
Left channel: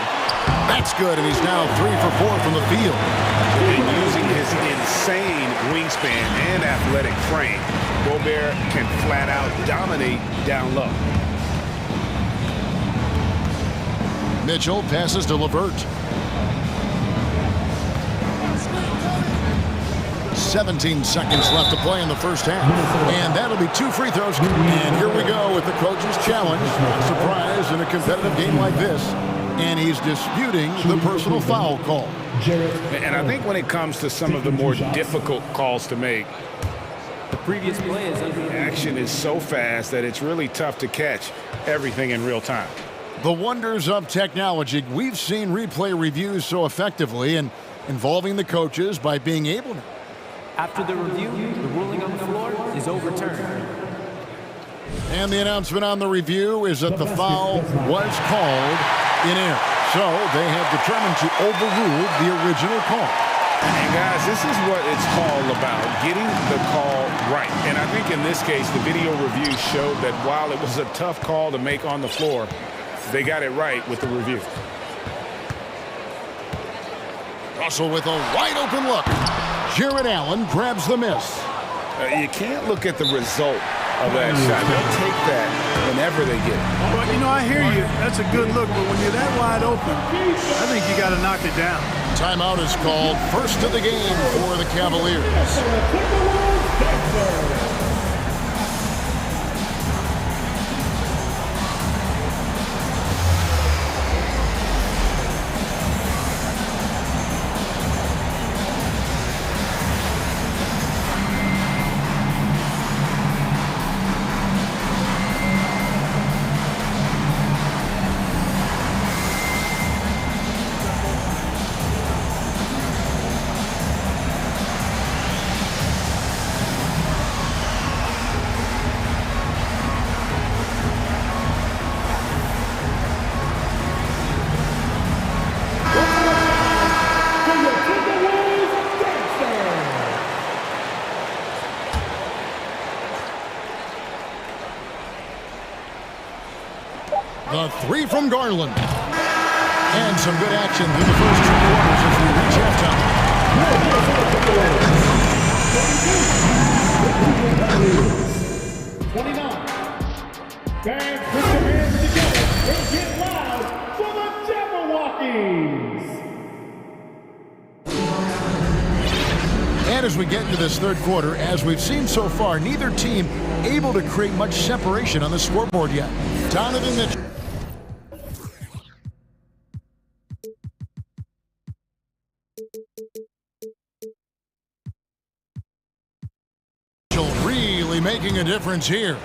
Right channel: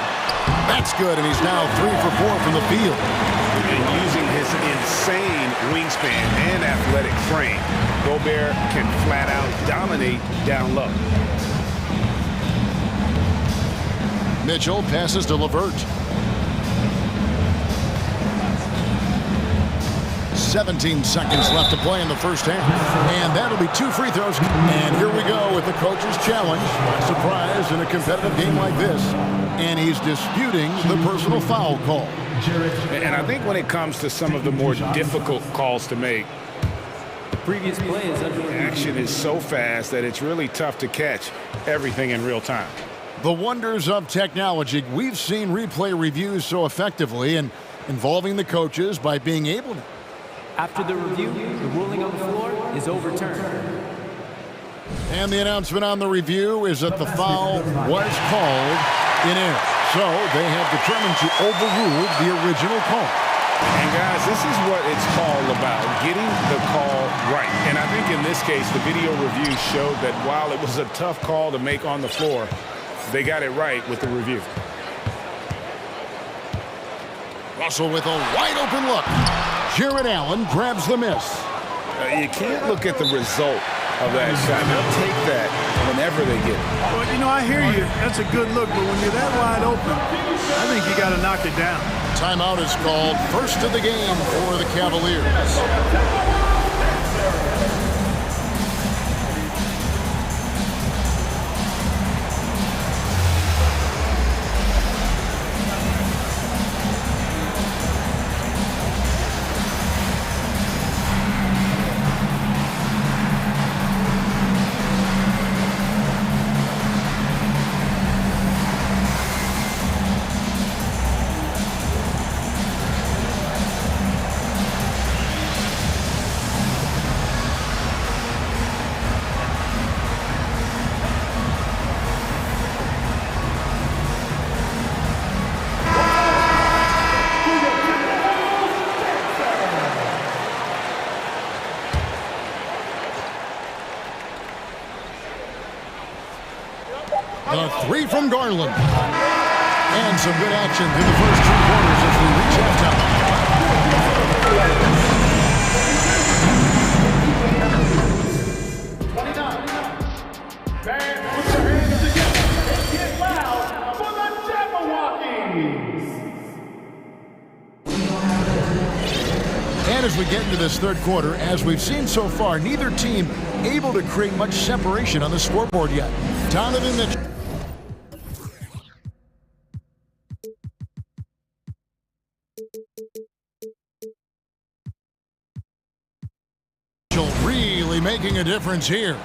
That's good, and he's now 3 for 4 from the field. And using his insane wingspan and athletic frame, Gobert can flat out dominate down low. Mitchell passes to LeVert. 17 seconds left to play in the first half. And that'll be 2 free throws. And here we go with the coach's challenge. Not surprised in a competitive game like this. And he's disputing the personal foul call. And I think when it comes to some of the more difficult calls to make, the previous play is under review. Action is so fast that it's really tough to catch everything in real time. The wonders of technology. We've seen replay reviews so effectively and involving the coaches by being able to. After the review, the ruling on the floor is overturned. And the announcement on the review is that the foul was called in error. So they have determined to overrule the original call. And guys, this is what it's all about, getting the call right. And I think in this case, the video review showed that while it was a tough call to make on the floor, they got it right with the review. Russell with a wide open look. Jared Allen grabs the miss. You can't look at the result of that shot. They'll take that whenever they get it. Well, you know, I hear you. That's a good look, but when you're that wide open, I think you got to knock it down. Timeout is called. First of the game for the Cavaliers. The 3 from Garland. And some good action through the first 2 quarters as we reach halftime. 29. Fans, put your hands together and get loud for the Jabberwockies. And as we get into this third quarter, as we've seen so far, neither team able to create much separation on the scoreboard yet. Donovan Mitchell. Really making a difference here.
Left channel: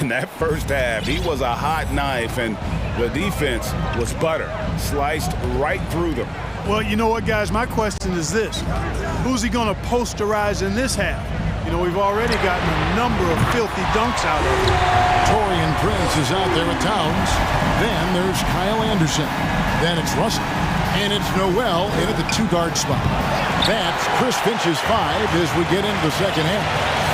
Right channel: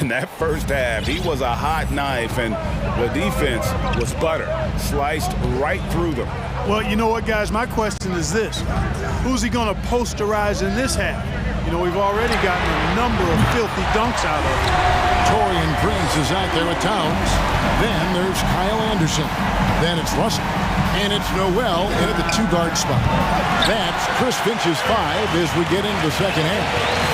In that first half, he was a hot knife, and the defense was butter, sliced right through them. Well, you know what, guys? My question is this. Who's he going to posterize in this half? You know, we've already gotten a number of filthy dunks out of him. Torian Prince is out there with Towns. Then there's Kyle Anderson. Then it's Russell. And it's Noel in at the two-guard spot. That's Chris Finch's 5 as we get into the second half.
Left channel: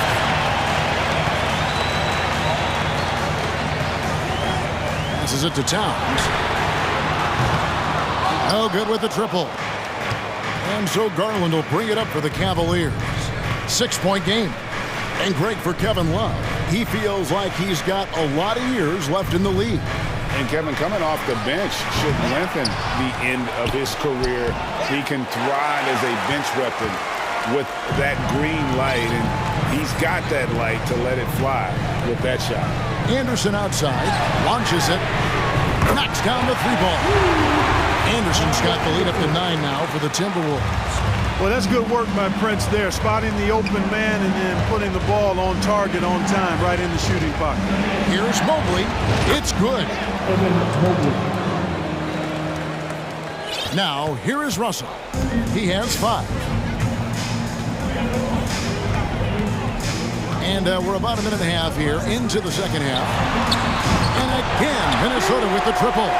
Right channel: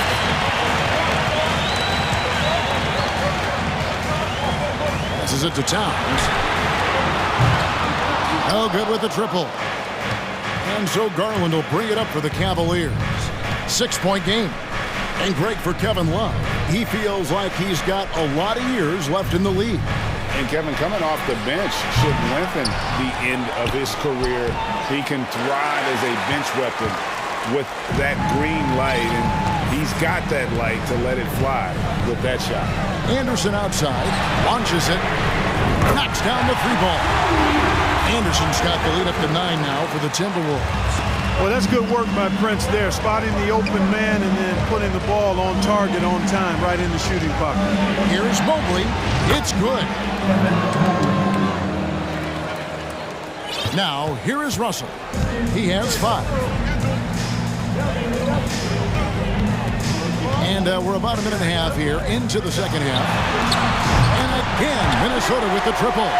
Passes it to Towns. No good with the triple. And so Garland will bring it up for the Cavaliers. 6-point game. And great for Kevin Love. He feels like he's got a lot of years left in the league. And Kevin, coming off the bench should lengthen the end of his career. He can thrive as a bench weapon with that green light, and he's got that light to let it fly with that shot. Anderson outside, launches it, knocks down the three ball. Anderson's got the lead up to 9 now for the Timberwolves. Well, that's good work by Prince there, spotting the open man and then putting the ball on target on time, right in the shooting pocket. Here's Mobley. It's good. Now, here is Russell. He has 5. And we're about a minute and a half here into the second half. And again, Minnesota with the triple.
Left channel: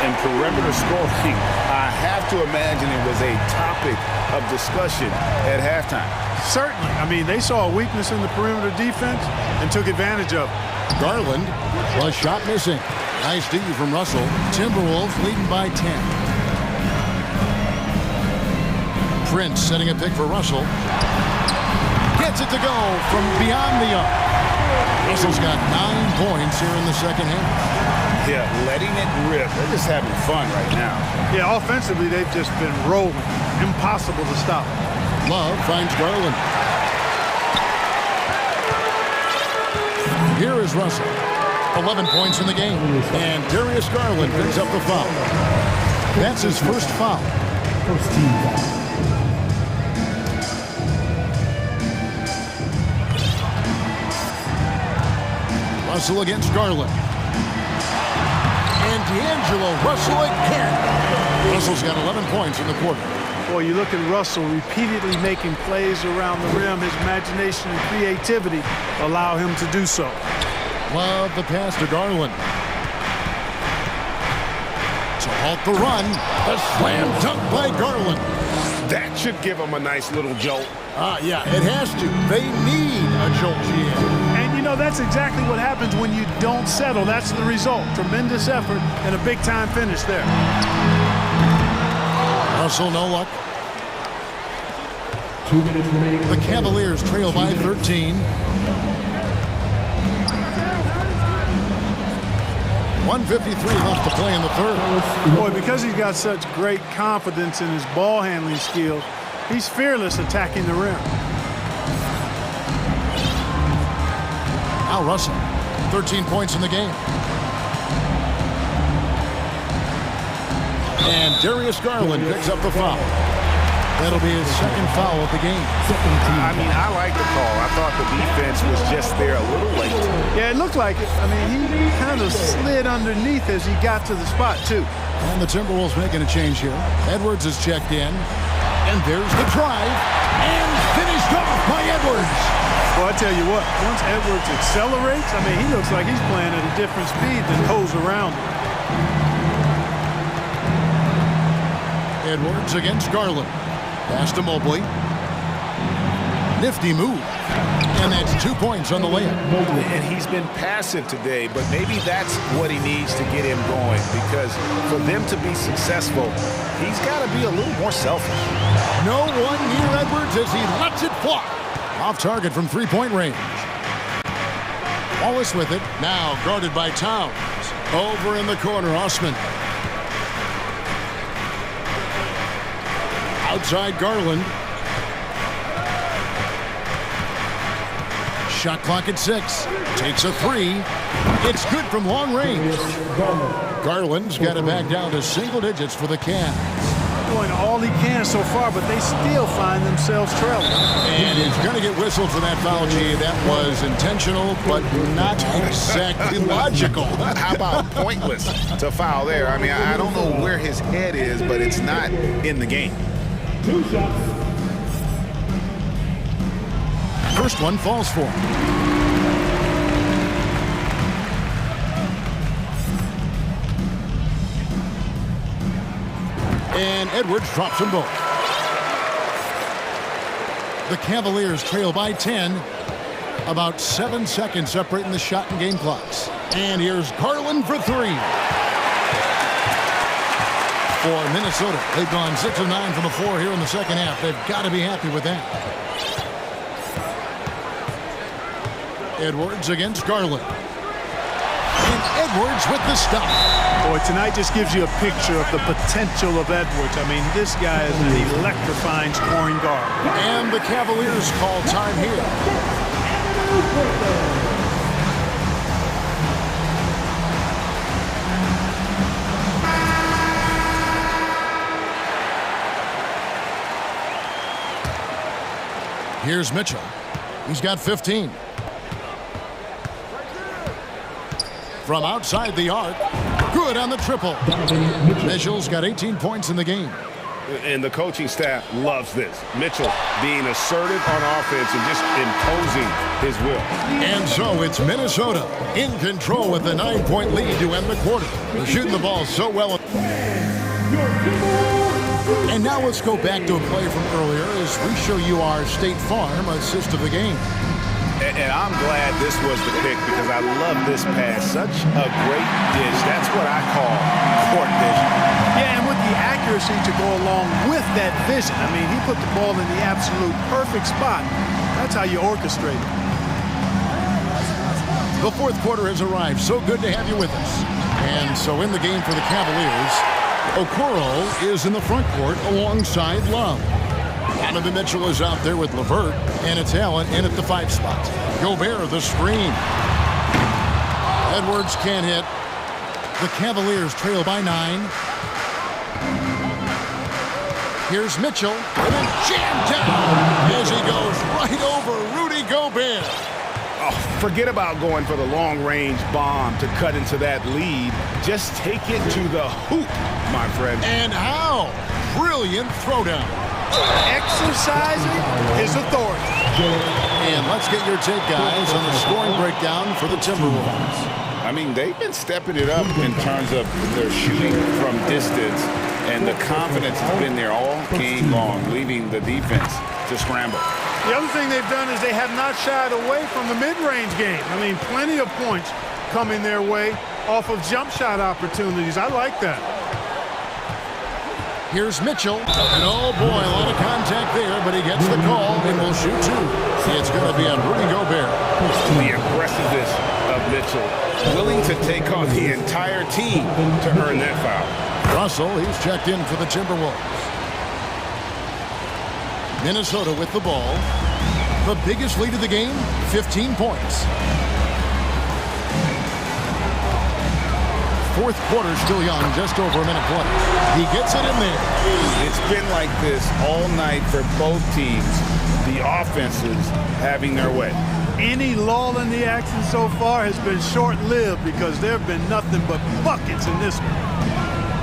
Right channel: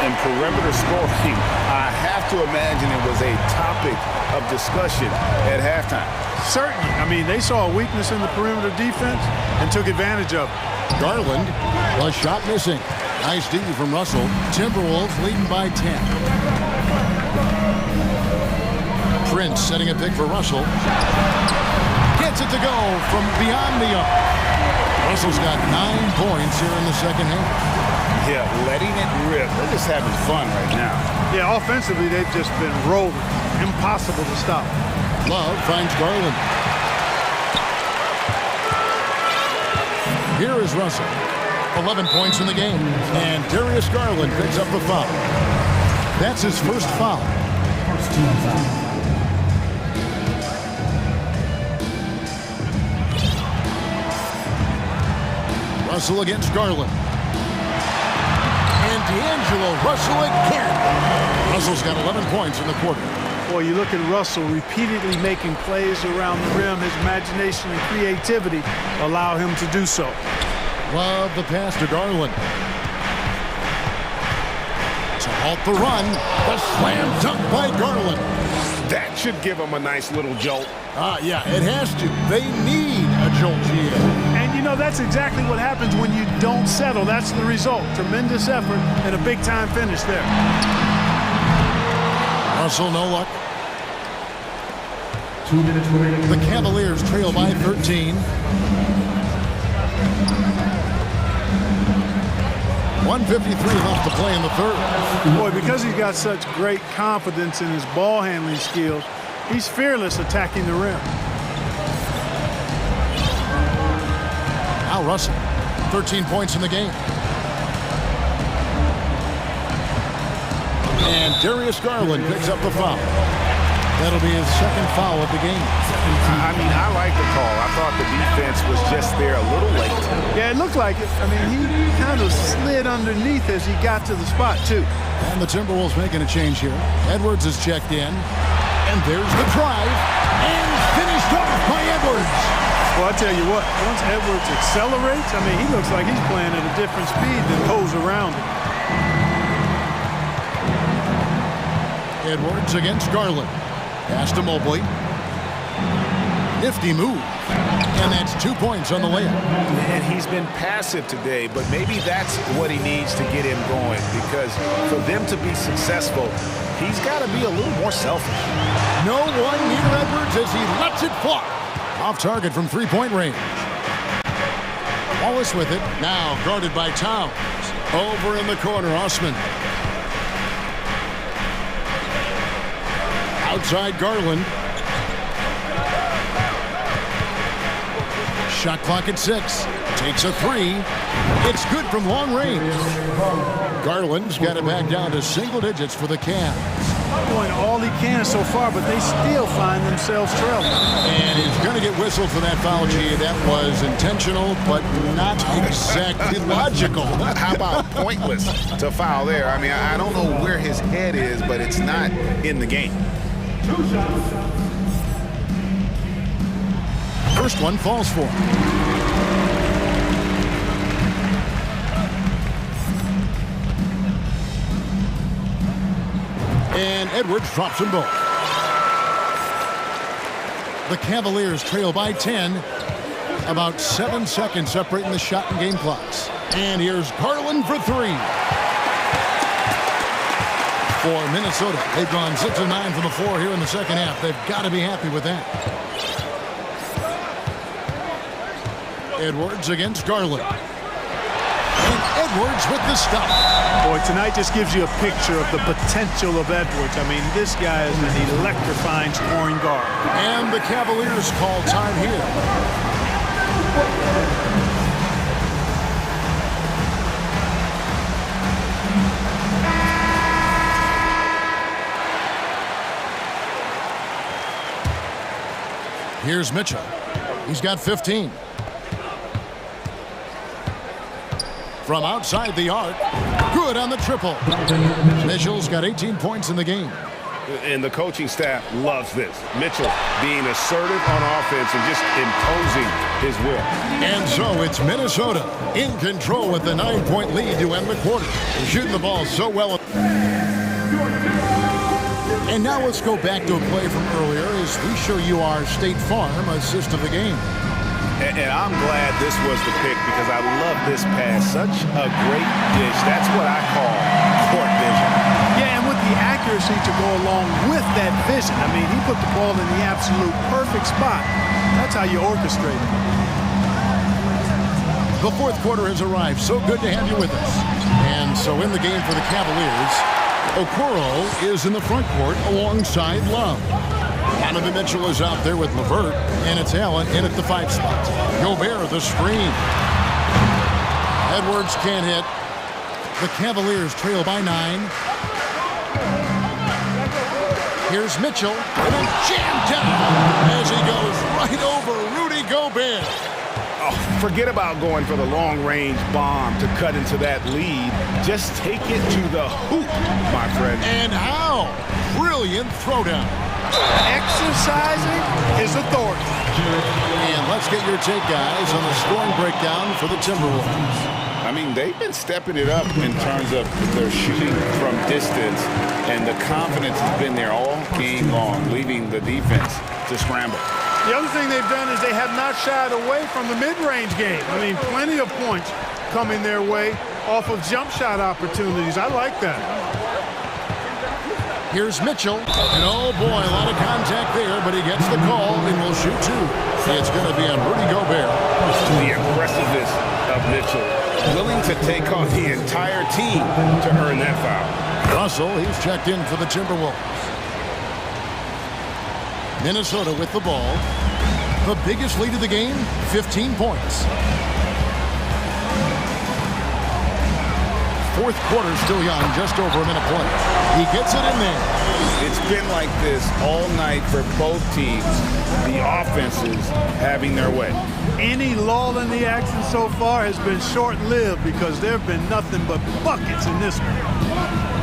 And perimeter scoring, I have to imagine it was a topic of discussion at halftime. Certainly. I mean, they saw a weakness in the perimeter defense and took advantage of it. Garland, a shot missing. Nice D from Russell. Timberwolves leading by 10. Prince setting a pick for Russell. Gets it to go from beyond the arc. Russell's got 9 points here in the second half. Yeah, letting it rip. They're just having fun right now. Yeah, offensively, they've just been rolling. Impossible to stop. Love finds Garland. Here is Russell. 11 points in the game. And Darius Garland picks up the foul. That's his first foul. First team foul. Russell against Garland. And D'Angelo Russell again. Russell's got 11 points in the quarter. Boy, you look at Russell repeatedly making plays around the rim. His imagination and creativity allow him to do so. Love the pass to Garland. To halt the run, the slam dunk by Garland. That should give him a nice little jolt. Yeah, it has to. They need a jolt, GA. And you know, that's exactly what happens when you don't settle. That's the result. Tremendous effort and a big-time finish there. Russell, no luck. 2 minutes remaining. The Cavaliers trail by 13. 1:53 left to play in the third. Boy, because he's got such great confidence in his ball handling skills, he's fearless attacking the rim. Al Russell, 13 points in the game. And Darius Garland picks up the foul. That'll be his second foul of the game. I mean, I like the call. I thought the defense was just there a little late. Yeah, it looked like it. I mean, he kind of slid underneath as he got to the spot, too. And the Timberwolves making a change here. Edwards is checked in. And there's the drive. And finished off by Edwards. Well, I tell you what, once Edwards accelerates, I mean, he looks like he's playing at a different speed than those around him. Edwards against Garland. Pass to Mobley. Nifty move. And that's 2 points on the layup. And he's been passive today, but maybe that's what he needs to get him going, because for them to be successful, he's got to be a little more selfish. No one near Edwards as he lets it fly. Off target from 3-point range. Wallace with it. Now guarded by Towns. Over in the corner, Osman. Outside Garland. Shot clock at 6. Takes a 3. It's good from long range. Garland's got it back down to single digits for the Cavs. Doing all he can so far, but they still find themselves trailing. And he's going to get whistled for that foul, G. That was intentional, but not exactly logical. How about pointless to foul there? I mean, I don't know where his head is, but it's not in the game. 2 shots. First one falls for him. And Edwards drops them both. The Cavaliers trail by 10. About 7 seconds separating the shot and game clocks. And here's Garland for 3. For Minnesota, they've gone 6 of 9 from the floor here in the second half. They've got to be happy with that. Edwards against Garland. And Edwards with the stop. Boy, tonight just gives you a picture of the potential of Edwards. I mean, this guy is an electrifying scoring guard. And the Cavaliers call time here. Here's Mitchell. He's got 15. From outside the arc, good on the triple. Mitchell's got 18 points in the game. And the coaching staff loves this. Mitchell being assertive on offense and just imposing his will. And so it's Minnesota in control with the 9-point lead to end the quarter. They're shooting the ball so well. And now let's go back to a play from earlier as we show you our State Farm assist of the game. And I'm glad this was the pick because I love this pass. Such a great dish. That's what I call court vision. Yeah, and with the accuracy to go along with that vision. I mean, he put the ball in the absolute perfect spot. That's how you orchestrate it. The fourth quarter has arrived. So good to have you with us. And so in the game for the Cavaliers, Okoro is in the front court alongside Love. Donovan Mitchell is out there with LeVert, and it's Allen in at the 5 spot. Gobert, the screen. Edwards can't hit. The Cavaliers trail by 9. Here's Mitchell, and then jammed down as he goes right over Rudy Gobert. Oh, forget about going for the long-range bomb to cut into that lead. Just take it to the hoop, my friend. And how? Brilliant throwdown. Exercising his authority. And let's get your take, guys, on the scoring breakdown for the Timberwolves. I mean, they've been stepping it up in terms of their shooting from distance, and the confidence has been there all game long, leaving the defense to scramble. The other thing they've done is they have not shied away from the mid-range game. I mean, plenty of points coming their way off of jump shot opportunities. I like that. Here's Mitchell, and oh boy, a lot of contact there, but he gets the call and will shoot 2. It's going to be on Rudy Gobert. The aggressiveness of Mitchell, willing to take on the entire team to earn that foul. Russell, he's checked in for the Timberwolves. Minnesota with the ball. The biggest lead of the game, 15 points. Fourth quarter still young, just over a minute play. He gets it in there. It's been like this all night for both teams. The offenses having their way. Any lull in the action so far has been short-lived because there have been nothing but buckets in this one.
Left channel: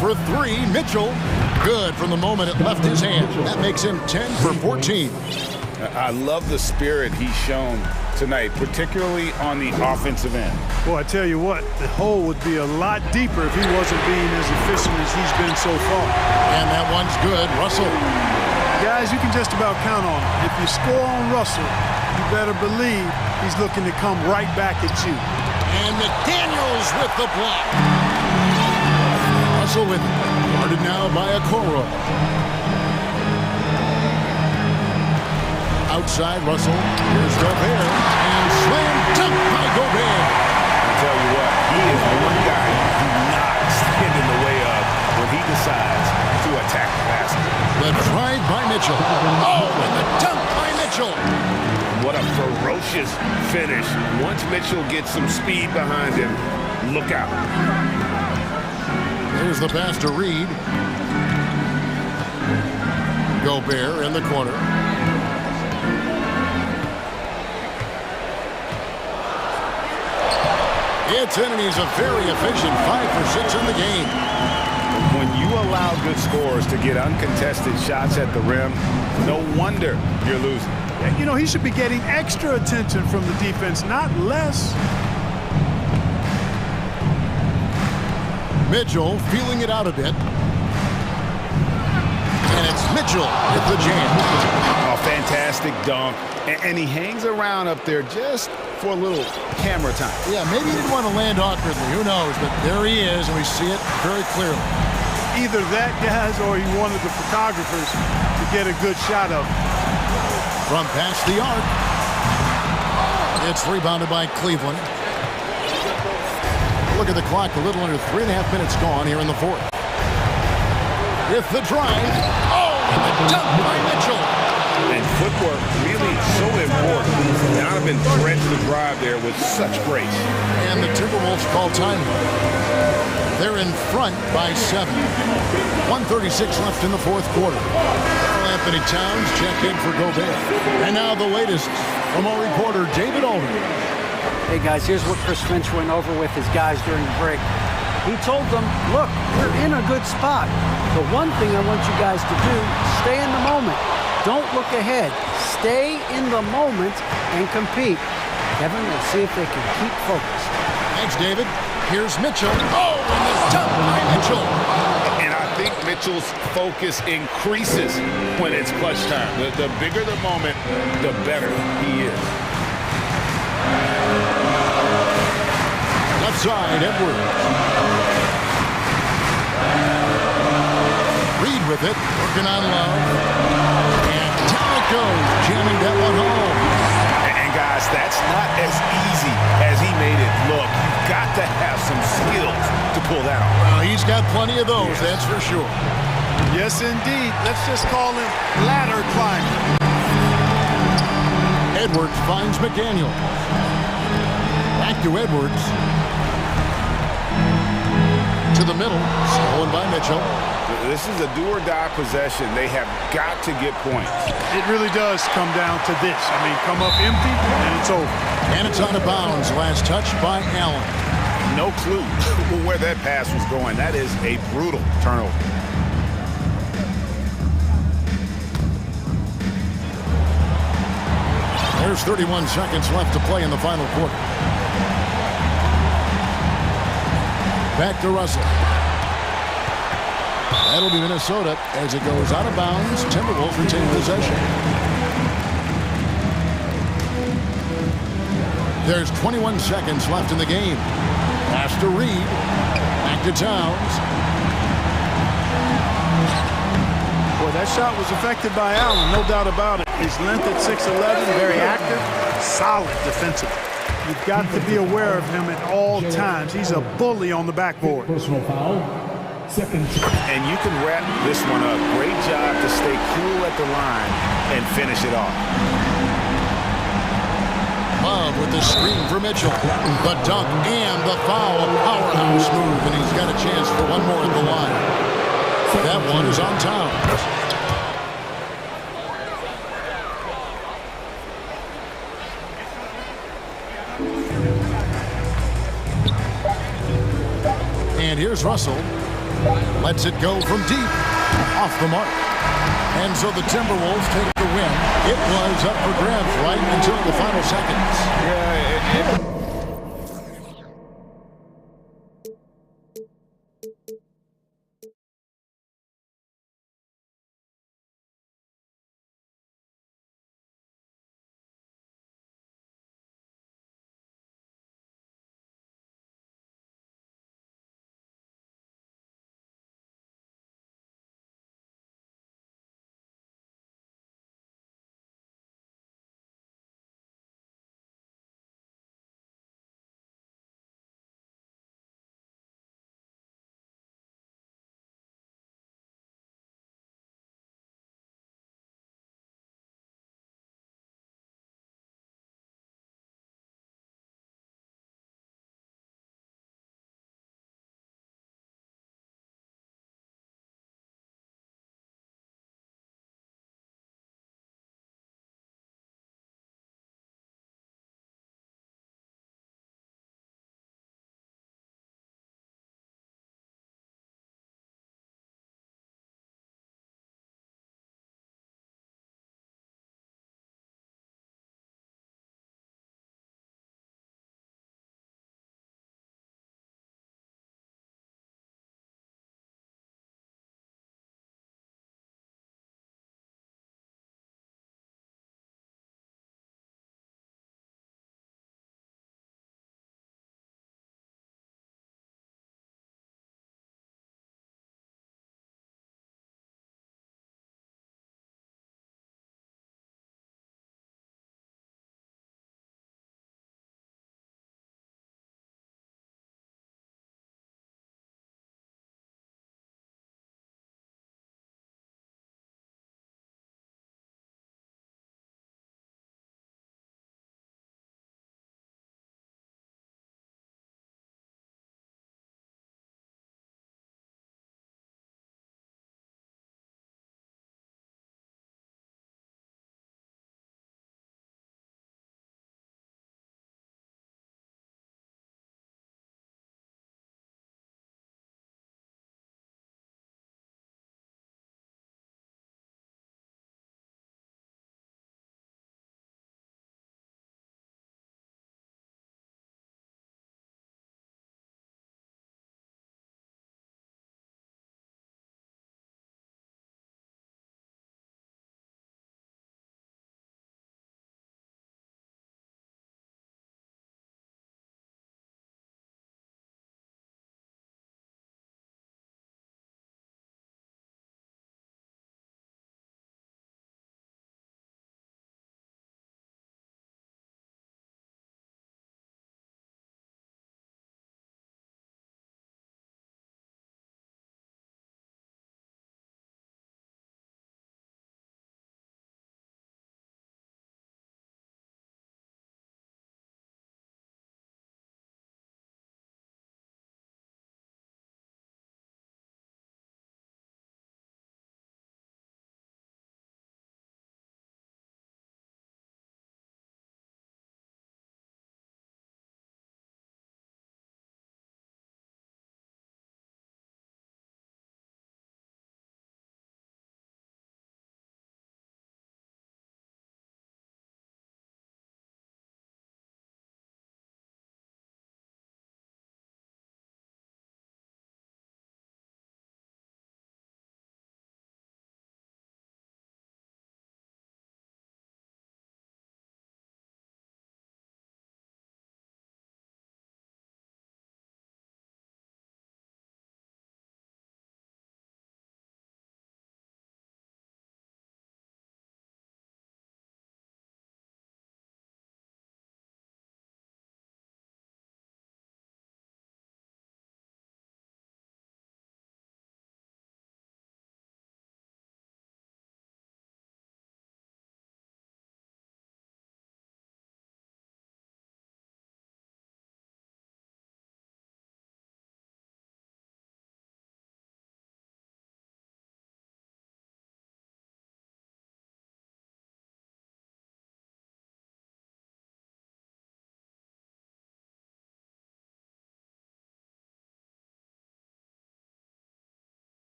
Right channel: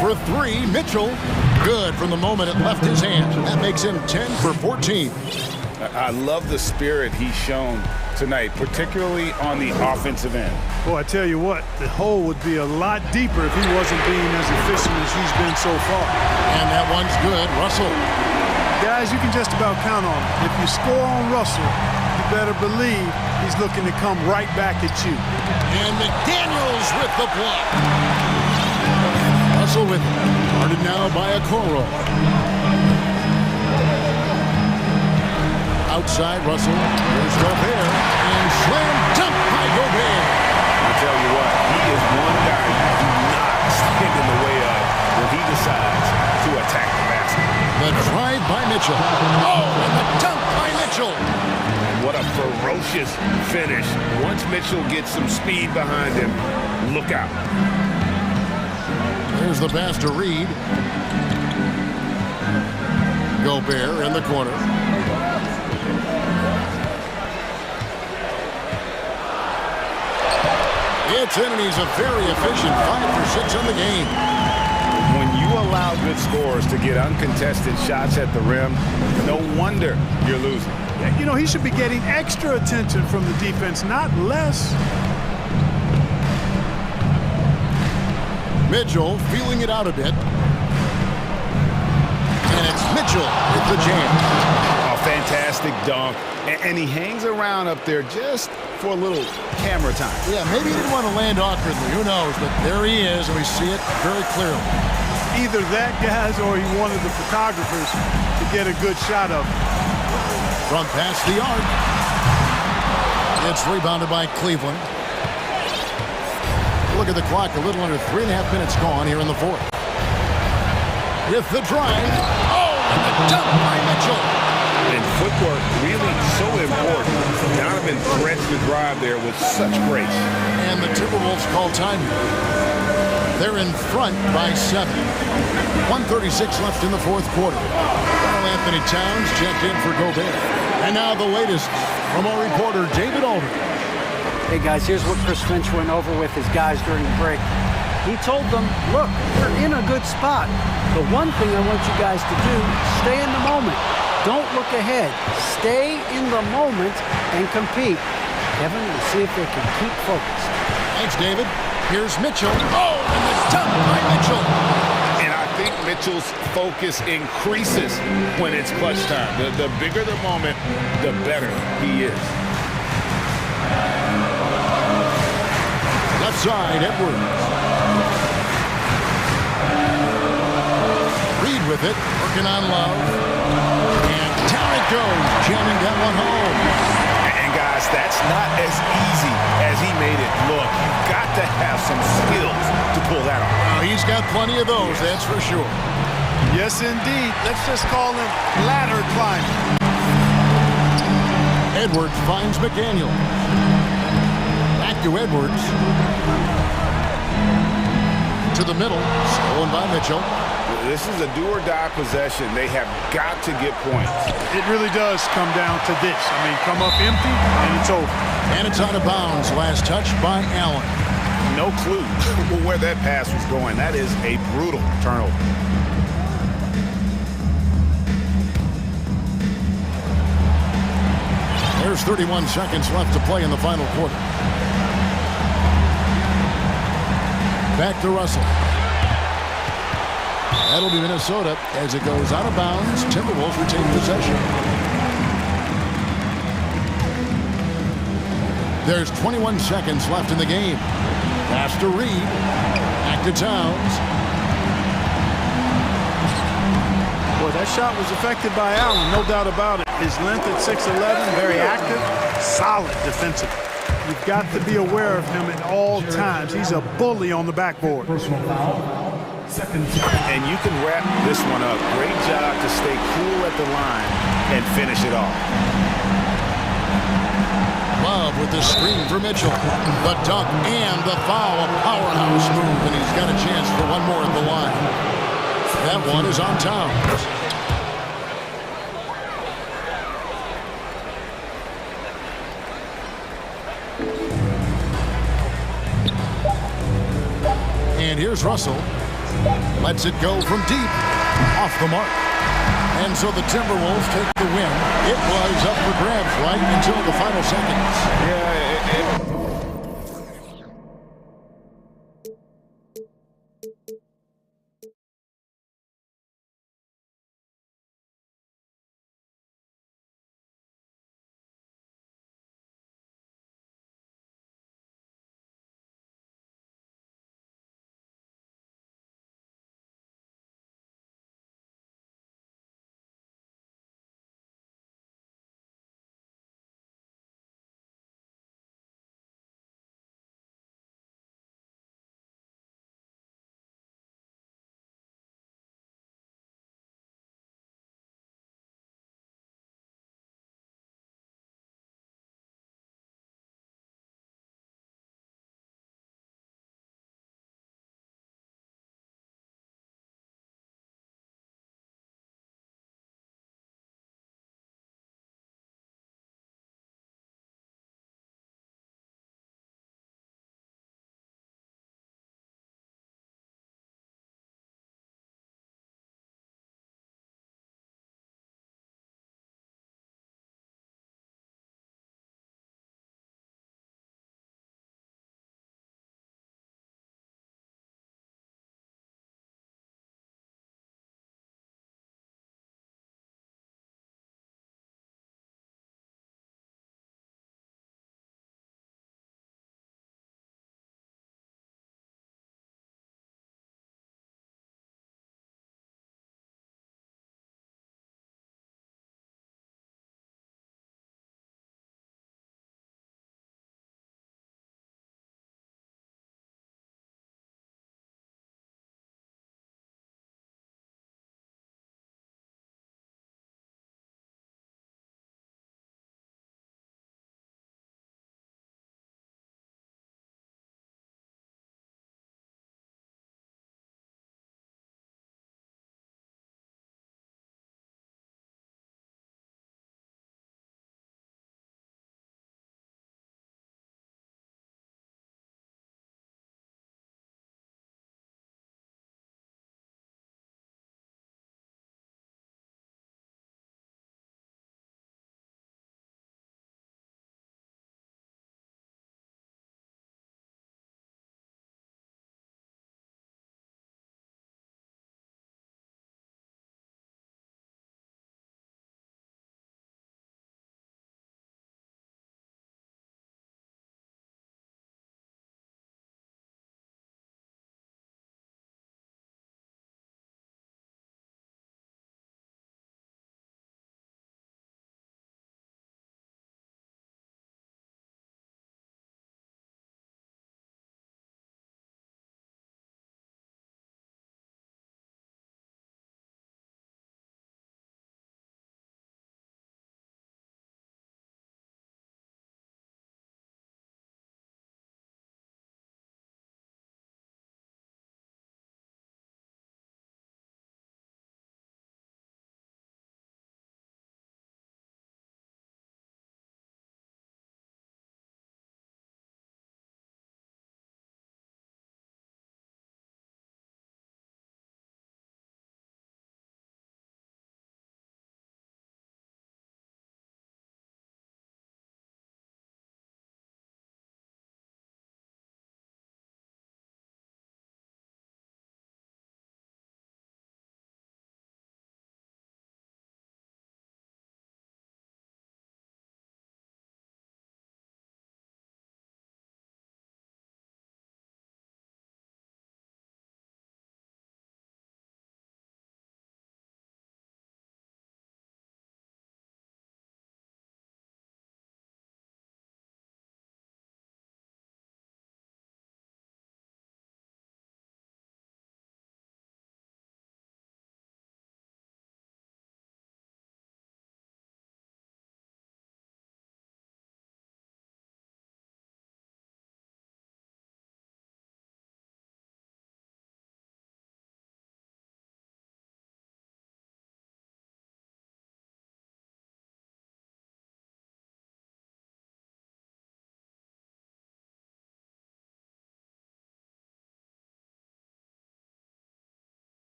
For 3, Mitchell. Good from the moment it left his hand. That makes him 10 for 14. I love the spirit he's shown tonight, particularly on the offensive end. Well, I tell you what, the hole would be a lot deeper if he wasn't being as efficient as he's been so far. And that one's good. Russell. Guys, you can just about count on it. If you score on Russell, you better believe he's looking to come right back at you. And McDaniels with the block. Russell with it. Guarded now by Okoro. Outside Russell. Here's Gobert. And slam dunk by Gobert. I tell you what, he is one guy you do not stand in the way of when he decides to attack the basket. The drive by Mitchell. Oh, and the dunk by Mitchell. What a ferocious finish. Once Mitchell gets some speed behind him, look out. There's the pass to Reed. Gobert in the corner. It's in, and he's a very efficient 5 for 6 on the game. When you allow good scorers to get uncontested shots at the rim, no wonder you're losing. You know, he should be getting extra attention from the defense, not less. Mitchell feeling it out a bit. And it's Mitchell with the jam. A fantastic dunk. And he hangs around up there just for a little camera time. Yeah, maybe he didn't want to land awkwardly. Who knows? But there he is, and we see it very clearly. Either that, guys, or he wanted the photographers to get a good shot of him. From past the arc. It's rebounded by Cleveland. Look at the clock. A little under 3.5 minutes gone here in the fourth. With the drive. Oh, and the dunk by Mitchell. And footwork really so important. Donovan threads the drive there with such grace. And the Timberwolves call time. They're in front by 7. 1:36 left in the fourth quarter. Karl Anthony Towns checked in for Gobert. And now the latest from our reporter, David Aldridge. Hey, guys, here's what Chris Finch went over with his guys during the break. He told them, look, we're in a good spot. The one thing I want you guys to do, stay in the moment. Don't look ahead. Stay in the moment and compete. Kevin, we'll see if they can keep focused. Thanks, David. Here's Mitchell. Oh, and the dunk by Mitchell. And I think Mitchell's focus increases when it's clutch time. The bigger the moment, the better he is. Left side, Edwards. Reed with it, working on Love. And down it goes, jamming that one home. And guys, that's not as easy as he made it look. You've got to have some skills to pull that off. Well, he's got plenty of those, that's for sure. Yes, indeed. Let's just call him ladder climbing. Edwards finds McDaniel. Back to Edwards. To the middle, stolen by Mitchell. This is a do-or-die possession. They have got to get points. It really does come down to this. I mean, come up empty, and it's over. And it's out of bounds. Last touch by Allen. No clue where that pass was going. That is a brutal turnover. There's 31 seconds left to play in the final quarter. Back to Russell. That'll be Minnesota as it goes out of bounds. Timberwolves retain possession. There's 21 seconds left in the game. Pass to Reed. Back to Towns. Boy, that shot was affected by Allen, no doubt about it. His length at 6'11", very active, solid defensively. You've got to be aware of him at all times. He's a bully on the backboard. Personal foul. Second. And you can wrap this one up. Great job to stay cool at the line and finish it off. Love with the screen for Mitchell. The dunk and the foul. A powerhouse move, and he's got a chance for one more at the line. That one is on Towns. And here's Russell. Lets it go from deep. Off the mark. And so the Timberwolves take the win. It was up for grabs right until the final seconds. Yeah,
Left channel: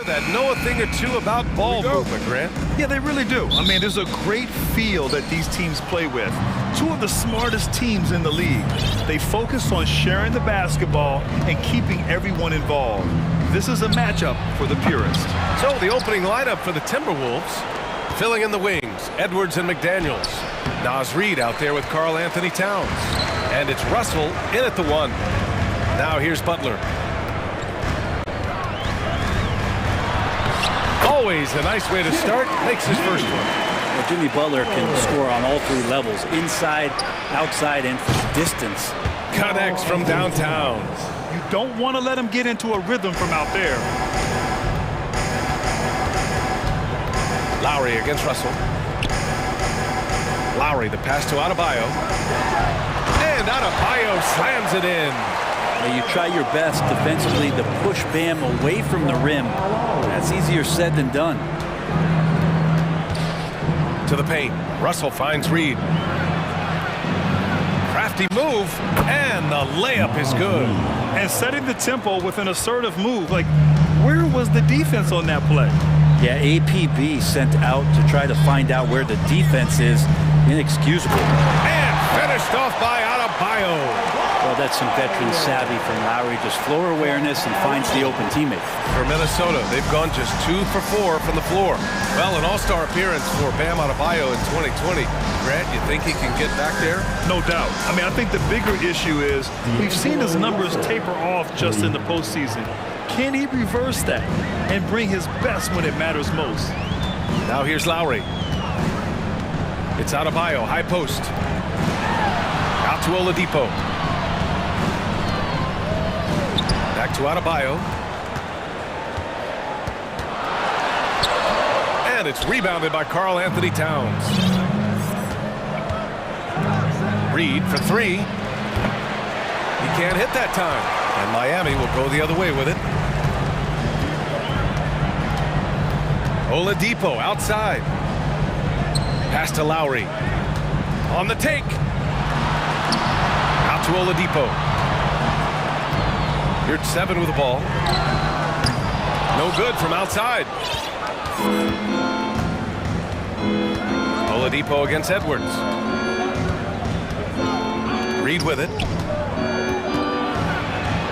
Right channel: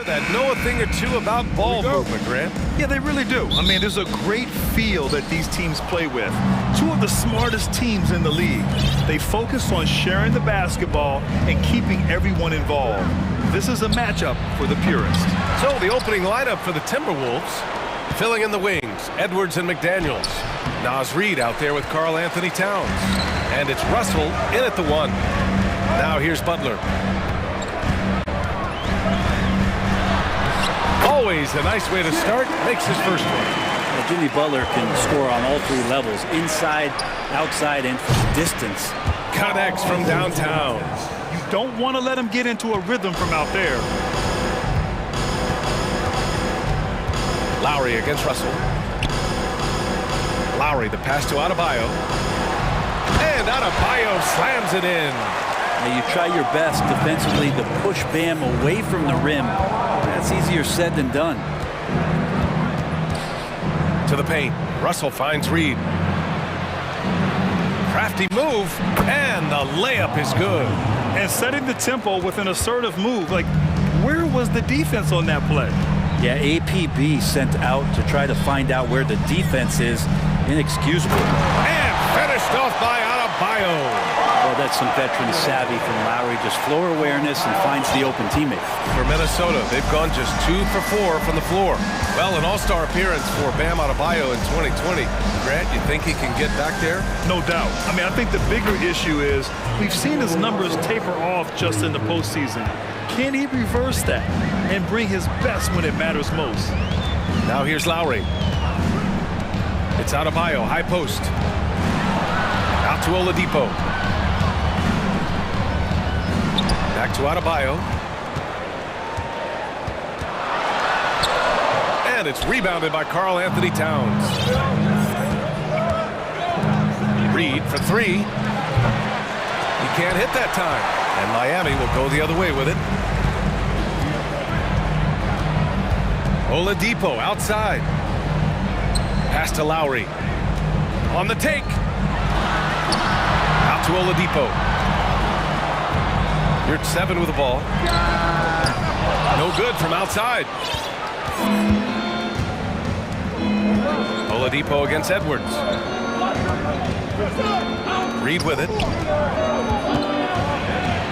That know a thing or two about ball movement, Grant. Yeah, they really do. I mean, there's a great feel that these teams play with. Two of the smartest teams in the league. They focus on sharing the basketball and keeping everyone involved. This is a matchup for the purist. So the opening lineup for the Timberwolves. Filling in the wings, Edwards and McDaniels. Naz Reid out there with Karl Anthony Towns. And it's Russell in at the 1. Now here's Butler. Always a nice way to start. Makes his first one. Well, Jimmy Butler can score on all 3 levels, inside, outside, and from distance. Connects from downtown. You don't want to let him get into a rhythm from out there. Lowry against Russell. Lowry, the pass to Adebayo. And Adebayo slams it in. Now you try your best defensively to push Bam away from the rim. That's easier said than done. To the paint. Russell finds Reid. Crafty move, and the layup is good. And setting the tempo with an assertive move. Like, where was the defense on that play? Yeah, APB sent out to try to find out where the defense is. Inexcusable. And finished off by Adebayo. Well, that's some veteran savvy from Lowry. Just floor awareness and finds the open teammate. For Minnesota, they've gone just 2 for 4 from the floor. Well, an all-star appearance for Bam Adebayo in 2020. Grant, you think he can get back there? No doubt. I mean, I think the bigger issue is we've seen his numbers taper off just in the postseason. Can he reverse that and bring his best when it matters most? Now here's Lowry. It's Adebayo, high post. Out to Oladipo. Back to Adebayo. And it's rebounded by Karl Anthony Towns. Reid for 3. He can't hit that time. And Miami will go the other way with it. Oladipo outside. Pass to Lowry. On the take. Out to Oladipo. You're at 7 with the ball. No good from outside. Oladipo against Edwards. Reid with it.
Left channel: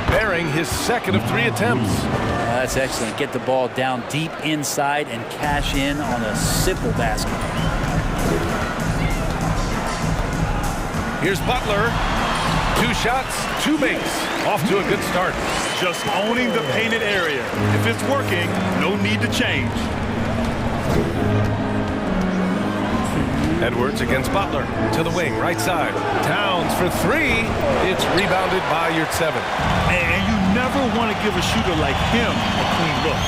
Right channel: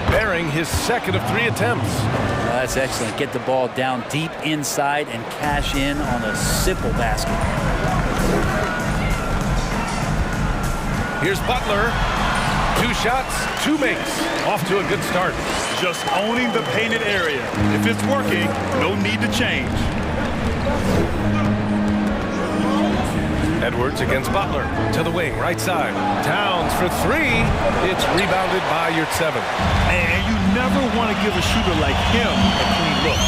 Bearing his second of 3 attempts. That's excellent. Get the ball down deep inside and cash in on a simple basket. Here's Butler. 2 shots, 2 makes. Off to a good start. Just owning the painted area. If it's working, no need to change. Edwards against Butler. To the wing, right side. Towns for 3. It's rebounded by Yurtseven. And you never want to give a shooter like him a clean look.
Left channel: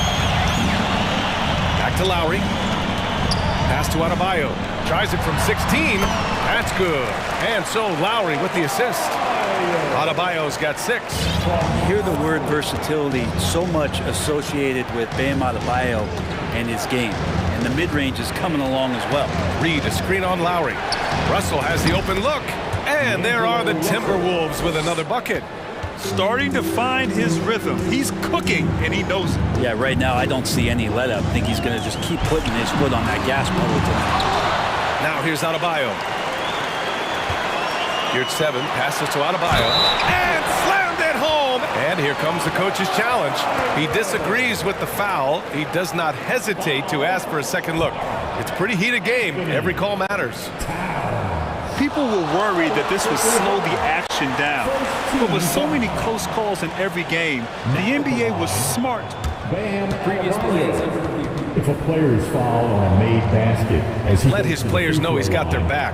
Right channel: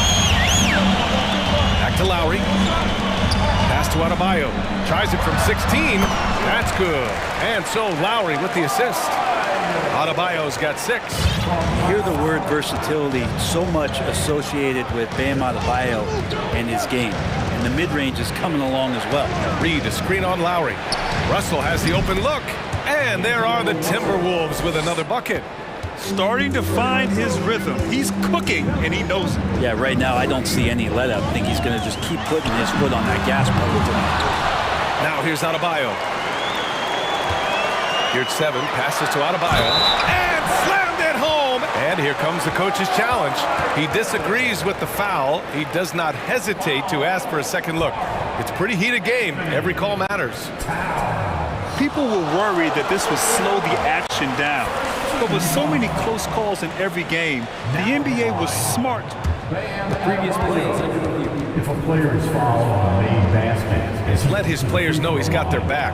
Back to Lowry. Pass to Adebayo. Tries it from 16. That's good. And so Lowry with the assist. Adebayo's got 6. You hear the word versatility so much associated with Bam Adebayo and his game. And the mid-range is coming along as well. Reid, a screen on Lowry. Russell has the open look. And there are the Timberwolves with another bucket. Starting to find his rhythm. He's cooking, and he knows it. Yeah, right now I don't see any let up. I think he's going to just keep putting his foot on that gas pedal tonight. Now here's Adebayo. Yurtseven passes to Adebayo. And slammed it home. And here comes the coach's challenge. He disagrees with the foul. He does not hesitate to ask for a second look. It's a pretty heated game. Every call matters. People were worried that this would slow the action down. But with so many close calls in every game, the NBA was smart. The previous play is under review. If a player is fouled on a made basket, Let his players know he's got their back.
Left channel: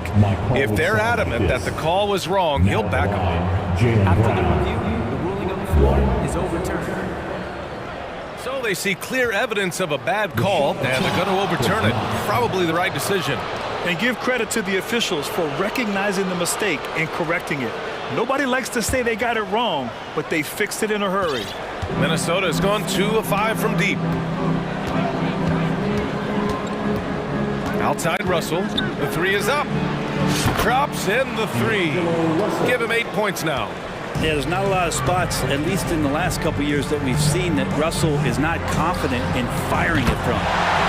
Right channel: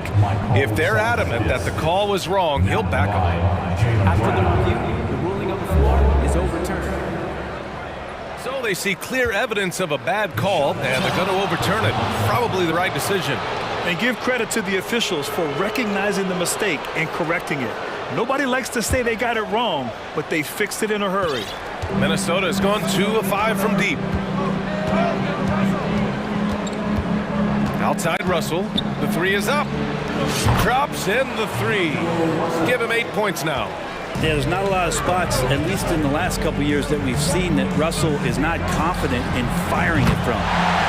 If they're adamant that the call was wrong, he'll back them. After the review, the ruling on the floor is overturned. So they see clear evidence of a bad call, and they're going to overturn it. Probably the right decision. And give credit to the officials for recognizing the mistake and correcting it. Nobody likes to say they got it wrong, but they fixed it in a hurry. Minnesota has gone 2 of 5 from deep. Outside Russell. The 3 is up. Drops in the 3. Give him 8 points now. Yeah, there's not a lot of spots, at least in the last couple years, that we've seen that Russell is not confident in firing it from.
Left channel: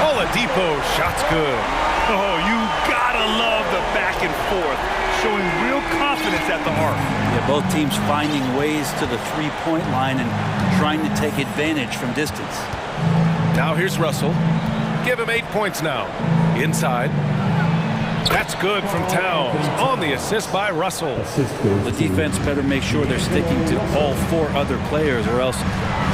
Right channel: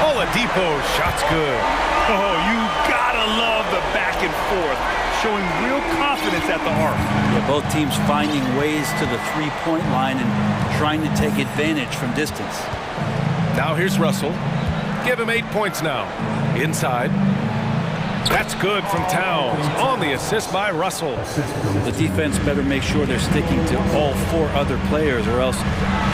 Oladipo, shot's good. Oh, you gotta love the back and forth, showing real confidence at the arc. Yeah, both teams finding ways to the three-point line and trying to take advantage from distance. Now here's Russell. Give him 8 points now. Inside. That's good from Towns on the assist by Russell. The defense better make sure they're sticking to all 4 other players, or else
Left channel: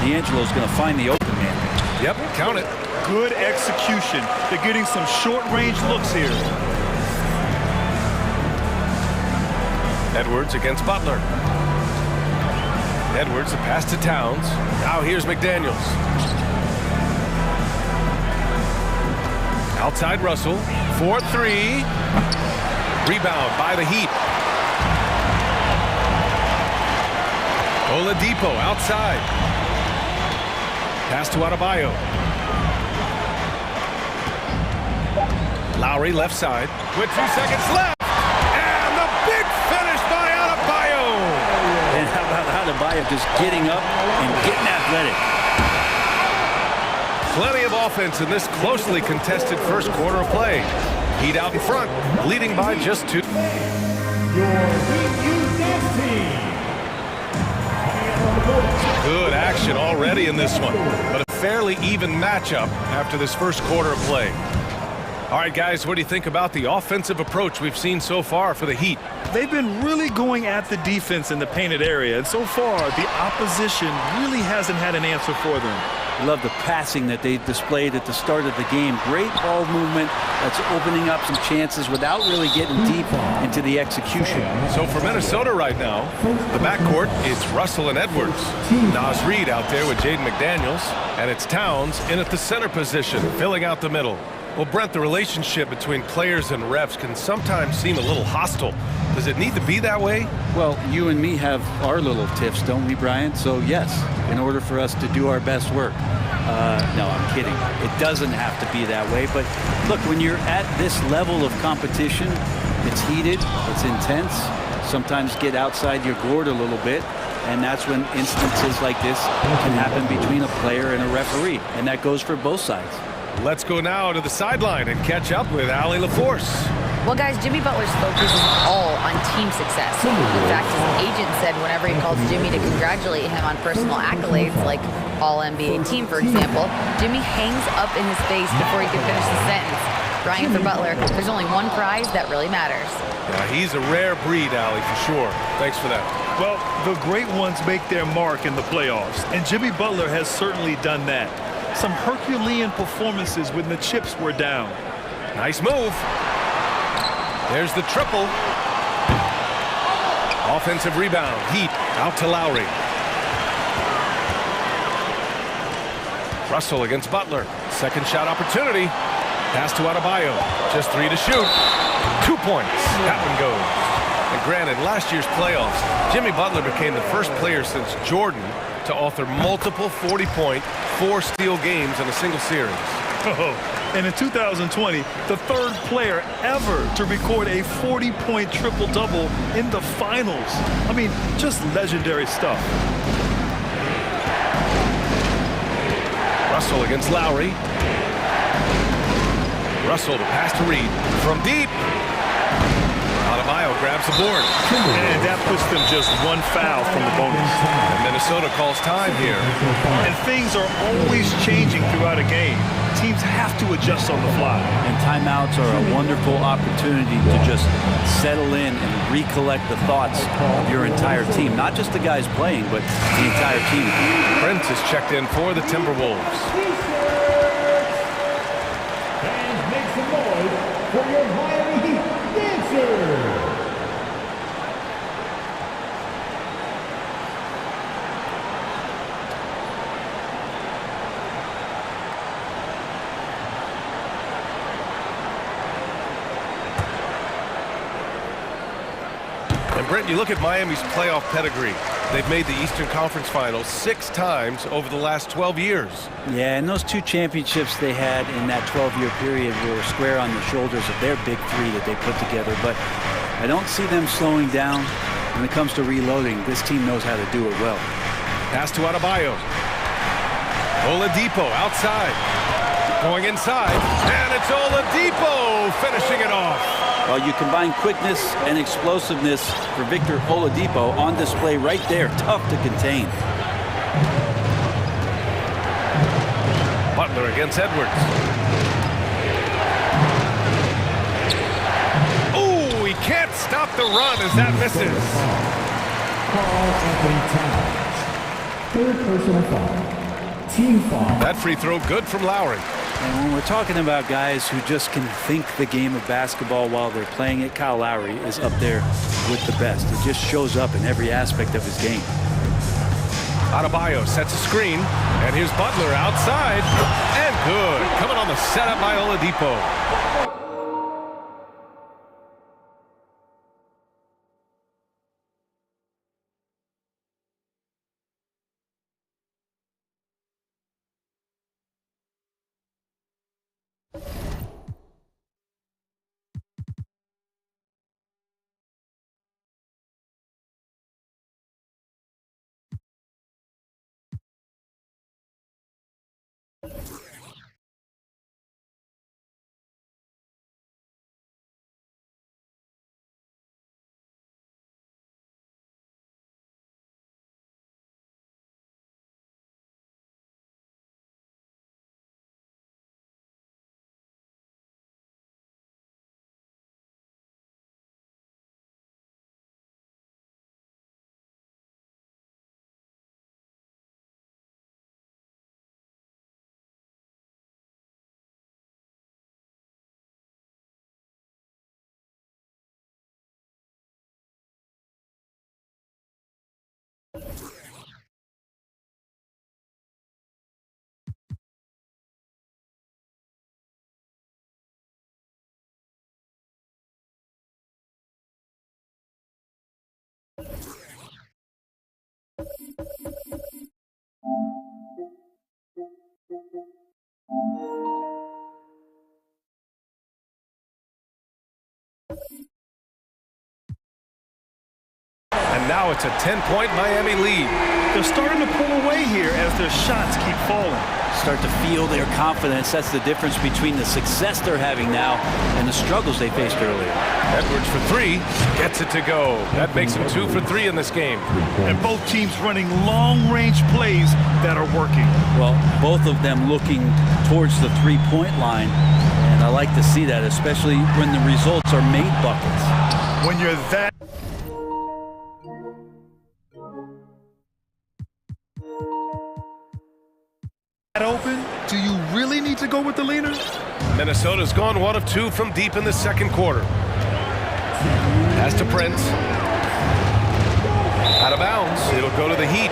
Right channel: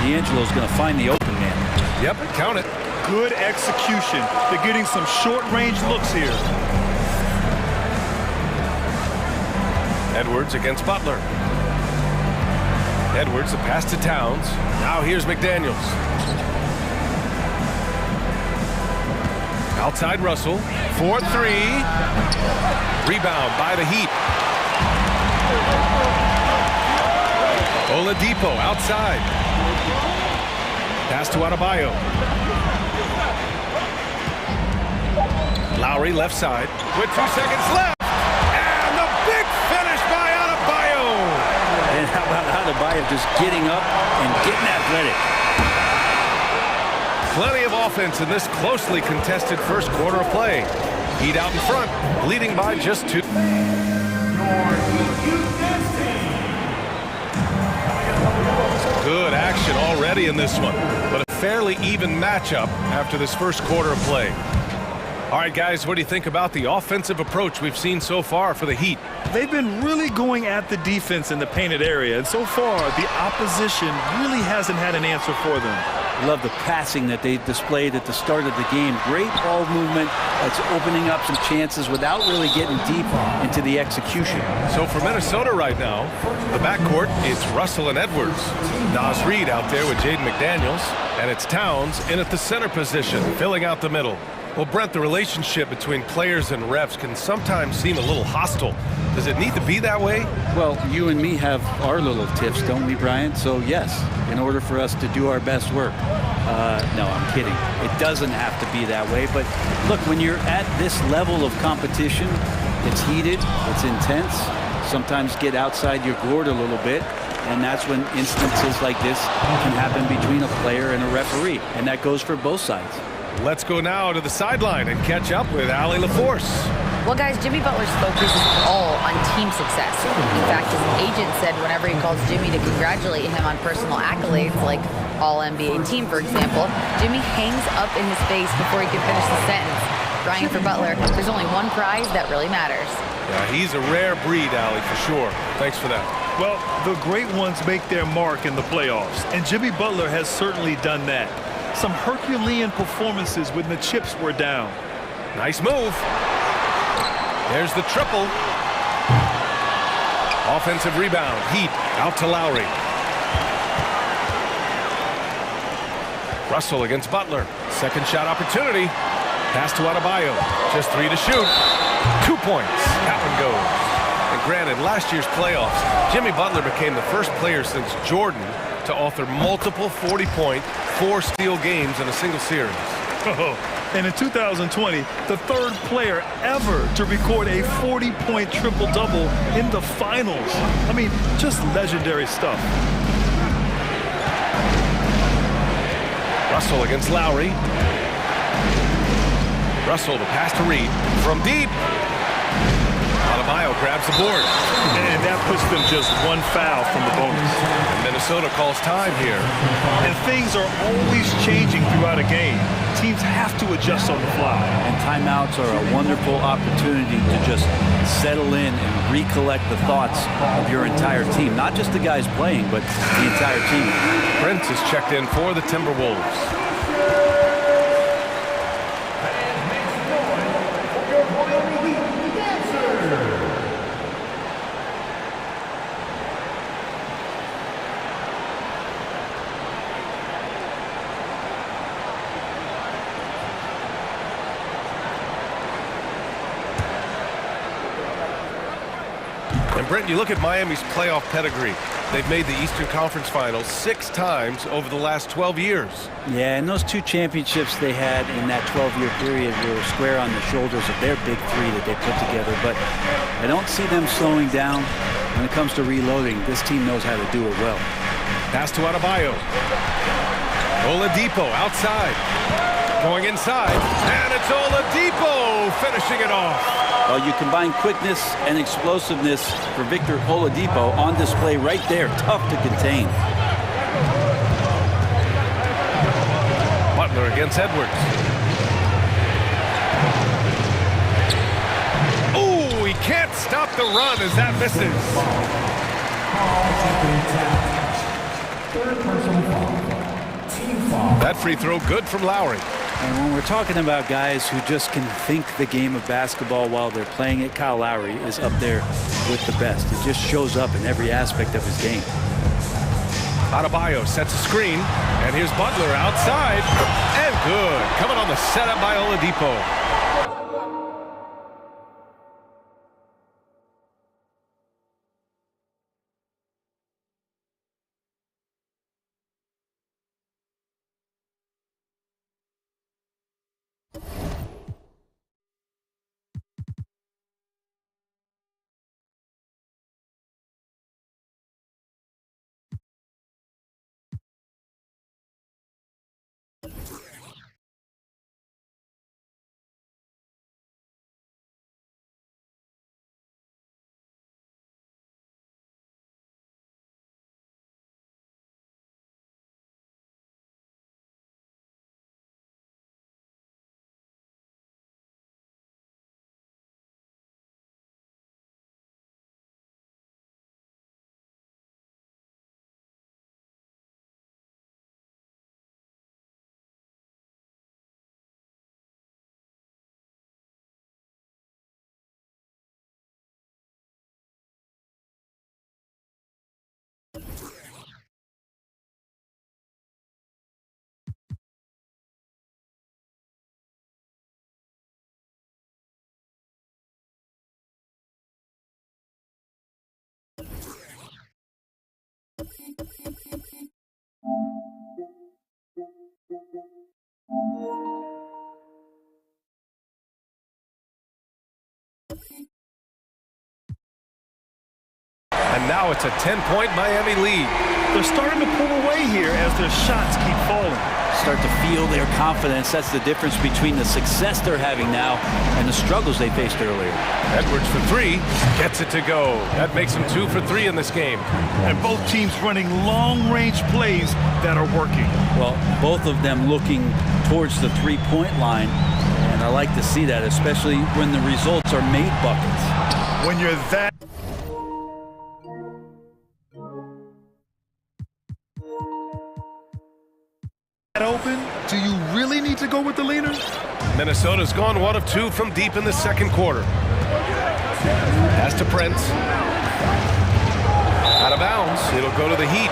D'Angelo's going to find the open man. Yep, count it. Good execution. They're getting some short-range looks here. Edwards against Butler. Edwards, the pass to Towns. Now here's McDaniels. Outside Russell. 4-3. Rebound by the Heat. Oladipo outside. Pass to Adebayo. Lowry left side with 2 seconds left. And the big finish by Adebayo. And how about Adebayo just getting up and getting athletic? Plenty of offense in this closely contested first quarter of play. Heat out in front, leading by just 2. Your Heat Youth Dance Team. Good action already in this one, but a fairly even matchup after this first quarter of play. All right, guys, what do you think about the offensive approach we've seen so far for the Heat? They've been really going at the defense in the painted area, and so far the opposition really hasn't had an answer for them. I love the passing that they displayed at the start of the game. Great ball movement that's opening up some chances without really getting deep into the execution. So for Minnesota right now, the backcourt, it's Russell and Edwards. Naz Reid out there with Jaden McDaniels, and it's Towns in at the center position, filling out the middle. Well, Brent, the relationship between players and refs can sometimes seem a little hostile. Does it need to be that way? Well, you and me have our little tiffs, don't we, Brian? So, yes, in order for us to do our best work. No, I'm kidding. It doesn't have to be that way. But, look, when you're at this level of competition, it's heated, it's intense. Sometimes get outside your gourd a little bit. And that's when instances like this can happen between a player and a referee. And that goes for both sides. Let's go now to the sideline and catch up with Allie LaForce. Well, guys, Jimmy Butler's focus is all on team success. In fact, his agent said whenever he calls Jimmy to congratulate him on personal accolades, like All-NBA team, for example, Jimmy hangs up in his face before he can finish the sentence. Brian, for Butler, there's only one prize that really matters. Yeah, he's a rare breed, Allie, for sure. Thanks for that. Well, the great ones make their mark in the playoffs, and Jimmy Butler has certainly done that. Some Herculean performances when the chips were down. Nice move. There's the triple. Offensive rebound. Heat out to Lowry. Russell against Butler. Second shot opportunity. Pass to Adebayo. Just 3 to shoot. 2 points. That one goes. And granted, last year's playoffs, Jimmy Butler became the first player since Jordan to author multiple 40-point, 4-steal games in a single series. Oh, and in 2020, the third player ever to record a 40-point triple-double in the finals. I mean, just legendary stuff. Russell against Lowry. Russell, the pass to Reid from deep. Adebayo grabs the board. And that puts them just one foul from the bonus. And Minnesota calls time here. And things are always changing throughout a game. Teams have to adjust on the fly. And timeouts are a wonderful opportunity to just settle in and recollect the thoughts of your entire team. Not just the guys playing, but the entire team. Brent is checked in for the Timberwolves. Fans, make some noise for your Miami Heat dancer. And Brent, you look at Miami's playoff pedigree. They've made the Eastern Conference Finals 6 times over the last 12 years. Yeah, and those 2 championships they had in that 12-year period were square on the shoulders of their big 3 that they put together. But I don't see them slowing down. when it comes to reloading, this team knows how to do it well. Pass to Adebayo. Oladipo outside. Going inside. And it's Oladipo finishing it off. Well, you combine quickness and explosiveness for Victor Oladipo on display right there. Tough to contain. Butler against Edwards. Oh, he can't stop the run as that misses. Third personal foul. Team foul. That free throw good from Lowry. And when we're talking about guys who just can think the game of basketball while they're playing it, Kyle Lowry is up there with the best. It just shows up in every aspect of his game. Adebayo sets a screen, and here's Butler outside, and good. Coming on the setup by Oladipo. And now it's a 10-point Miami lead. They're starting to pull away here as their shots keep falling. Start to feel their confidence. That's the difference between the success they're having now and the struggles they faced earlier. Edwards for three, gets it to go. That makes him 2 for 3 in this game. And both teams running long-range plays that are working. Well, both of them looking towards the three-point line, and I like to see that, especially when the results are made buckets. When you're that open, do you really need to go with the leaner? Minnesota's gone 1 of 2 from deep in the second quarter. Pass to Prince. Out of bounds. It'll go to the Heat.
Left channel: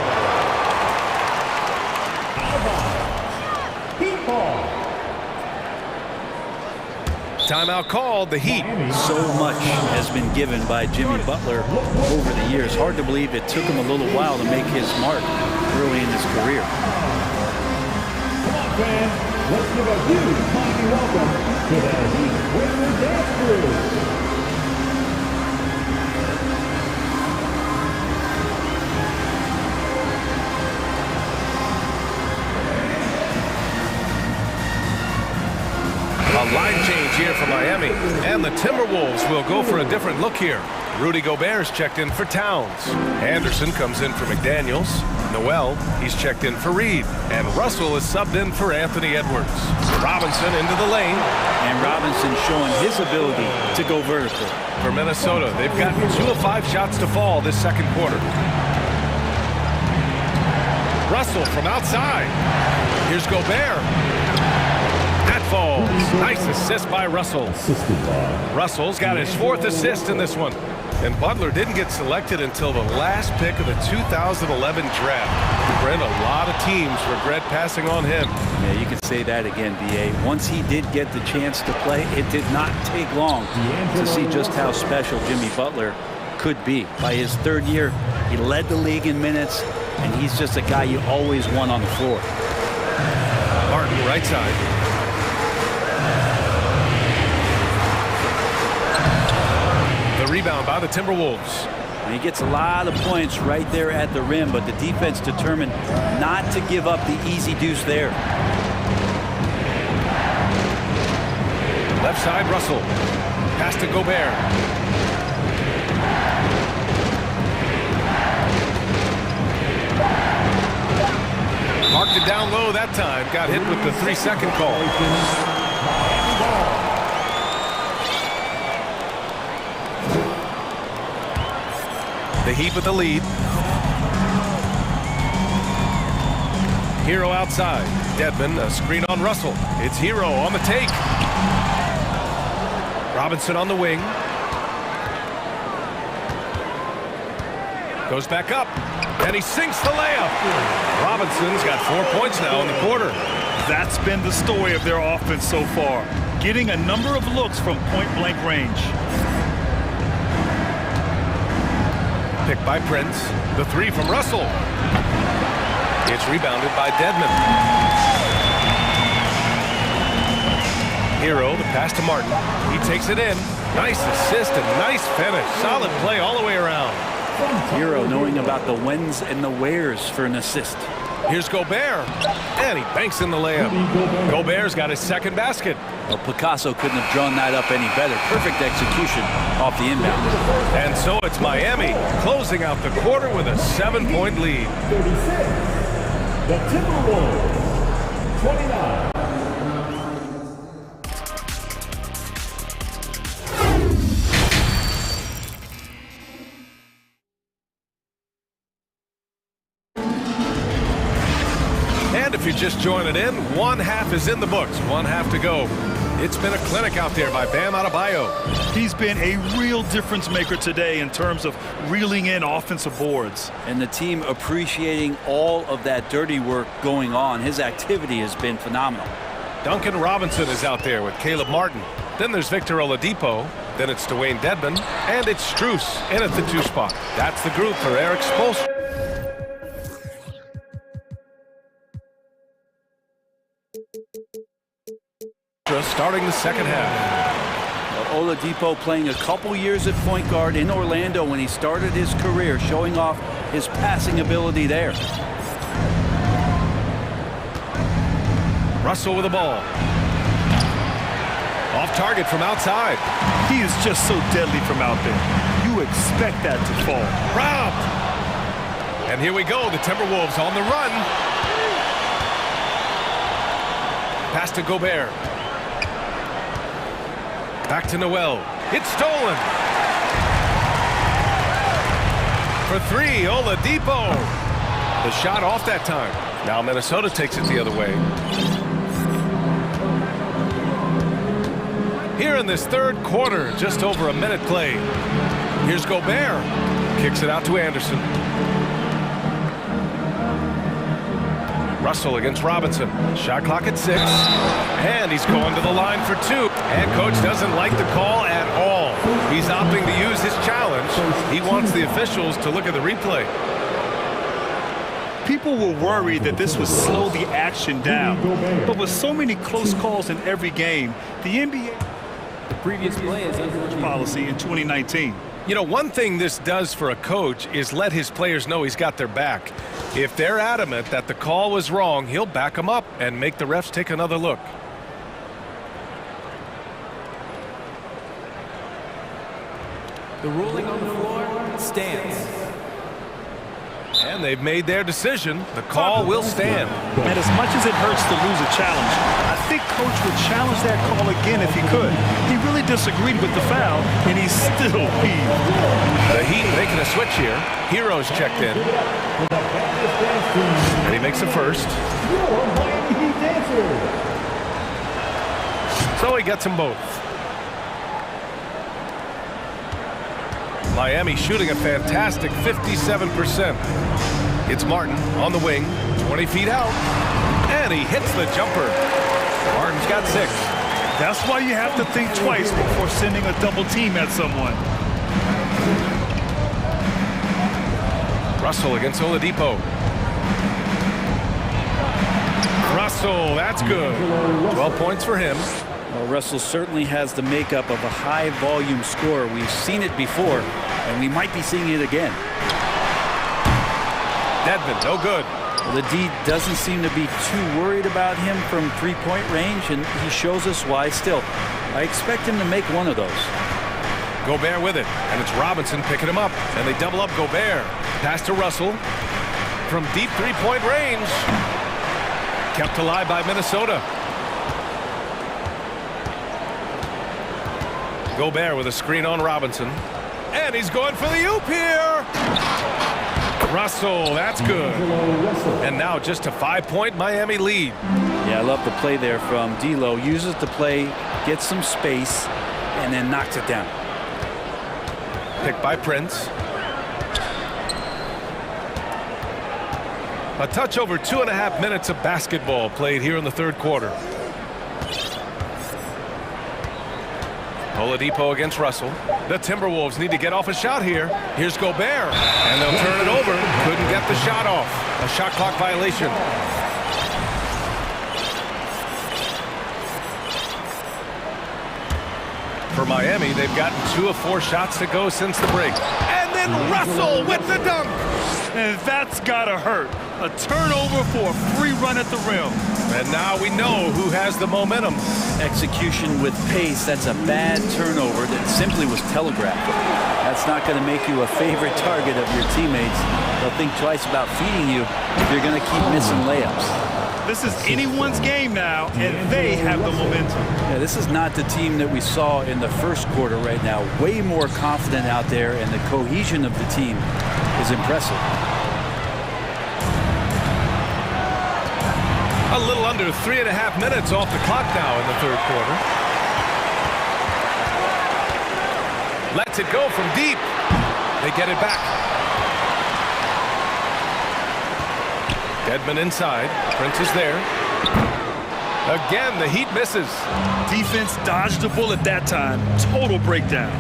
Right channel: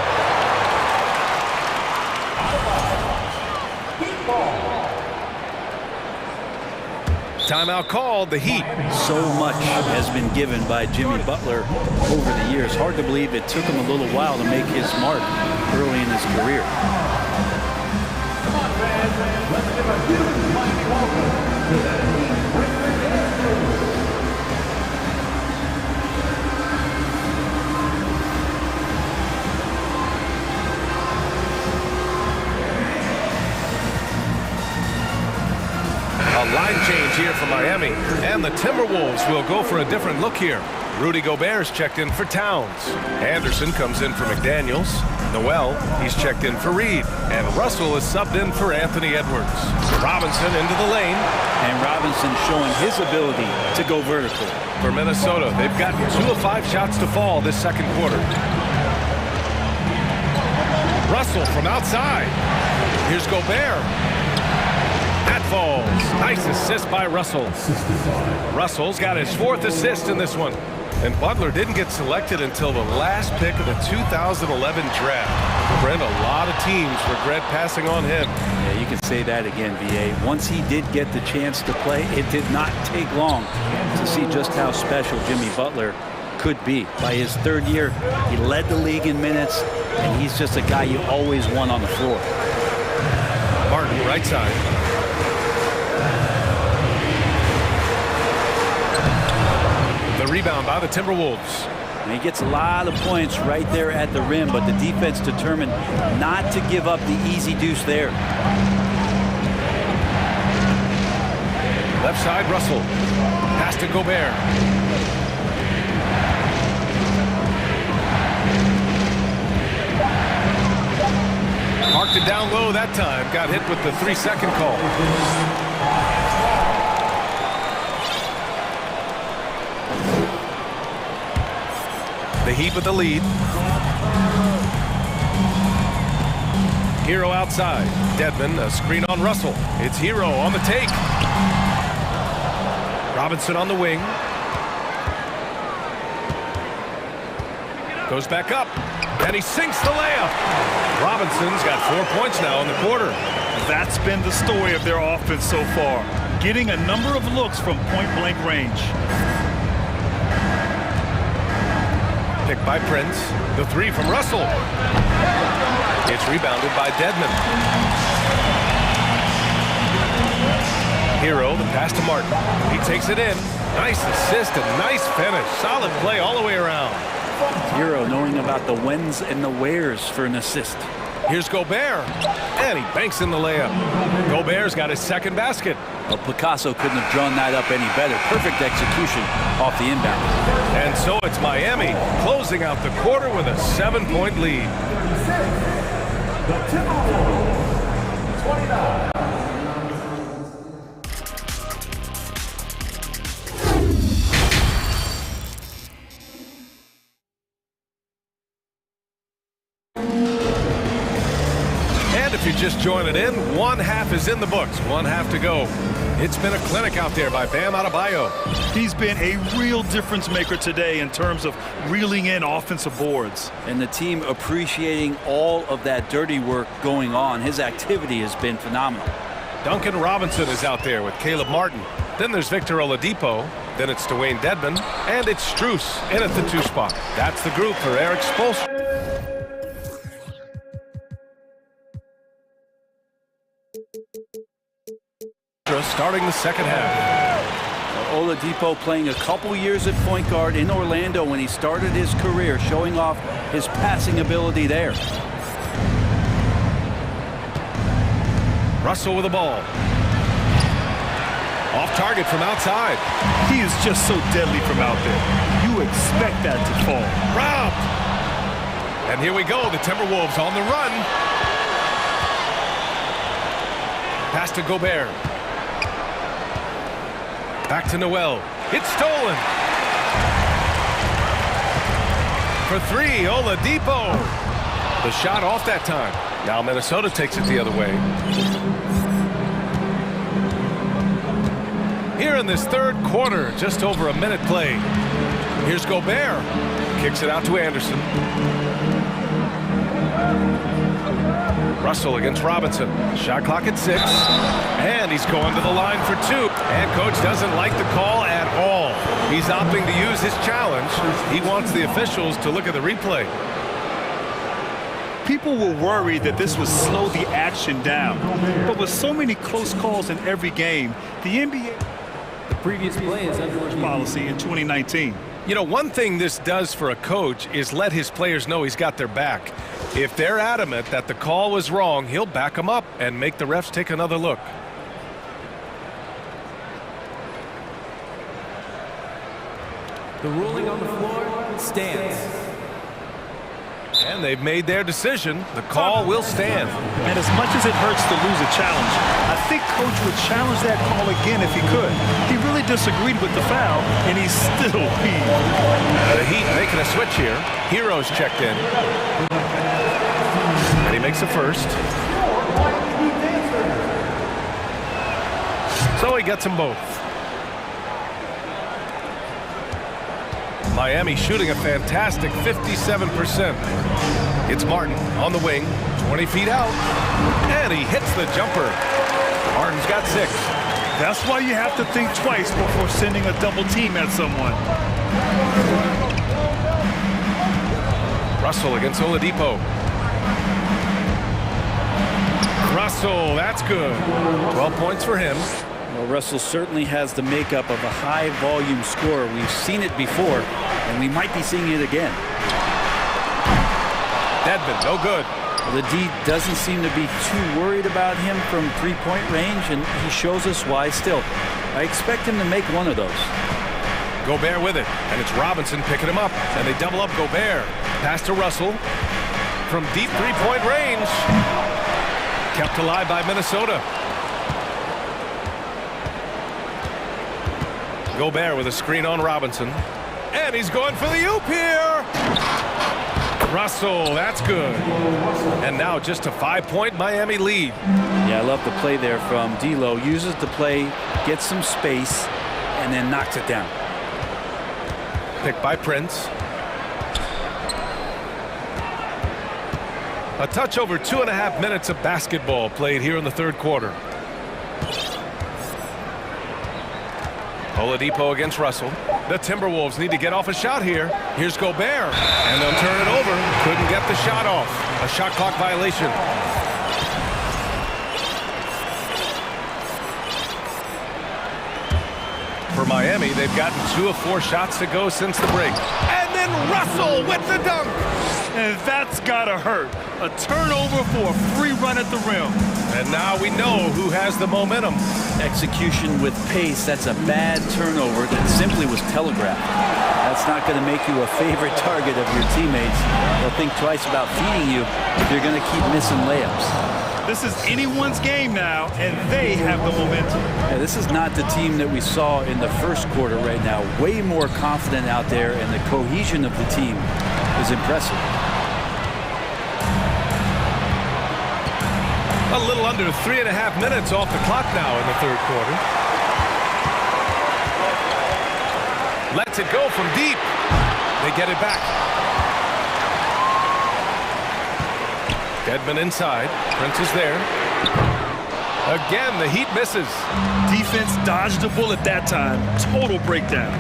Timeout called, the Heat. So much has been given by Jimmy Butler over the years. Hard to believe it took him a little while to make his mark early in his career. Let's give a huge mighty welcome to the Heat Regular Dance Crew. A line change here for Miami, and the Timberwolves will go for a different look here. Rudy Gobert's checked in for Towns. Anderson comes in for McDaniels. Noel, he's checked in for Reed. And Russell is subbed in for Anthony Edwards. Robinson into the lane. And Robinson showing his ability to go vertical. For Minnesota, they've gotten 2 of 5 shots to fall this second quarter. Russell from outside. Here's Gobert. That falls. Nice assist by Russell. Russell's got his 4th assist in this one. And Butler didn't get selected until the last pick of the 2011 draft. Brent, a lot of teams regret passing on him. Yeah, you can say that again, VA. Once he did get the chance to play, it did not take long to see just how special Jimmy Butler could be. By his 3rd year, he led the league in minutes, and he's just a guy you always want on the floor. Martin, right side. The rebound by the Timberwolves. He gets a lot of points right there at the rim, but the defense determined not to give up the easy deuce there. Left side, Russell. Pass to Gobert. Marked it down low that time. Got hit with the 3-second call. The Heat with the lead. Hero outside. Dedmon, a screen on Russell. It's Hero on the take. Robinson on the wing. Goes back up. And he sinks the layup. Robinson's got 4 points now in the quarter. That's been the story of their offense so far. Getting a number of looks from point-blank range. Picked by Prince. The three from Russell. It's rebounded by Dedmon. Hero, the pass to Martin. He takes it in. Nice assist and nice finish. Solid play all the way around. Hero knowing about the whens and the wheres for an assist. Here's Gobert. And he banks in the layup. Gobert's got his second basket. Well, Picasso couldn't have drawn that up any better. Perfect execution off the inbound. And so it's Miami closing out the quarter with a 7-point lead. 36. The Timberwolves, 29. And if you're just joining in, one half is in the books, one half to go. It's been a clinic out there by Bam Adebayo. He's been a real difference maker today in terms of reeling in offensive boards. And the team appreciating all of that dirty work going on. His activity has been phenomenal. Duncan Robinson is out there with Caleb Martin. Then there's Victor Oladipo. Then it's Dwayne Dedmon. And it's Strus in at the 2 spot. That's the group for Eric Spoelstra. Starting the second half. Oladipo playing a couple years at point guard in Orlando when he started his career, showing off his passing ability there. Russell with the ball. Off target from outside. He is just so deadly from out there. You expect that to fall. Robbed. And here we go. The Timberwolves on the run. Pass to Gobert. Back to Noel. It's stolen. For 3, Oladipo. The shot off that time. Now Minnesota takes it the other way. Here in this third quarter, just over a minute played. Here's Gobert. Kicks it out to Anderson. Russell against Robinson. Shot clock at 6. And he's going to the line for 2. And coach doesn't like the call at all. He's opting to use his challenge. He wants the officials to look at the replay. People were worried that this would slow the action down. But with so many close calls in every game, the NBA the previous play is under review. Policy in 2019. You know, one thing this does for a coach is let his players know he's got their back. If they're adamant that the call was wrong, he'll back them up and make the refs take another look. The ruling on the floor stands. And they've made their decision. The call will stand. And as much as it hurts to lose a challenge, I think coach would challenge that call again if he could. He really disagreed with the foul, and he's still peeved. The Heat making a switch here. Hero's checked in. And he makes a first. So he gets them both. Miami shooting a fantastic 57%. It's Martin on the wing, 20 feet out, and he hits the jumper. Martin's got 6. That's why you have to think twice before sending a double team at someone. Russell against Oladipo. Russell, that's good. 12 points for him. Well, Russell certainly has the makeup of a high-volume scorer. We've seen it before. and we might be seeing it again. Dedmon, no good. Well, the D doesn't seem to be too worried about him from three-point range, and he shows us why still. I expect him to make one of those. Gobert with it, and it's Robinson picking him up, and they double up Gobert. Pass to Russell from deep three-point range. Kept alive by Minnesota. Gobert with a screen on Robinson, and he's going for the oop here. Russell, that's good. And now just a 5-point Miami lead. Yeah, I love the play there from D'Lo. Uses the play, gets some space, and then knocks it down. Picked by Prince. A touch over 2.5 minutes of basketball played here in the third quarter. Oladipo against Russell. The Timberwolves need to get off a shot here. Here's Gobert, and they'll turn it over. Couldn't get the shot off. A shot clock violation. For Miami, they've gotten 2 of 4 shots to go since the break. And then Russell with the dunk. And that's gotta hurt. A turnover for a free run at the rim. And now we know who has the momentum. Execution with pace, that's a bad turnover that simply was telegraphed. That's not going to make you a favorite target of your teammates. They'll think twice about feeding you if you're going to keep missing layups. This is anyone's game now, and they have the momentum. Yeah, this is not the team that we saw in the first quarter right now. Way more confident out there, and the cohesion of the team is impressive. A little under 3.5 minutes off the clock now in the third quarter. Lets it go from deep. They get it back. Dedmon inside. Prince is there. Again, the Heat misses. Defense dodged a bullet that time. Total breakdown.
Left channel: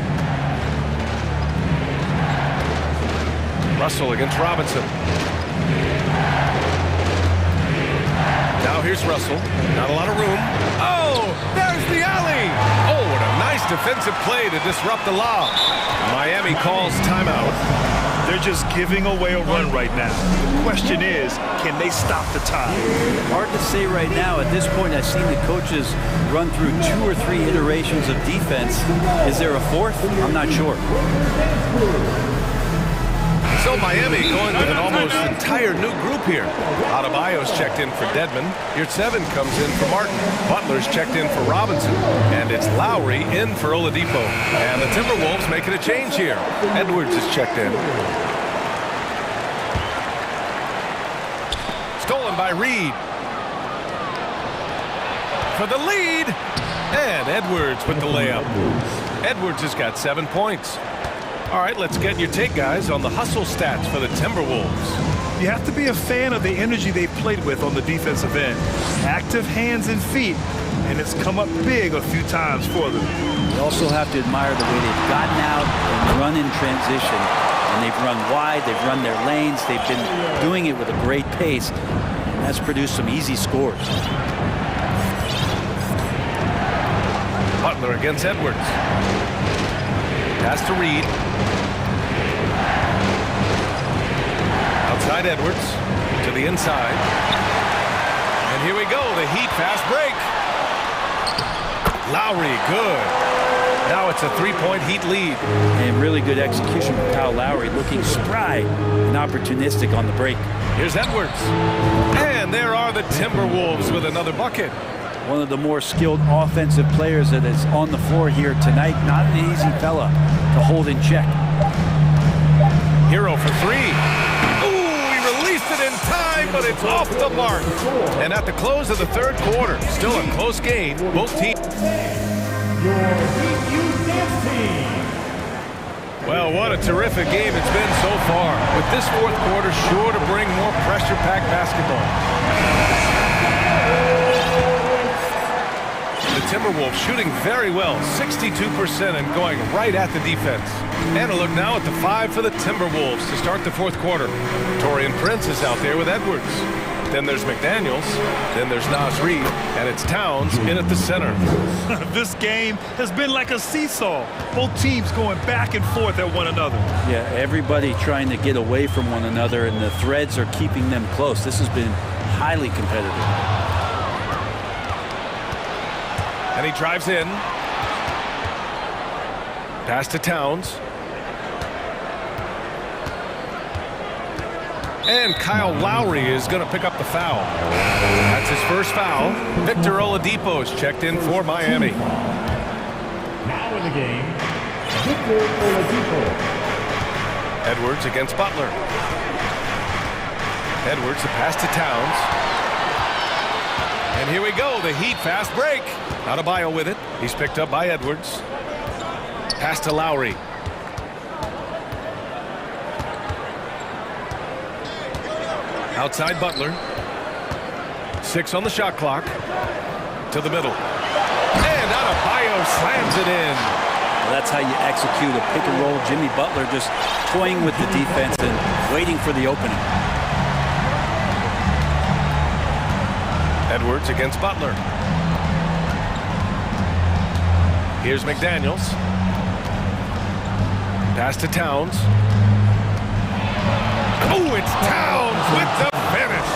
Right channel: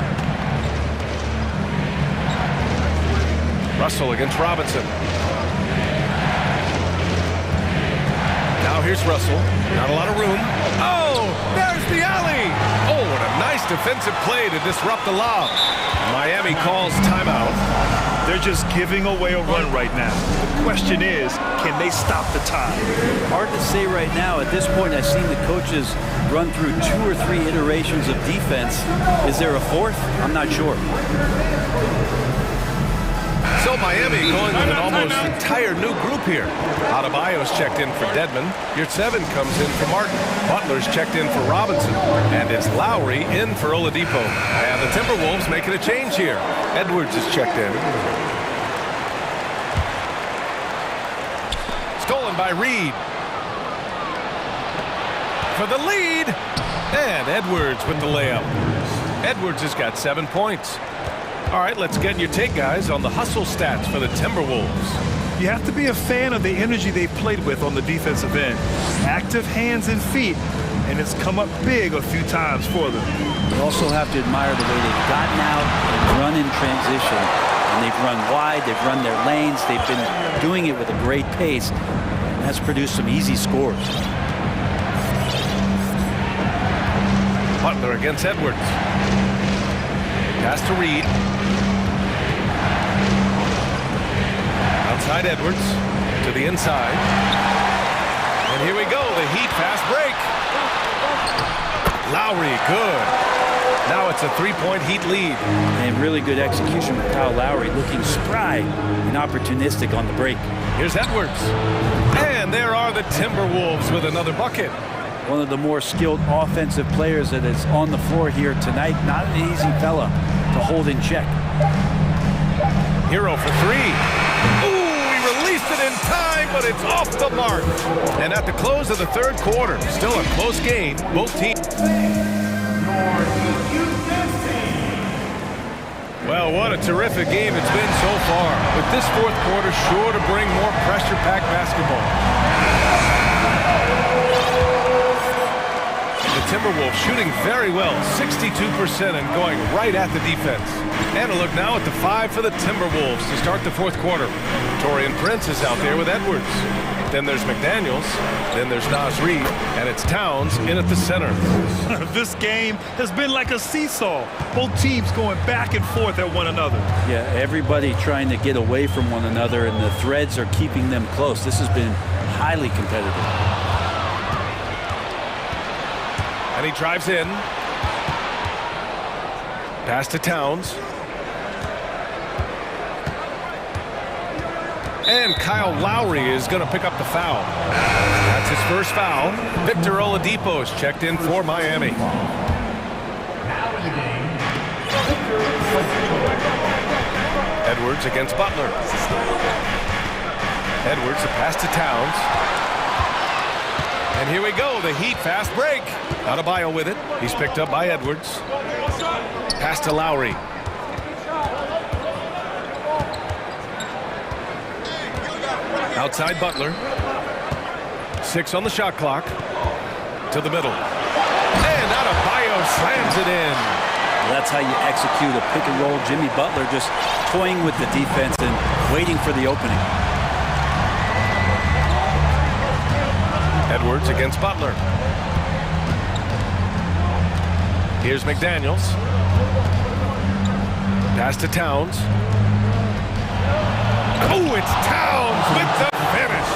Russell against Robinson. Now here's Russell. Not a lot of room. Oh, there's the alley. Oh, what a nice defensive play to disrupt the lob. Miami calls timeout. They're just giving away a run right now. The question is, can they stop the tide? Hard to say right now. At this point, I've seen the coaches run through 2 or 3 iterations of defense. Is there a fourth? I'm not sure. So Miami going with an almost entire new group here. Adebayo's checked in for Dedmon. Yurtseven comes in for Martin. Butler's checked in for Robinson. And it's Lowry in for Oladipo. And the Timberwolves making a change here. Edwards is checked in. Stolen by Reed. For the lead. And Edwards with the layup. Edwards has got 7 points. All right, let's get your take, guys, on the hustle stats for the Timberwolves. You have to be a fan of the energy they've played with on the defensive end. Active hands and feet, and it's come up big a few times for them. You also have to admire the way they've gotten out and run in transition. And they've run wide, they've run their lanes, they've been doing it with a great pace, and that's produced some easy scores. Butler against Edwards. Pass to Reed. Outside Edwards to the inside. And here we go, the Heat fast break. Lowry, good. Now it's a 3-point Heat lead. And really good execution with Kyle Lowry, looking spry and opportunistic on the break. Here's Edwards. And there are the Timberwolves with another bucket. One of the more skilled offensive players that is on the floor here tonight. Not an easy fella to hold in check. Hero for 3. Ooh, he released it in time, but it's off the mark. And at the close of the third quarter, still a close game. Both teams. Well, what a terrific game it's been so far. With this fourth quarter sure to bring more pressure-packed basketball. The Timberwolves shooting very well, 62%, and going right at the defense. And a look now at the 5 for the Timberwolves to start the fourth quarter. Taurean Prince is out there with Edwards. Then there's McDaniels. Then there's Nas Reed. And it's Towns in at the center. This game has been like a seesaw. Both teams going back and forth at one another. Yeah, everybody trying to get away from one another, and the threads are keeping them close. This has been highly competitive. And he drives in. Pass to Towns. And Kyle Lowry is going to pick up the foul. That's his first foul. Victor Oladipo is checked in for Miami. Now in the game, Victor Oladipo. Edwards against Butler. Edwards, the pass to Towns. And here we go, the Heat fast break. Adebayo with it. He's picked up by Edwards. Pass to Lowry. Outside Butler. 6 on the shot clock. To the middle. And Adebayo slams it in. Well, that's how you execute a pick and roll. Jimmy Butler just toying with the defense and waiting for the opening. Edwards against Butler. Here's McDaniels. Pass to Towns. Oh, it's Towns with the finish.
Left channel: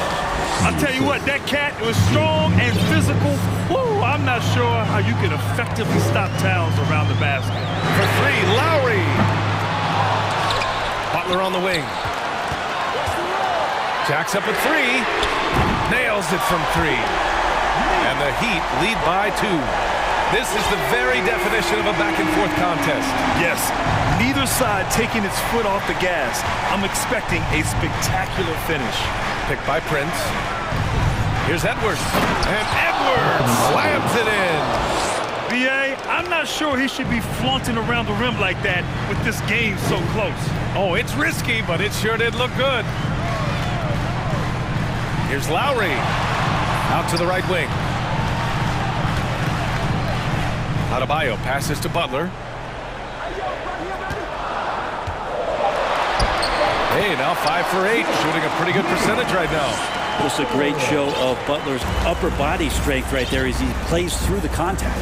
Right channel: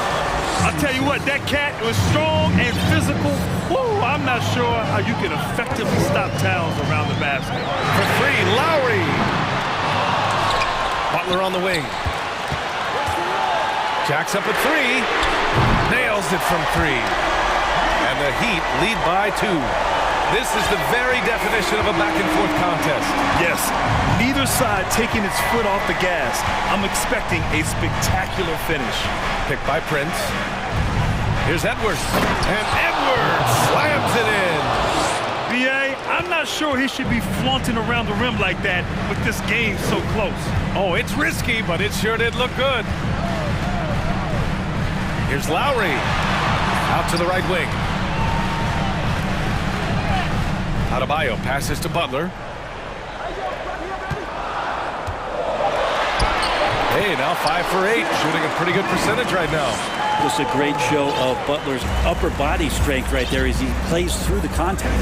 I'll tell you what, that cat was strong and physical. Woo, I'm not sure how you can effectively stop Towns around the basket. For 3, Lowry. Butler on the wing. Jacks up at 3. Nails it from 3. And the Heat lead by 2. This is the very definition of a back-and-forth contest. Yes, neither side taking its foot off the gas. I'm expecting a spectacular finish. Picked by Prince. Here's Edwards. And Edwards slams it in. B.A., I'm not sure he should be flaunting around the rim like that with this game so close. Oh, it's risky, but it sure did look good. Here's Lowry. Out to the right wing. Adebayo passes to Butler. Hey, now 5 for 8, shooting a pretty good percentage right now. Just a great show of Butler's upper body strength right there as he plays through the contact.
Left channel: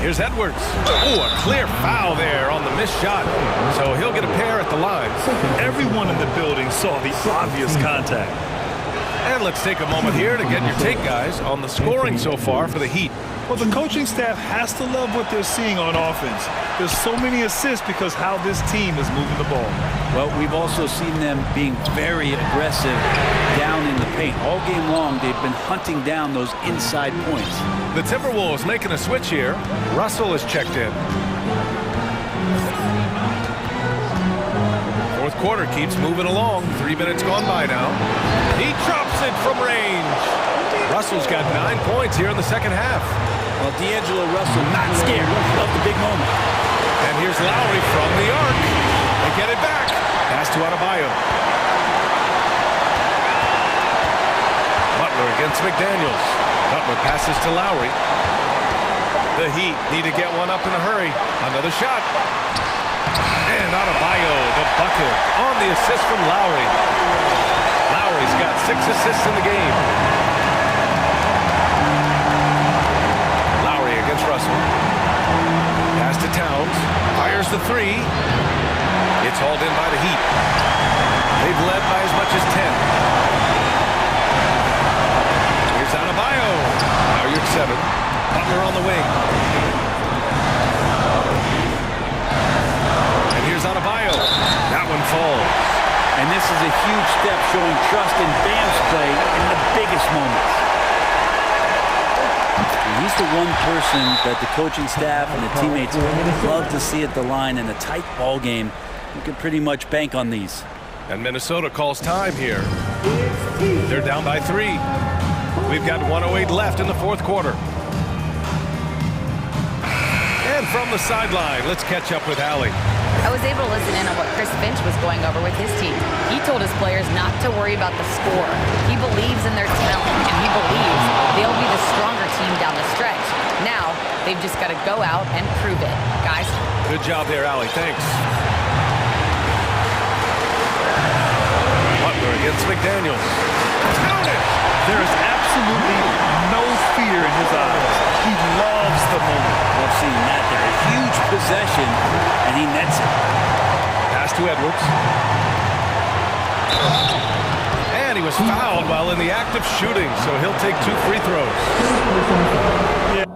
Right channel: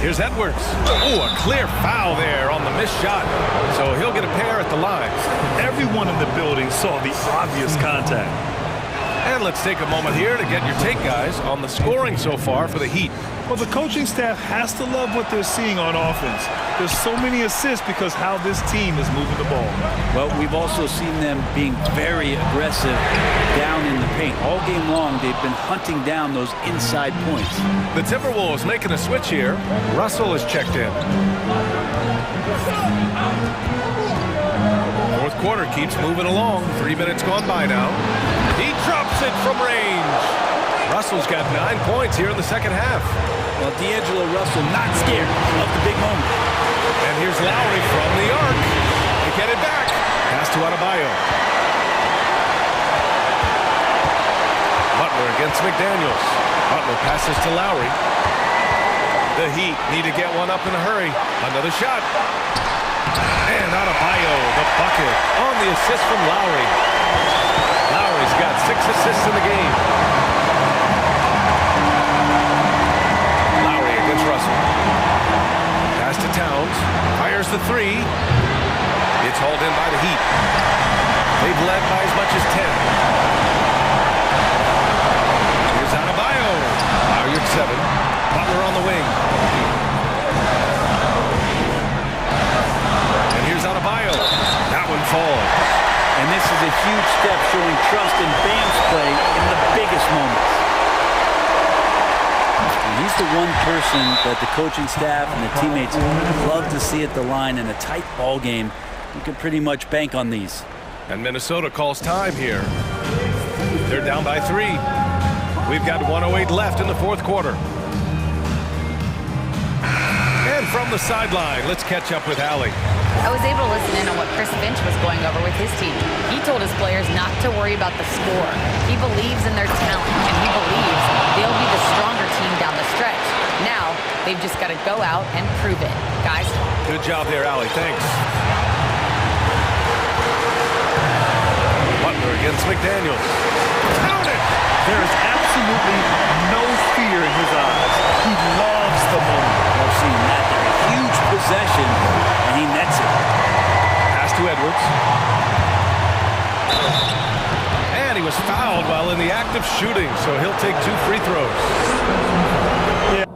Here's Edwards. Oh, a clear foul there on the missed shot. So he'll get a pair at the line. Everyone in the building saw the obvious contact. And let's take a moment here to get your take, guys, on the scoring so far for the Heat. Well, the coaching staff has to love what they're seeing on offense. There's so many assists because how this team is moving the ball. Well, we've also seen them being very aggressive down in the paint. All game long, they've been hunting down those inside points. The Timberwolves making a switch here. Russell is checked in. Fourth quarter keeps moving along. 3 minutes gone by now. He drops it from range. Russell's got 9 points here in the second half. Well, D'Angelo Russell not scared of the big moment. And here's Lowry from the arc. They get it back. Pass to Adebayo. Butler against McDaniels. Butler passes to Lowry. The Heat need to get one up in a hurry. Another shot. And Adebayo, the bucket, on the assist from Lowry. Lowry's got 6 assists in the game. Lowry against Russell. Pass to Towns. Fires the 3. It's hauled in by the Heat. They've led by as much as 10. Here's Adebayo. Now you're at 7. Butler on the wing. And here's Adebayo. That one falls. And this is a huge step showing trust in Bam's play in the biggest moments. And he's the one person that the coaching staff and the teammates love to see at the line in a tight ball game. You can pretty much bank on these. And Minnesota calls time here. They're down by 3. We've got 1:08 left in the fourth quarter. And from the sideline, let's catch up with Allie. I was able to listen in on what Chris Finch was going over with his team. He told his players not to worry about the score. He believes in their talent, and he believes they'll be the stronger team down the stretch. Now, they've just got to go out and prove it. Guys? Good job there, Allie. Thanks. Butler against McDaniels. Count it! There is absolutely no fear in his eyes. He loves the moment. Love seeing that there. A huge possession, and he nets it. Pass to Edwards. And he was fouled while in the act of shooting, so he'll take 2 free throws. Yeah.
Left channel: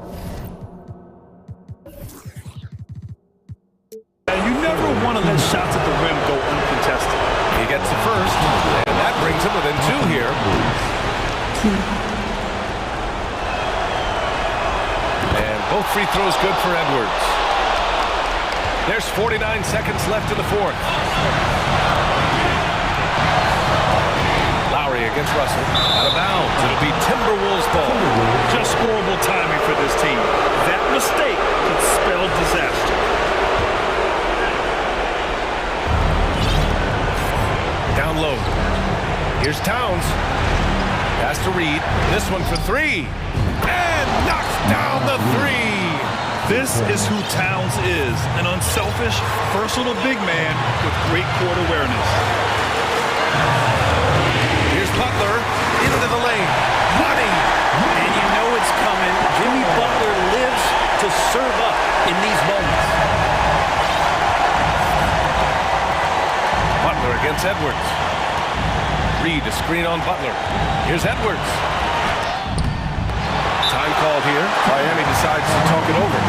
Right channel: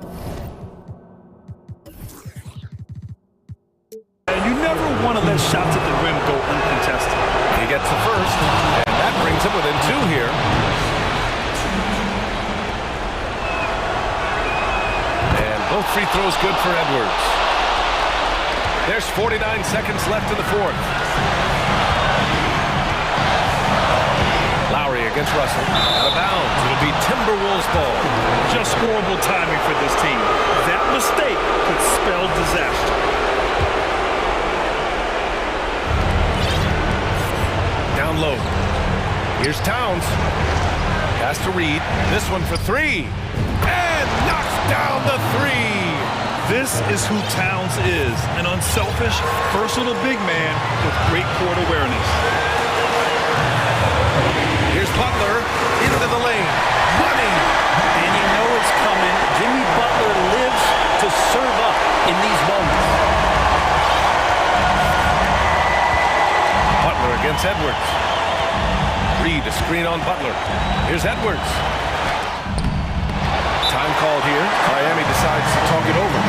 And you never want to let shots at the rim go uncontested. He gets the first, and that brings him within 2 here. And both free throws good for Edwards. There's 49 seconds left in the fourth. Lowry against Russell. Out of bounds. It'll be Timberwolves ball. Just horrible timing for this team. That mistake could spell disaster. Down low. Here's Towns. Pass to Reed. This one for 3. And knocks down the 3. This is who Towns is. An unselfish, versatile big man with great court awareness. Here's Butler into the lane. Money. And you know it's coming. Jimmy Butler lives to serve up in these moments. Butler against Edwards. Reed, a screen on Butler. Here's Edwards. Time called here. Miami decides to talk it over.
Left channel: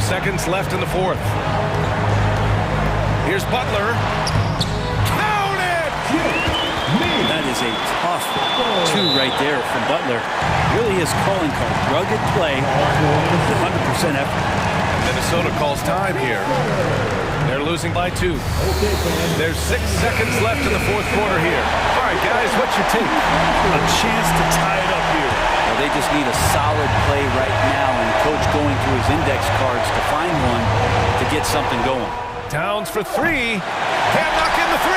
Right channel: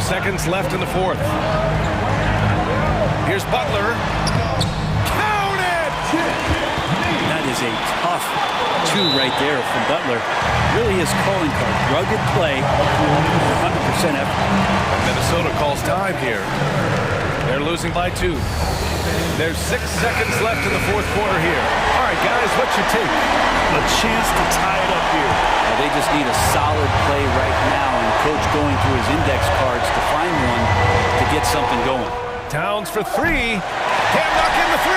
Seconds left in the fourth. Here's Butler. Count it! That is a tough 2 right there from Butler. Really his calling card. Rugged play, 100% effort. And Minnesota calls time here. They're losing by 2. There's 6 seconds left in the fourth quarter here. All right, guys, what's your take? A chance to tie it up here. Well, they just need a solid play right now, and Coach going through his index cards to find one to get something going. Towns for 3. Can't knock in the 3.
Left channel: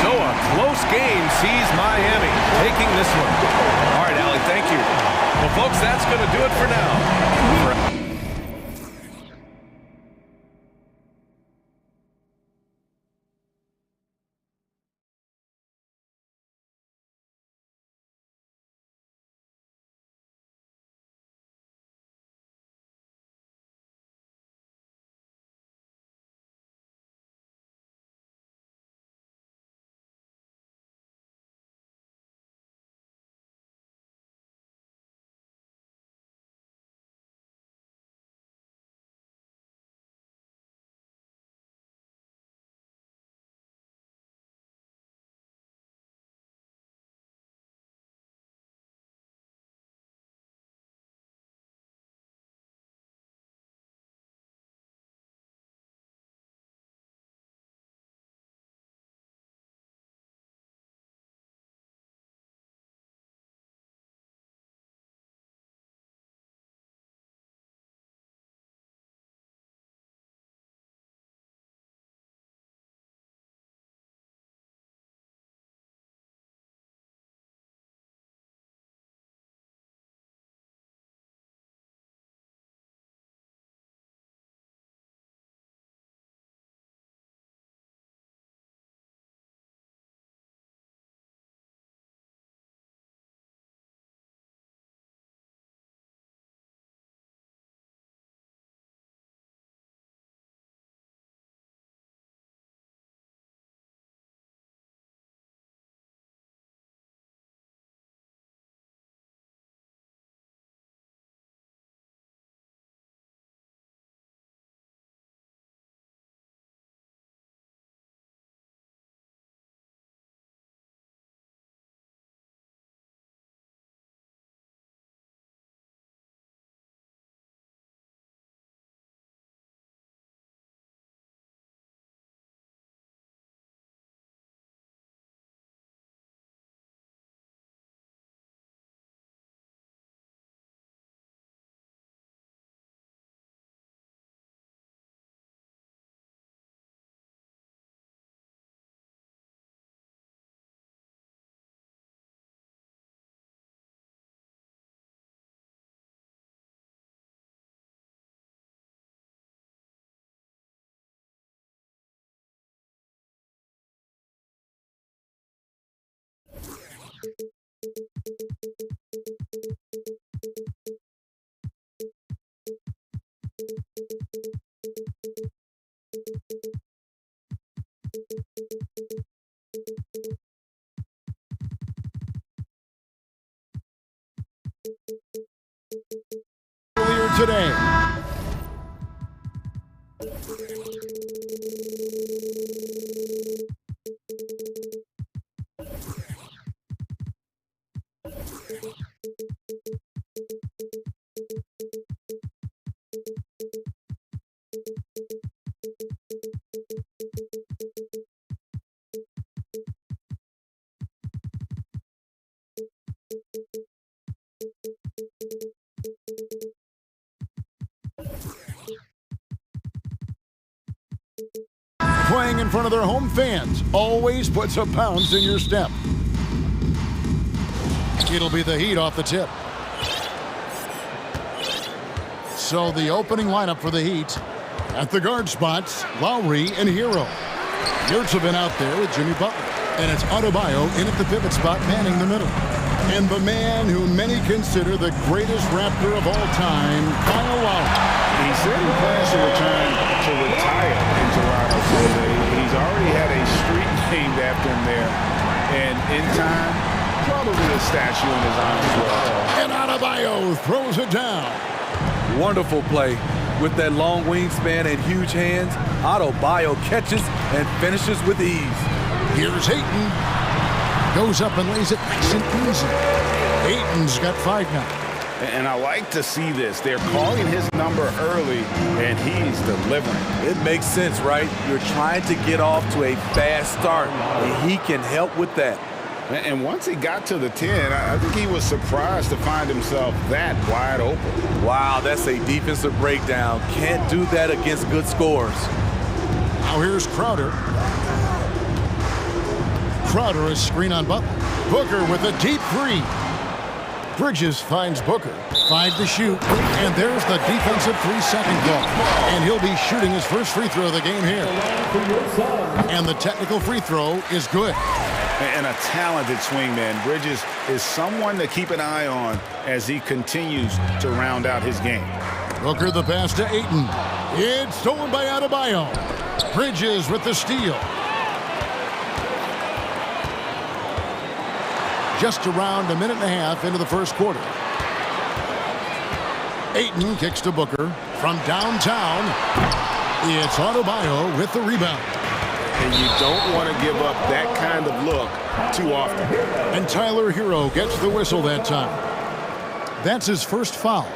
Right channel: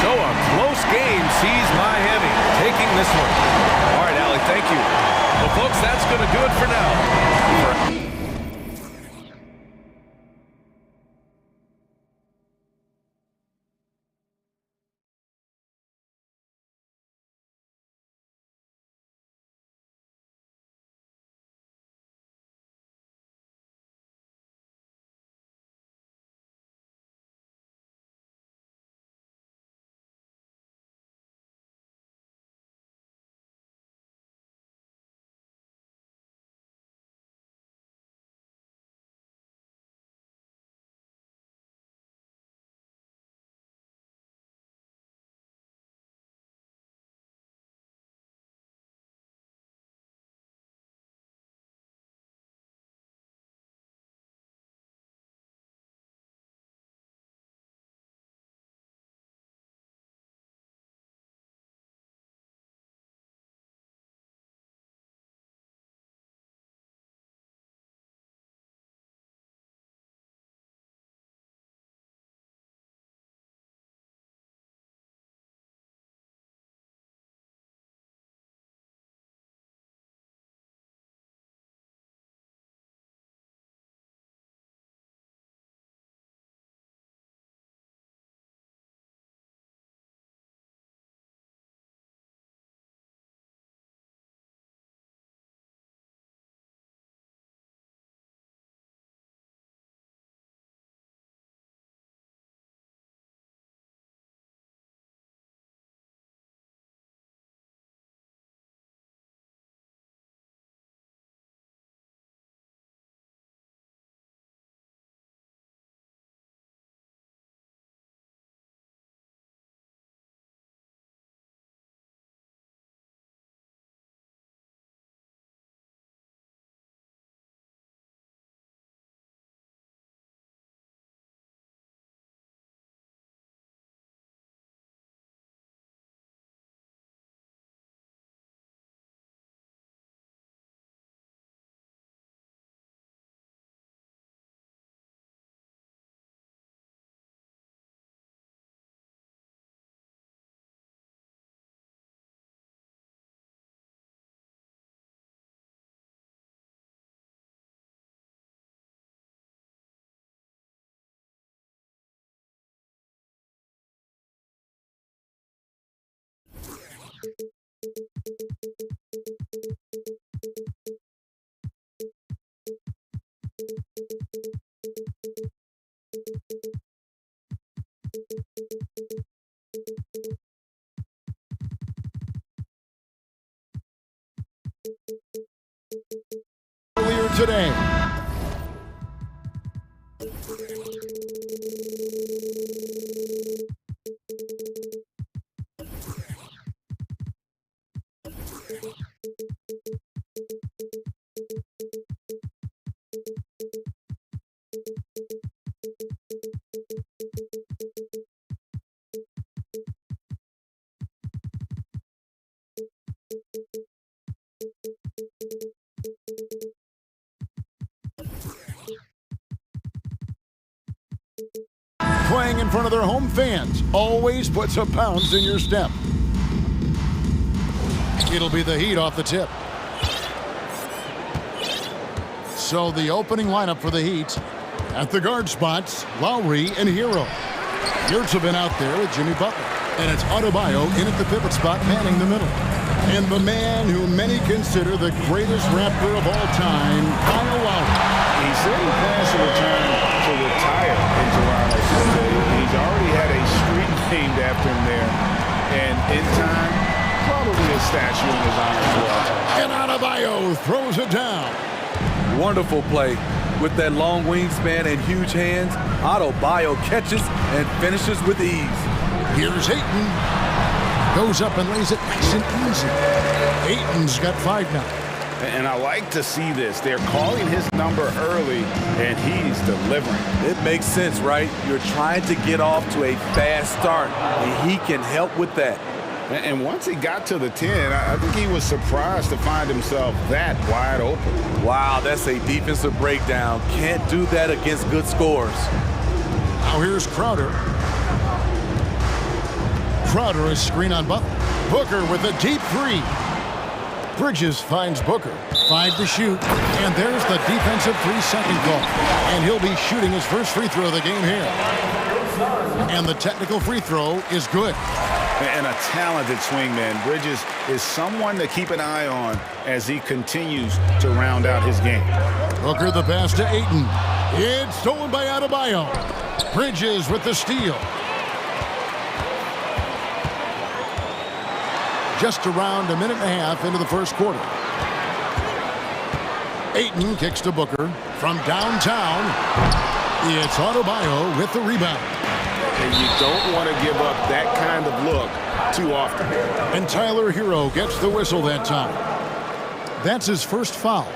So a close game sees Miami taking this one. All right, Allie, thank you. Well, folks, that's going to do it for now. today. Playing in front of their home fans always puts a bounce in your step. It'll be the Heat off the tip. So the opening lineup for the Heat, at the guard spots, Lowry and Hero. Yurtsevin out there with Jimmy Butler. And it's Adebayo in at the pivot spot, manning the middle. And the man who many consider the greatest Raptor of all time, Kyle Lowry. He said he plans to return to retire in Toronto someday. He's already had a street named after him there. And in time, probably a statue in his honor as well. And Adebayo throws it down. Wonderful play. With that long wingspan and huge hands, Adebayo catches and finishes with ease. Here's Ayton. Goes up and lays it nice and easy. Ayton's got 5 now. And I like to see this. They're calling his number early, and he's delivering. It makes sense, right? You're trying to get off to a fast start, and he can help with that. And once he got to the 10, I think he was surprised to find himself that wide open. Wow, that's a defensive breakdown. Can't do that against good scores. Now here's Crowder. Crowder is screen on Butler. Booker with a deep 3. Bridges finds Booker. 5 to shoot. And there's the defensive 3-second call. And he'll be shooting his first free throw of the game here. And the technical free throw is good. And a talented swingman. Bridges is someone to keep an eye on as he continues to round out his game. Booker the pass to Ayton. It's stolen by Adebayo. Bridges with the steal. Just around a minute and a half into the first quarter. Ayton kicks to Booker from downtown. It's Adebayo with the rebound. And you don't want to give up that kind of look too often. And Tyler Hero gets the whistle that time. That's his first foul.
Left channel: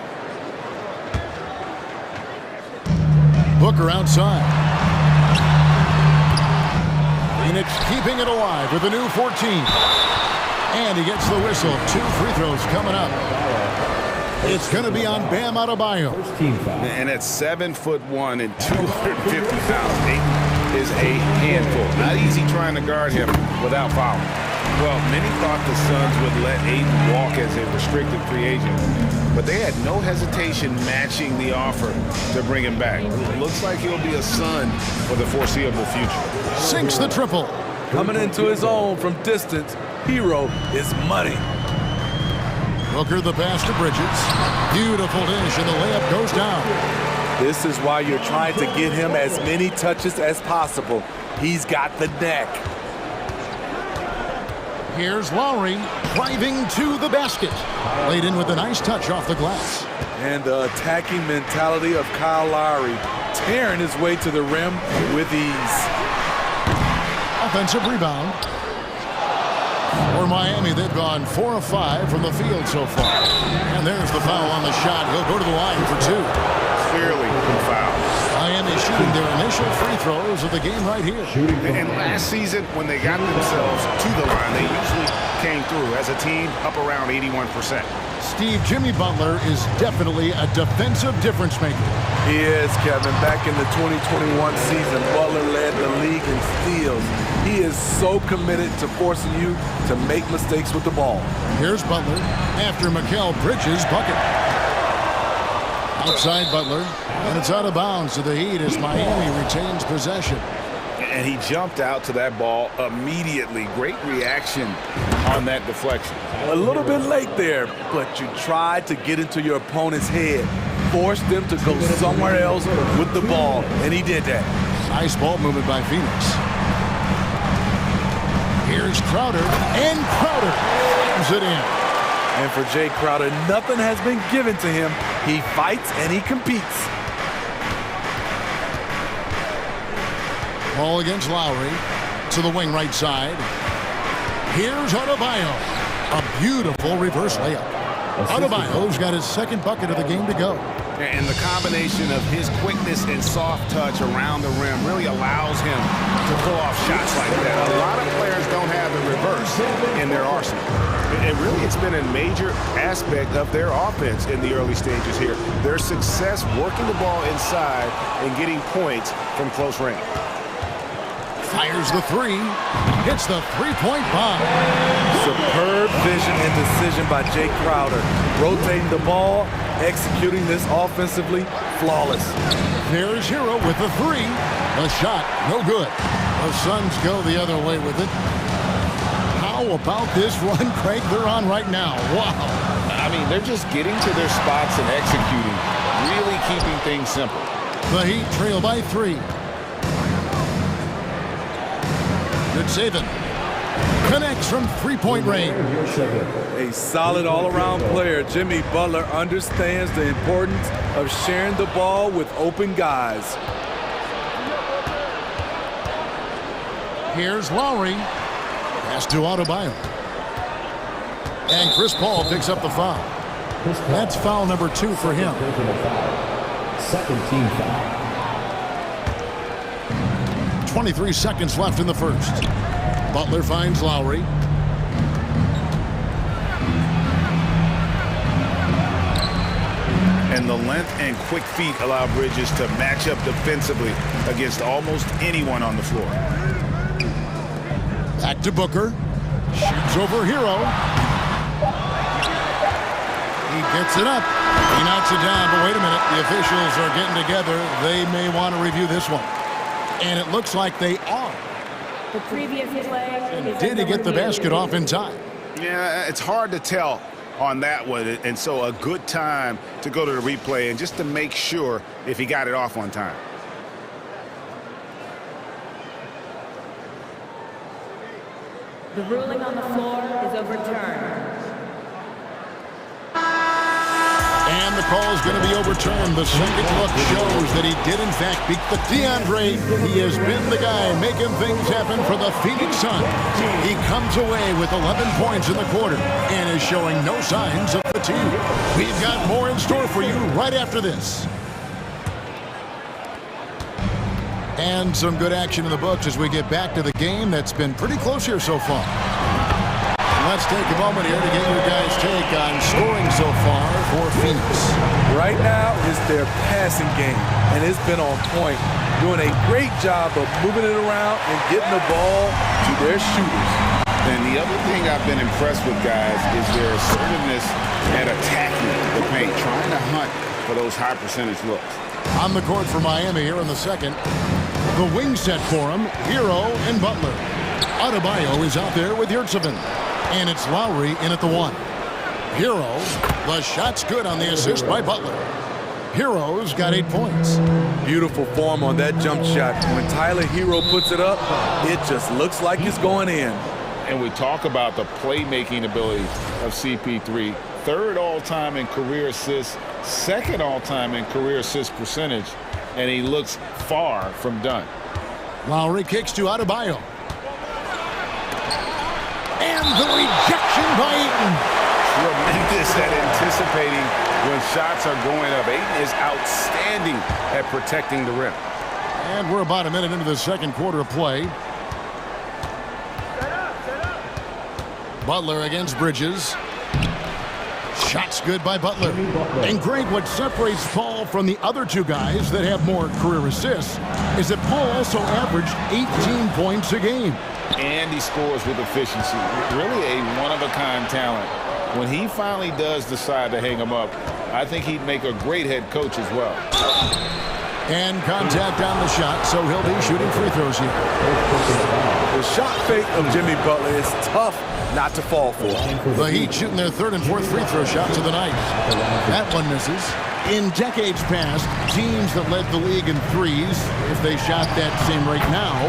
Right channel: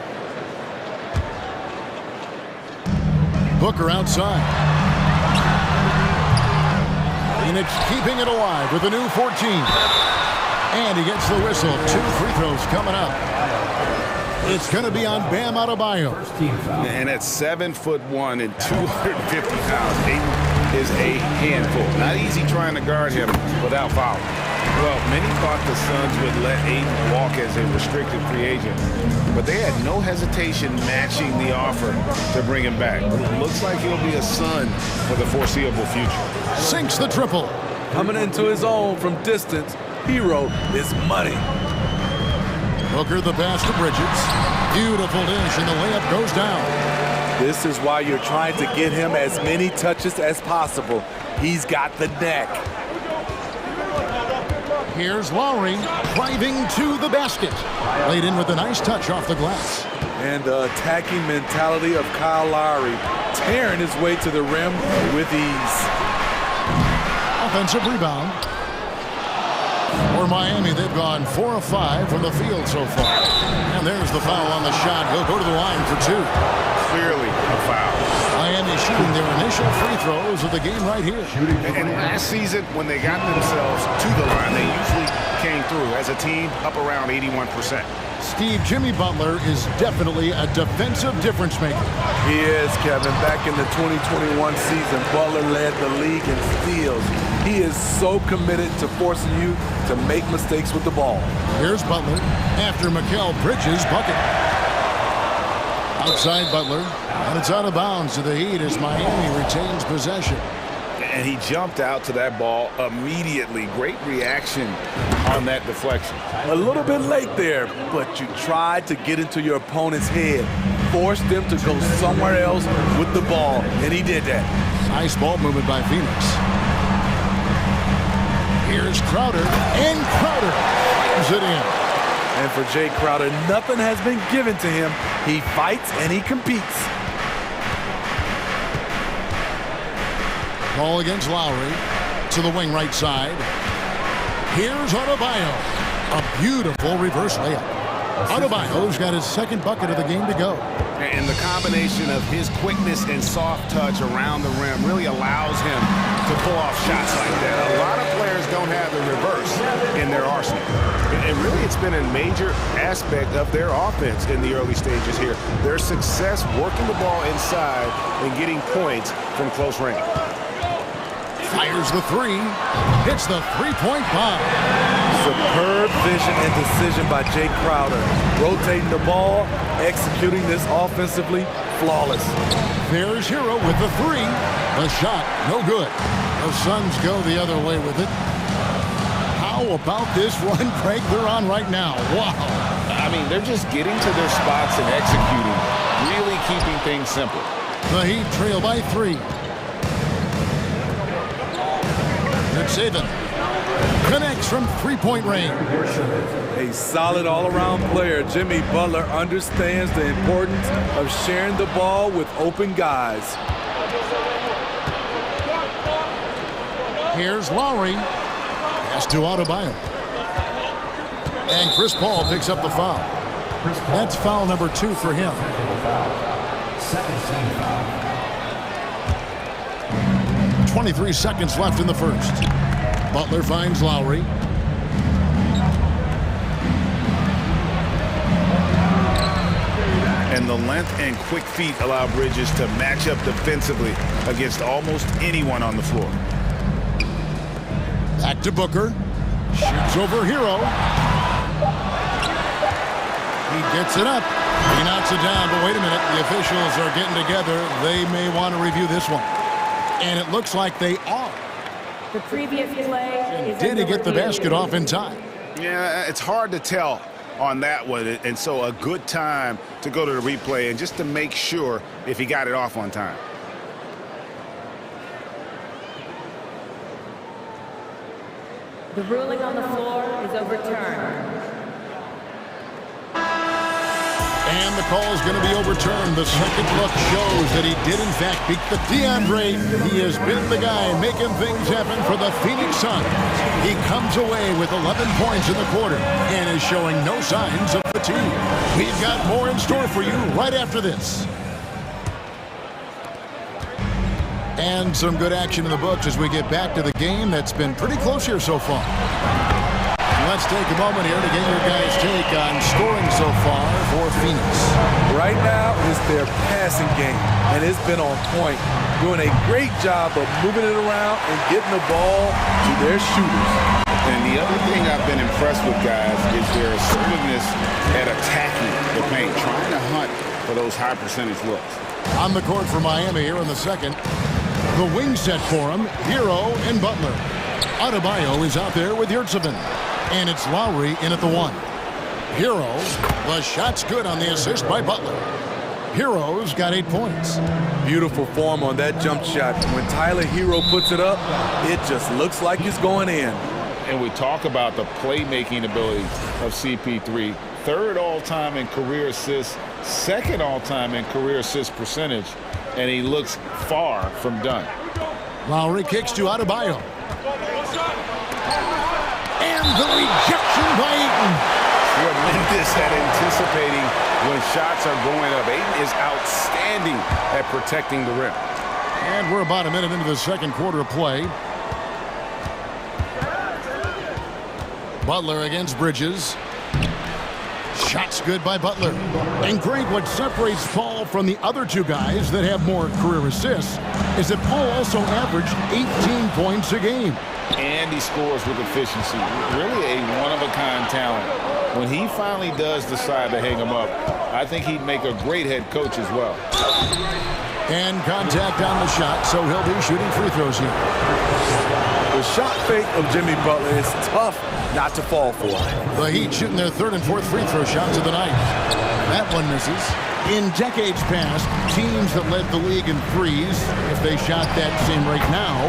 Booker outside. Phoenix keeping it alive with a new 14. And he gets the whistle. 2 free throws coming up. It's going to be on Bam Adebayo. And at 7'1" and 250 pounds, Ayton is a handful. Not easy trying to guard him without fouling. Well, many thought the Suns would let Ayton walk as a restricted free agent, but they had no hesitation matching the offer to bring him back. Looks like he'll be a Sun for the foreseeable future. Sinks the triple. Coming into his own from distance, Hero is money. Booker the pass to Bridges. Beautiful dish, and the layup goes down. This is why you're trying to get him as many touches as possible. He's got the neck. Here's Lowry driving to the basket. Laid in with a nice touch off the glass. And the attacking mentality of Kyle Lowry, tearing his way to the rim with ease. Offensive rebound. For Miami, they've gone 4 of 5 from the field so far. And there's the foul on the shot. He'll go to the line for 2. Clearly a foul. Miami shooting their initial free throws of the game right here. And last season, when they got themselves to the line, they usually came through as a team up around 81%. Steve, Jimmy Butler is definitely a defensive difference maker. He is, Kevin. Back in the 2021 season, Butler led the league in steals. He is so committed to forcing you to make mistakes with the ball. Here's Butler after Mikal Bridges' bucket. Outside Butler, and it's out of bounds to the Heat as Miami retains possession. And he jumped out to that ball immediately. Great reaction on that deflection. A little bit late there, but you tried to get into your opponent's head. Force them to go somewhere else with the ball, and he did that. Nice ball movement by Phoenix. Here's Crowder, and Crowder slams it in. And for Jay Crowder, nothing has been given to him. He fights and he competes. Ball against Lowry to the wing right side. Here's Adebayo. A beautiful reverse layup. Adebayo's got his second bucket of the game to go. And the combination of his quickness and soft touch around the rim really allows him to pull off shots like that. A lot of players don't have the reverse in their arsenal. And really, it's been a major aspect of their offense in the early stages here. Their success working the ball inside and getting points from close range. Fires the three. Hits the three-point bomb. Superb vision and decision by Jay Crowder. Rotating the ball, executing this offensively, flawless. There's Hero with the three. The shot, no good. The Suns go the other way with it. How about this run, Craig, they're on right now? Wow. I mean, they're just getting to their spots and executing, really keeping things simple. The Heat trail by 3. Good saving. Connects from three-point range. A solid all-around player. Jimmy Butler understands the importance of sharing the ball with open guys. Here's Lowry. Pass to Adebayo. And Chris Paul picks up the foul. That's foul number 2 for him. Second team foul. 23 seconds left in the first. Butler finds Lowry. And the length and quick feet allow Bridges to match up defensively against almost anyone on the floor. Back to Booker. Shoots over Hero. He gets it up. He knocks it down, but wait a minute. The officials are getting together. They may want to review this one. And it looks like they are. The previous play is Did he get the basket off in time? Yeah, it's hard to tell on that one. And so a good time to go to the replay and just to make sure if he got it off on time. The ruling on the floor is overturned. And the call is going to be overturned. The second look shows that he did, in fact, beat the DeAndre. He has been the guy making things happen for the Phoenix Suns. He comes away with 11 points in the quarter and is showing no signs of fatigue. We've got more in store for you right after this. And some good action in the books as we get back to the game that's been pretty close here so far. Let's take a moment here to get your guys' take on scoring so far for Phoenix. Right now is their passing game, and it's been on point. Doing a great job of moving it around and getting the ball to their shooters. And the other thing I've been impressed with, guys, is their assertiveness at attacking the paint, trying to hunt for those high percentage looks. On the court for Miami here in the second. The wing set for him, Hero and Butler. Adebayo is out there with Yurtseven. And it's Lowry in at the 1. Hero, the shot's good on the assist by Butler. Hero's got 8 points. Beautiful form on that jump shot. When Tyler Hero puts it up, it just looks like it's going in. And we talk about the playmaking ability of CP3. 3rd all-time in career assists, 2nd all-time in career assist percentage, and he looks far from done. Lowry kicks to Adebayo. And the rejection by Ayton. Tremendous at anticipating when shots are going up. Ayton is outstanding at protecting the rim. And we're about a minute into the second quarter of play. Butler against Bridges. Shots good by Butler. And Greg, what separates Paul from the other 2 guys that have more career assists is that Paul also averaged 18 points a game. And he scores with efficiency. Really a one-of-a-kind talent. When he finally does decide to hang him up, I think he'd make a great head coach as well. And contact on the shot, so he'll be shooting free throws here. The shot fake of Jimmy Butler is tough not to fall for. The Heat shooting their 3rd and 4th free throw shots of the night. That one misses. In decades past, teams that led the league in threes, if they shot that same rate now,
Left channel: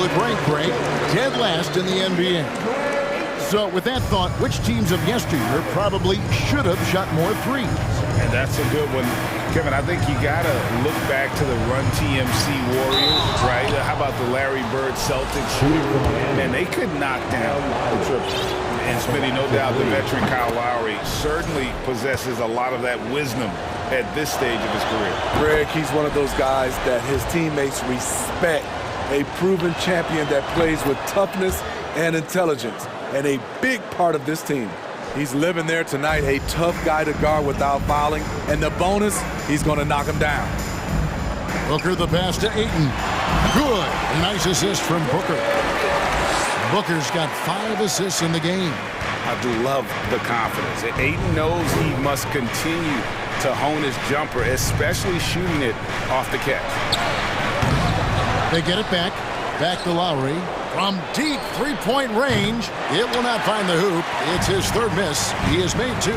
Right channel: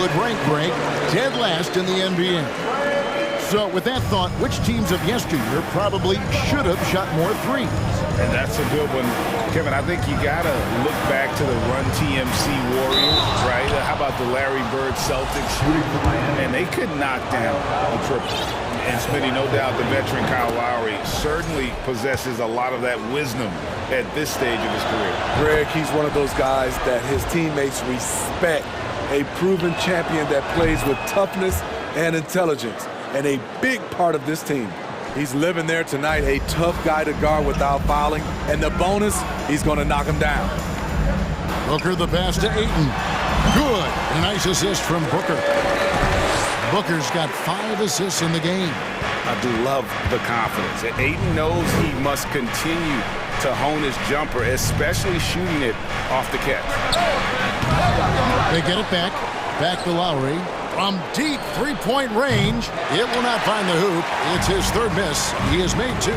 would rank break dead last in the NBA. So with that thought, which teams of yesteryear probably should have shot more threes? And that's a good one. Kevin, I think you got to look back to the Run TMC Warriors, right? How about the Larry Bird Celtics? And they could knock down the triple. And Smitty, no doubt the veteran Kyle Lowry certainly possesses a lot of that wisdom at this stage of his career. Greg, he's one of those guys that his teammates respect. A proven champion that plays with toughness and intelligence. And a big part of this team. He's living there tonight, a tough guy to guard without fouling. And the bonus, he's going to knock him down. Booker the pass to Ayton. Good. And a nice assist from Booker. Booker's got 5 assists in the game. I do love the confidence. Ayton knows he must continue to hone his jumper, especially shooting it off the catch. They get it back. Back to Lowry. From deep three-point range, it will not find the hoop. It's his third miss. He has made 2.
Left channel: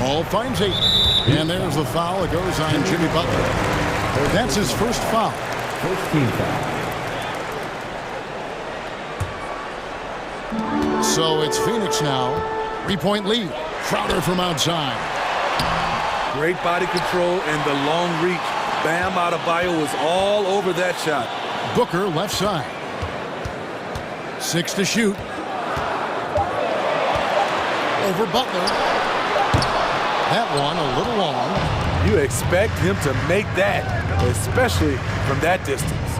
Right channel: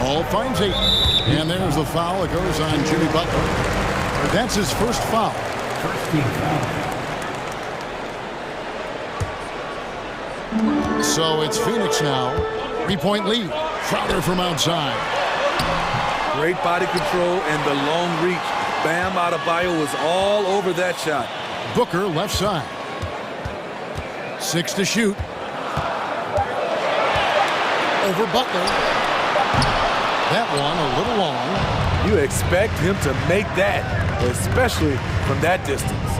Ball finds Ayton. And there's the foul. It goes on Jimmy Butler. That's his first foul. First team foul. So it's Phoenix now. 3-point lead. Crowder from outside. Great body control and the long reach. Bam Adebayo was all over that shot. Booker left side. 6 to shoot. Over Butler. That one a little long. You expect him to make that, especially from that distance.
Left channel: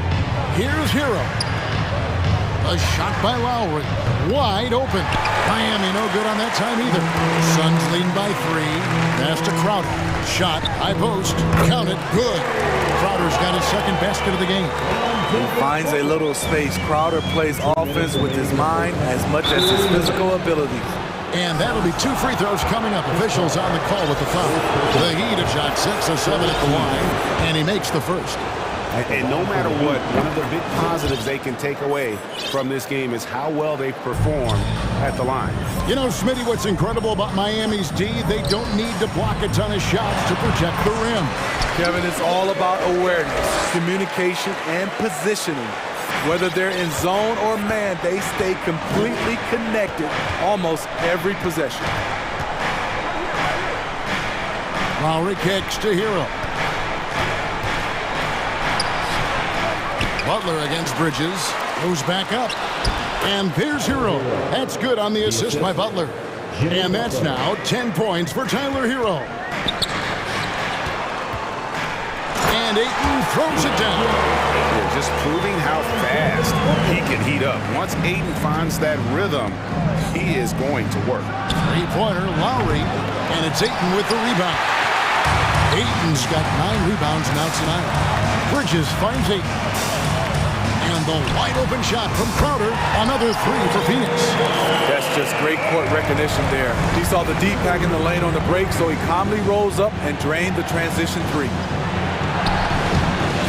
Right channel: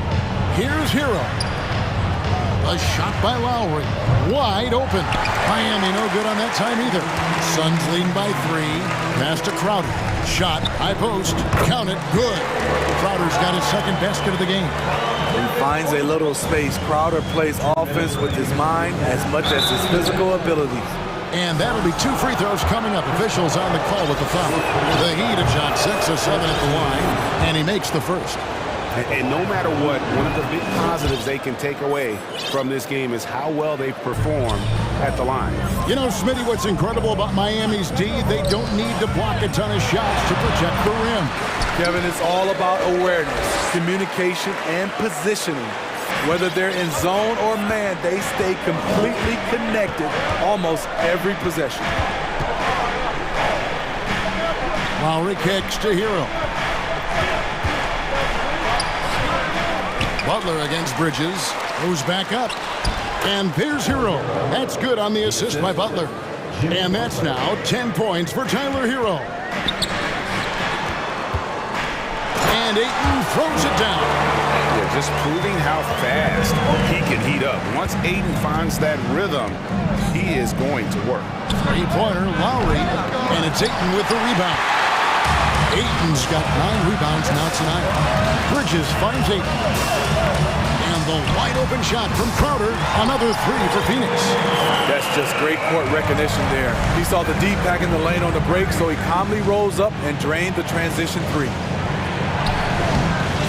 Here's Hero. A shot by Lowry. Wide open. Miami no good on that time either. Suns leading by 3. Pass to Crowder. Shot. High post. Count it. Good. Crowder's got his second basket of the game. He finds a little space. Crowder plays offense with his mind as much as his physical abilities. And that'll be 2 free throws coming up. Officials on the call with the foul. The Heat have shot 6 of 7 at the line, and he makes the first. And no matter what, one of the big positives they can take away from this game is how well they perform at the line. You know, Smitty, what's incredible about Miami's D, they don't need to block a ton of shots to protect the rim. Kevin, it's all about awareness, communication, and positioning. Whether they're in zone or man, they stay completely connected almost every possession. Lowry kicks to Hero. Butler against Bridges. Goes back up. And there's Hero. That's good on the assist by Butler. And that's now 10 points for Tyler Hero. And Ayton throws it down. Yeah, just proving how fast he can heat up. Once Ayton finds that rhythm, he is going to work. 3-pointer, Lowry, and it's Ayton with the rebound. Ayton's got 9 rebounds now tonight. Bridges finds Ayton. And the wide open shot from Crowder, another 3 for Phoenix. That's just great court recognition there. He saw the deep pack in the lane on the break, so he calmly rose up and drained the transition 3.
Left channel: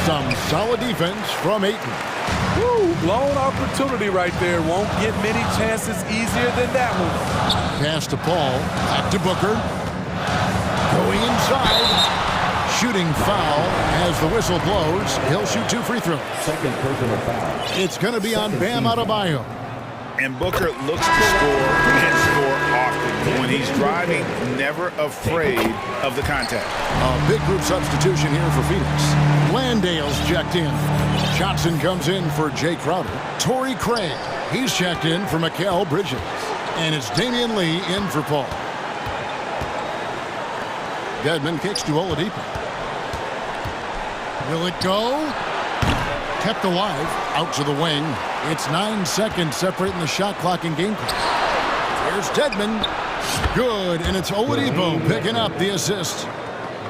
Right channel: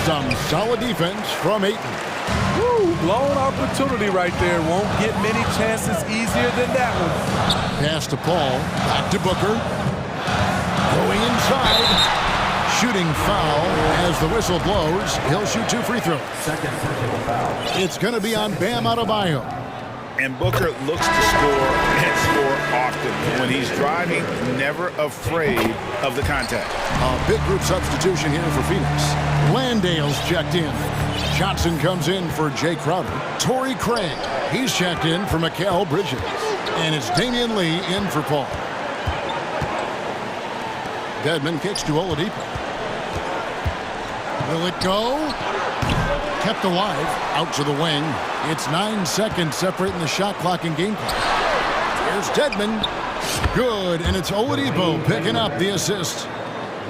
Some solid defense from Ayton. Woo, blown opportunity right there. Won't get many chances easier than that one. Pass to Paul, back to Booker. Going inside. Shooting foul as the whistle blows. He'll shoot 2 free throws. Second personal foul. It's going to be on Bam Adebayo. And Booker looks to score and score often. When he's driving, never afraid of the contact. A big group substitution here for Phoenix. Landale's checked in. Johnson comes in for Jay Crowder. Torrey Craig, he's checked in for Mikal Bridges. And it's Damian Lee in for Paul. Dedmon kicks to Oladipo. Will it go? Kept alive, out to the wing. It's 9 seconds separating the shot clock and game clock. Here's Dedmon. Good, and it's Oladipo picking up the assist.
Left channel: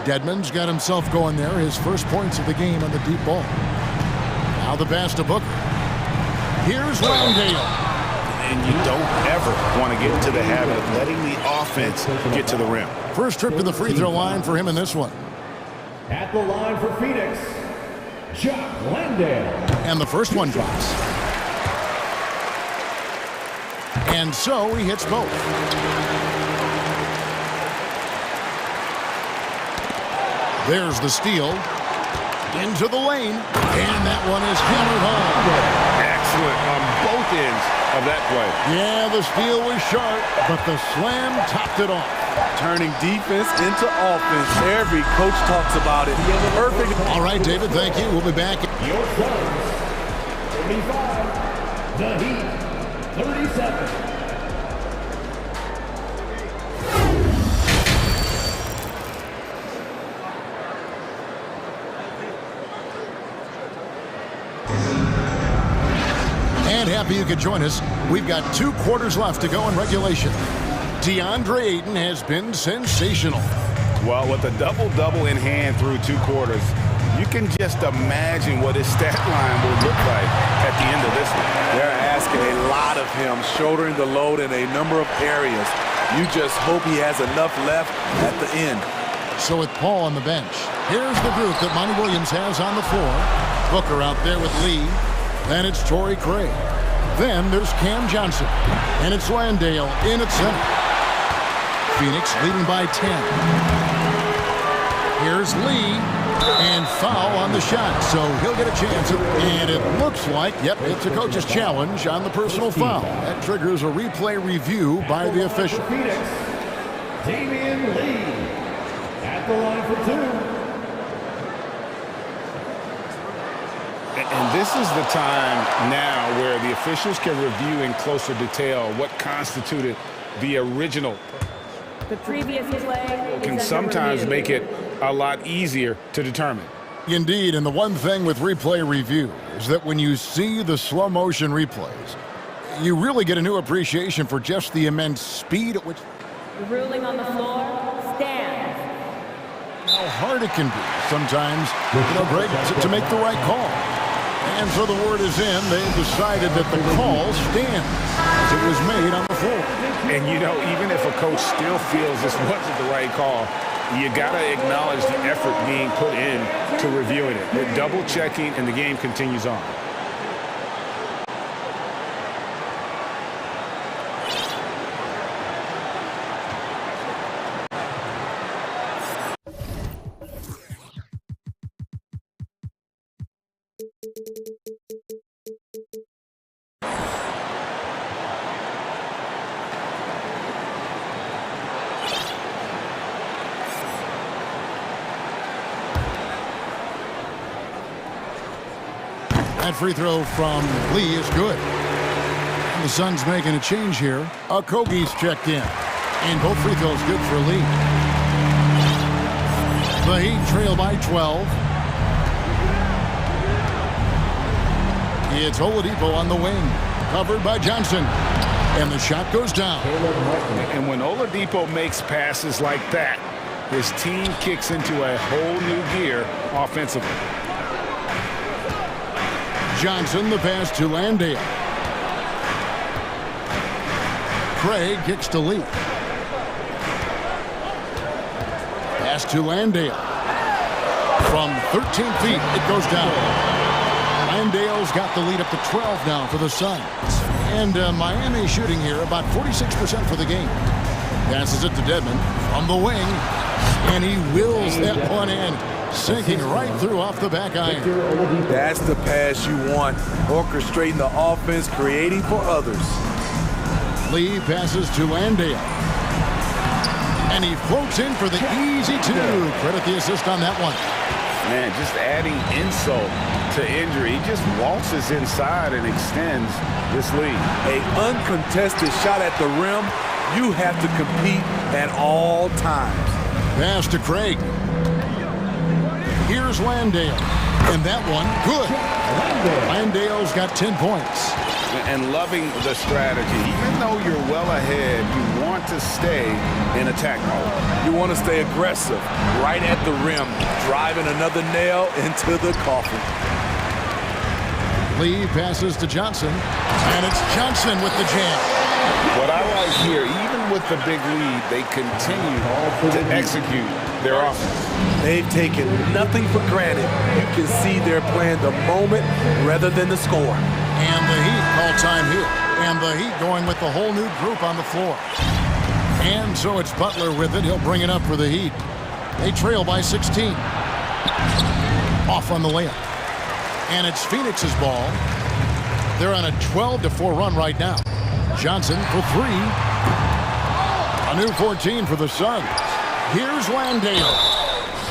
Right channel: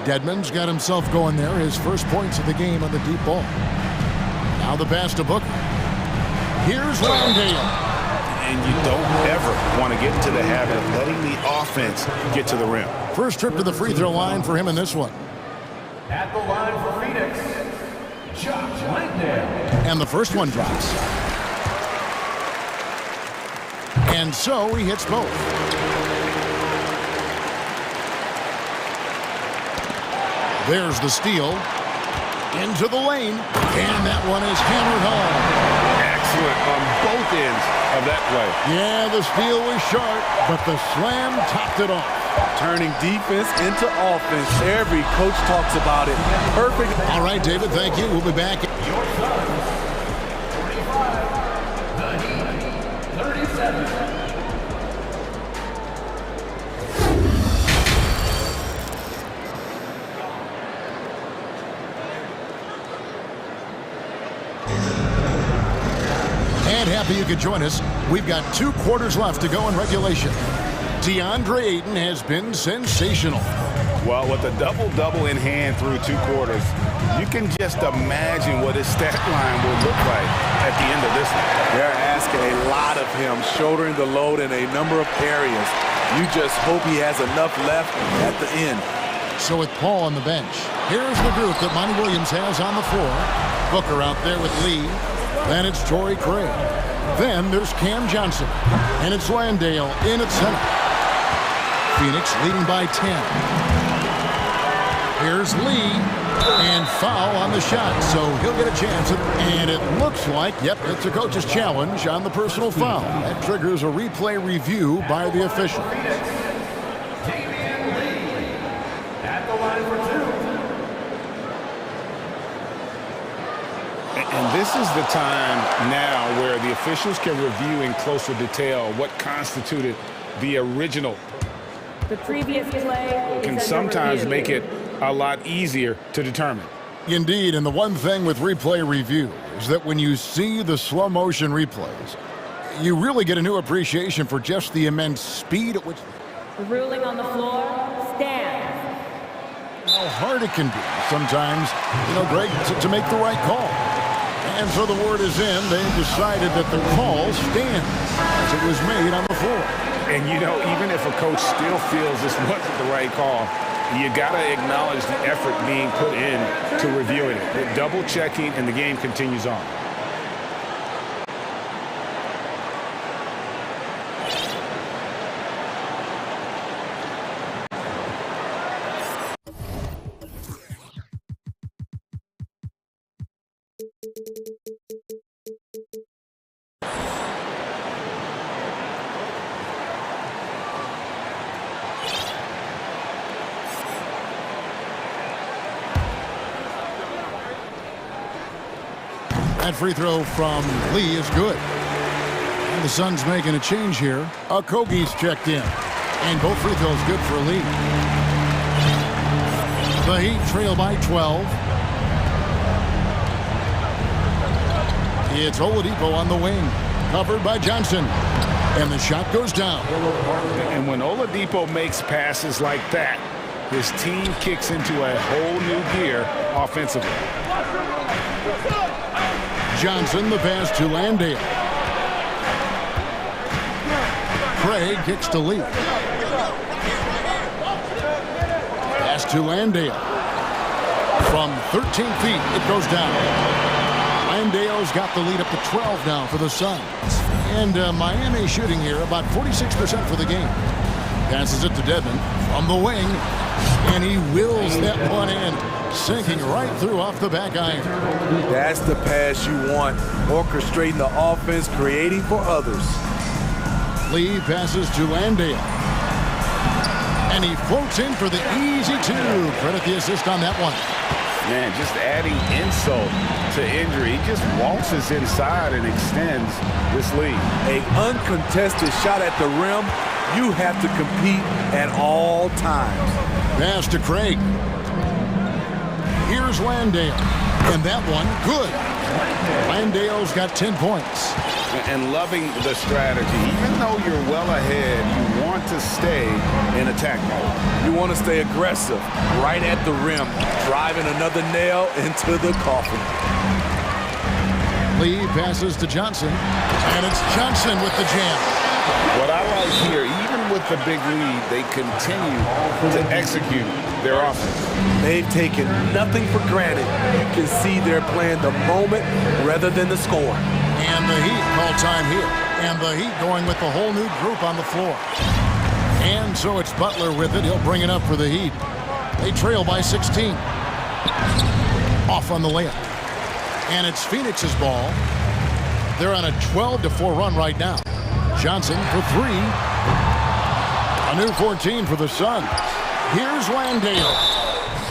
Dedmon's got himself going there, his first points of the game on the deep ball. Now the pass to Booker. Here's Landale. And you don't ever want to get into the habit of letting the offense get to the rim. First trip to the free throw line for him in this one. At the line for Phoenix, Josh Landale. And the first one drops. And so he hits both. There's the steal. Into the lane. And that one is hammered home. excellent on both ends of that play. Yeah, the steal was sharp, but the slam topped it off. Turning defense into offense. Every coach talks about it. Perfect. All right, David, thank you. We'll be back. Your Suns, 35. The Heat, 37. And happy you could join us. We've got 2 quarters left to go in regulation. DeAndre Ayton has been sensational. Well, with a double-double in hand through 2 quarters, you can just imagine what his stat line will look like at the end of this one. They're asking a lot of him, shouldering the load in a number of areas. You just hope he has enough left at the end. So with Paul on the bench, here's the group that Monty Williams has on the floor. Booker out there with Lee. Then it's Torrey Craig. Then there's Cam Johnson. And it's Landale in at center. Phoenix leading by 10. Here's Lee. And foul on the shot, so he'll get a chance. And it looks like, yep, it's a coach's challenge on the personal foul. That triggers a replay review by the official. Phoenix, Damian Lee at the line for 2. And this is the time now where the officials can review in closer detail what constituted the original. The previous play Can sometimes make it a lot easier to determine. Indeed, and the one thing with replay review is that when you see the slow motion replays, you really get a new appreciation for just the immense speed at which The ruling on the floor stands. how hard it can be sometimes, Greg, to make the right call. And so the word is in. They've decided that the call stands as it was made on the floor. And, even if a coach still feels this wasn't the right call, you got to acknowledge the effort being put in to reviewing it. The double checking, and the game continues on. That free throw from Lee is good. And the Suns making a change here. Okogie's checked in. And both free throws good for Lee. The Heat trail by 12. It's Oladipo on the wing. Covered by Johnson. And the shot goes down. And when Oladipo makes passes like that, his team kicks into a whole new gear offensively. Johnson, the pass to Landale. Craig kicks to Lee. Pass to Landale. From 13 feet, it goes down. Landale's got the lead up to 12 now for the Suns. And Miami shooting here about 46% for the game. Passes it to Dedmon from the wing. And he wills that one in. Sinking right through off the back iron. That's the pass you want. Orchestrating the offense, creating for others. Lee passes to Landale. And he floats in for the easy 2. Credit the assist on that one. Man, just adding insult to injury. He just waltzes inside and extends this lead. An uncontested shot at the rim. You have to compete at all times. Pass to Craig. Here's Landale. And that one, good. Landale's got 10 points. And loving the strategy. Even though you're well ahead, you want to stay in attack mode. You want to stay aggressive, right at the rim, driving another nail into the coffin. Lee passes to Johnson. And it's Johnson with the jam. What I like here, even with the big lead, they continue to execute their offense. They've taken nothing for granted. You can see they're playing the moment rather than the score. And the Heat call time here. And the Heat going with the whole new group on the floor. And so it's Butler with it. He'll bring it up for the Heat. They trail by 16. Off on the layup. And it's Phoenix's ball. They're on a 12-4 run right now. Johnson for three. A new 14 for the Suns. Here's Landale.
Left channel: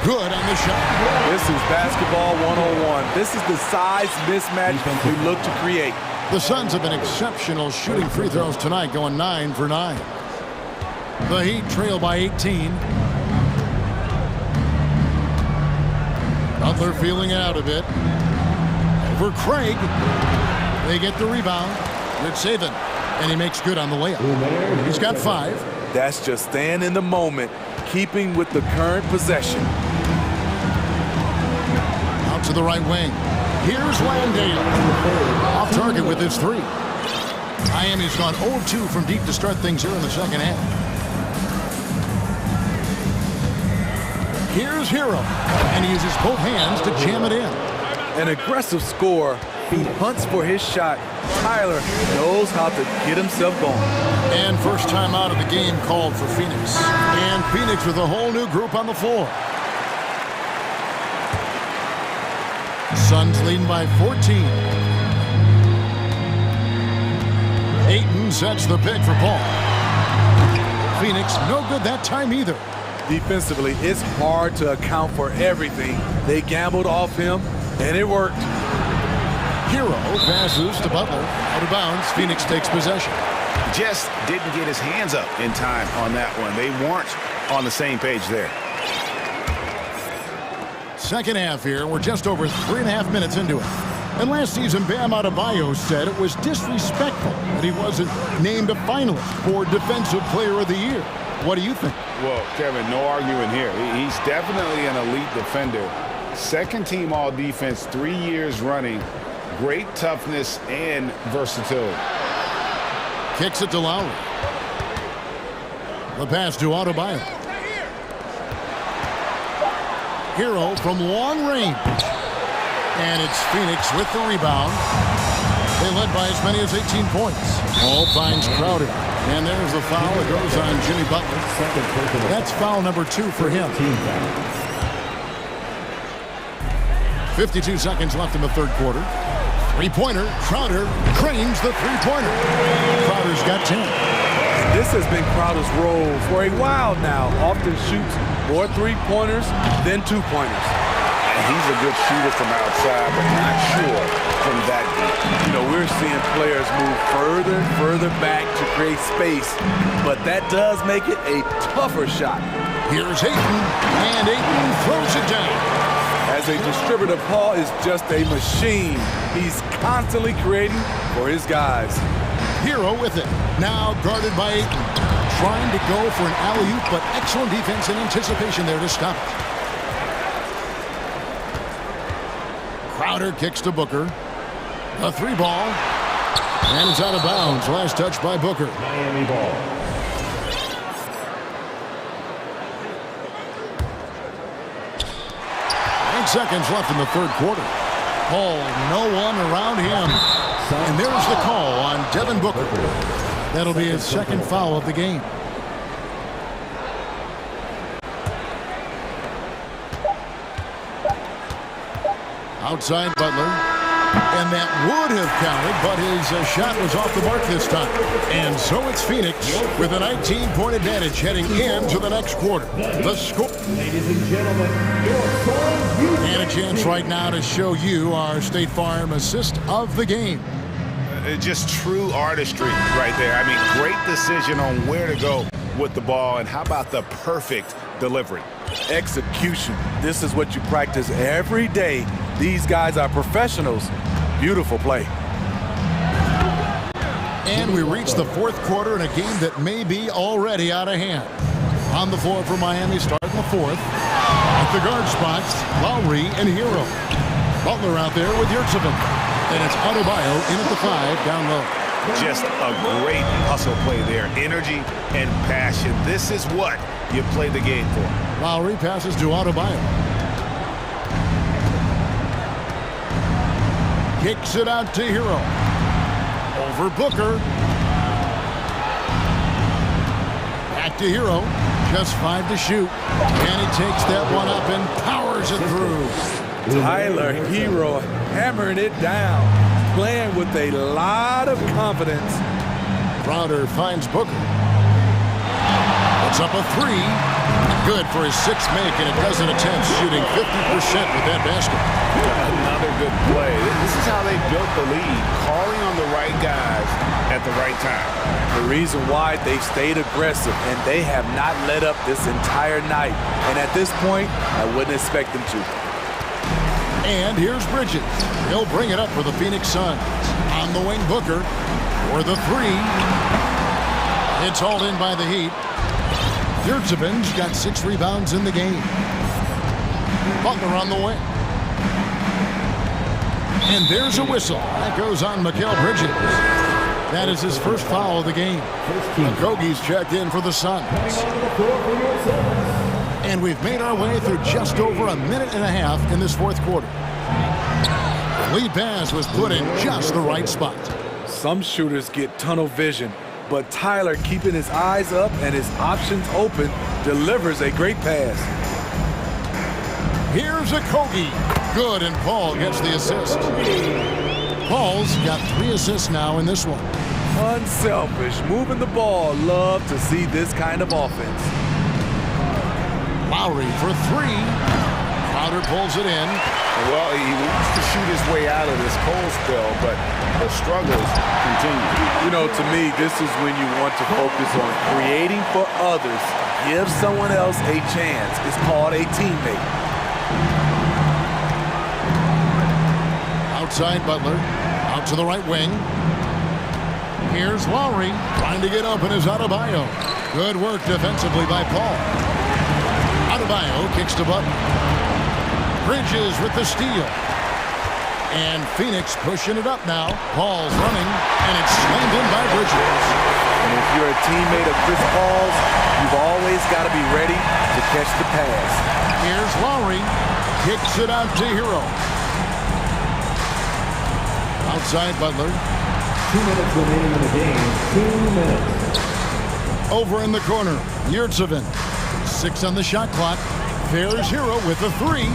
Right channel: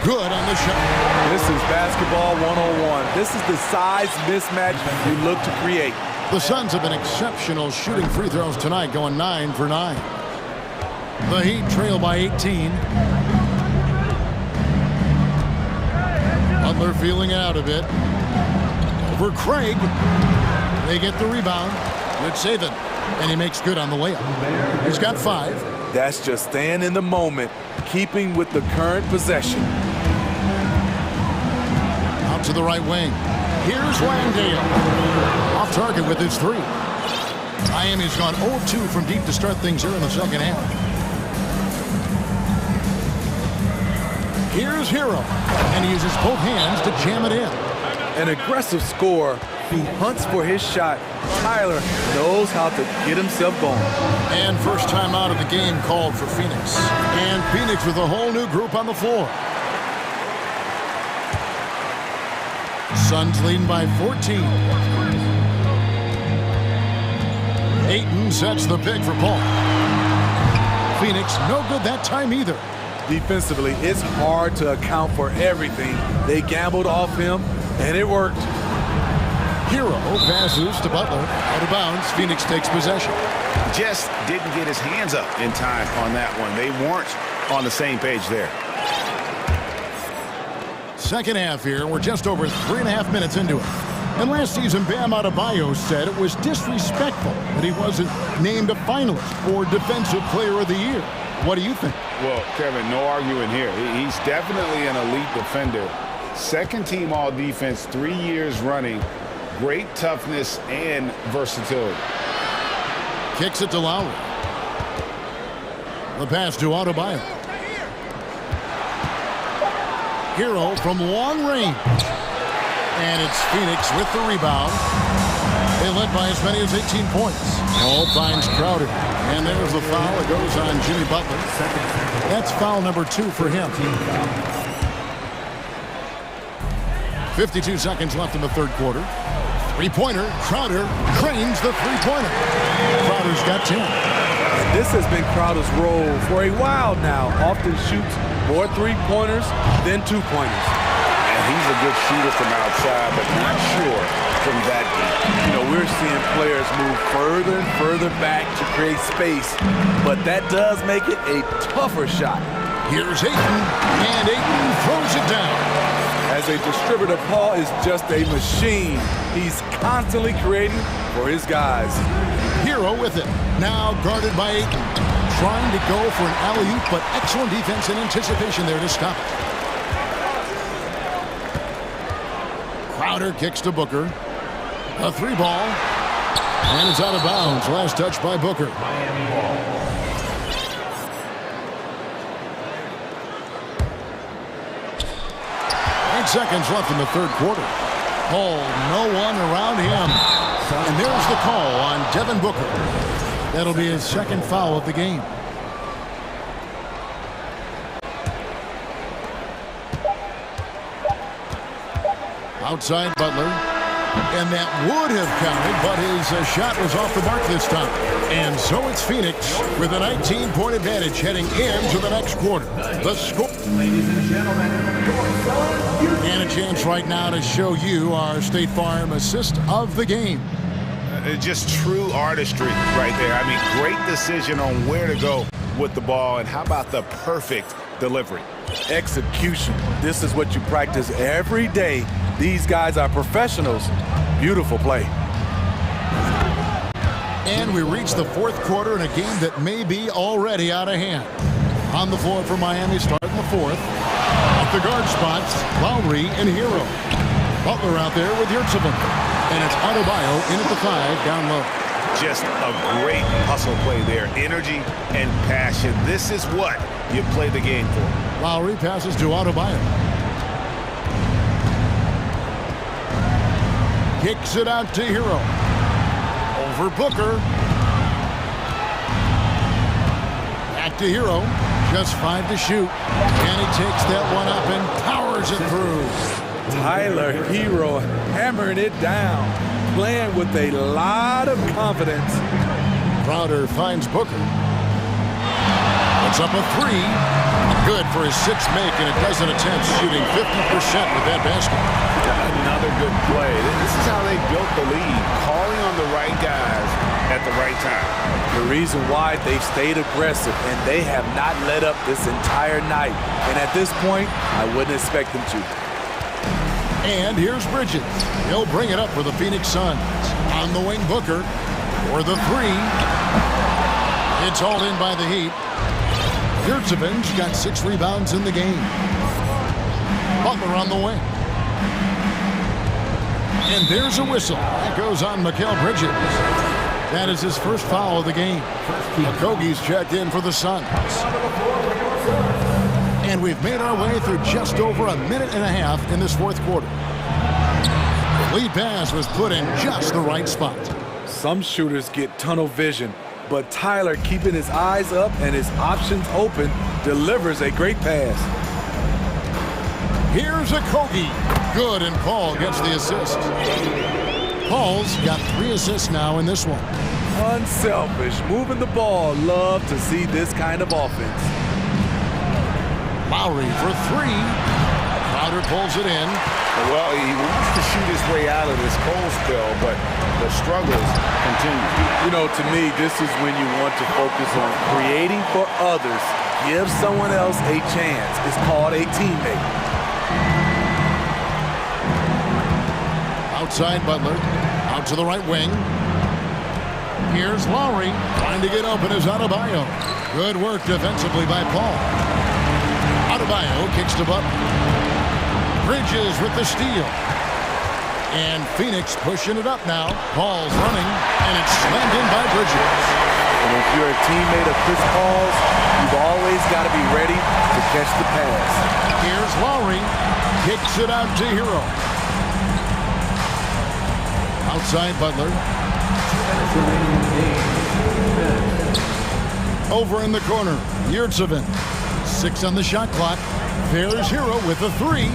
Good on the shot. This is basketball 101. This is the size mismatch you look to create. The Suns have been exceptional shooting free throws tonight, going 9 for 9. The Heat trail by 18. Butler feeling out a bit. Over Craig. They get the rebound. Good saving. And he makes good on the layup. He's got 5. That's just staying in the moment, keeping with the current possession. Out to the right wing. Here's Landale. Off target with his 3. Miami's gone 0-2 from deep to start things here in the second half. Here's Hero. And he uses both hands to jam it in. An aggressive scorer who hunts for his shot. Tyler knows how to get himself going. And first time out of the game called for Phoenix. And Phoenix with a whole new group on the floor. Suns leading by 14. Ayton sets the pick for Paul. Phoenix no good that time either. Defensively, it's hard to account for everything. They gambled off him, and it worked. Hero passes to Butler. Out of bounds, Phoenix takes possession. Just didn't get his hands up in time on that one. They weren't on the same page there. Second half here. We're just over 3.5 minutes into it. And last season, Bam Adebayo said it was disrespectful that he wasn't named a finalist for Defensive Player of the Year. What do you think? Well, Kevin, no arguing here. He's definitely an elite defender. Second team all defense 3 years running. Great toughness and versatility. Kicks it to Lowry. The pass to Adebayo. Hero from long range. And it's Phoenix with the rebound. They led by as many as 18 points. Hall finds Crowder. And there's the foul. It goes on Jimmy Butler. That's foul number 2 for him. 52 seconds left in the third quarter. Three-pointer. Crowder cranes the three-pointer. Crowder's got 10. And this has been Crowder's role for a while now. Often shoots more three-pointers than two-pointers. And he's a good shooter from outside, but not sure from that deep. You know, we're seeing players move further and further back to create space, but that does make it a tougher shot. Here's Ayton, and Ayton throws it down. As a distributor, Paul is just a machine. He's constantly creating for his guys. Hero with it. Now guarded by Ayton. Trying to go for an alley-oop, but excellent defense and anticipation there to stop it. Crowder kicks to Booker. A 3-ball. And it's out of bounds. Last touch by Booker. Miami ball. Eight seconds left in the third quarter. Paul, no one around him. And there's the call on Devin Booker. That'll be his second foul of the game. Outside Butler. And that would have counted, but his shot was off the mark this time. And so it's Phoenix with a 19-point advantage heading into the next quarter. The score. Ladies and gentlemen, your Suns. And a chance right now to show you our State Farm assist of the game. Just true artistry right there. I mean, great decision on where to go with the ball, and how about the perfect delivery? Execution. This is what you practice every day. These guys are professionals. Beautiful play. And we reach the fourth quarter in a game that may be already out of hand. On the floor for Miami, starting the fourth. At the guard spots, Lowry and Hero. Butler out there with Yurtsevin. And it's Adebayo in at the 5, down low. Just a great hustle play there. Energy and passion. This is what you play the game for. Lowry passes to Adebayo. Kicks it out to Hero. Over Booker. Back to Hero. Just 5 to shoot. And he takes that one up and powers it through. Tyler Hero hammering it down. playing with a lot of confidence. Crowder finds Booker. It's up a three. Good for his sixth make in a dozen attempts, shooting 50% with that basket. Another good play. This is how they built the lead, calling on the right guys at the right time. The reason why they've stayed aggressive, and they have not let up this entire night. And at this point, I wouldn't expect them to. And here's Bridges. He'll bring it up for the Phoenix Suns. On the wing, Booker for the three. It's hauled in by the Heat. Yurtseven's got 6 rebounds in the game. Butler on the wing. And there's a whistle. That goes on Mikal Bridges. That is his first foul of the game. Okogie's checked in for the Suns. And we've made our way through just over a minute and a half in this fourth quarter. The lead pass was put in just the right spot. Some shooters get tunnel vision, but Tyler, keeping his eyes up and his options open, delivers a great pass. Here's Okogie. Good, and Paul gets the assist. Paul's got 3 assists now in this one. Unselfish, moving the ball. Love to see this kind of offense. Lowry for 3. Crowder pulls it in. Well, he wants to shoot his way out of this cold spell, but the struggles continue. You know, to me, this is when you want to focus on creating for others. Give someone else a chance. It's called a teammate. Outside Butler. Out to the right wing. Here's Lowry. Trying to get open is Adebayo. Good work defensively by Paul. Adebayo kicks to Butler. Bridges with the steal. And Phoenix pushing it up now. Paul's running, and it's slammed in by Bridges. And if you're a teammate of Chris Paul's, you've always got to be ready to catch the pass. Here's Lowry. Kicks it out to Hero. Outside Butler. 2 minutes remaining in the game. 2 minutes. Over in the corner, Yurtseven. 6 on the shot clock. There's Hero with a 3.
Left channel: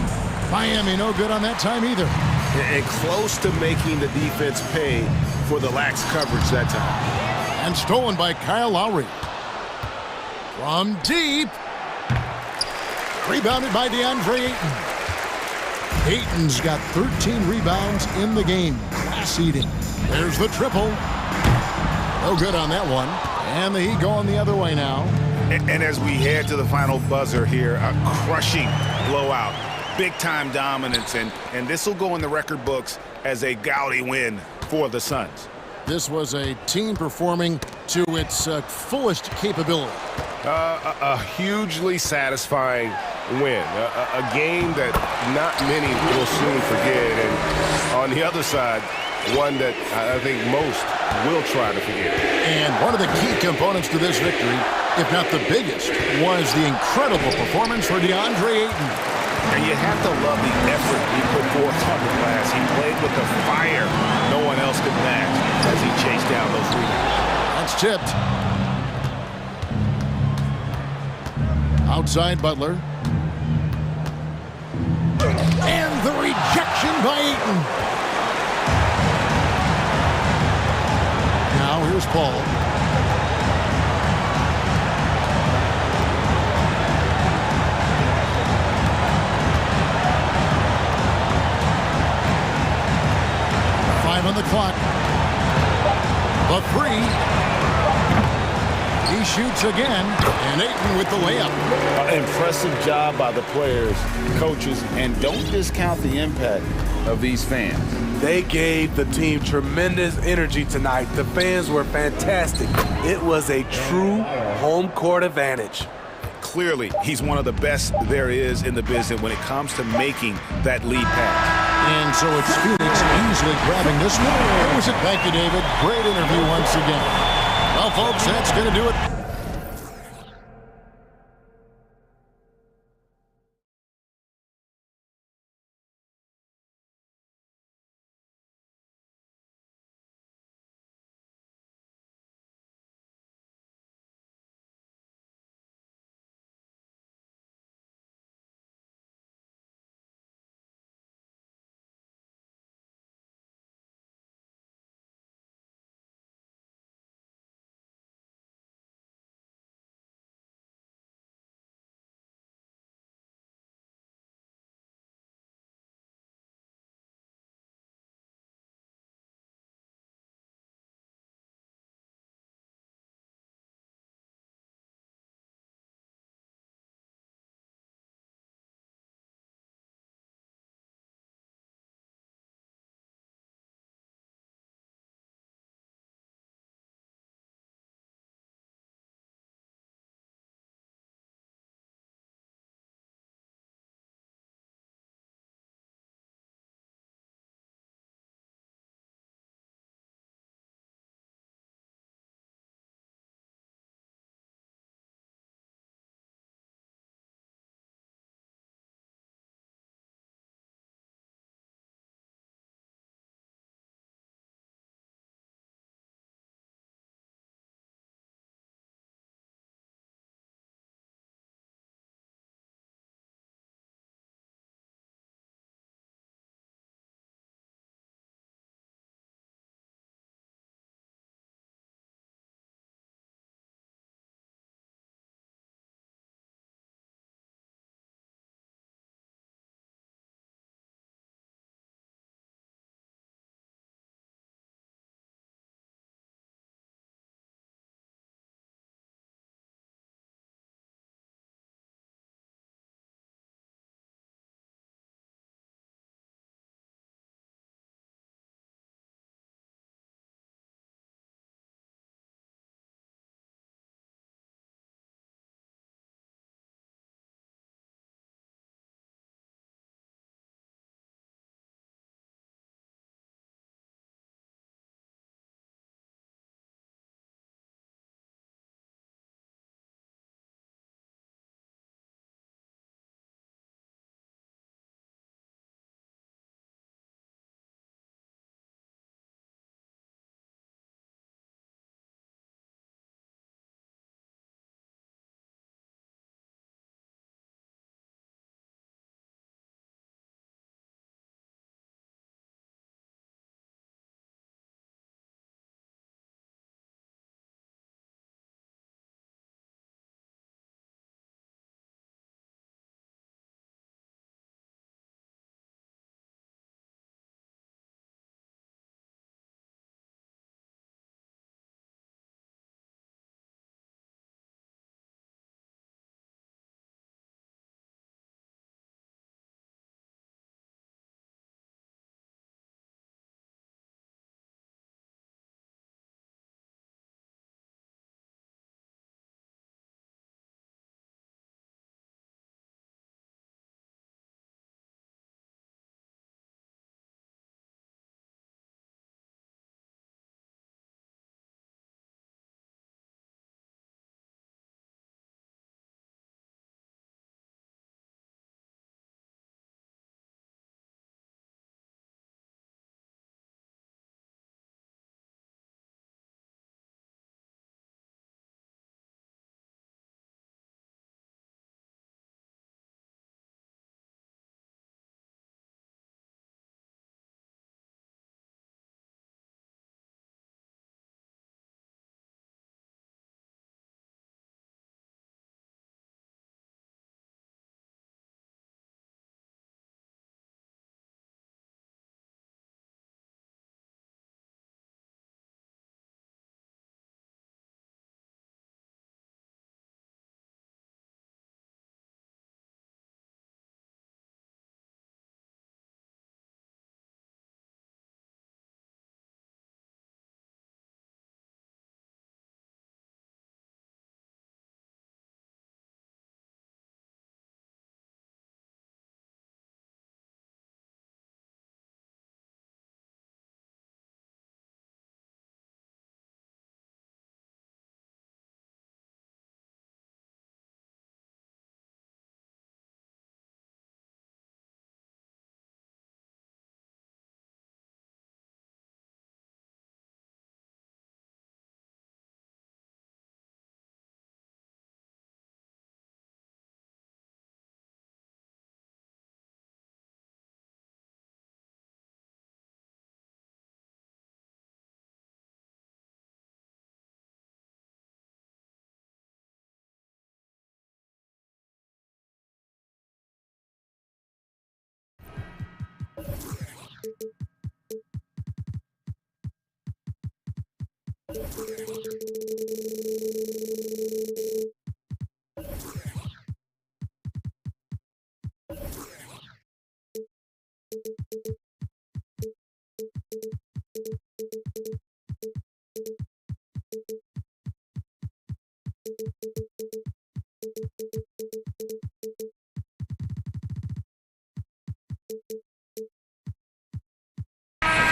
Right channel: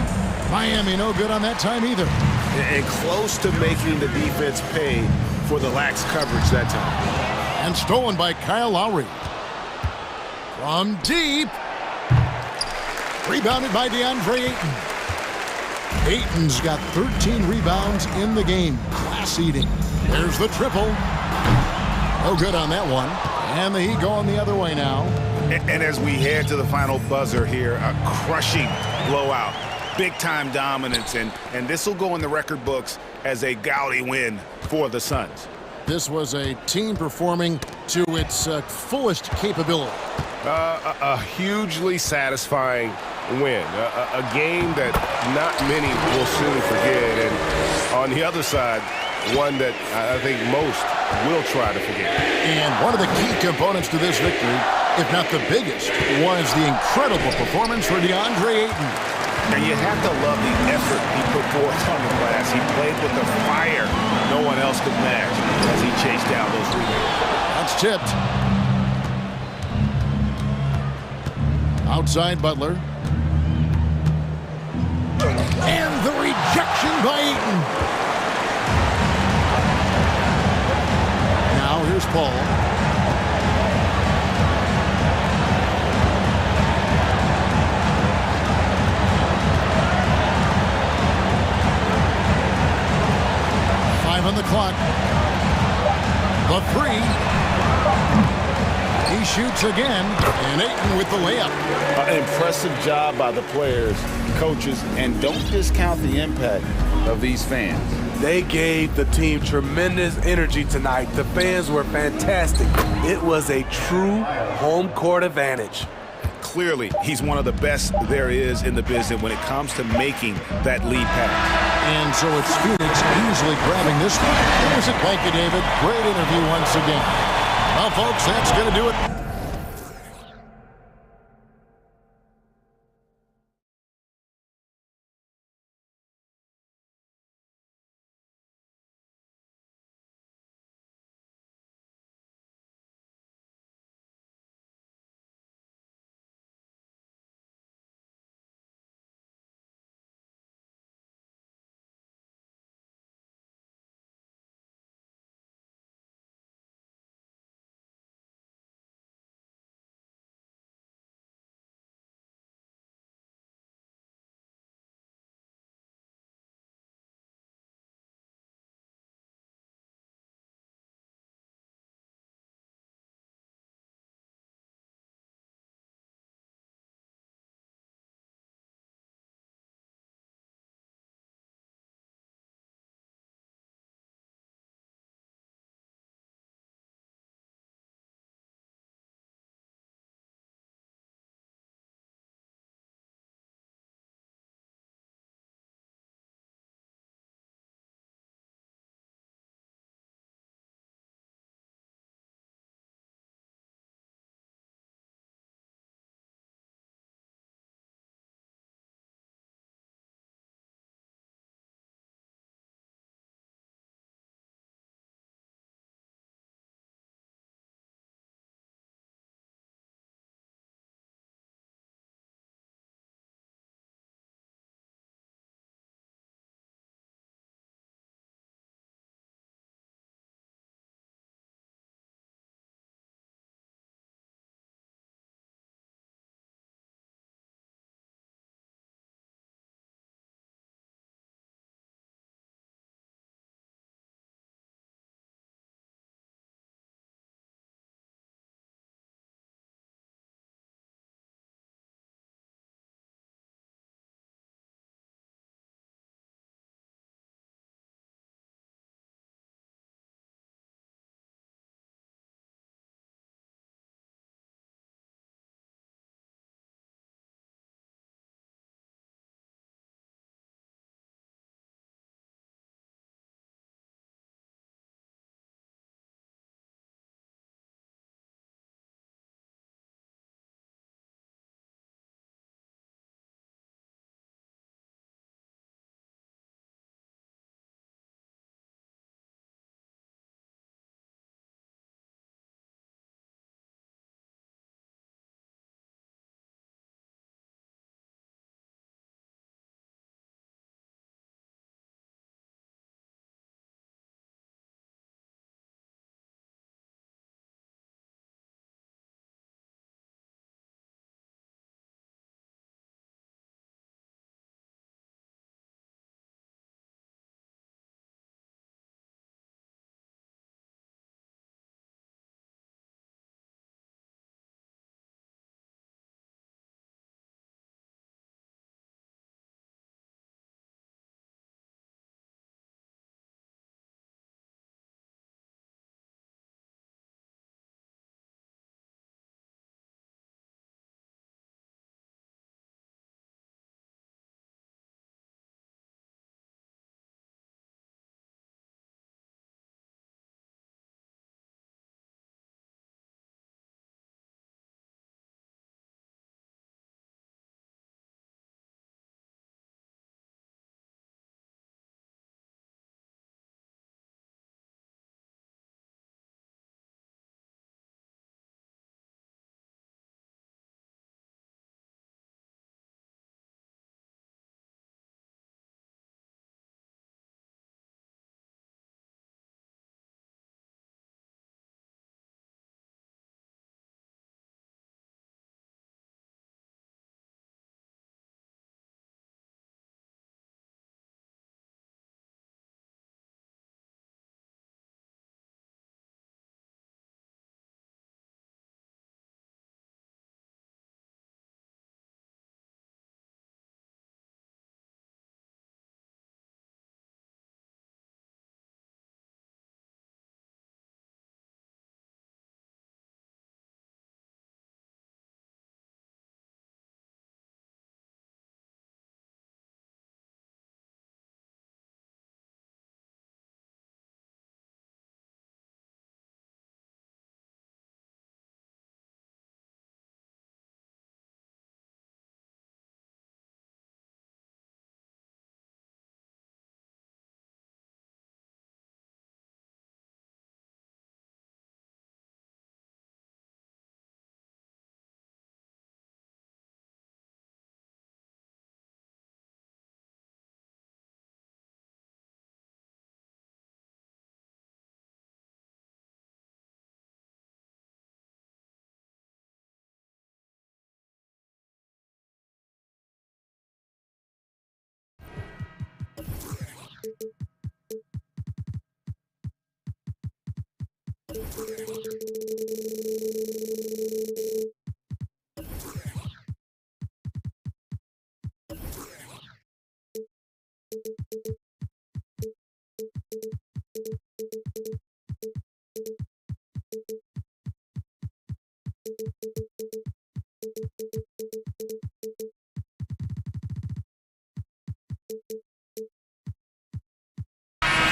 Miami no good on that time either. And close to making the defense pay for the lax coverage that time. And stolen by Kyle Lowry. From deep. Rebounded by DeAndre Ayton. Ayton's got 13 rebounds in the game. Class eating. There's the triple. No good on that one. And the Heat going the other way now. And as we head to the final buzzer here, a crushing blowout. Big-time dominance, and this will go in the record books as a gaudy win for the Suns. This was a team performing to its fullest capability. A hugely satisfying win. A game that not many will soon forget. And on the other side, one that I think most will try to forget. And one of the key components to this victory, if not the biggest, was the incredible performance for DeAndre Ayton. And you have to love the effort he put forth on the glass. He played with a fire no one else could match as he chased down those rebounds. That's tipped. Outside Butler. And the rejection by Ayton. Now here's Paul. On the clock. The 3. He shoots again, and Ayton with the layup. Impressive job by the players, coaches, and don't discount the impact of these fans. They gave the team tremendous energy tonight. The fans were fantastic. It was a true home court advantage. Clearly, he's one of the best there is in the business when it comes to making that lead pass. And so it's Phoenix easily grabbing this one. It was it. Thank you, David. Great interview once again. Well, folks, that's going to do it.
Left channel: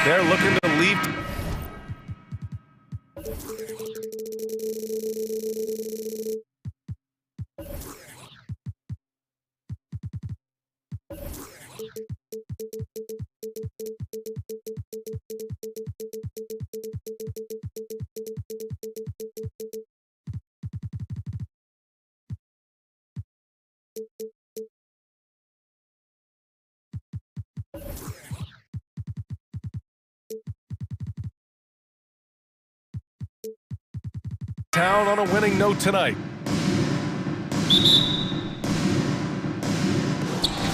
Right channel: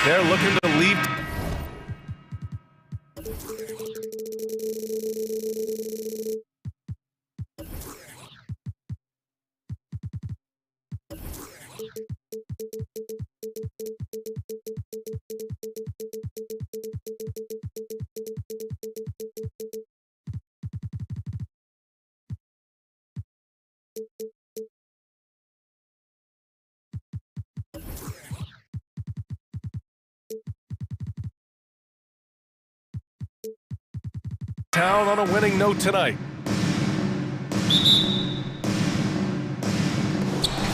They're looking to leave. Town on a winning note tonight.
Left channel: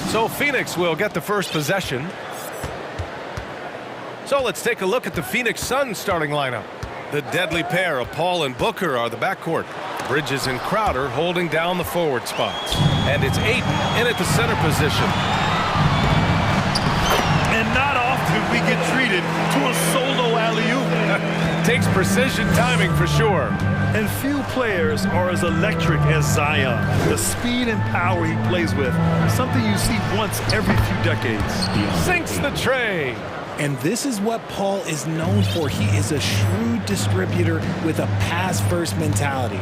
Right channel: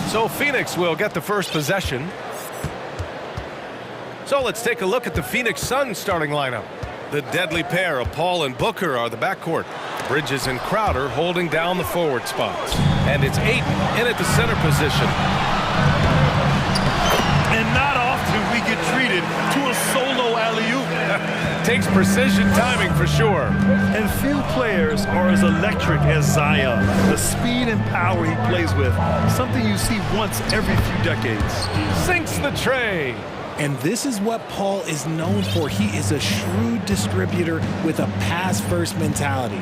So Phoenix will get the first possession. So let's take a look at the Phoenix Suns starting lineup. The deadly pair of Paul and Booker are the backcourt. Bridges and Crowder holding down the forward spots. And it's Ayton in at the center position. And not often we get treated to a solo alley-oop. Takes precision timing for sure. And few players are as electric as Zion. The speed and power he plays with, something you see once every few decades. Sinks the tray. And this is what Paul is known for. He is a shrewd distributor with a pass-first mentality.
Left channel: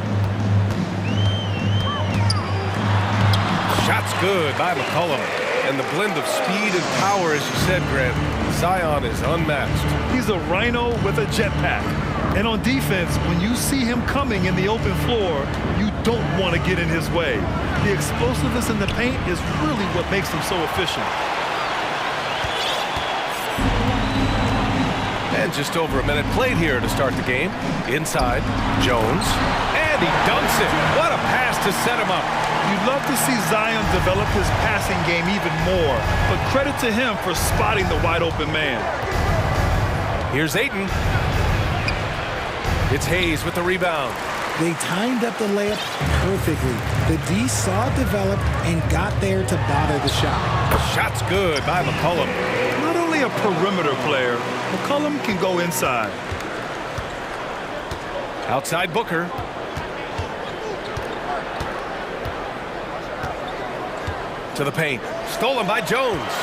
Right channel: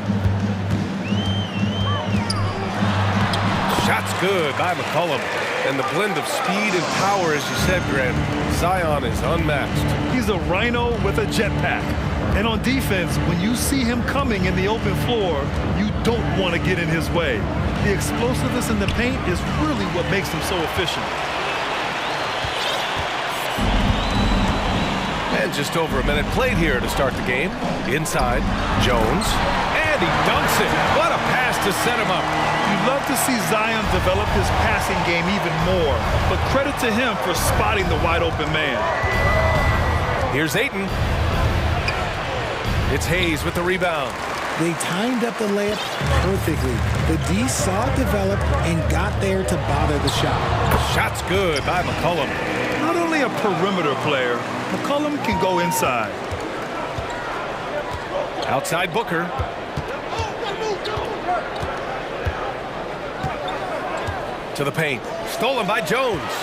Shot's good by McCollum. And the blend of speed and power, as you said, Grant, Zion is unmatched. He's a rhino with a jetpack. And on defense, when you see him coming in the open floor, you don't want to get in his way. The explosiveness in the paint is really what makes him so efficient. And just over a minute played here to start the game. Inside, Jones. And he dunks it. What a pass to set him up. You'd love to see Zion develop his passing game even more, but credit to him for spotting the wide open man. Here's Ayton. It's Hayes with the rebound. They timed up the layup perfectly. The D saw it develop and got there to bother the shot. Shot's good by McCollum. Not only a perimeter player, McCollum can go inside. Outside Booker. To the paint. Stolen by Jones.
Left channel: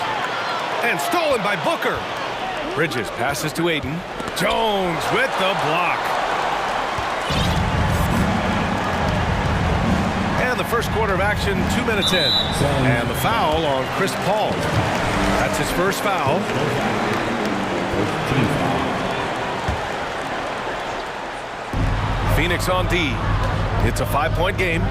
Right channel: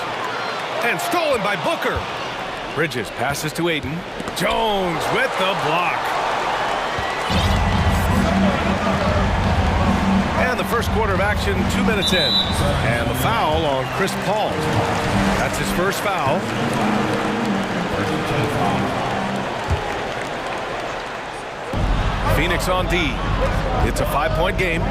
And stolen by Booker. Bridges passes to Ayton. Jones with the block. And the first quarter of action, 2 minutes in. And the foul on Chris Paul. That's his first foul. Phoenix on D. It's a 5-point game.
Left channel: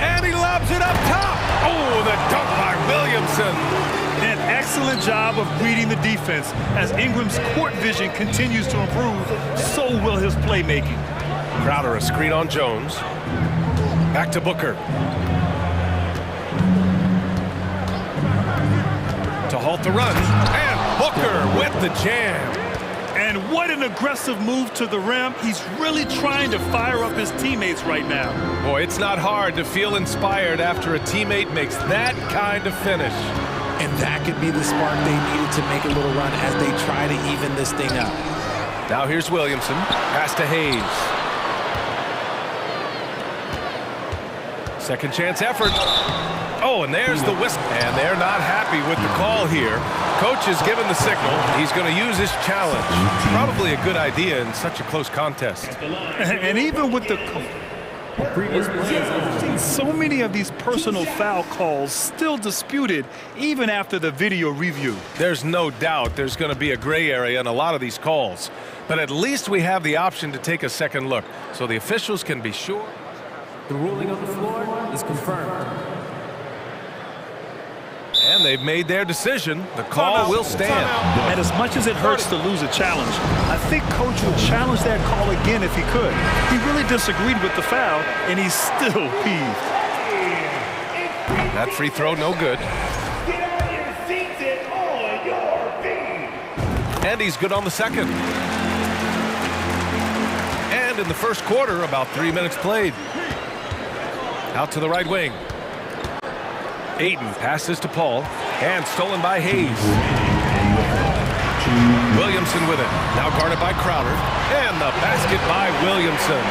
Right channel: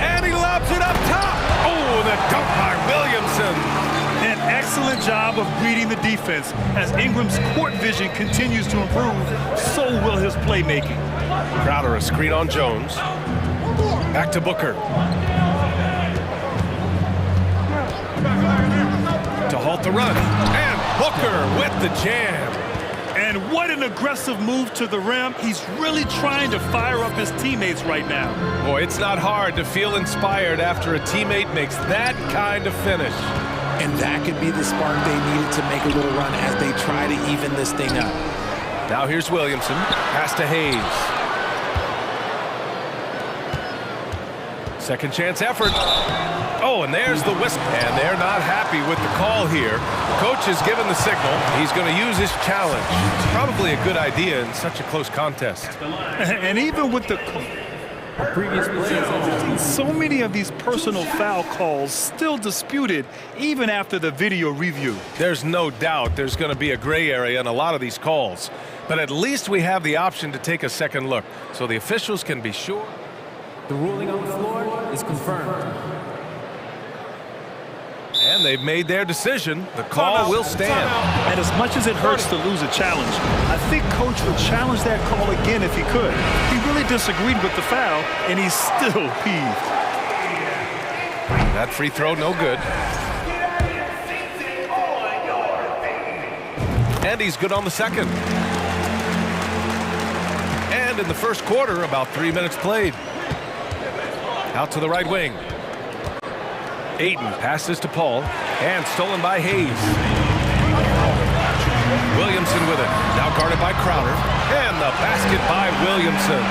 And he lobs it up top. Oh, the dunk by Williamson. An excellent job of reading the defense. As Ingram's court vision continues to improve, so will his playmaking. Crowder a screen on Jones. Back to Booker. To halt the run. And Booker with the jam. And what an aggressive move to the rim. He's really trying to fire up his teammates right now. Boy, it's not hard to feel inspired after a teammate makes that kind of finish. And that could be the spark they needed to make a little run as they try to even this thing up. Now here's Williamson. Pass to Hayes. Second chance effort. Oh, and there's the whistle. And they're not happy with the call here. Coach has given the signal. He's going to use his challenge. Probably a good idea in such a close contest. And even with the previous play is interesting. So many of these personal foul calls still disputed even after the video review. There's no doubt there's going to be a gray area in a lot of these calls. But at least we have the option to take a second look so the officials can be sure. The ruling on the floor is confirmed. And they've made their decision. The call will stand. And as much as it hurts to lose a challenge, I think Coach would challenge that call again if he could. He really disagreed with the foul, and he's still peeved. That free throw, no good. And he's good on the second. And in the first quarter, about 3 minutes played. Out to the right wing. Ayton passes to Paul, and stolen by Hayes. Williamson with it, now guarded by Crowder, and the basket by Williamson.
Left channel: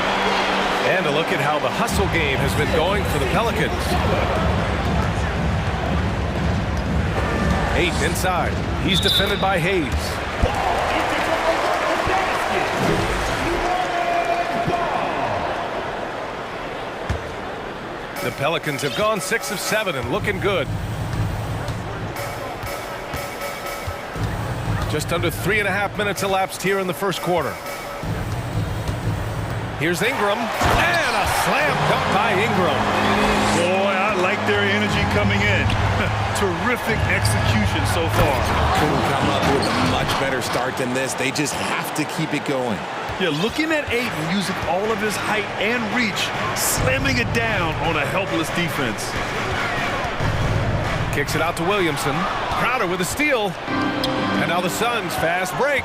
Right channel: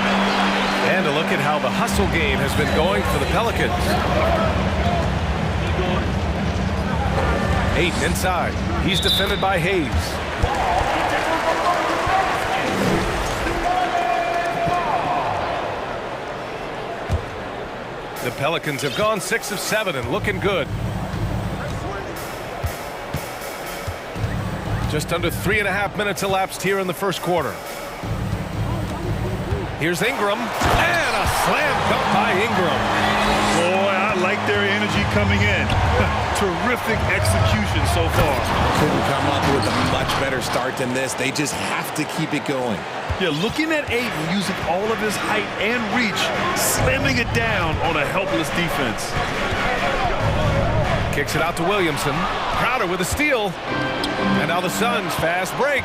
And a look at how the hustle game has been going for the Pelicans. Ayton inside, he's defended by Hayes. The Pelicans have gone 6 of 7 and looking good. Just under 3.5 minutes elapsed here in the first quarter. Here's Ingram, and a slam dunk by Ingram. Boy, I like their energy coming in. Terrific execution so far. Couldn't come up with a much better start than this. They just have to keep it going. Yeah, looking at Ayton using all of his height and reach, slamming it down on a helpless defense. Kicks it out to Williamson. Crowder with a steal. And now the Suns fast break.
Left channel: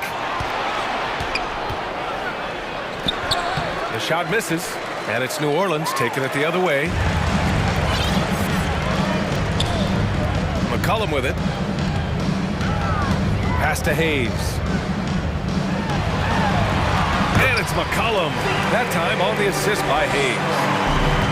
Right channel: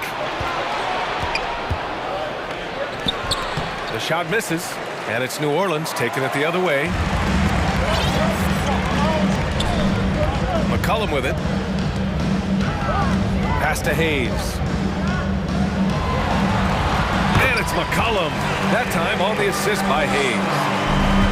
The shot misses, and it's New Orleans taking it the other way. McCollum with it. Pass to Hayes. And it's McCollum. That time on the assist by Hayes.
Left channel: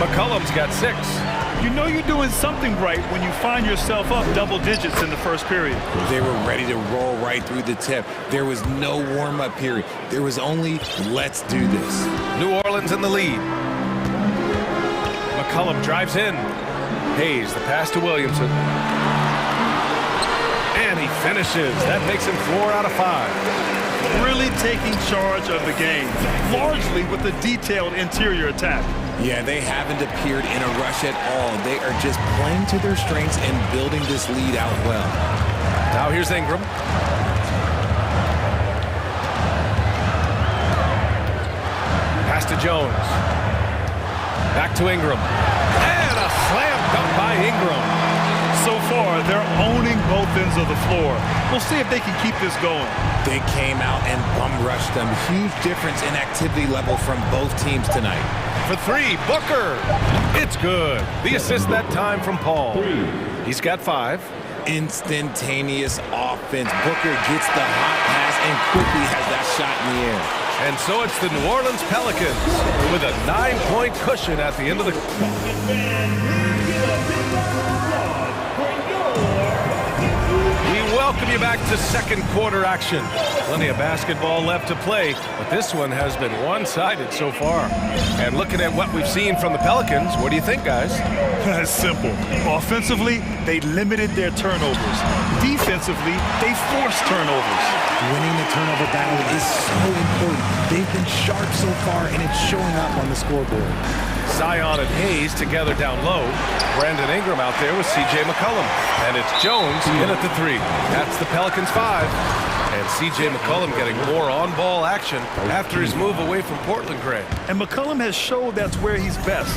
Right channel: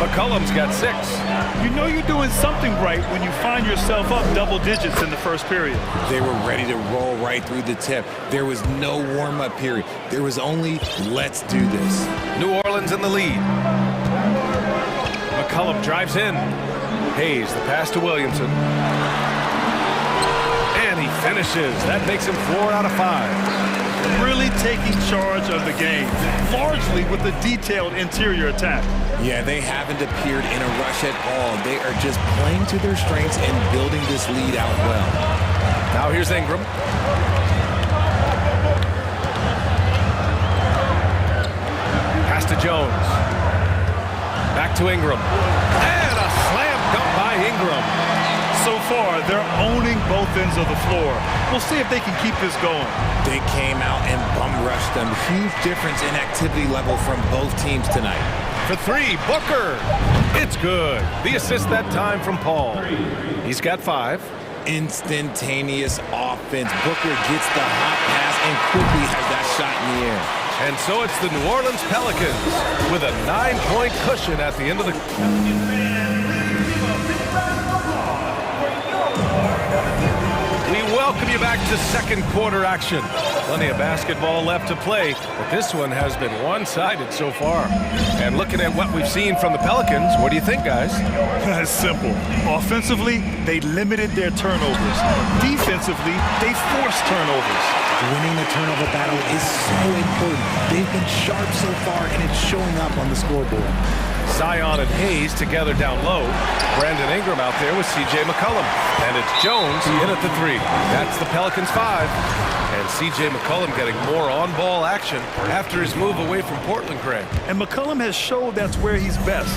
McCollum's got 6. You know you're doing something right when you find yourself up double digits in the first period. They were ready to roll right through the tip. There was no warm-up period. There was only, let's do this. New Orleans in the lead. McCollum drives in. Hayes, the pass to Williamson. And he finishes. That makes him 4 out of 5. Really taking charge of the game, largely with a detailed interior attack. Yeah, they haven't appeared in a rush at all. They are just playing to their strengths and building this lead out well. Now here's Ingram. Pass to Jones. Back to Ingram. And a slam dunk by Ingram. So far, they're owning both ends of the floor. We'll see if they can keep this going. They came out and bum rushed them. Huge difference in activity level from both teams tonight. For 3, Booker. It's good. The assist that time from Paul. He's got 5. Instantaneous offense. Booker gets the hot pass and quickly has that shot in the air. And so it's the New Orleans Pelicans with a 9-point cushion at the end of the... We welcome you back to second quarter action. Plenty of basketball left to play, but this one has been one-sided so far. And looking at what we've seen from the Pelicans, what do you think, guys? It's simple. Offensively, they limited their turnovers. Defensively, they forced turnovers. Winning the turnover battle is so important. They've been sharp so far, and it's showing up on the scoreboard. Zion and Hayes together down low. Brandon Ingram out there with C.J. McCollum. And it's Jones in at the 3. That's the Pelicans 5. And C.J. McCollum getting more on-ball action after his move away from Portland, Grant. And McCollum has showed that's where he's best.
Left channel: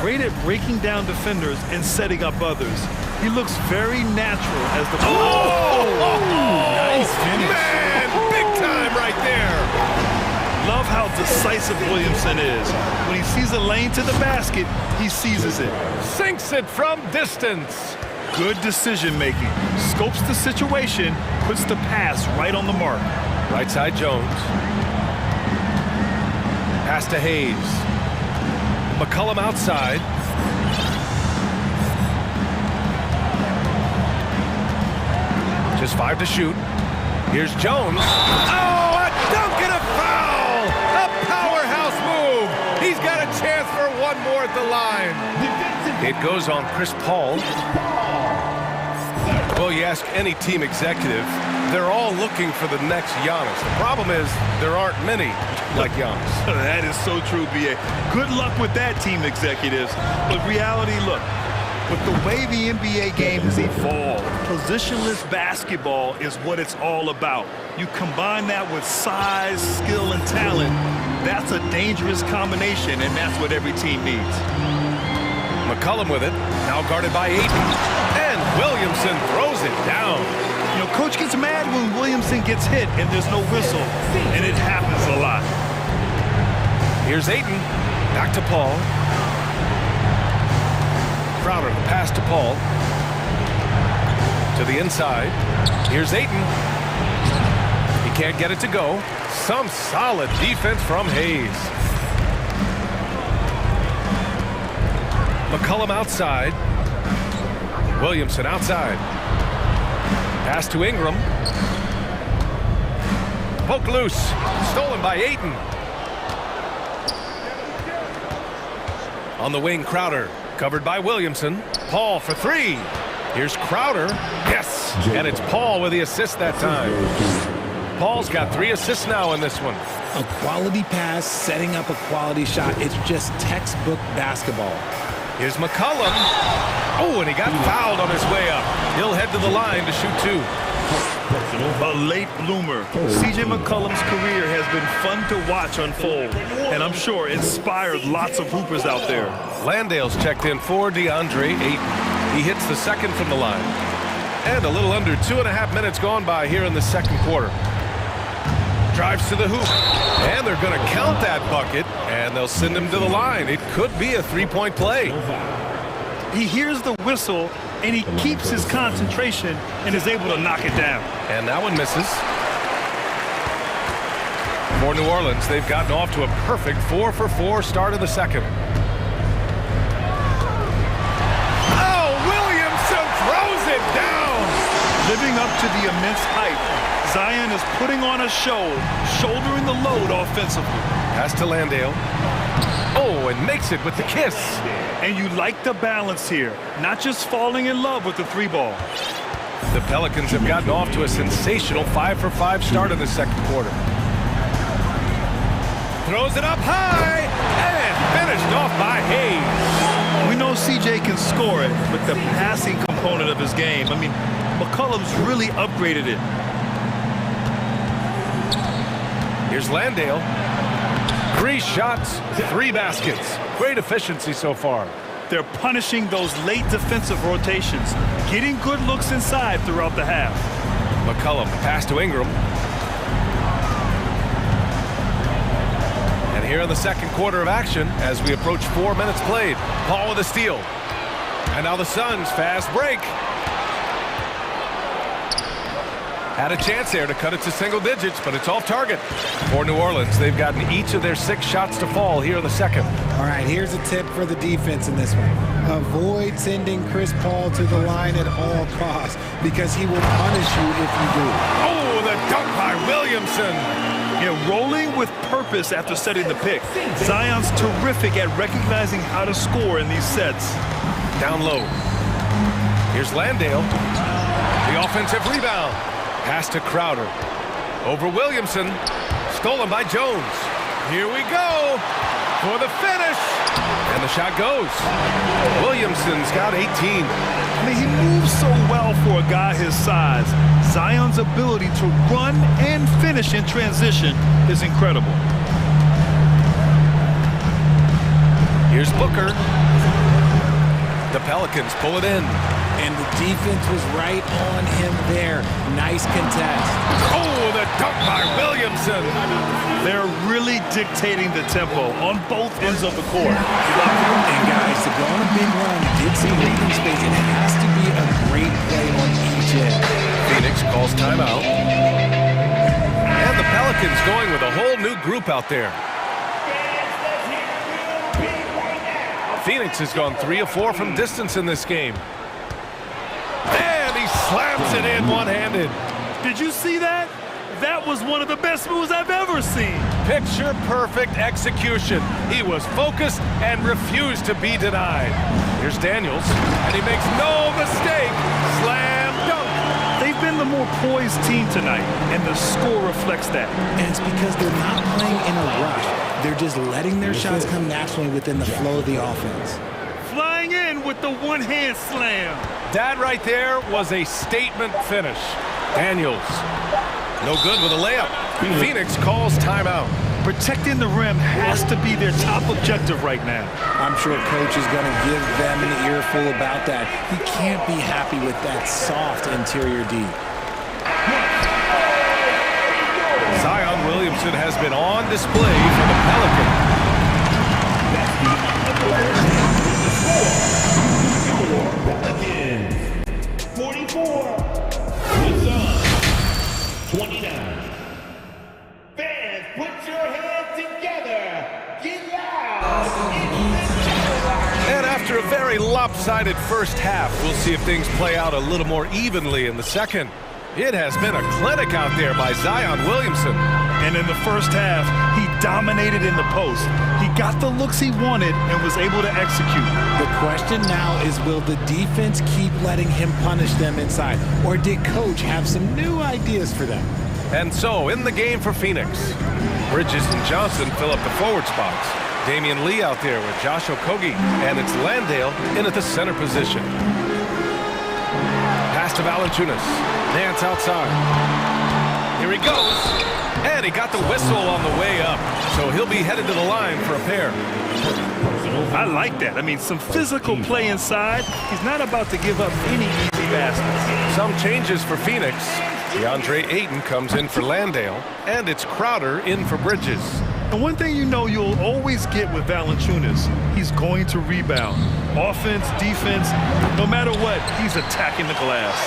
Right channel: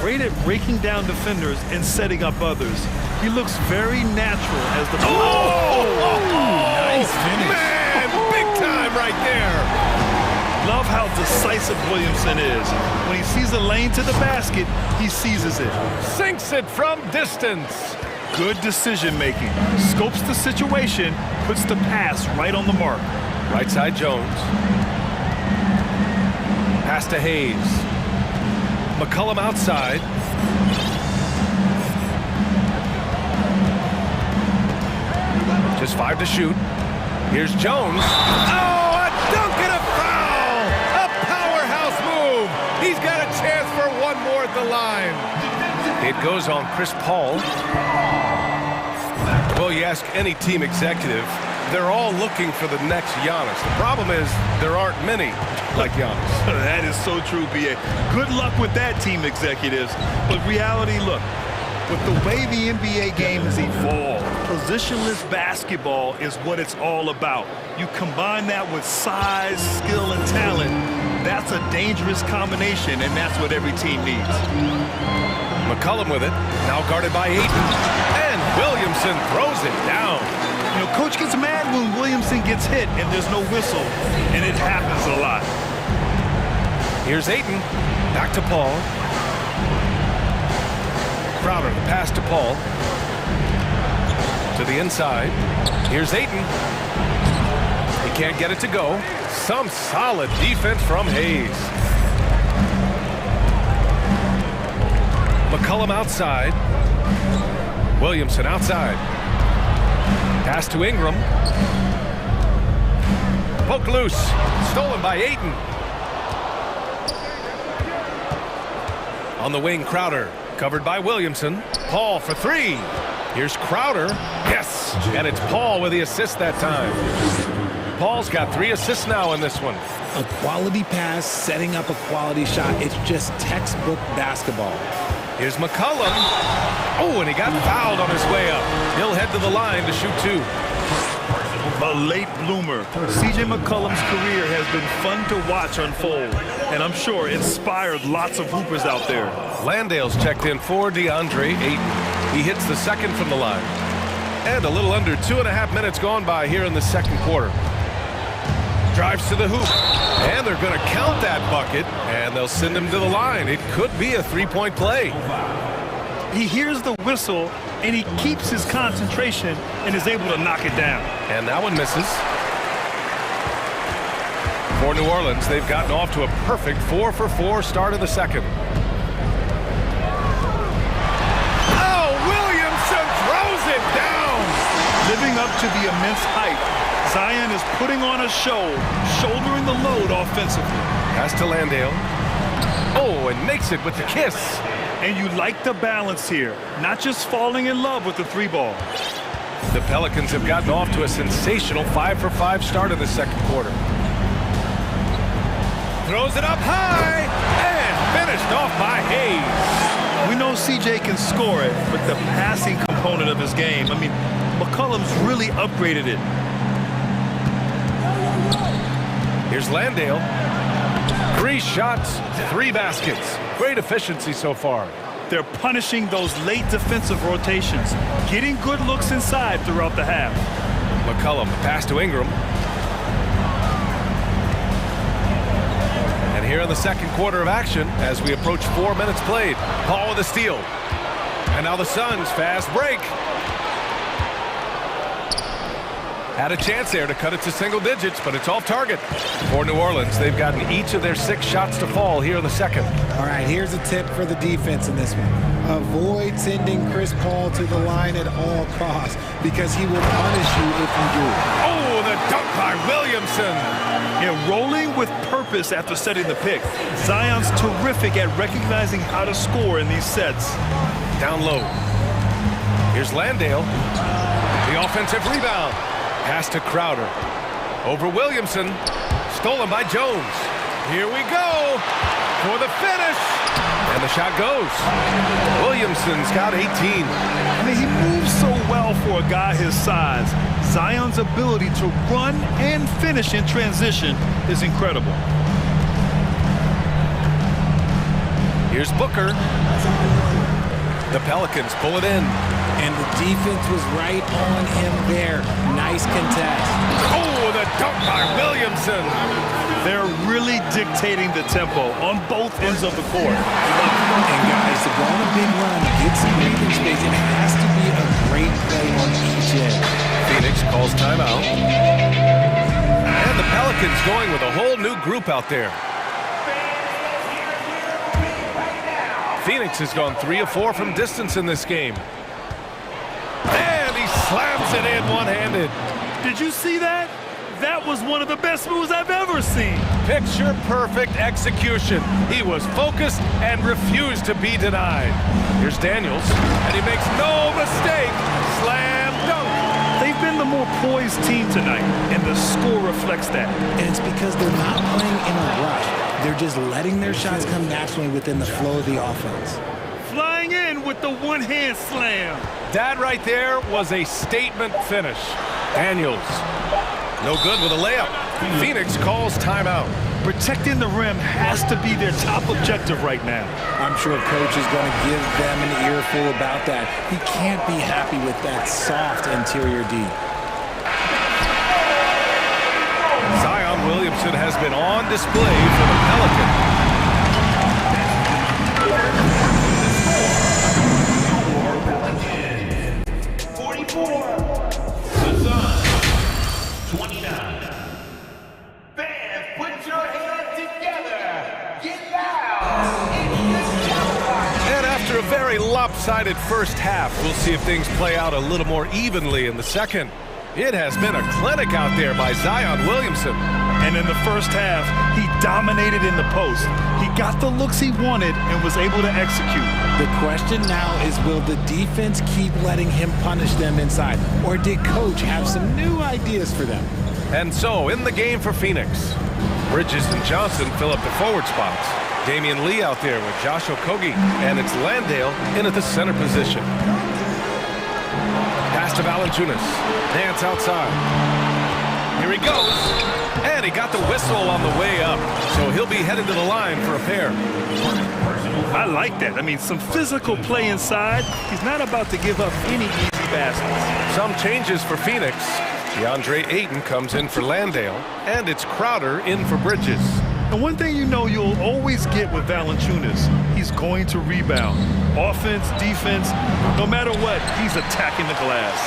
Great at breaking down defenders and setting up others. He looks very natural as the... Nice finish. Man, big time right there. Love how decisive Williamson is. When he sees a lane to the basket, he seizes it. Sinks it from distance. Good decision-making. Scopes the situation, puts the pass right on the mark. Right side Jones. Pass to Hayes. McCollum outside. Just 5 to shoot. Here's Jones. Oh, a dunk and a foul! A powerhouse move. He's got a chance for one more at the line. It goes on Chris Paul. Well, you ask any team executive, they're all looking for the next Giannis. The problem is there aren't many like Giannis. That is so true, B.A. Good luck with that, team executives. But reality, look, with the way the NBA game has evolved, positionless basketball is what it's all about. You combine that with size, skill, and talent, that's a dangerous combination, and that's what every team needs. McCollum with it, now guarded by Ayton. And Williamson throws it down. You know, coach gets mad when Williamson gets hit and there's no whistle, and it happens a lot. Here's Ayton. Back to Paul. Crowder, the pass to Paul. To the inside. Here's Ayton. He can't get it to go. Some solid defense from Hayes. McCollum outside. Williamson outside. Pass to Ingram. Poke loose. Stolen by Ayton. On the wing, Crowder. Covered by Williamson. Paul for three. Here's Crowder. Yes! And it's Paul with the assist that time. Paul's got 3 assists now in this one. A quality pass, setting up a quality shot. It's just textbook basketball. Here's McCollum. Oh, and he got fouled on his way up. He'll head to the line to shoot 2. A late bloomer. C.J. McCollum's career has been fun to watch unfold, and I'm sure inspired lots of hoopers out there. Landale's checked in for DeAndre Ayton. He hits the second from the line. And a little under 2.5 minutes gone by here in the second quarter. Drives to the hoop, and they're going to count that bucket, and they'll send him to the line. It could be a 3-point play. He hears the whistle, and he keeps his concentration and is able to knock it down. And that one misses. For New Orleans, they've gotten off to a perfect 4-for-4 start of the second. Oh, Williamson throws it down! Living up to the immense hype, Zion is putting on a show, shouldering the load offensively. Pass to Landale. Oh, and makes it with the kiss. And you like the balance here, not just falling in love with the 3-ball. The Pelicans have gotten off to a sensational 5-for-5 start in the second quarter. Throws it up high and finished off by Hayes. We know CJ can score it, but the passing component of his game, I mean, McCollum's really upgraded it. Here's Landale. 3 shots, 3 baskets. Great efficiency so far. They're punishing those late defensive rotations, getting good looks inside throughout the half. McCollum, the pass to Ingram. And here in the second quarter of action, as we approach 4 minutes played, Paul with a steal. And now the Suns fast break. Had a chance there to cut it to single digits, but it's off target. For New Orleans, they've gotten each of their 6 shots to fall here in the second. All right, here's a tip for the defense in this one. Avoid sending Chris Paul to the line at all costs, because he will punish you if you do. Oh, the dunk by Williamson. Yeah, rolling with purpose after setting the pick. Zion's terrific at recognizing how to score in these sets. Down low. Here's Landale. The offensive rebound. Pass to Crowder. Over Williamson. Stolen by Jones. Here we go for the finish. And the shot goes. Williamson's got 18. I mean, he moves so well for a guy his size. Zion's ability to run and finish in transition is incredible. Here's Booker. The Pelicans pull it in. And the defense was right on him there. Nice contest. Oh, the dunk by Williamson. They're really dictating the tempo on both ends of the court. You love it. And guys, to go on a big run, get some breathing space, it has to be a great play on each end. Phoenix calls timeout. And the Pelicans going with a whole new group out there. Phoenix has gone 3 of 4 from distance in this game. And he slams it in one-handed. Did you see that? That was one of the best moves I've ever seen. Picture-perfect execution. He was focused and refused to be denied. Here's Daniels, and he makes no mistake. Slam dunk. They've been the more poised team tonight, and the score reflects that. And it's because they're not playing in a rush. They're just letting their shots come naturally within the flow of the offense. Flying in with the one-hand slam. That right there was a statement finish. Daniels, no good with a layup. Phoenix calls timeout. Protecting the rim has to be their top objective right now. I'm sure coach is going to give them an earful about that. He can't be happy with that soft interior D. Zion Williamson has been on display for the Pelicans. Pelicans, 44. The Suns, 29. Fans, put your hands together. Get loud. And after a very lopsided first half, we'll see if things play out a little more evenly in the second. It has been a clinic out there by Zion Williamson. And in the first half, he dominated in the post. He got the looks he wanted and was able to execute. The question now is, will the defense keep letting him punish them inside? Or did Coach have some new ideas for them? And so, in the game for Phoenix, Bridges and Johnson fill up the forward spots. Damian Lee out there with Josh Okogie, and it's Landale in at the center position. Pass to Valanciunas. Nance outside. Here he goes. And he got the whistle on the way up, so he'll be headed to the line for a pair. I like that. I mean, some physical play inside. He's not about to give up any easy baskets. Some changes for Phoenix. DeAndre Ayton comes in for Landale, and it's Crowder in for Bridges. And one thing you know you'll always get with Valanciunas, he's going to rebound. Offense, defense, no matter what, he's attacking the glass.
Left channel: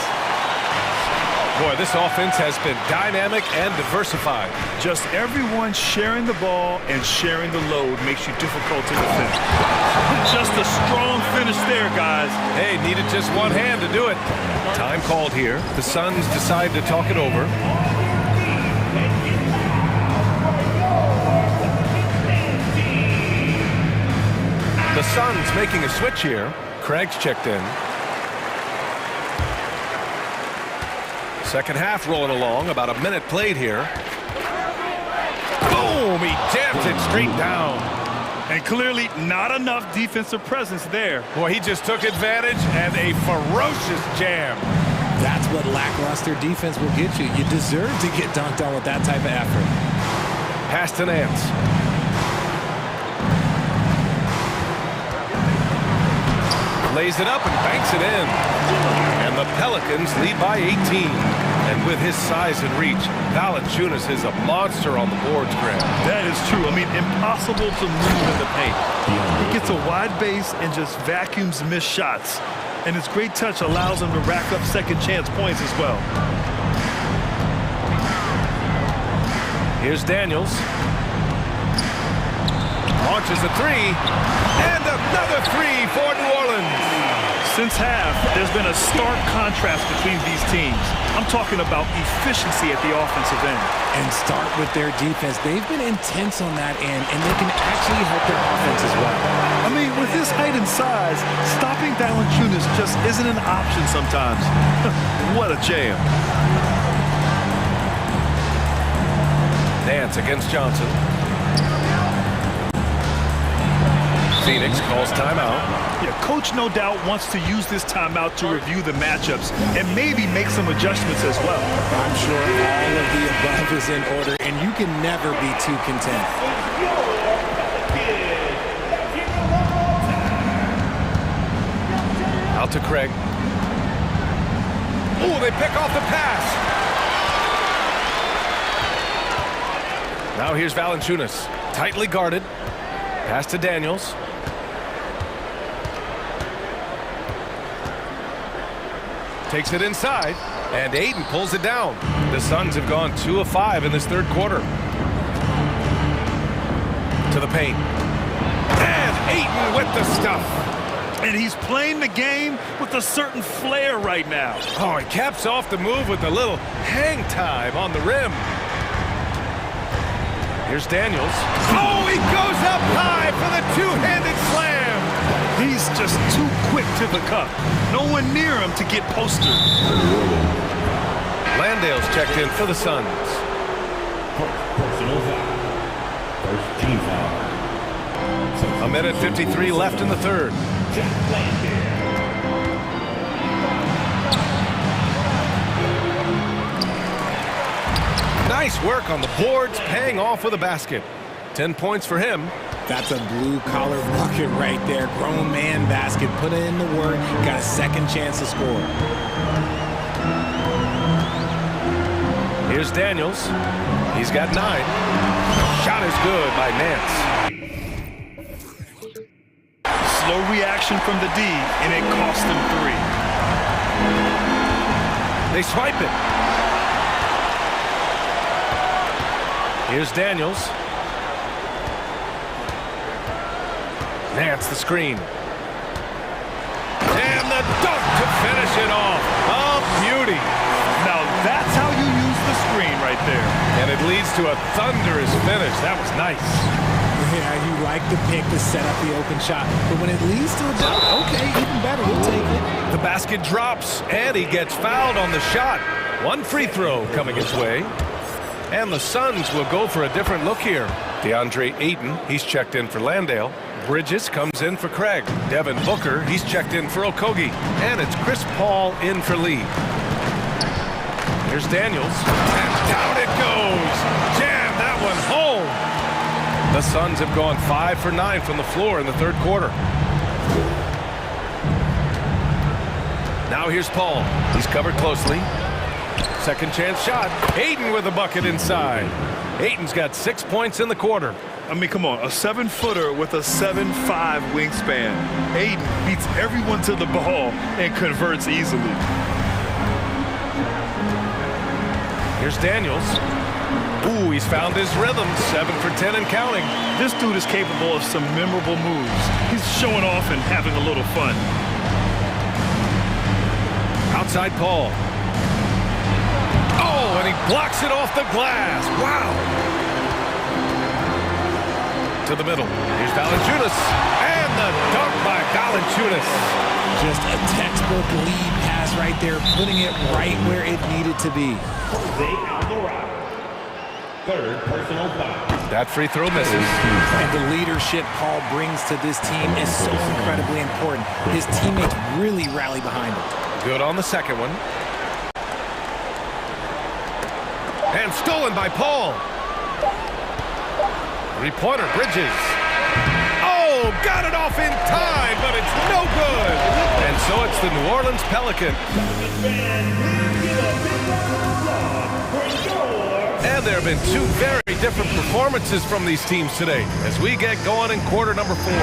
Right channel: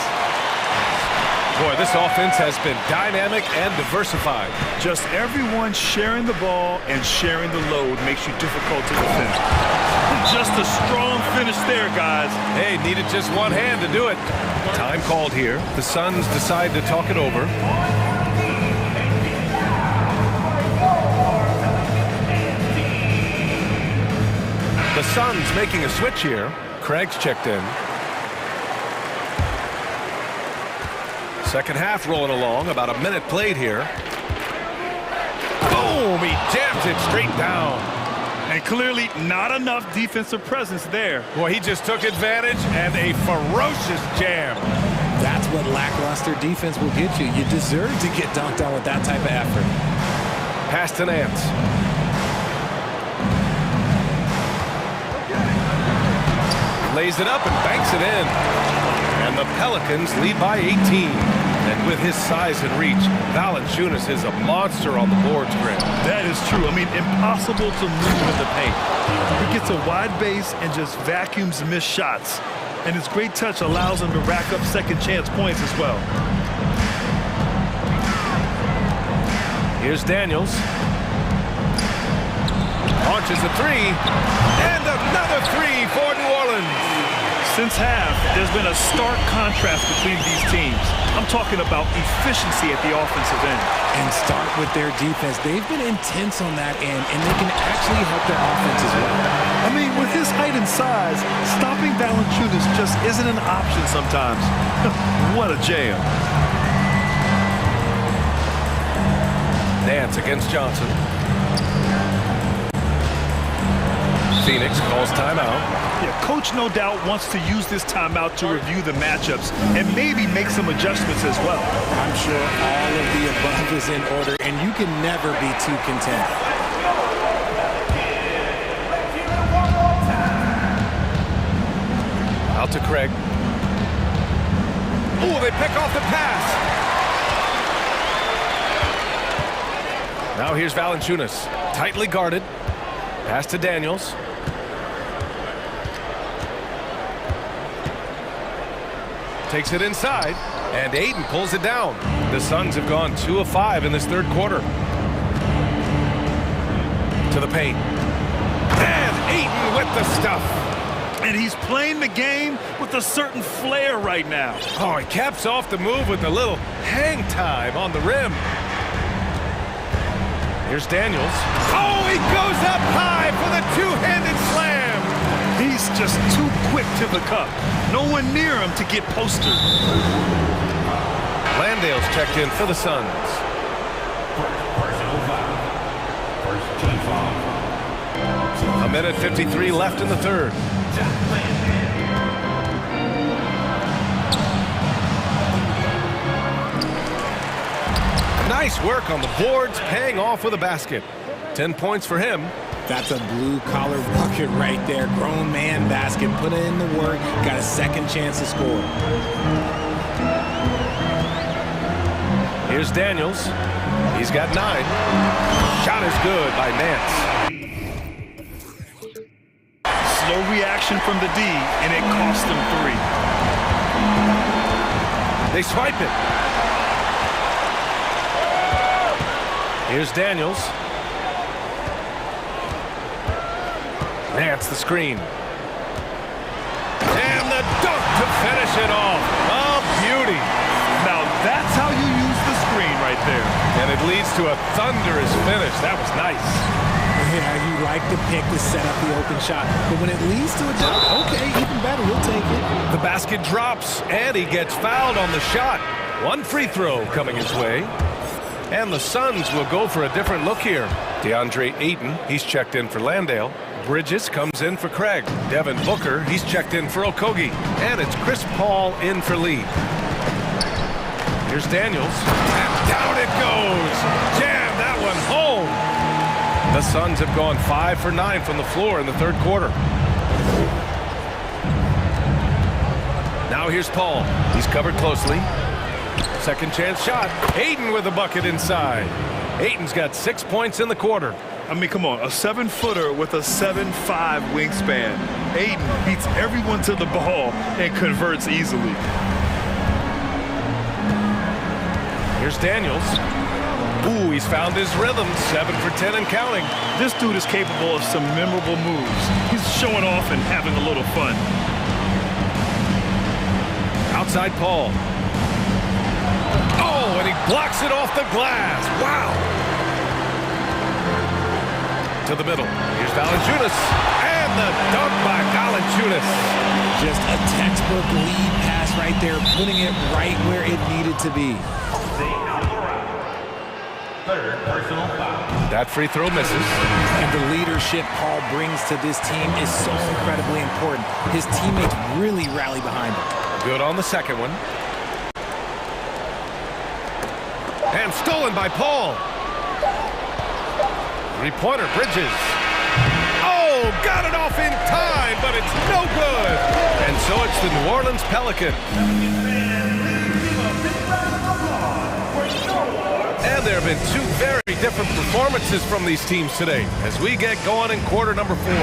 Boy, this offense has been dynamic and diversified. Just everyone sharing the ball and sharing the load makes you difficult to defend. Just a strong finish there, guys. Hey, needed just one hand to do it. Time called here. The Suns decide to talk it over. The Suns making a switch here. Craig's checked in. Second half rolling along, about a minute played here. Boom, he jams it straight down. And clearly not enough defensive presence there. Boy, he just took advantage and a ferocious jam. That's what lackluster defense will get you. You deserve to get dunked on with that type of effort. Pass to Nance. Lays it up and banks it in. And the Pelicans lead by 18. And with his size and reach, Valanciunas is a monster on the boards, Grant. That is true. I mean, impossible to move in the paint. He gets a wide base and just vacuums missed shots. And his great touch allows him to rack up second chance points as well. Here's Daniels. Launches a three. And another three for New Orleans. Since half, there's been a stark contrast between these teams. I'm talking about efficiency at the offensive end. And start with their defense. They've been intense on that end, and they can actually help their offense as well. I mean, with his height and size, stopping Valanciunas just isn't an option sometimes. What a jam. Nance against Johnson. Phoenix calls timeout. Yeah, coach no doubt wants to use this timeout to review the matchups and maybe make some adjustments as well. I'm sure all of the above is in order, and you can never be too content. Out to Craig. Oh, they pick off the pass. Now here's Valanciunas. Tightly guarded. Pass to Daniels. Takes it inside, and Ayton pulls it down. The Suns have gone 2 of 5 in this third quarter. To the paint. And Ayton with the stuff. And he's playing the game with a certain flair right now. Oh, he caps off the move with a little hang time on the rim. Here's Daniels. Oh, he goes up high for the two-handed slam. He's just too quick to the cup. No one near him to get posted. Landale's checked in for the Suns. Personal foul. First team foul. A minute 53 left in the third. Nice work on the boards, paying off with a basket. 10 points for him. That's a blue-collar bucket right there. Grown man basket. Put in the work. Got a second chance to score. Here's Daniels. He's got 9. Shot is good by Nance. Slow reaction from the D, and it cost them 3. They swipe it. Here's Daniels. Nance the screen. And the dunk to finish it off. A beauty. Now that's how you use the screen right there. And it leads to a thunderous finish. That was nice. Yeah, you like the pick to set up the open shot. But when it leads to a dunk, okay, even better, you'll take it. The basket drops, and he gets fouled on the shot. One free throw coming his way. And the Suns will go for a different look here. DeAndre Ayton, he's checked in for Landale. Bridges comes in for Craig. Devin Booker, he's checked in for Okogie. And it's Chris Paul in for Lee. Here's Daniels. And down it goes. Jam that one home. The Suns have gone 5 for 9 from the floor in the third quarter. Now here's Paul. He's covered closely. Second chance shot. Ayton with a bucket inside. Ayton's got 6 points in the quarter. I mean, come on, a 7-footer with a 7'5" wingspan. Ayton beats everyone to the ball and converts easily. Here's Daniels. Ooh, he's found his rhythm. 7 for 10 and counting. This dude is capable of some memorable moves. He's showing off and having a little fun. Outside Paul. Oh, and he blocks it off the glass. Wow. To the middle. Here's Valanciunas. And the dunk by Valanciunas. Just a textbook lead pass right there, putting it right where it needed to be. Third personal foul. That free throw misses. And the leadership Paul brings to this team is so incredibly important. His teammates really rally behind him. Good on the second one. And stolen by Paul. Three-pointer, Bridges. Oh, got it off in time, but it's no good. And so it's the New Orleans Pelican. And there have been 2 very different performances from these teams today as we get going in quarter number 4.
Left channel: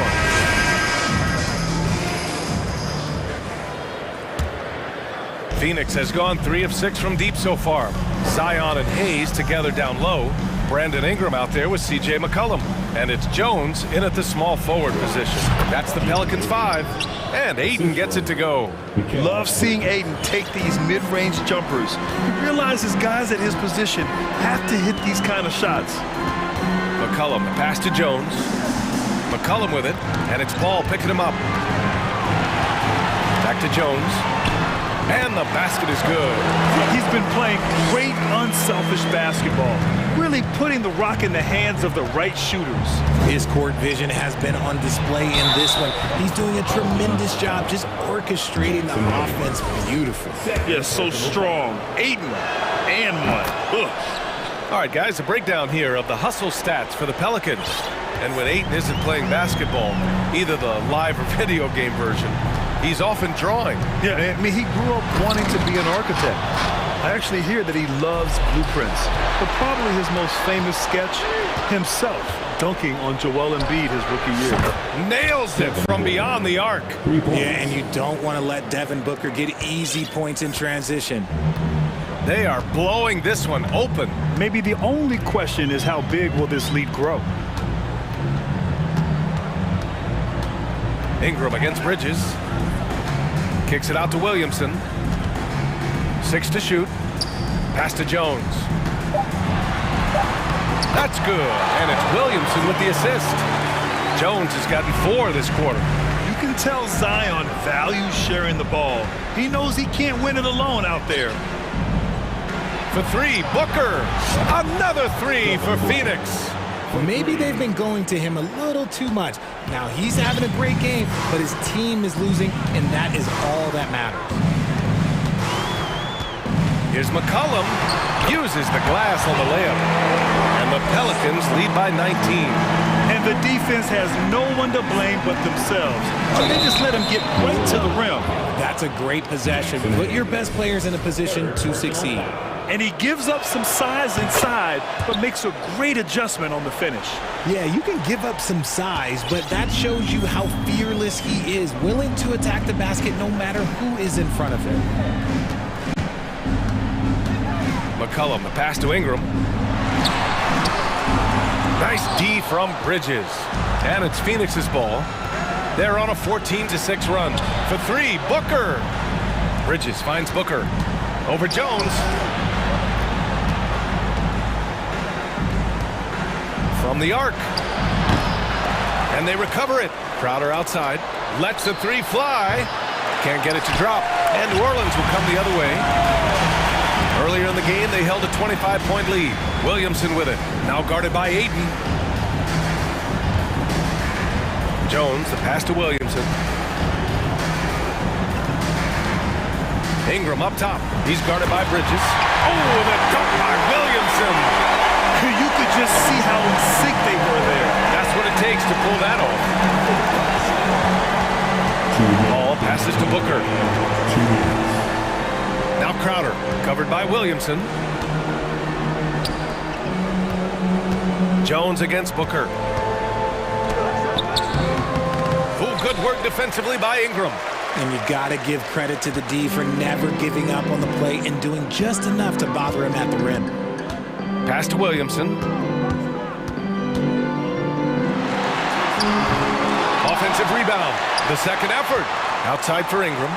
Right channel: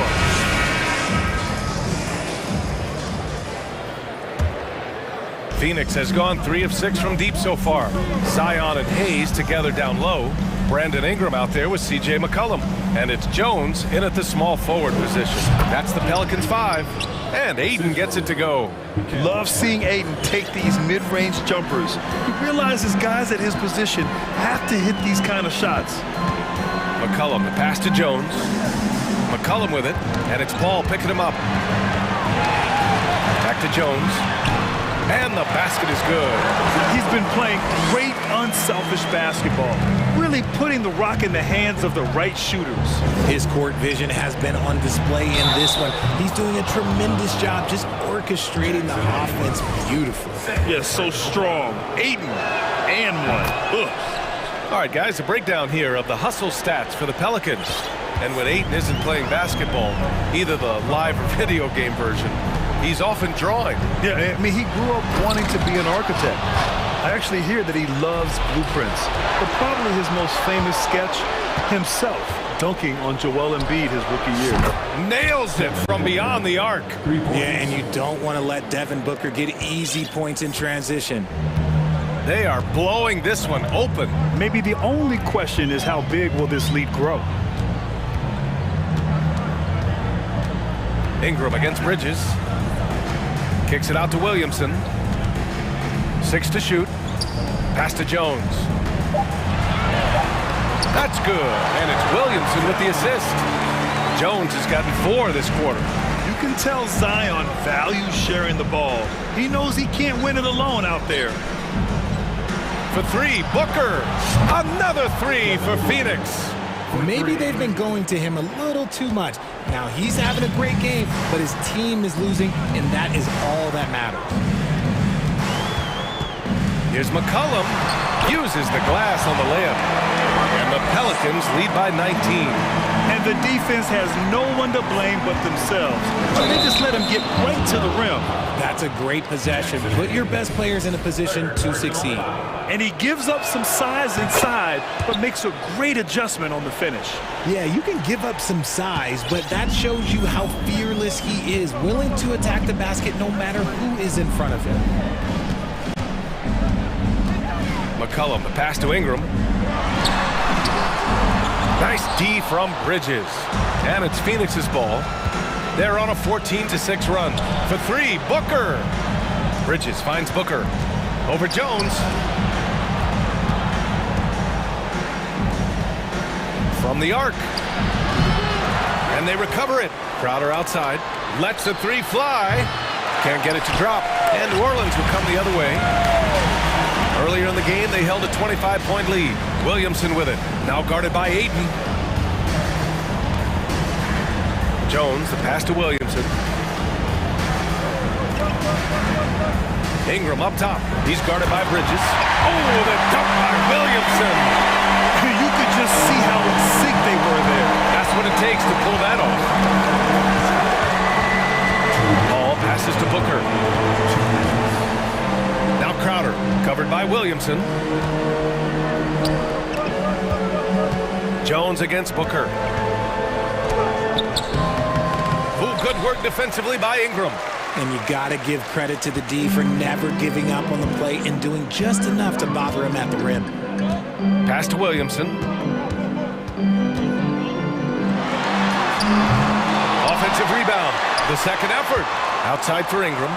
Phoenix has gone 3 of 6 from deep so far. Zion and Hayes together down low. Brandon Ingram out there with C.J. McCollum. And it's Jones in at the small forward position. That's the Pelicans' 5. And Ayton gets it to go. Love seeing Ayton take these mid-range jumpers. He realizes guys at his position have to hit these kind of shots. McCollum, the pass to Jones. McCollum with it, and it's Paul picking him up. Back to Jones. And the basket is good. He's been playing great unselfish basketball, really putting the rock in the hands of the right shooters. His court vision has been on display in this one. He's doing a tremendous job just orchestrating the offense beautifully. Yeah, so strong. Ayton and one. Ugh. All right, guys, a breakdown here of the hustle stats for the Pelicans. And when Ayton isn't playing basketball, either the live or video game version, he's often drawing. Yeah, I mean, he grew up wanting to be an architect. I actually hear that he loves blueprints. But probably his most famous sketch, himself dunking on Joel Embiid his rookie year. Nails it from beyond the arc. Yeah, and you don't want to let Devin Booker get easy points in transition. They are blowing this one open. Maybe the only question is how big will this lead grow? Ingram against Bridges. Kicks it out to Williamson. 6 to shoot. Pass to Jones. That's good. And it's Williamson with the assist. Jones has gotten 4 this quarter. You can tell Zion values sharing the ball. He knows he can't win it alone out there. For 3, Booker. Another 3 for Phoenix. Maybe they've been going to him a little too much. Now he's having a great game, but his team is losing, and that is all that matters. Here's McCollum. Uses the glass on the layup. And the Pelicans lead by 19. And the defense has no one to blame but themselves. So they just let him get right to the rim. That's a great possession. Put your best players in a position to succeed. And he gives up some size inside, but makes a great adjustment on the finish. Yeah, you can give up some size, but that shows you how fearless he is, willing to attack the basket no matter who is in front of him. McCullum, the pass to Ingram. Nice D from Bridges. And it's Phoenix's ball. They're on a 14-6 run. For three, Booker. Bridges finds Booker. Over Jones. From the arc. And they recover it. Crowder outside. Lets the three fly. Can't get it to drop. And New Orleans will come the other way. Earlier in the game, they held a 25-point lead. Williamson with it. Now guarded by Ayton. Jones, the pass to Williamson. Ingram up top. He's guarded by Bridges. Oh, the dunk by Williamson. You could just see how in sync they were there. That's what it takes to pull that off. Ball passes to Booker. Now Crowder, covered by Williamson. Jones against Booker. Oh, good work defensively by Ingram. And you got to give credit to the D for never giving up on the play and doing just enough to bother him at the rim. Pass to Williamson. Offensive rebound. The second effort. Outside for Ingram.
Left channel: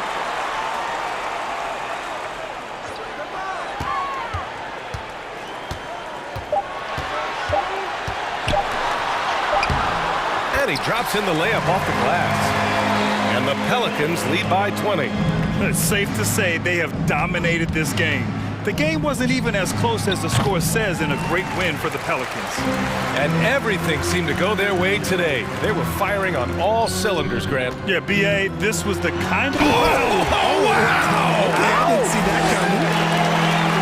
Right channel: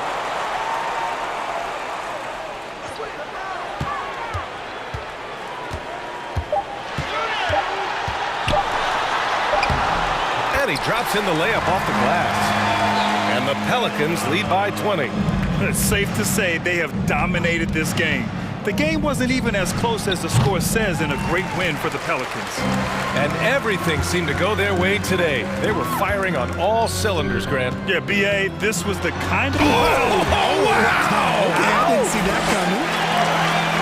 And he drops in the layup off the glass. And the Pelicans lead by 20. It's safe to say they have dominated this game. The game wasn't even as close as the score says in a great win for the Pelicans. And everything seemed to go their way today. They were firing on all cylinders, Grant. Yeah, B.A., this was the kind of... Oh, wow! Okay, I didn't see that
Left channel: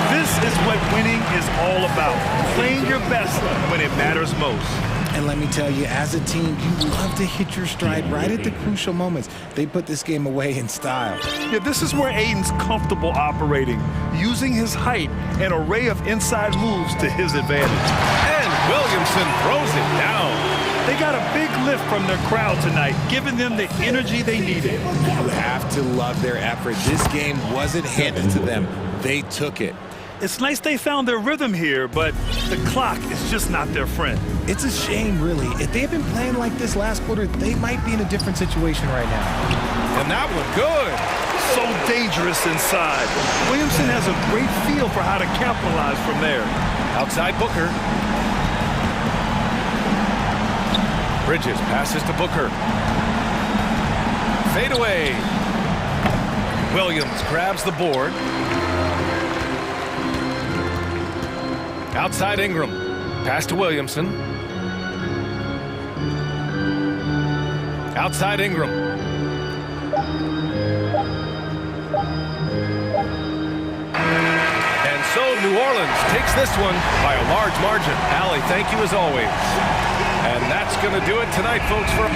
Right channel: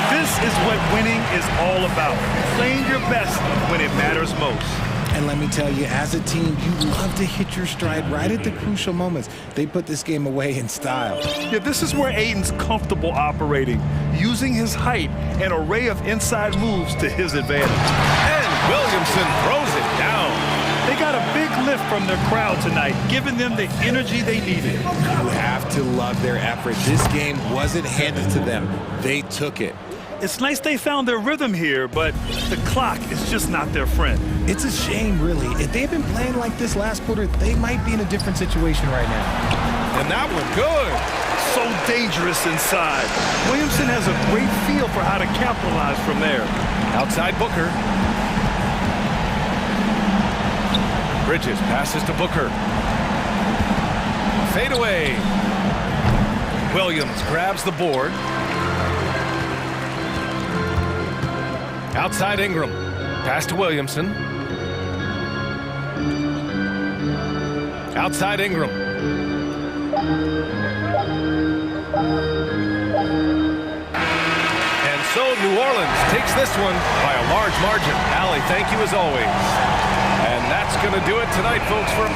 coming. This is what winning is all about. Playing your best when it matters most. And let me tell you, as a team, you love to hit your stride right at the crucial moments. They put this game away in style. Yeah, this is where Ayton's comfortable operating, using his height and array of inside moves to his advantage. And Williamson throws it down. They got a big lift from their crowd tonight, giving them the energy they needed. You have to love their effort. This game wasn't handed to them. They took it. It's nice they found their rhythm here, but the clock is just not their friend. It's a shame, really. If they had been playing like this last quarter, they might be in a different situation right now. And that one good. So dangerous inside. Williamson has a great feel for how to capitalize from there. Outside Booker. Bridges passes to Booker. Fade away. Williams grabs the board. Outside Ingram. Pass to Williamson. Outside Ingram. And so New Orleans takes this one by a large margin. Allie, thank you as always. And that's going to do it tonight, folks. For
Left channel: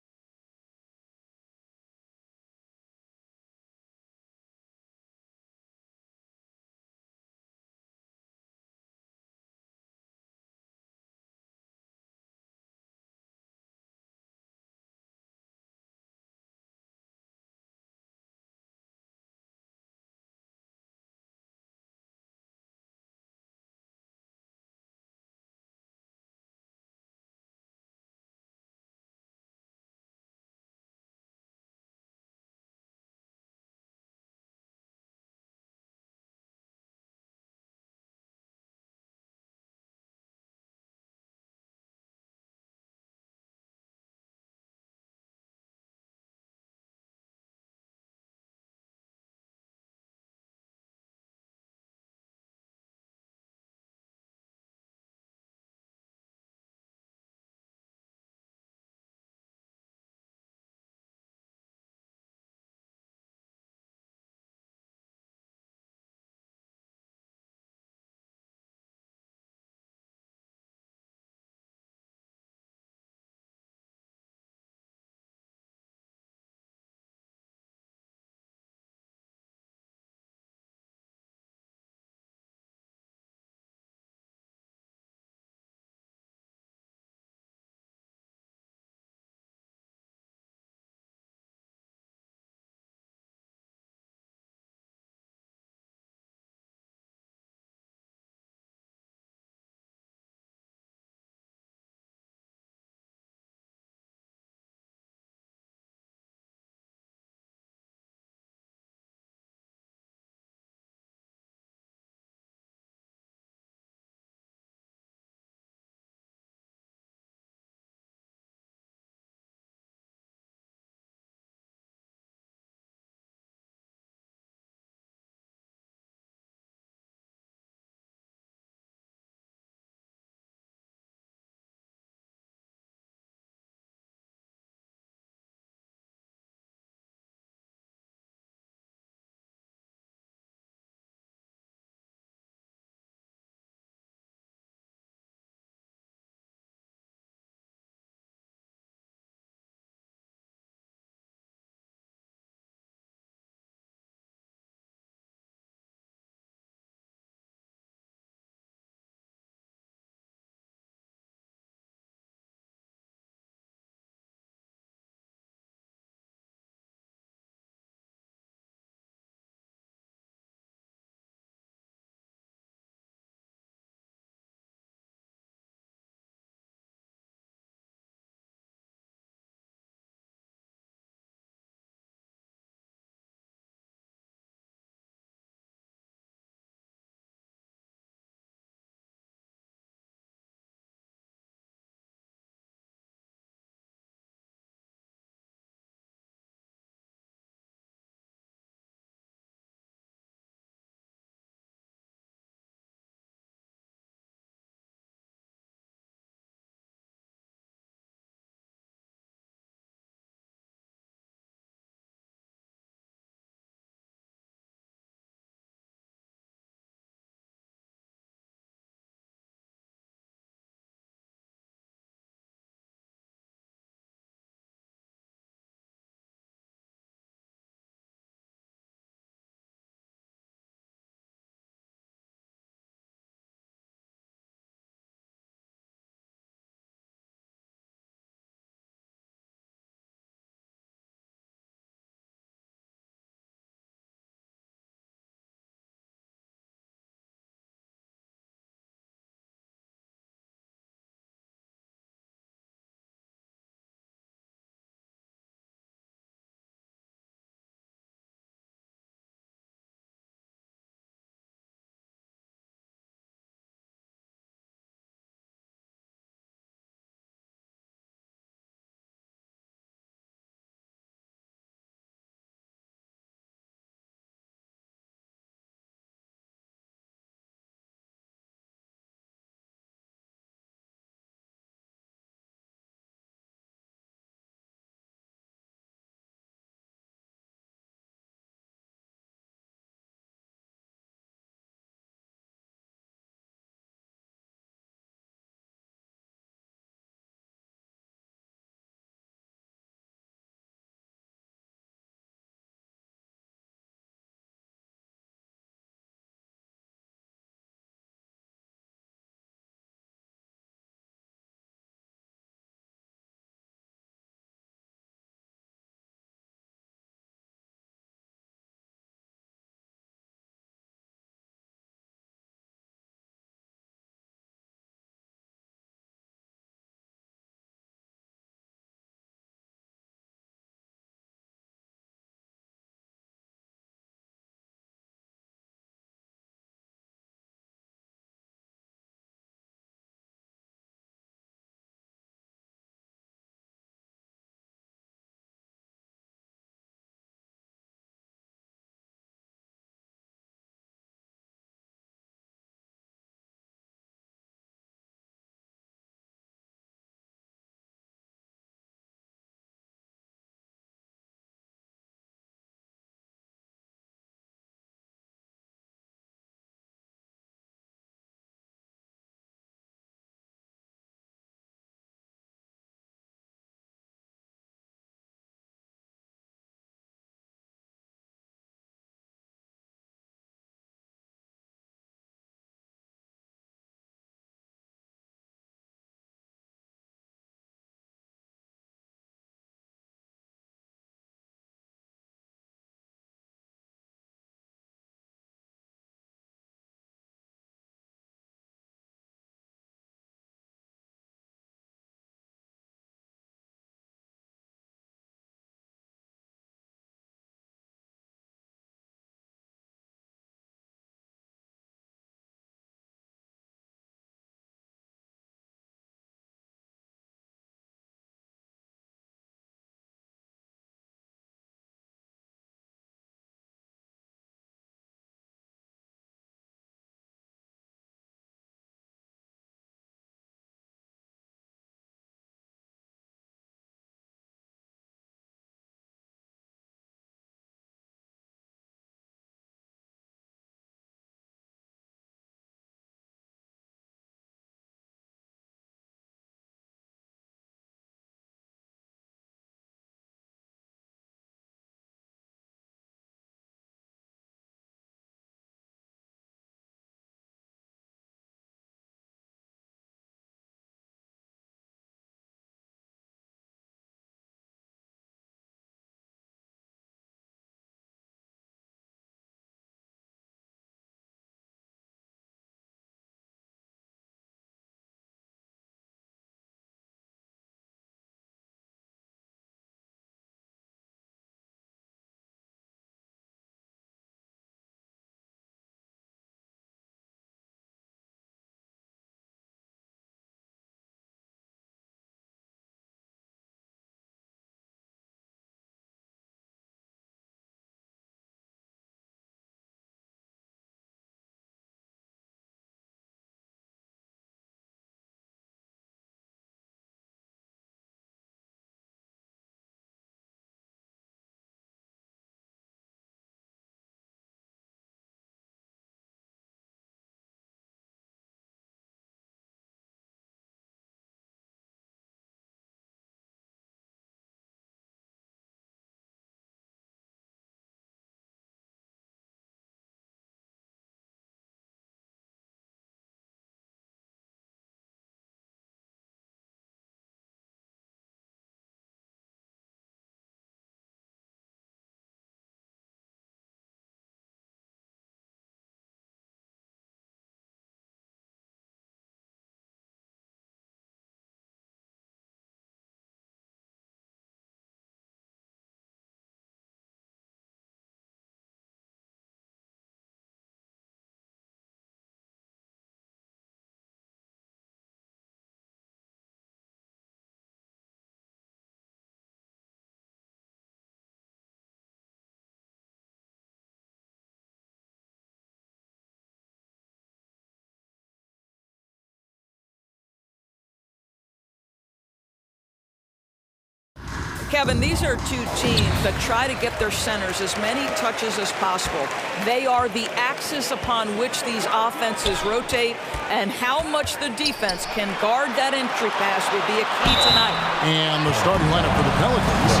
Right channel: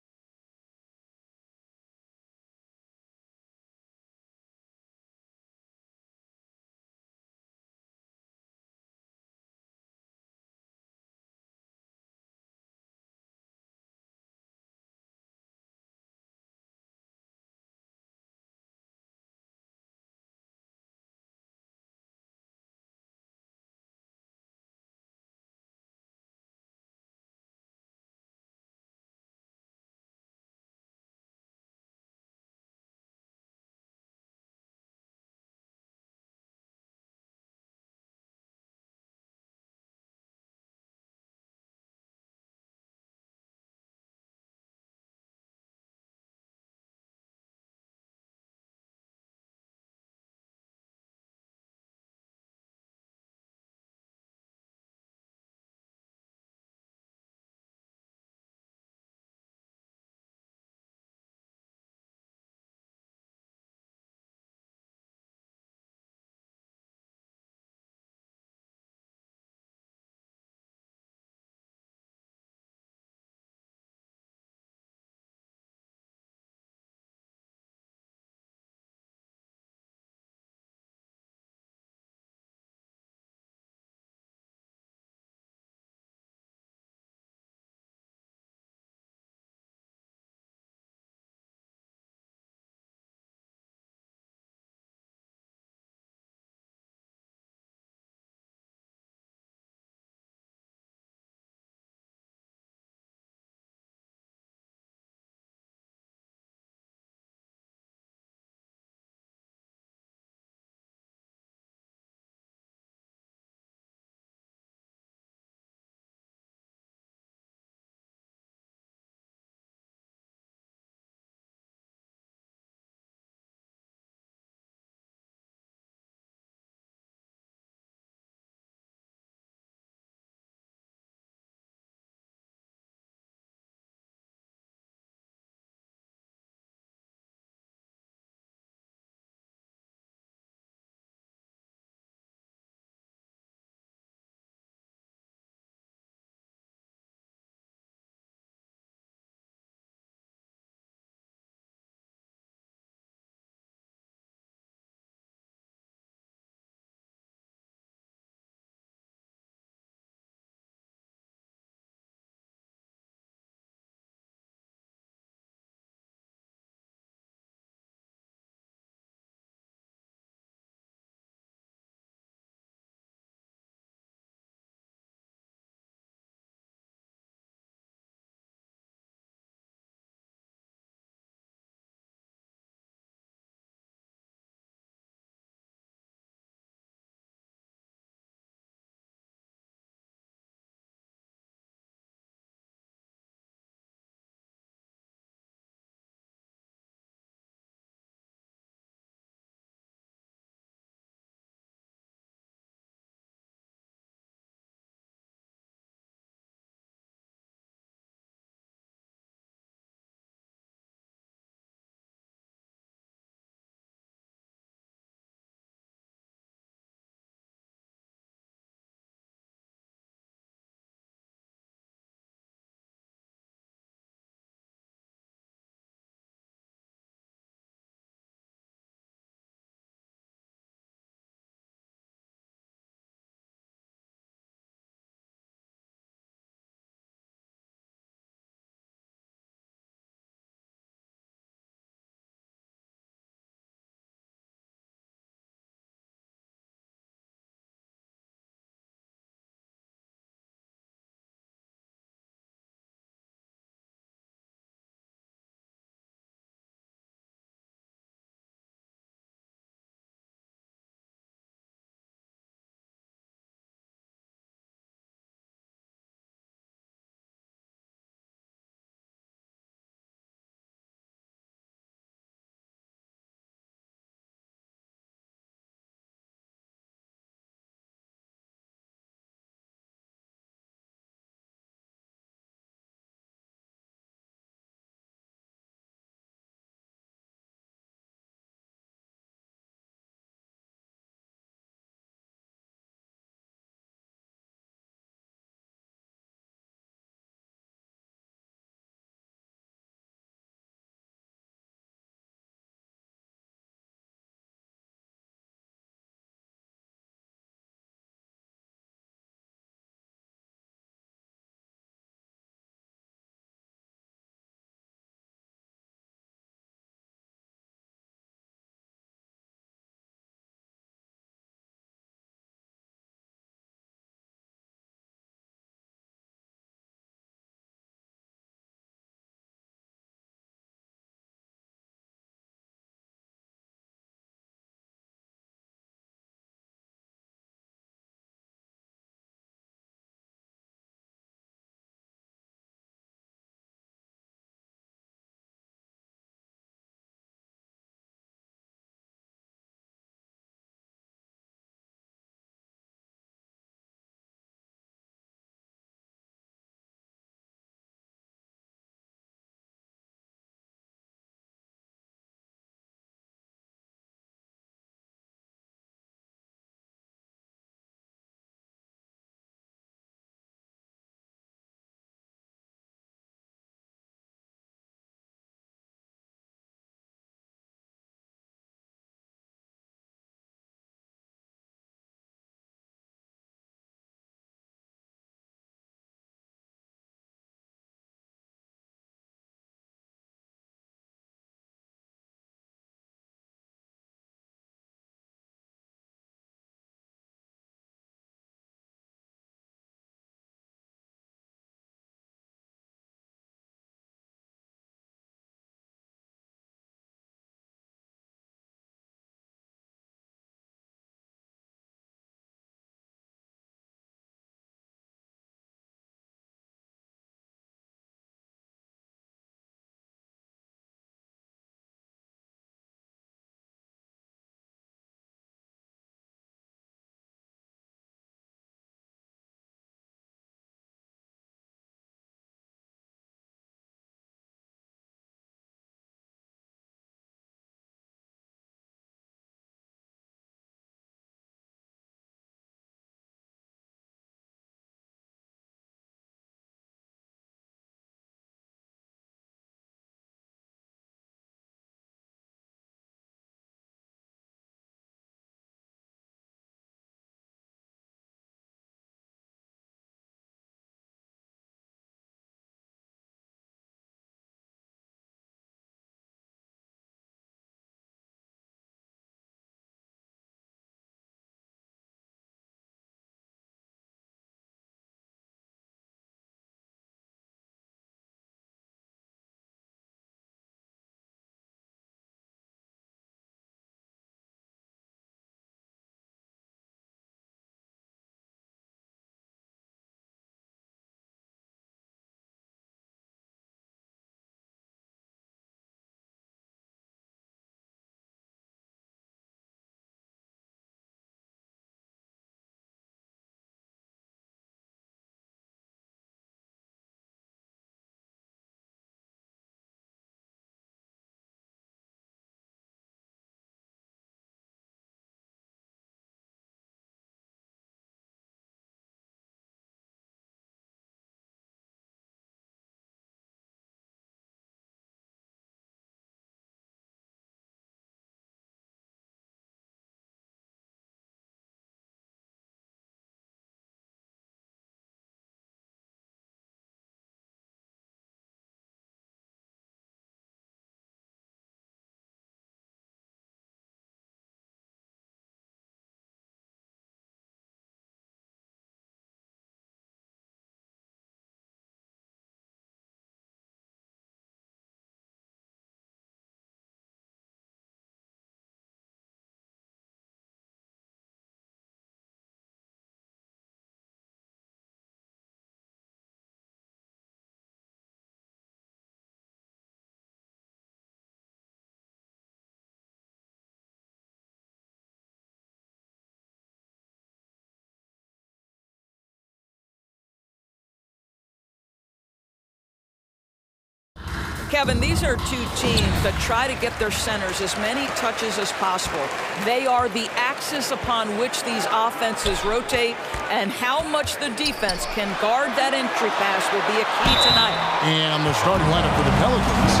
Kevin, these are two teams that try to get their centers as many touches as possible. They are the axis upon which these offenses rotate, and how much the defense can guard that entry pass will be a key tonight. And the starting lineup for the Pelicans.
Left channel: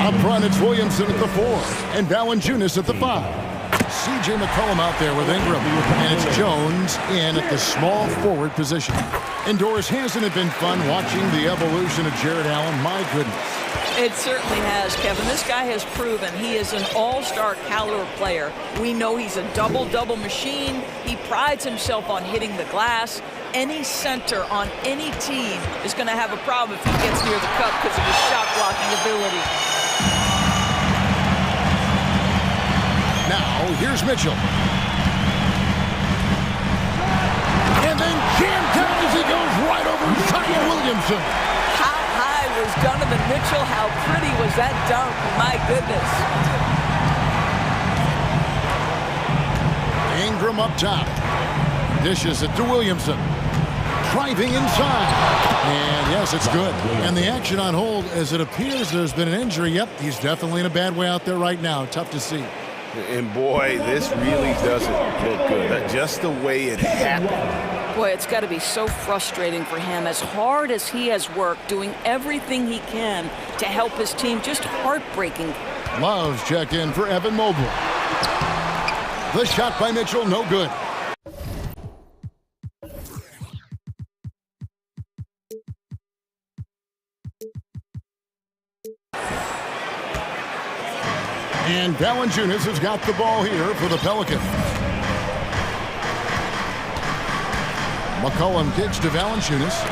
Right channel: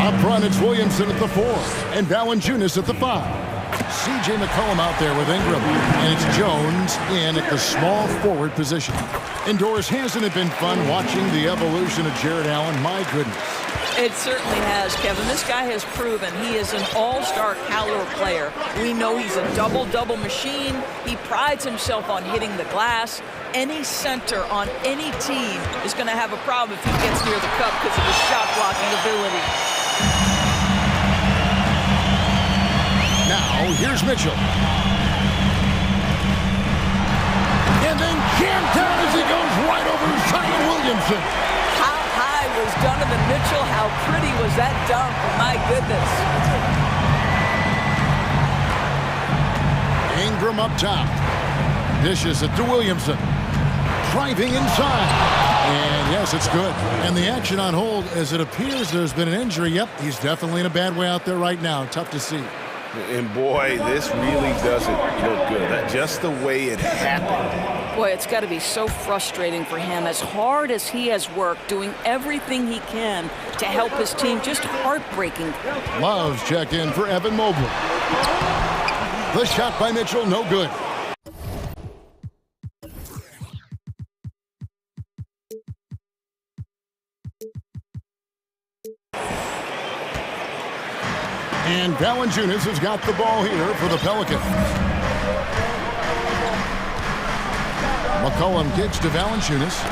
Up front, it's Williamson at the 4 and Valanciunas at the 5. C.J. McCollum out there with Ingram, and it's Jones in at the small forward position. Indoors, hasn't it been fun watching the evolution of Jared Allen? My goodness. It certainly has, Kevin. This guy has proven he is an all-star caliber player. We know he's a double-double machine. He prides himself on hitting the glass. Any center on any team is going to have a problem if he gets near the cup because of his shot-blocking ability. Now, here's Mitchell. And then jammed down as he goes right over Zion Williamson. How high was Donovan Mitchell? How pretty was that dunk? My goodness. Ingram up top. Dishes it to Williamson. Driving inside. And yes, it's good. And the action on hold as it appears there's been an injury. Yep, he's definitely in a bad way out there right now. Tough to see. And boy, this really doesn't look good. Just the way it happened. Boy, it's got to be so frustrating for him. As hard as he has worked, doing everything he can to help his team, just heartbreaking. Love's checked in for Evan Mobley. The shot by Mitchell, no good. And Valanciunas has got the ball here for the Pelicans. McCollum kicks to Valanciunas.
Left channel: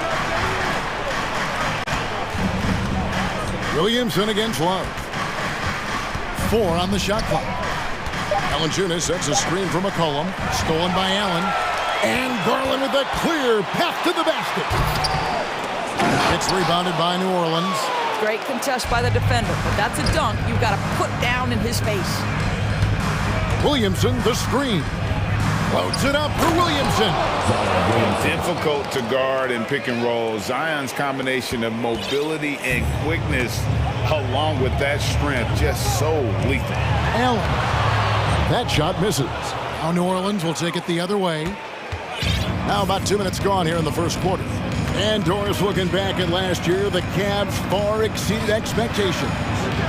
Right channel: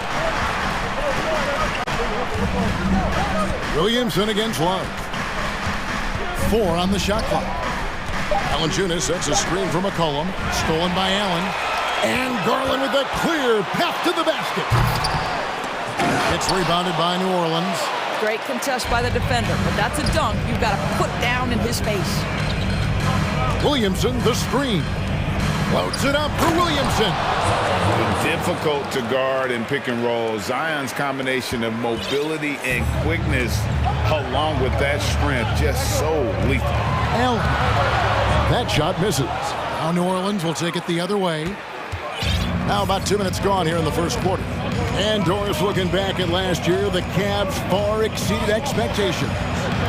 Williamson against Love. 4 on the shot clock. Valanciunas sets a screen for McCollum. Stolen by Allen. And Garland with a clear path to the basket. It's rebounded by New Orleans. Great contest by the defender, but that's a dunk you've got to put down in his face. Williamson, the screen. Floats it up for Williamson. Difficult to guard and pick and roll. Zion's combination of mobility and quickness, along with that strength, just so lethal. Allen. That shot misses. Now New Orleans will take it the other way. Now about 2 minutes gone here in the first quarter. And Doris looking back at last year, the Cavs far exceeded expectations.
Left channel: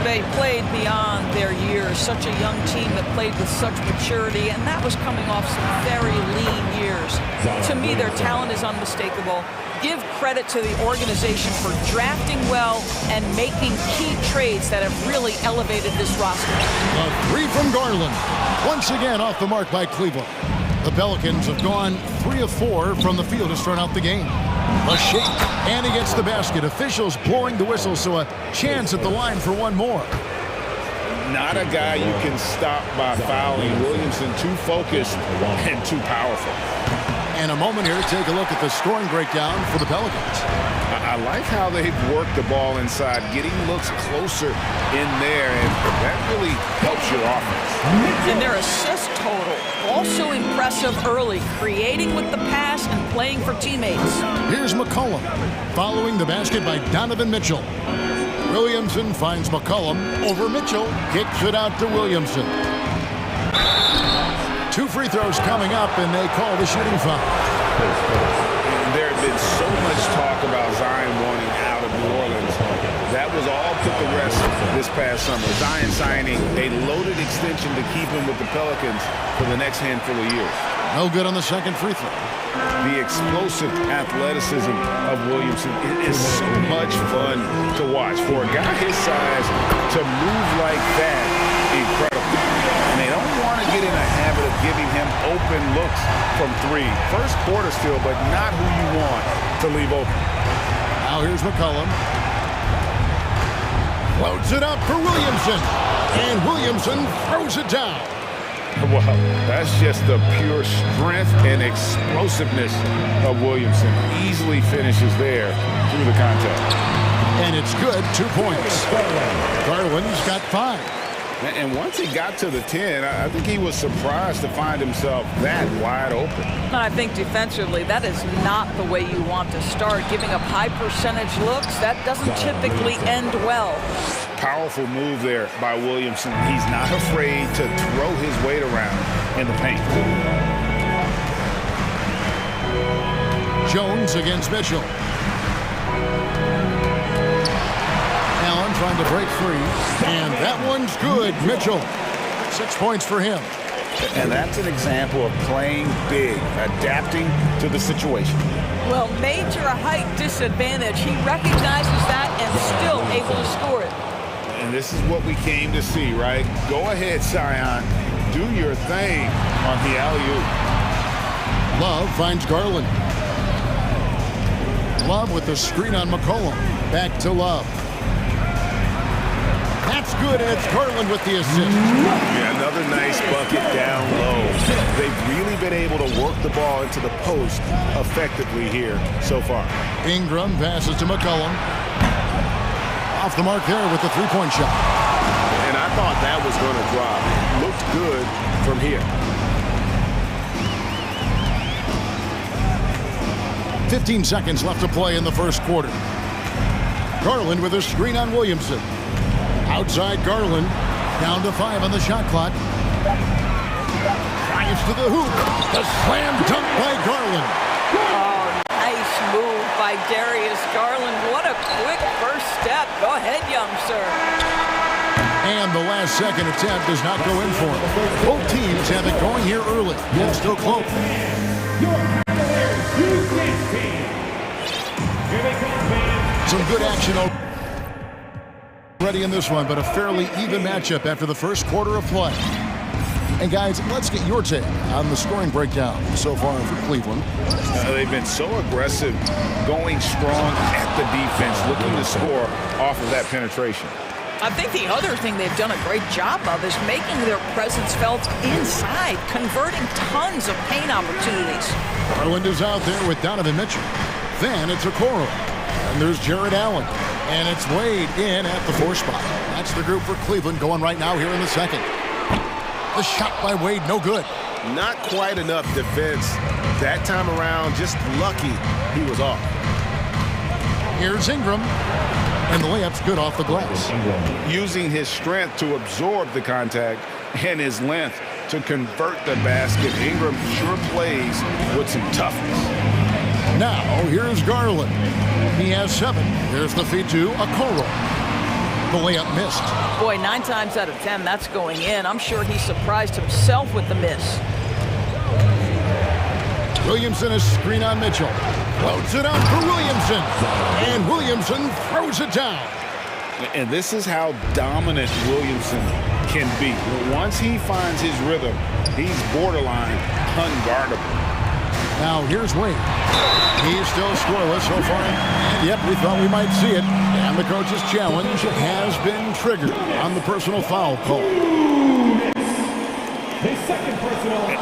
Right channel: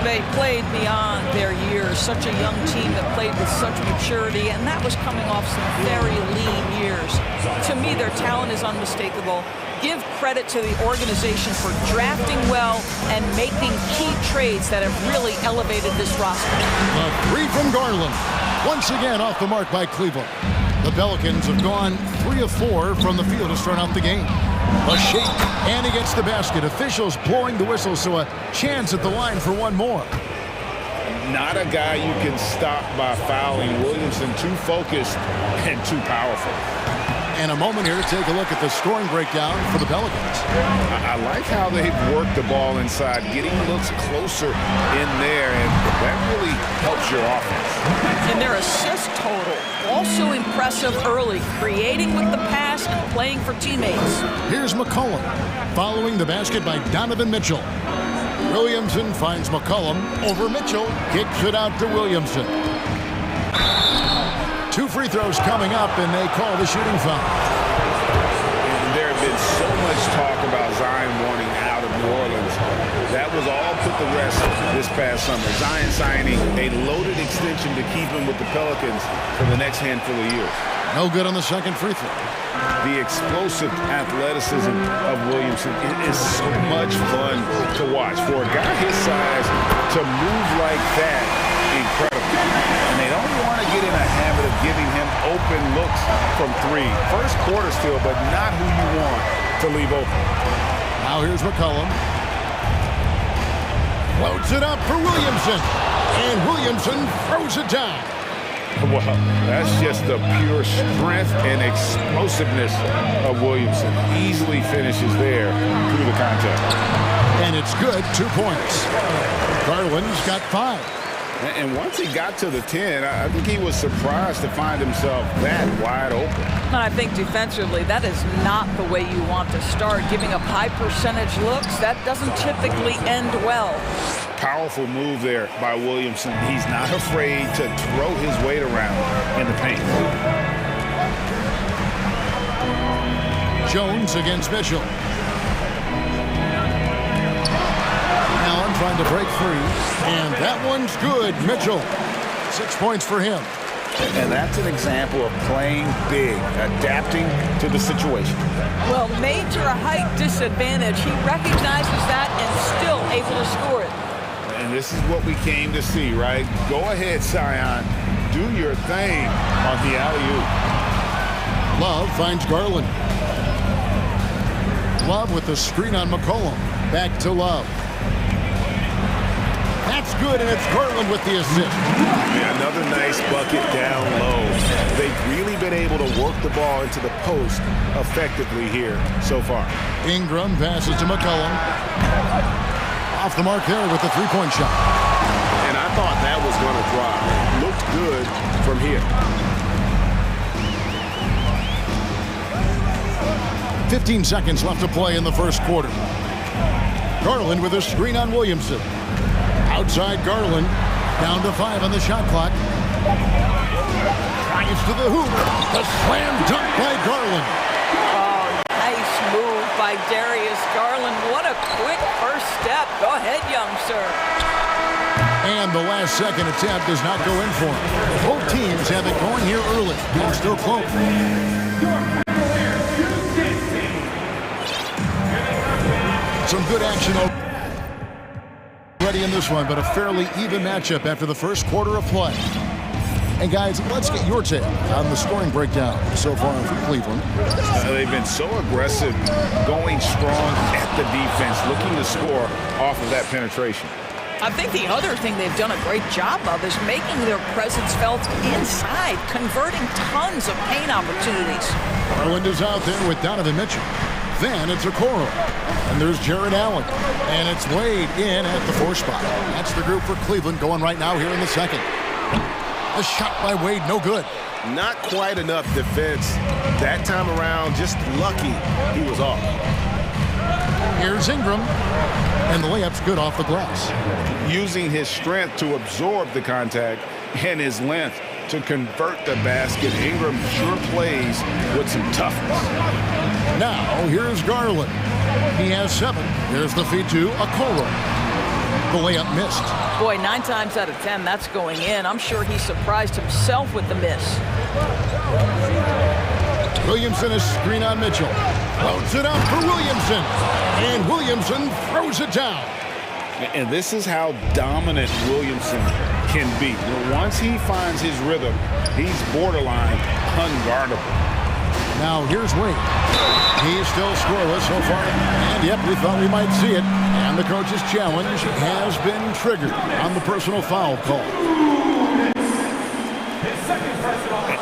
They played beyond their years. Such a young team that played with such maturity, and that was coming off some very lean years. To me, their talent is unmistakable. Give credit to the organization for drafting well and making key trades that have really elevated this roster. A 3 from Garland. Once again off the mark by Cleveland. The Pelicans have gone 3 of 4 from the field to start out the game. A shake, and he gets the basket. Officials blowing the whistle, so a chance at the line for one more. Not a guy you can stop by fouling. Williamson too focused and too powerful. And a moment here to take a look at the scoring breakdown for the Pelicans. I like how they've worked the ball inside, getting looks closer in there, and that really helps your offense. And their assist total, also impressive early, creating with the pass and playing for teammates. Here's McCollum, following the basket by Donovan Mitchell. Williamson finds McCollum over Mitchell, kicks it out to Williamson. 2 free throws coming up, and they call the shooting foul. There had been so much talk about Zion wanting out of New Orleans. That was all put to rest this past summer. Zion signing a loaded extension to keep him with the Pelicans for the next handful of years. No good on the second free throw. The explosive athleticism of Williamson is so much fun to watch. For a guy his size to move like that, incredible. And they don't want to get in a habit of giving him open looks from 3. First quarter still, but not who you want to leave open. Now here's McCollum. Floats it up for Williamson. And Williamson throws it down. Well, that's just the pure strength and explosiveness of Williamson. Easily finishes there through the contact. And it's good, 2 points. Garland's got 5. And once he got to the 10, I think he was surprised to find himself that wide open. And I think defensively, that is not the way you want to start. Giving up high percentage looks, that doesn't typically end well. Powerful move there by Williamson. He's not afraid to throw his weight around in the paint. Jones against Mitchell. Allen trying to break free, and that one's good. Mitchell, 6 points for him. And that's an example of playing big, adapting to the situation. Well, major height disadvantage. He recognizes that and still able to score it. And this is what we came to see, right? Go ahead, Sion. Do your thing on the alley-oop. Love finds Garland. Love with the screen on McCollum. Back to Love. That's good, and it's Garland with the assist. Yeah, another nice bucket down low. They've really been able to work the ball into the post effectively here so far. Ingram passes to McCollum. Off the mark there with the three-point shot. And I thought that was going to drop. It looked good from here. 15 seconds left to play in the first quarter. Garland with a screen on Williamson. Outside Garland, down to 5 on the shot clock. Drives to the hoop. The slam dunk by Garland. Oh, nice move by Darius Garland. What a quick first step. Go ahead, young sir. And the last second attempt does not go in for him. Both teams have it going here early and still close. Some good action already in this one, but a fairly even matchup after the first quarter of play. And guys, let's get your take on the scoring breakdown so far for Cleveland. They've been so aggressive, going strong at the defense, looking to score off of that penetration. I think the other thing they've done a great job of is making their presence felt inside, converting tons of paint opportunities. Garland is out there with Donovan Mitchell. Then it's Okoro. And there's Jared Allen. And it's Wade in at the 4 spot. That's the group for Cleveland going right now here in the second. The shot by Wade, no good. Not quite enough defense that time around. Just lucky he was off. Here's Ingram. And the layup's good off the glass. Using his strength to absorb the contact and his length to convert the basket. Ingram sure plays with some toughness. Now, here's Garland. He has 7. There's the feed to Okoro. The layup missed. Boy, 9 times out of 10, that's going in. I'm sure he surprised himself with the miss. Williamson is screen on Mitchell. Floats it out for Williamson. And Williamson throws it down. And this is how dominant Williamson can be. Once he finds his rhythm, he's borderline unguardable. Now here's Wade. He's still scoreless so far. And yep, we thought we might see it. And the coach's challenge has been triggered on the personal foul call.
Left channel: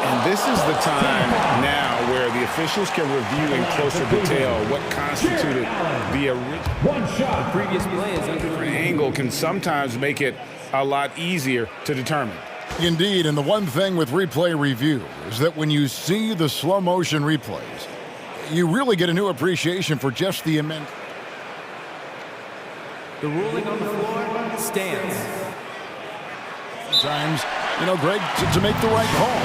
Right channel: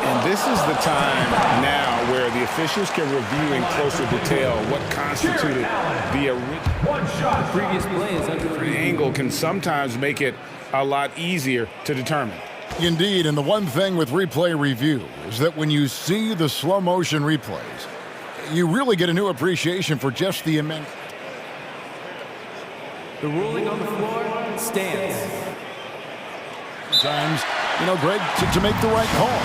And this is the time now where the officials can review in closer detail what constituted the original. The previous play is under review. Angle can sometimes make it a lot easier to determine. Indeed, and the one thing with replay review is that when you see the slow motion replays, you really get a new appreciation for just the immense. The ruling on the floor stands. Sometimes, Greg, to make the right call.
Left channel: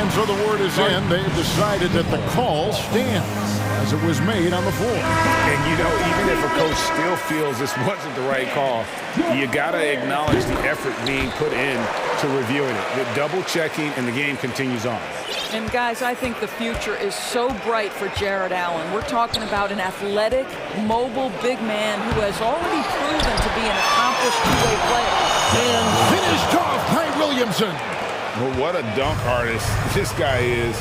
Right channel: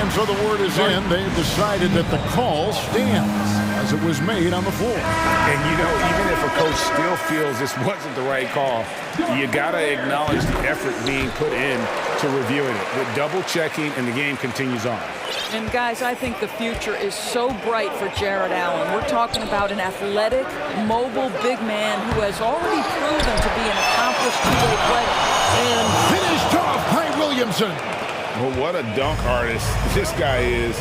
And so the word is in. They've decided that the call stands as it was made on the floor. And, even if a coach still feels this wasn't the right call, you got to acknowledge the effort being put in to reviewing it. The double checking, and the game continues on. And, guys, I think the future is so bright for Jared Allen. We're talking about an athletic, mobile big man who has already proven to be an accomplished two-way player. And finished off by Williamson. Well, what a dunk artist this guy is.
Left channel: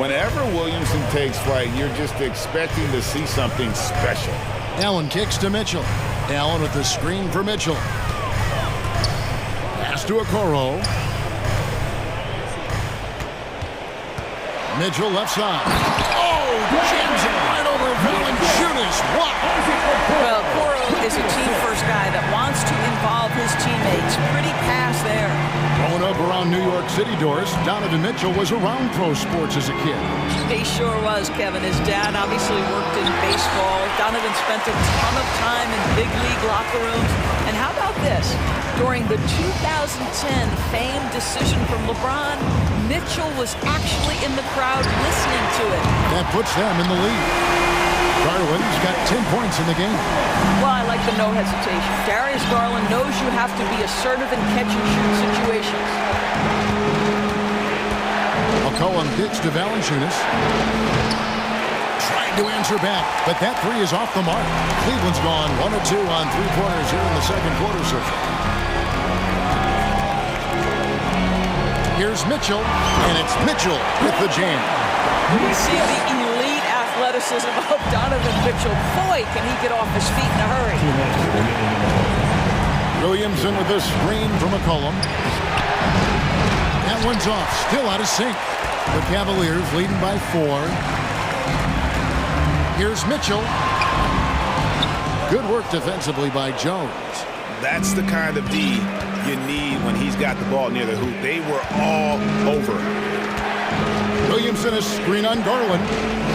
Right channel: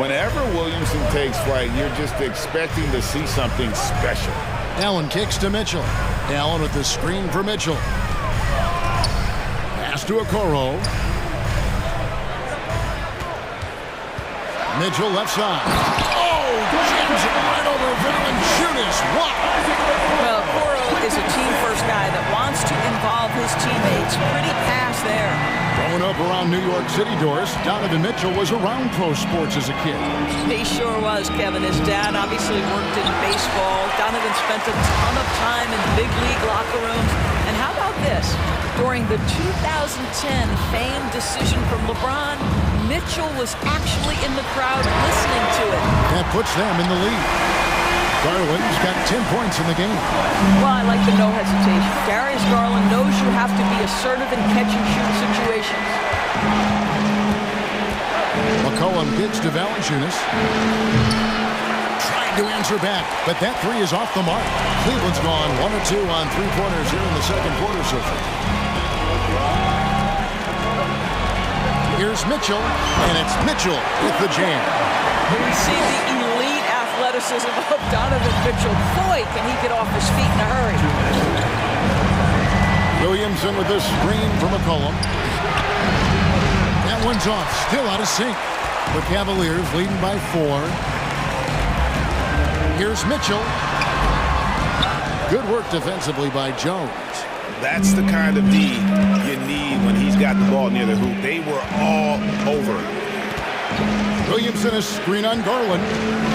Whenever Williamson takes flight, you're just expecting to see something special. Allen kicks to Mitchell. Allen with the screen for Mitchell. Pass to Okoro. Mitchell left side. Oh, jams it right over Valanciunas. Wow. Well, Coro is a team-first guy that wants to involve his teammates. Pretty pass there. Growing up around New York City, Doris, Donovan Mitchell was around pro sports as a kid. He sure was, Kevin. His dad obviously worked in baseball. Donovan spent a ton of time in big league locker rooms. And how about this? During the 2010 famed decision from LeBron, Mitchell was actually in the crowd listening to it. That puts them in the lead. Garland's got 10 points in the game. Well, I like the no hesitation. Darius Garland knows you have to be assertive in catch-and-shoot situations. McCollum gets to Valanciunas. Trying to answer back, but that three is off the mark. Cleveland's gone 1 of 2 on three-pointers here in the second quarter so far. Here's Mitchell, and it's Mitchell with the jam. We see the elite athleticism of Donovan Mitchell. Boy, can he get off his feet in a hurry. Williamson with the screen from McCollum. That one's off, still out of sync. The Cavaliers leading by 4. Here's Mitchell. Good work defensively by Jones. That's the kind of D you need when he's got the ball near the hoop. They were all over it. Williamson a screen on Garland.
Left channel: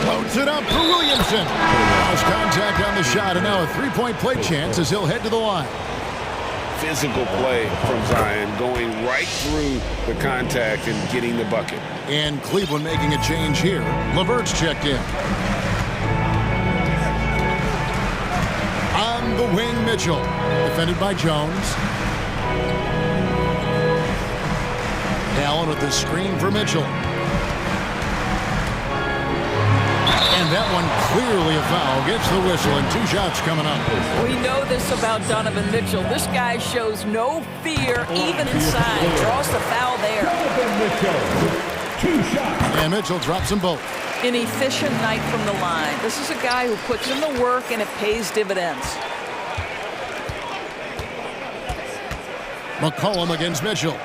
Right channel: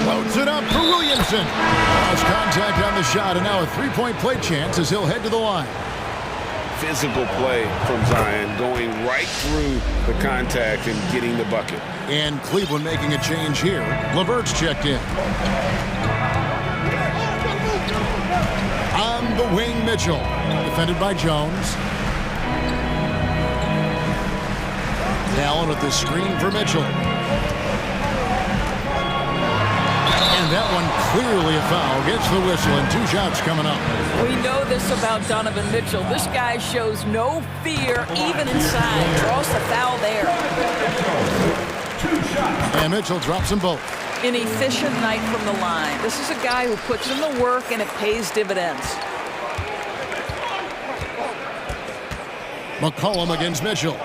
Floats it up for Williamson. Lost contact on the shot, and now a three-point play chance as he'll head to the line. Physical play from Zion, going right through the contact and getting the bucket. And Cleveland making a change here. LeVert's checked in. On the wing, Mitchell. Defended by Jones. Allen with the screen for Mitchell. And that one clearly a foul. Gets the whistle, and 2 shots coming up. We know this about Donovan Mitchell. This guy shows no fear, even inside. Draws the foul there. And Mitchell drops them both. An efficient night from the line. This is a guy who puts in the work, and it pays dividends. McCollum against Mitchell.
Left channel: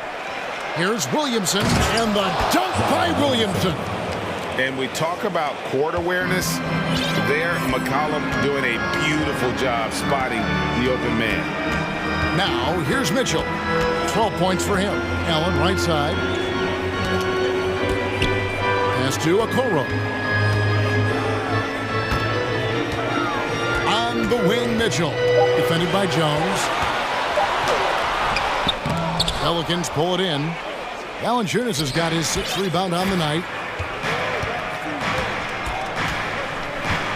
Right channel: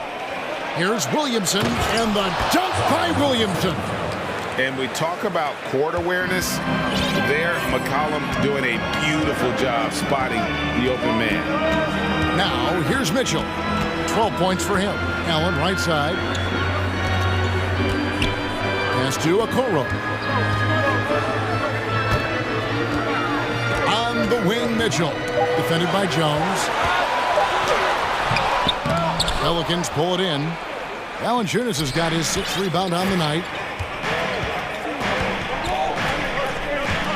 Here's Williamson, and the dunk by Williamson. And we talk about court awareness. There, McCollum doing a beautiful job spotting the open man. Now, here's Mitchell. 12 points for him. Allen, right side. Pass to Okoro. On the wing, Mitchell. Defended by Jones. Pelicans pull it in. Valanciunas has got his 6th rebound on the night.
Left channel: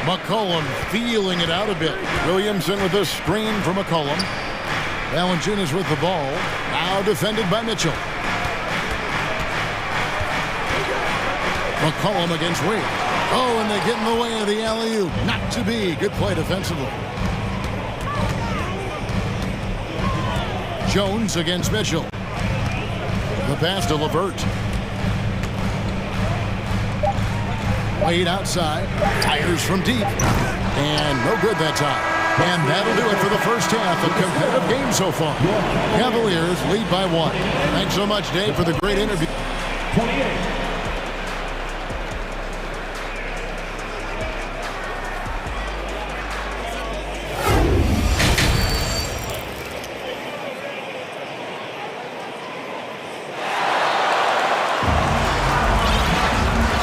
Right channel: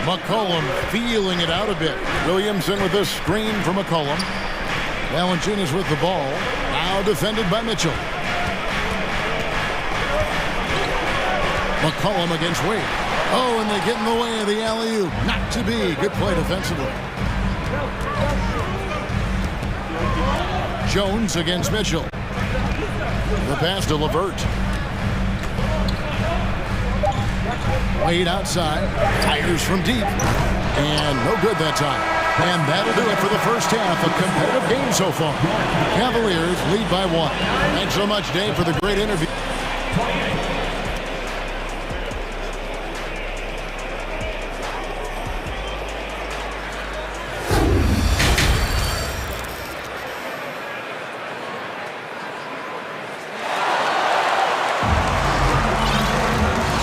McCollum feeling it out a bit. Williamson with a screen from McCollum. Valanciunas with the ball. Now defended by Mitchell. McCollum against Wade. Oh, and they get in the way of the alley-oop. Not to be. Good play defensively. Jones against Mitchell. The pass to LeVert. Wade outside, tires from deep, and no good that time. And that'll do it for the first half. A competitive game so far. Cavaliers lead by 1. Thanks so much, Dave, for the great interview.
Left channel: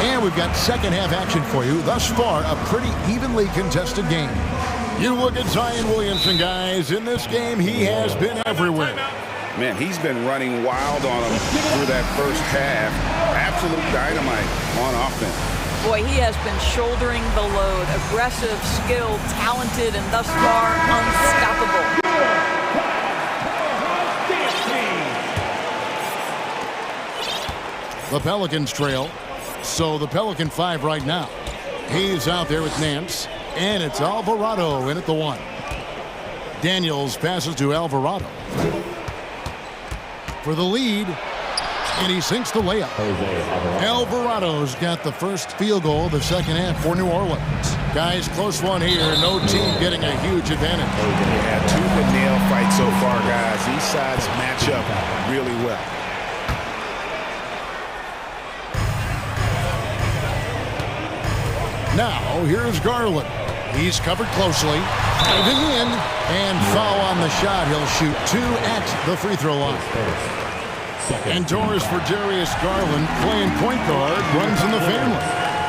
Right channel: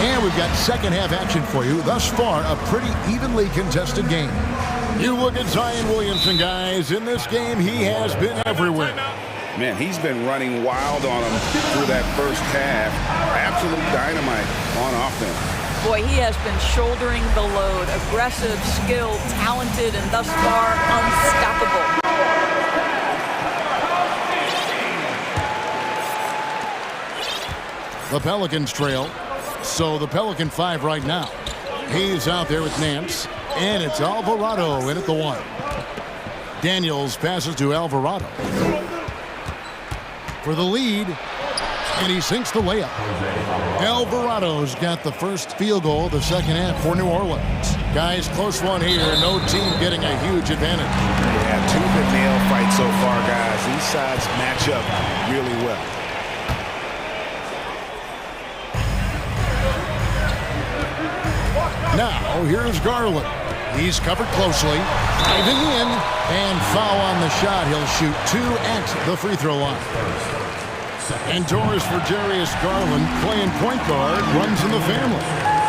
And we've got second half action for you. Thus far, a pretty evenly contested game. You look at Zion Williamson, guys. In this game, he has been everywhere. Man, he's been running wild on him through that first half. Absolute dynamite on offense. Boy, he has been shouldering the load. Aggressive, skilled, talented, and thus far, unstoppable. The Pelicans trail. So the Pelican 5 right now. He's out there with Nance. And it's Alvarado in at the 1. Daniels passes to Alvarado. For the lead. And he sinks the layup. Alvarado's got the first field goal of the second half for New Orleans. Guys, close one here. No team getting a huge advantage. Yeah, tooth and nail fight so far, guys. These sides match up really well. Now here's Garland. He's covered closely. Diving in. And foul on the shot. He'll shoot 2 at the free throw line. Indoors for Darius Garland, playing point guard, runs in the family.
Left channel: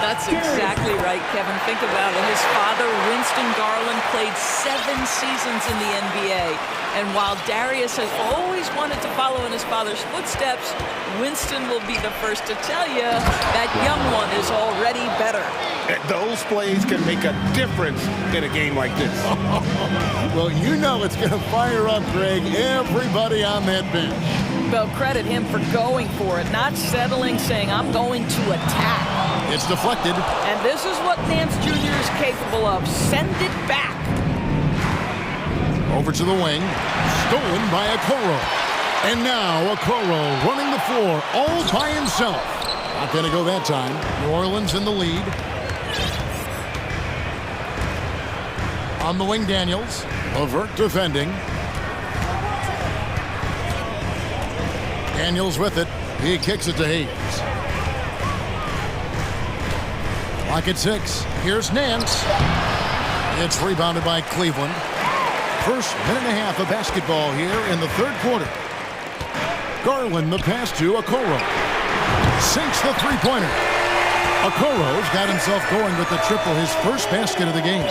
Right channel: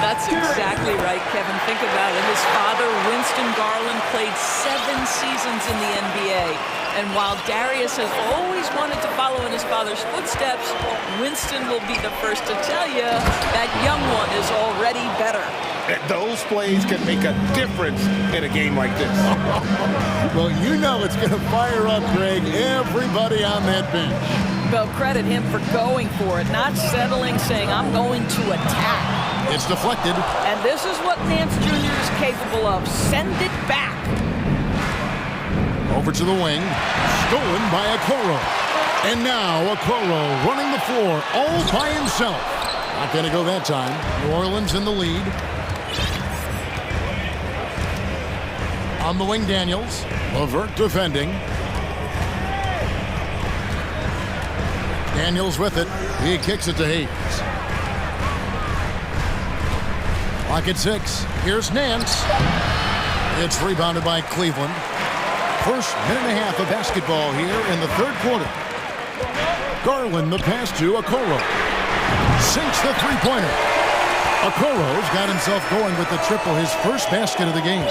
That's exactly right, Kevin. Think about it. His father, Winston Garland, played 7 seasons in the NBA. And while Darius has always wanted to follow in his father's footsteps, Winston will be the first to tell you that young one is already better. Those plays can make a difference in a game like this. Well, you know it's going to fire up, Greg, everybody on that bench. Well, credit him for going for it, not settling, saying, I'm going to attack. It's deflected. And this is what Nance Jr. is capable of. Send it back. Over to the wing. Stolen by Okoro. And now Okoro running the floor all by himself. Not going to go that time. New Orleans in the lead. On the wing, Daniels. LeVert defending. Daniels with it. He kicks it to Hayes. Lock at 6. Here's Nance. It's rebounded by Cleveland. First minute and a half of basketball here in the third quarter. Garland the pass to Okoro. Sinks the three-pointer. Okoro's got himself going with the triple, his first basket of the game.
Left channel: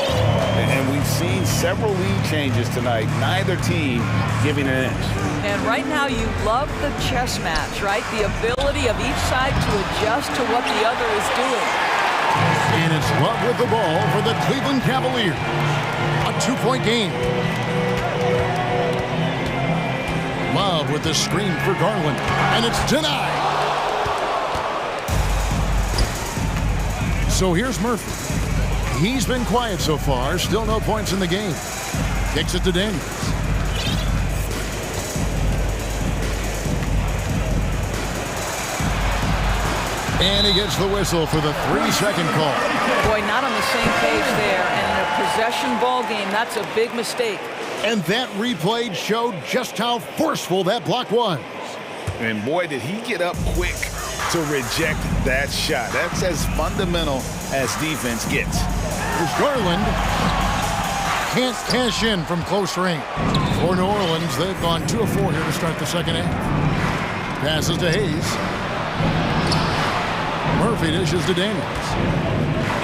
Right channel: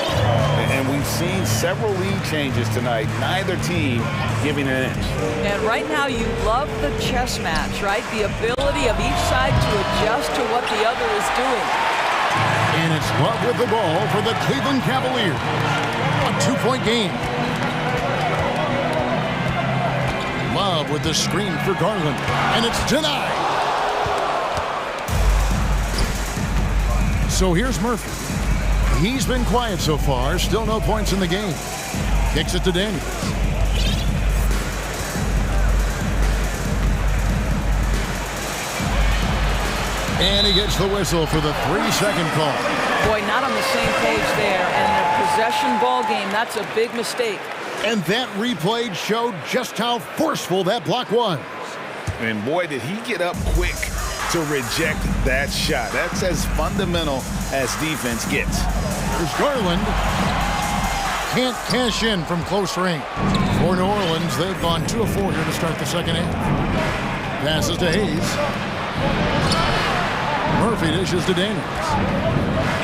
And we've seen several lead changes tonight. Neither team giving an inch. And right now you love the chess match, right? The ability of each side to adjust to what the other is doing. And it's Love with the ball for the Cleveland Cavaliers. A 2-point game. Love with the screen for Garland. And it's denied. So here's Murphy. He's been quiet so far. Still no points in the game. Kicks it to Daniels. And he gets the whistle for the 3-second call. Boy, not on the same page there. And in a possession ball game, that's a big mistake. And that replay showed just how forceful that block was. And boy, did he get up quick to reject that shot. That's as fundamental as defense gets. There's Garland. Can't cash in from close range. For New Orleans, they've gone 2 of 4 here to start the second half. Passes to Hayes. Murphy dishes to Daniels.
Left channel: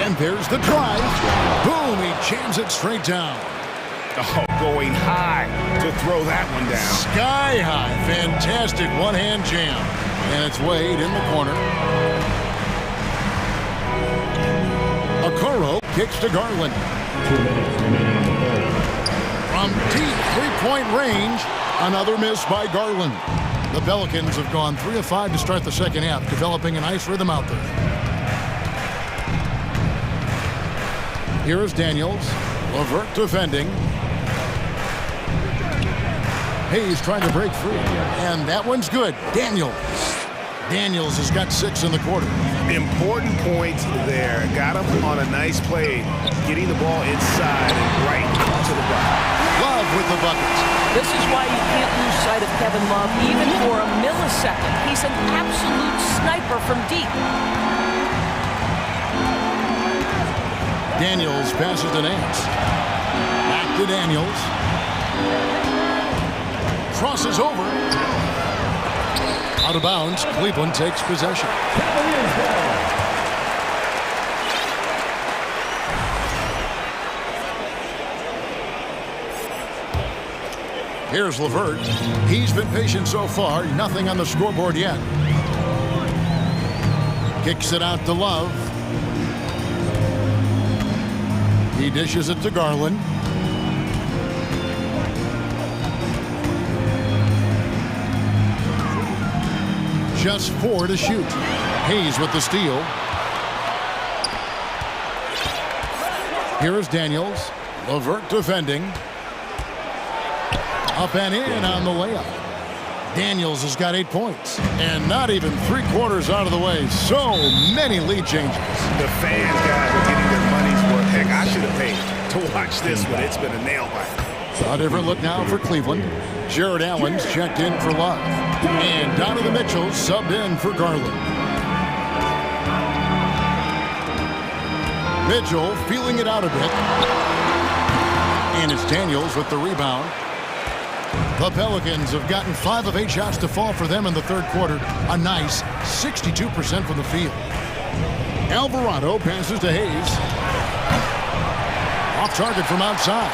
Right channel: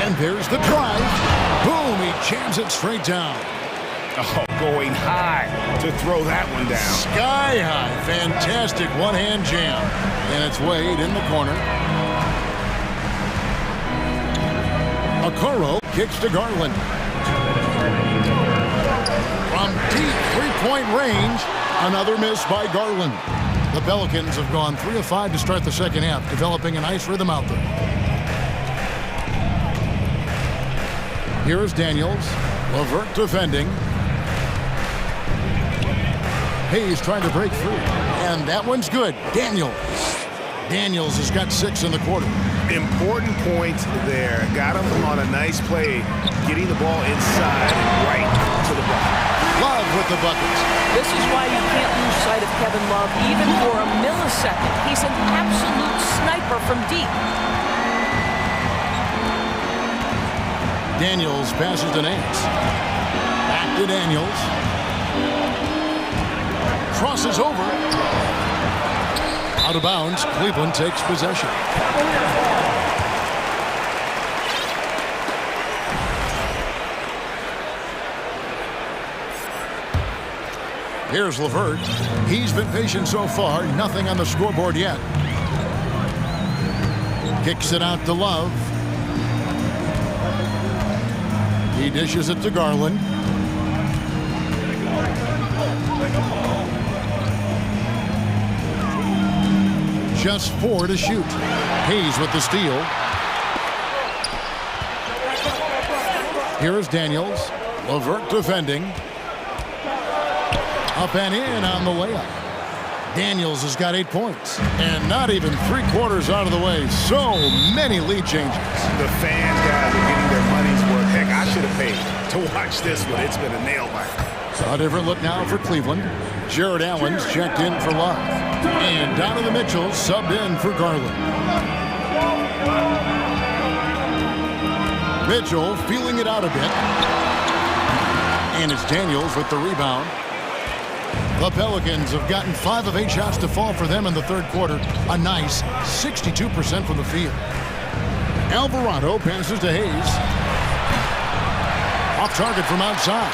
And there's the drive. Boom, he jams it straight down. Oh, going high to throw that one down. Sky high. Fantastic one-hand jam. And it's Wade in the corner. Okoro kicks to Garland. From deep three-point range, another miss by Garland. The Pelicans have gone 3 of 5 to start the second half, developing a nice rhythm out there. Here is Daniels. LeVert defending. Hayes trying to break free. And that one's good. Daniels has got 6 in the quarter. Important points there. Got him on a nice play, getting the ball inside and right to the bucket. Love with the buckets. This is why you can't lose sight of Kevin Love even for a millisecond. He's an absolute sniper from deep. Daniels passes to Nance. Back to Daniels. Crosses over. Out of bounds. Cleveland takes possession. Here's LeVert. He's been patient so far. Nothing on the scoreboard yet. Kicks it out to Love. He dishes it to Garland. Just 4 to shoot. Hayes with the steal. Here is Daniels. LeVert defending. Up and in on the layup. Daniels has got 8 points. And not even 3/4 out of the way. So many lead changes. The fans, guys, are getting their money's worth. Heck, I should have paid to watch this one. It's been a nail biter. A different look now for Cleveland. Jared Allen's checked in for Love. And Donovan Mitchell subbed in for Garland. Mitchell feeling it out a bit. And it's Daniels with the rebound. The Pelicans have gotten 5 of 8 shots to fall for them in the third quarter. A nice 62% from the field. Alvarado passes to Hayes. Off target from outside.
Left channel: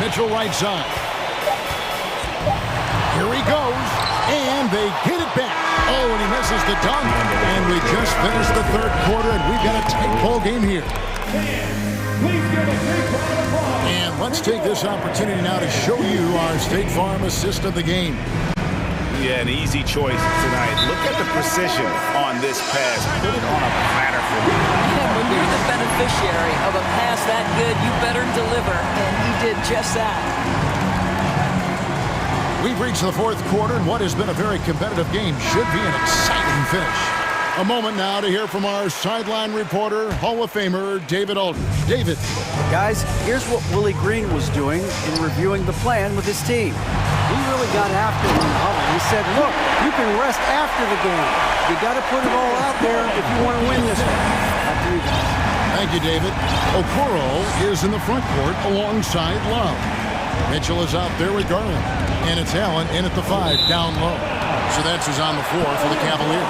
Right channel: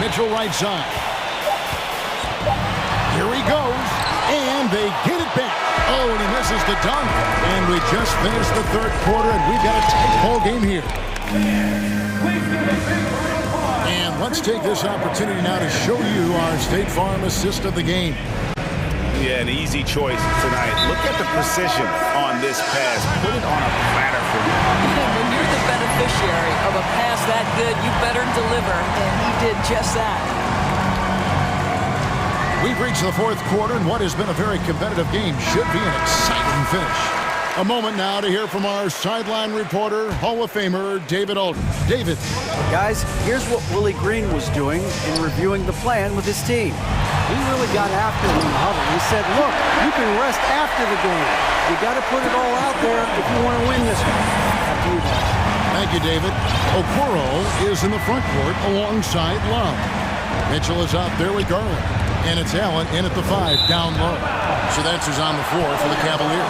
Mitchell right side. Here he goes. And they get it back. Oh, and he misses the dunk. And we just finished the third quarter, and we've got a tight ball game here. And let's take this opportunity now to show you our State Farm assist of the game. Yeah, an easy choice tonight. Look at the precision on this pass. Put it on a platter for him. And when you're the beneficiary of a pass that good, you better deliver. And he did just that. We've reached the fourth quarter, and what has been a very competitive game should be an exciting finish. A moment now to hear from our sideline reporter, Hall of Famer David Aldridge. David. Guys, here's what Willie Green was doing in reviewing the plan with his team. He really got after it in the huddle. He said, look, you can rest after the game. You got to put it all out there if you want to win this one. After you guys. Thank you, David. Okoro is in the front court alongside Love. Mitchell is out there with Garland. And it's Allen in at the 5, down low. So that's who's on the floor for the Cavaliers.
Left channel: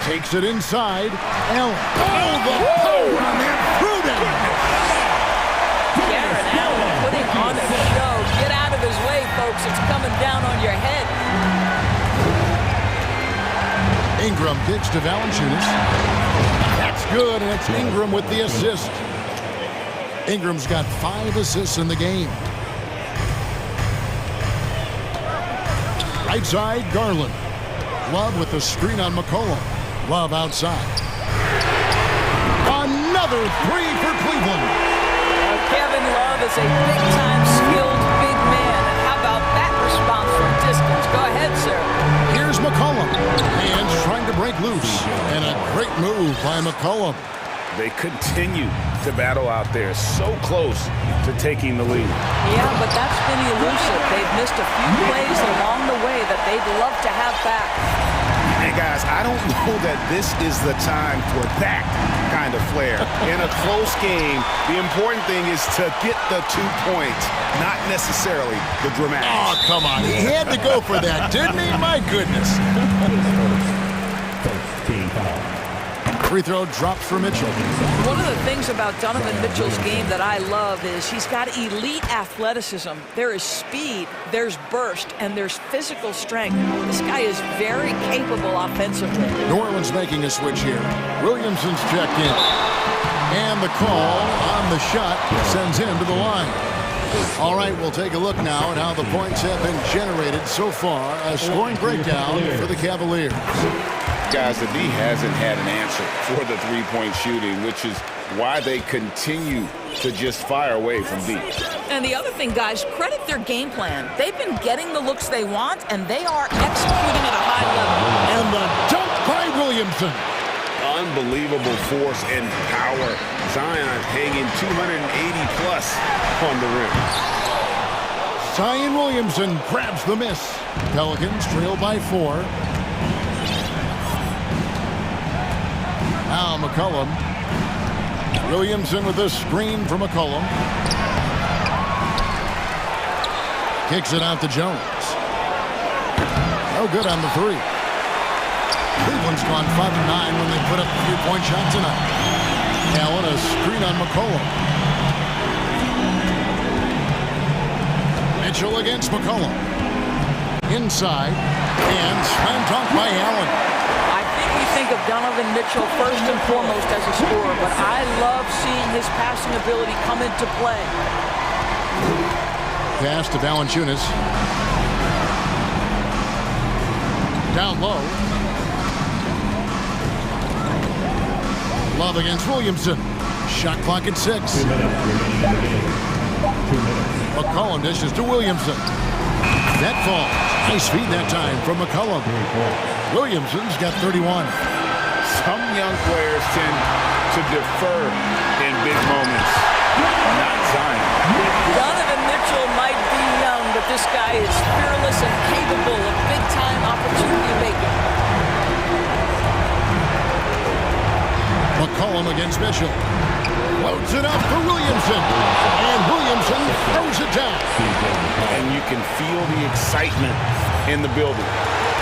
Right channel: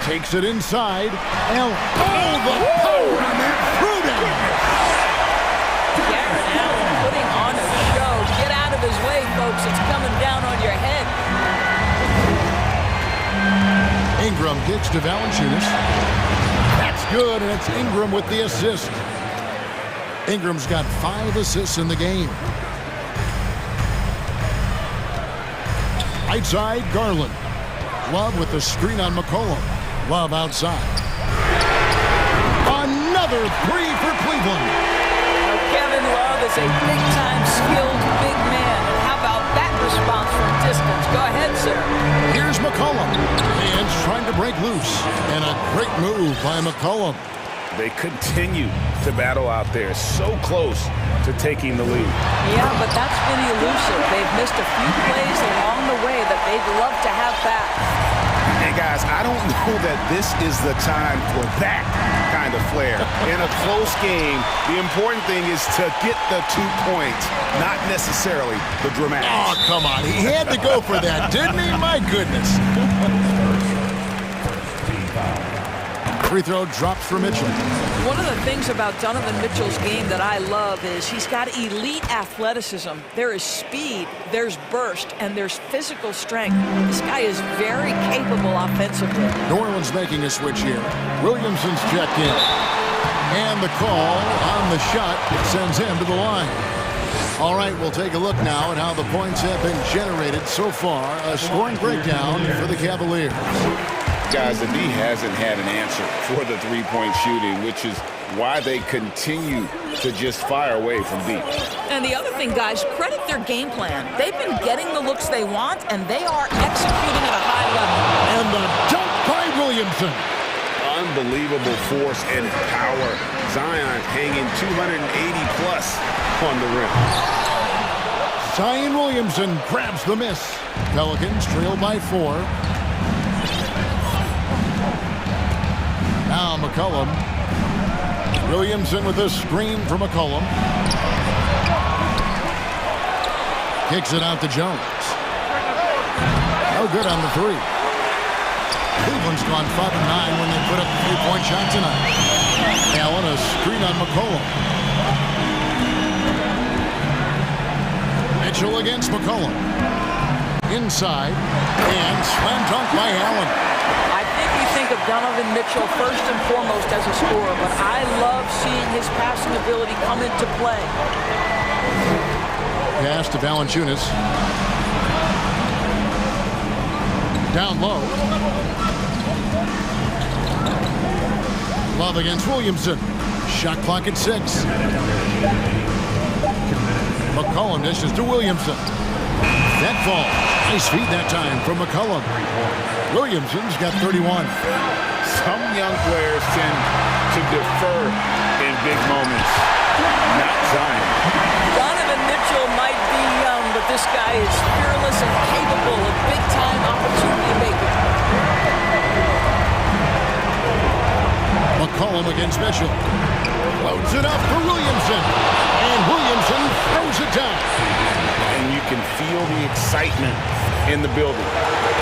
Takes it inside. Allen. Oh, the power on that throw down. Garrett Allen putting on a show. Get out of his way, folks. It's coming down on your head. Ingram kicks to Valanciunas. That's good, and it's Ingram with the assist. Ingram's got 5 assists in the game. Right side, Garland. Love with the screen on McCollum. Love outside. Another 3 for Cleveland. Kevin Love is a big-time skilled big man. And how about that response from distance? Go ahead, sir. Here's McCollum. Hands trying to break loose. And a great move by McCollum. They continue to battle out there, so close to taking the lead. Yeah, but that's been elusive. They've missed a few plays along the way that they'd love to have back. And guys, I don't know that this is the time for that kind of flair. In a close game, the important thing is to get the 2 points, not necessarily the dramatics. Oh, come on. He had to go for that, didn't he? My goodness. Free throw drops for Mitchell. One of the things about Donovan Mitchell's game that I love is he's got elite athleticism. There is speed, there's burst, and there's physical strength. This guy is very capable offensively. New Orleans making a switch here. Williamson's checked in. And the call on the shot sends him to the line. All right, we'll take a look now at how the points have been generated so far. A scoring breakdown for the Cavaliers. Guys, the D hasn't had an answer for the three-point shooting, which is why they continue to just fire away from deep. And the other thing, guys, credit their game plan. They've been getting the looks they want, and they are executing at a high level. And the dunk by Williamson. Unbelievable force and power. Zion hanging 280-plus on the rim. Zion Williamson grabs the miss. Pelicans trail by 4. Now McCollum. Williamson with a screen for McCollum. Kicks it out to Jones. No good on the 3. Cleveland's gone 5 of 9 when they put up the 3-point shot tonight. Allen, a screen on McCollum. Mitchell against McCollum. Inside. And slam dunk by Allen. I think we think of Donovan Mitchell first and foremost as a scorer, but I love seeing his passing ability come into play. Pass to Valanciunas. Down low. Love against Williamson. Shot clock at 6. McCollum dishes to Williamson. That falls. Nice feed that time from McCollum. Williamson's got 31. Some young players tend to defer in big moments. Not Zion. Donovan Mitchell might be young, but this guy is fearless and capable of big-time opportunity making. McCollum against Mitchell. Loads it up for Williamson. And Williamson throws it down. And you can feel the excitement in the building.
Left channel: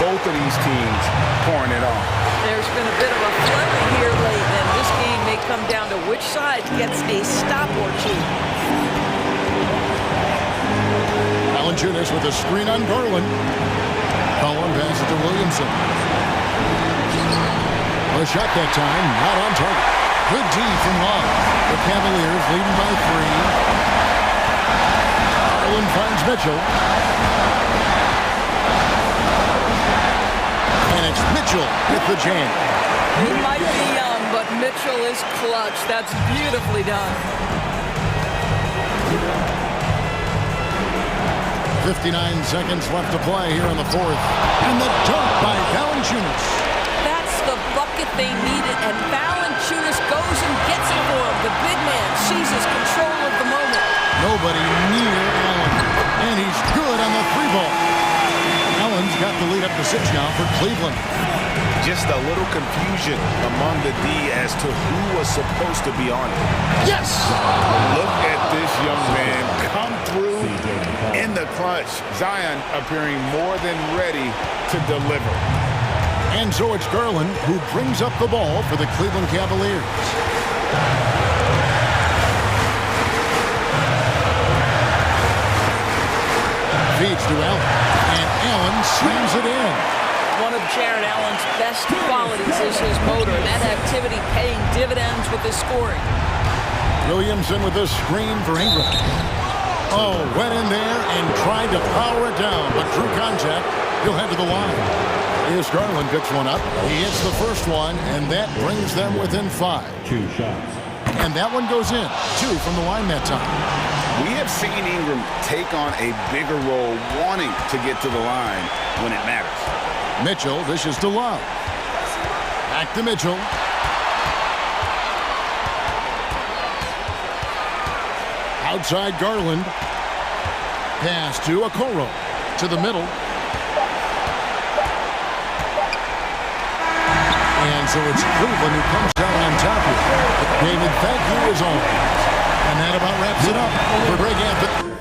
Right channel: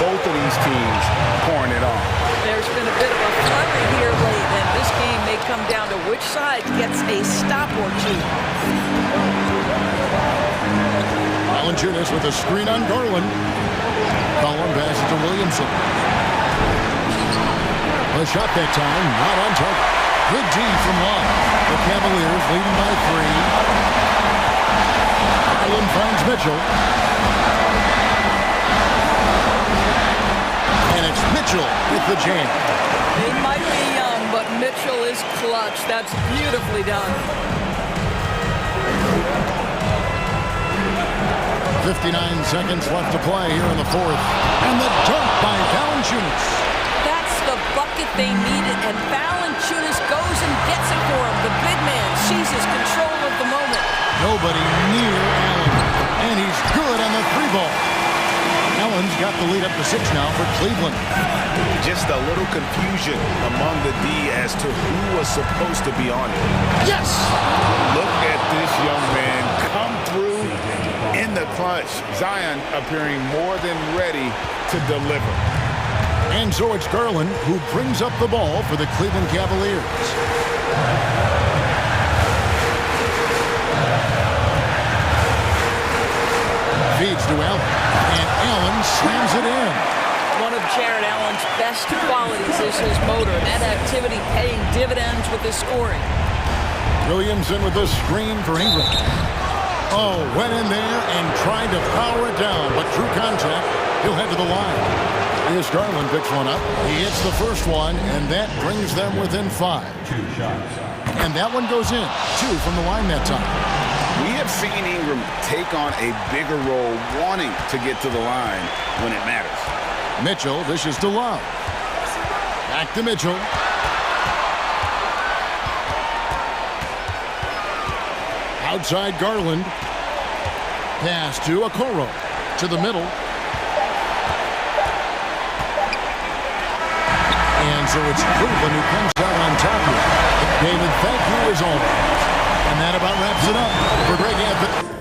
Both of these teams pouring it on. There's been a bit of a flurry here late, and this game may come down to which side gets a stop or two. Valanciunas with a screen on Garland. Collum passes to Williamson. A shot that time, not on target. Good D from Love. The Cavaliers leading by 3. Garland finds Mitchell. And it's Mitchell with the jam. He might be young, but Mitchell is clutch. That's beautifully done. 59 seconds left to play here in the fourth. And the dunk by Valanciunas. That's the bucket they needed, and Valanciunas goes and gets it for him. The big man seizes control of the moment. Nobody near Allen. And he's good on the 3-ball. Allen's got the lead up to 6 now for Cleveland. Just a little confusion among the D as to who was supposed to be on it. Yes! Look at this young man come through in the clutch. Zion appearing more than ready to deliver. And so it's Garland who brings up the ball for the Cleveland Cavaliers. Feeds to Allen, and Allen slams it in. One of Jared Allen's best qualities is his motor, and that activity paying dividends with his scoring. Williamson with a screen for Ingram. Oh, went in there and tried to power it down, but drew contact. He'll head to the line. Here's Garland, picks one up. He hits the first one, and that brings them within 5. 2 shots. And that one goes in. 2 from the line that time. We have seen Ingram take on a bigger role, wanting to get to the line when it matters. Mitchell dishes to Love. Back to Mitchell. Outside Garland. Pass to Okoro. To the middle. And so it's Cleveland who comes out on top here. David, thank you as always. And that about wraps it up for Greg Anthony.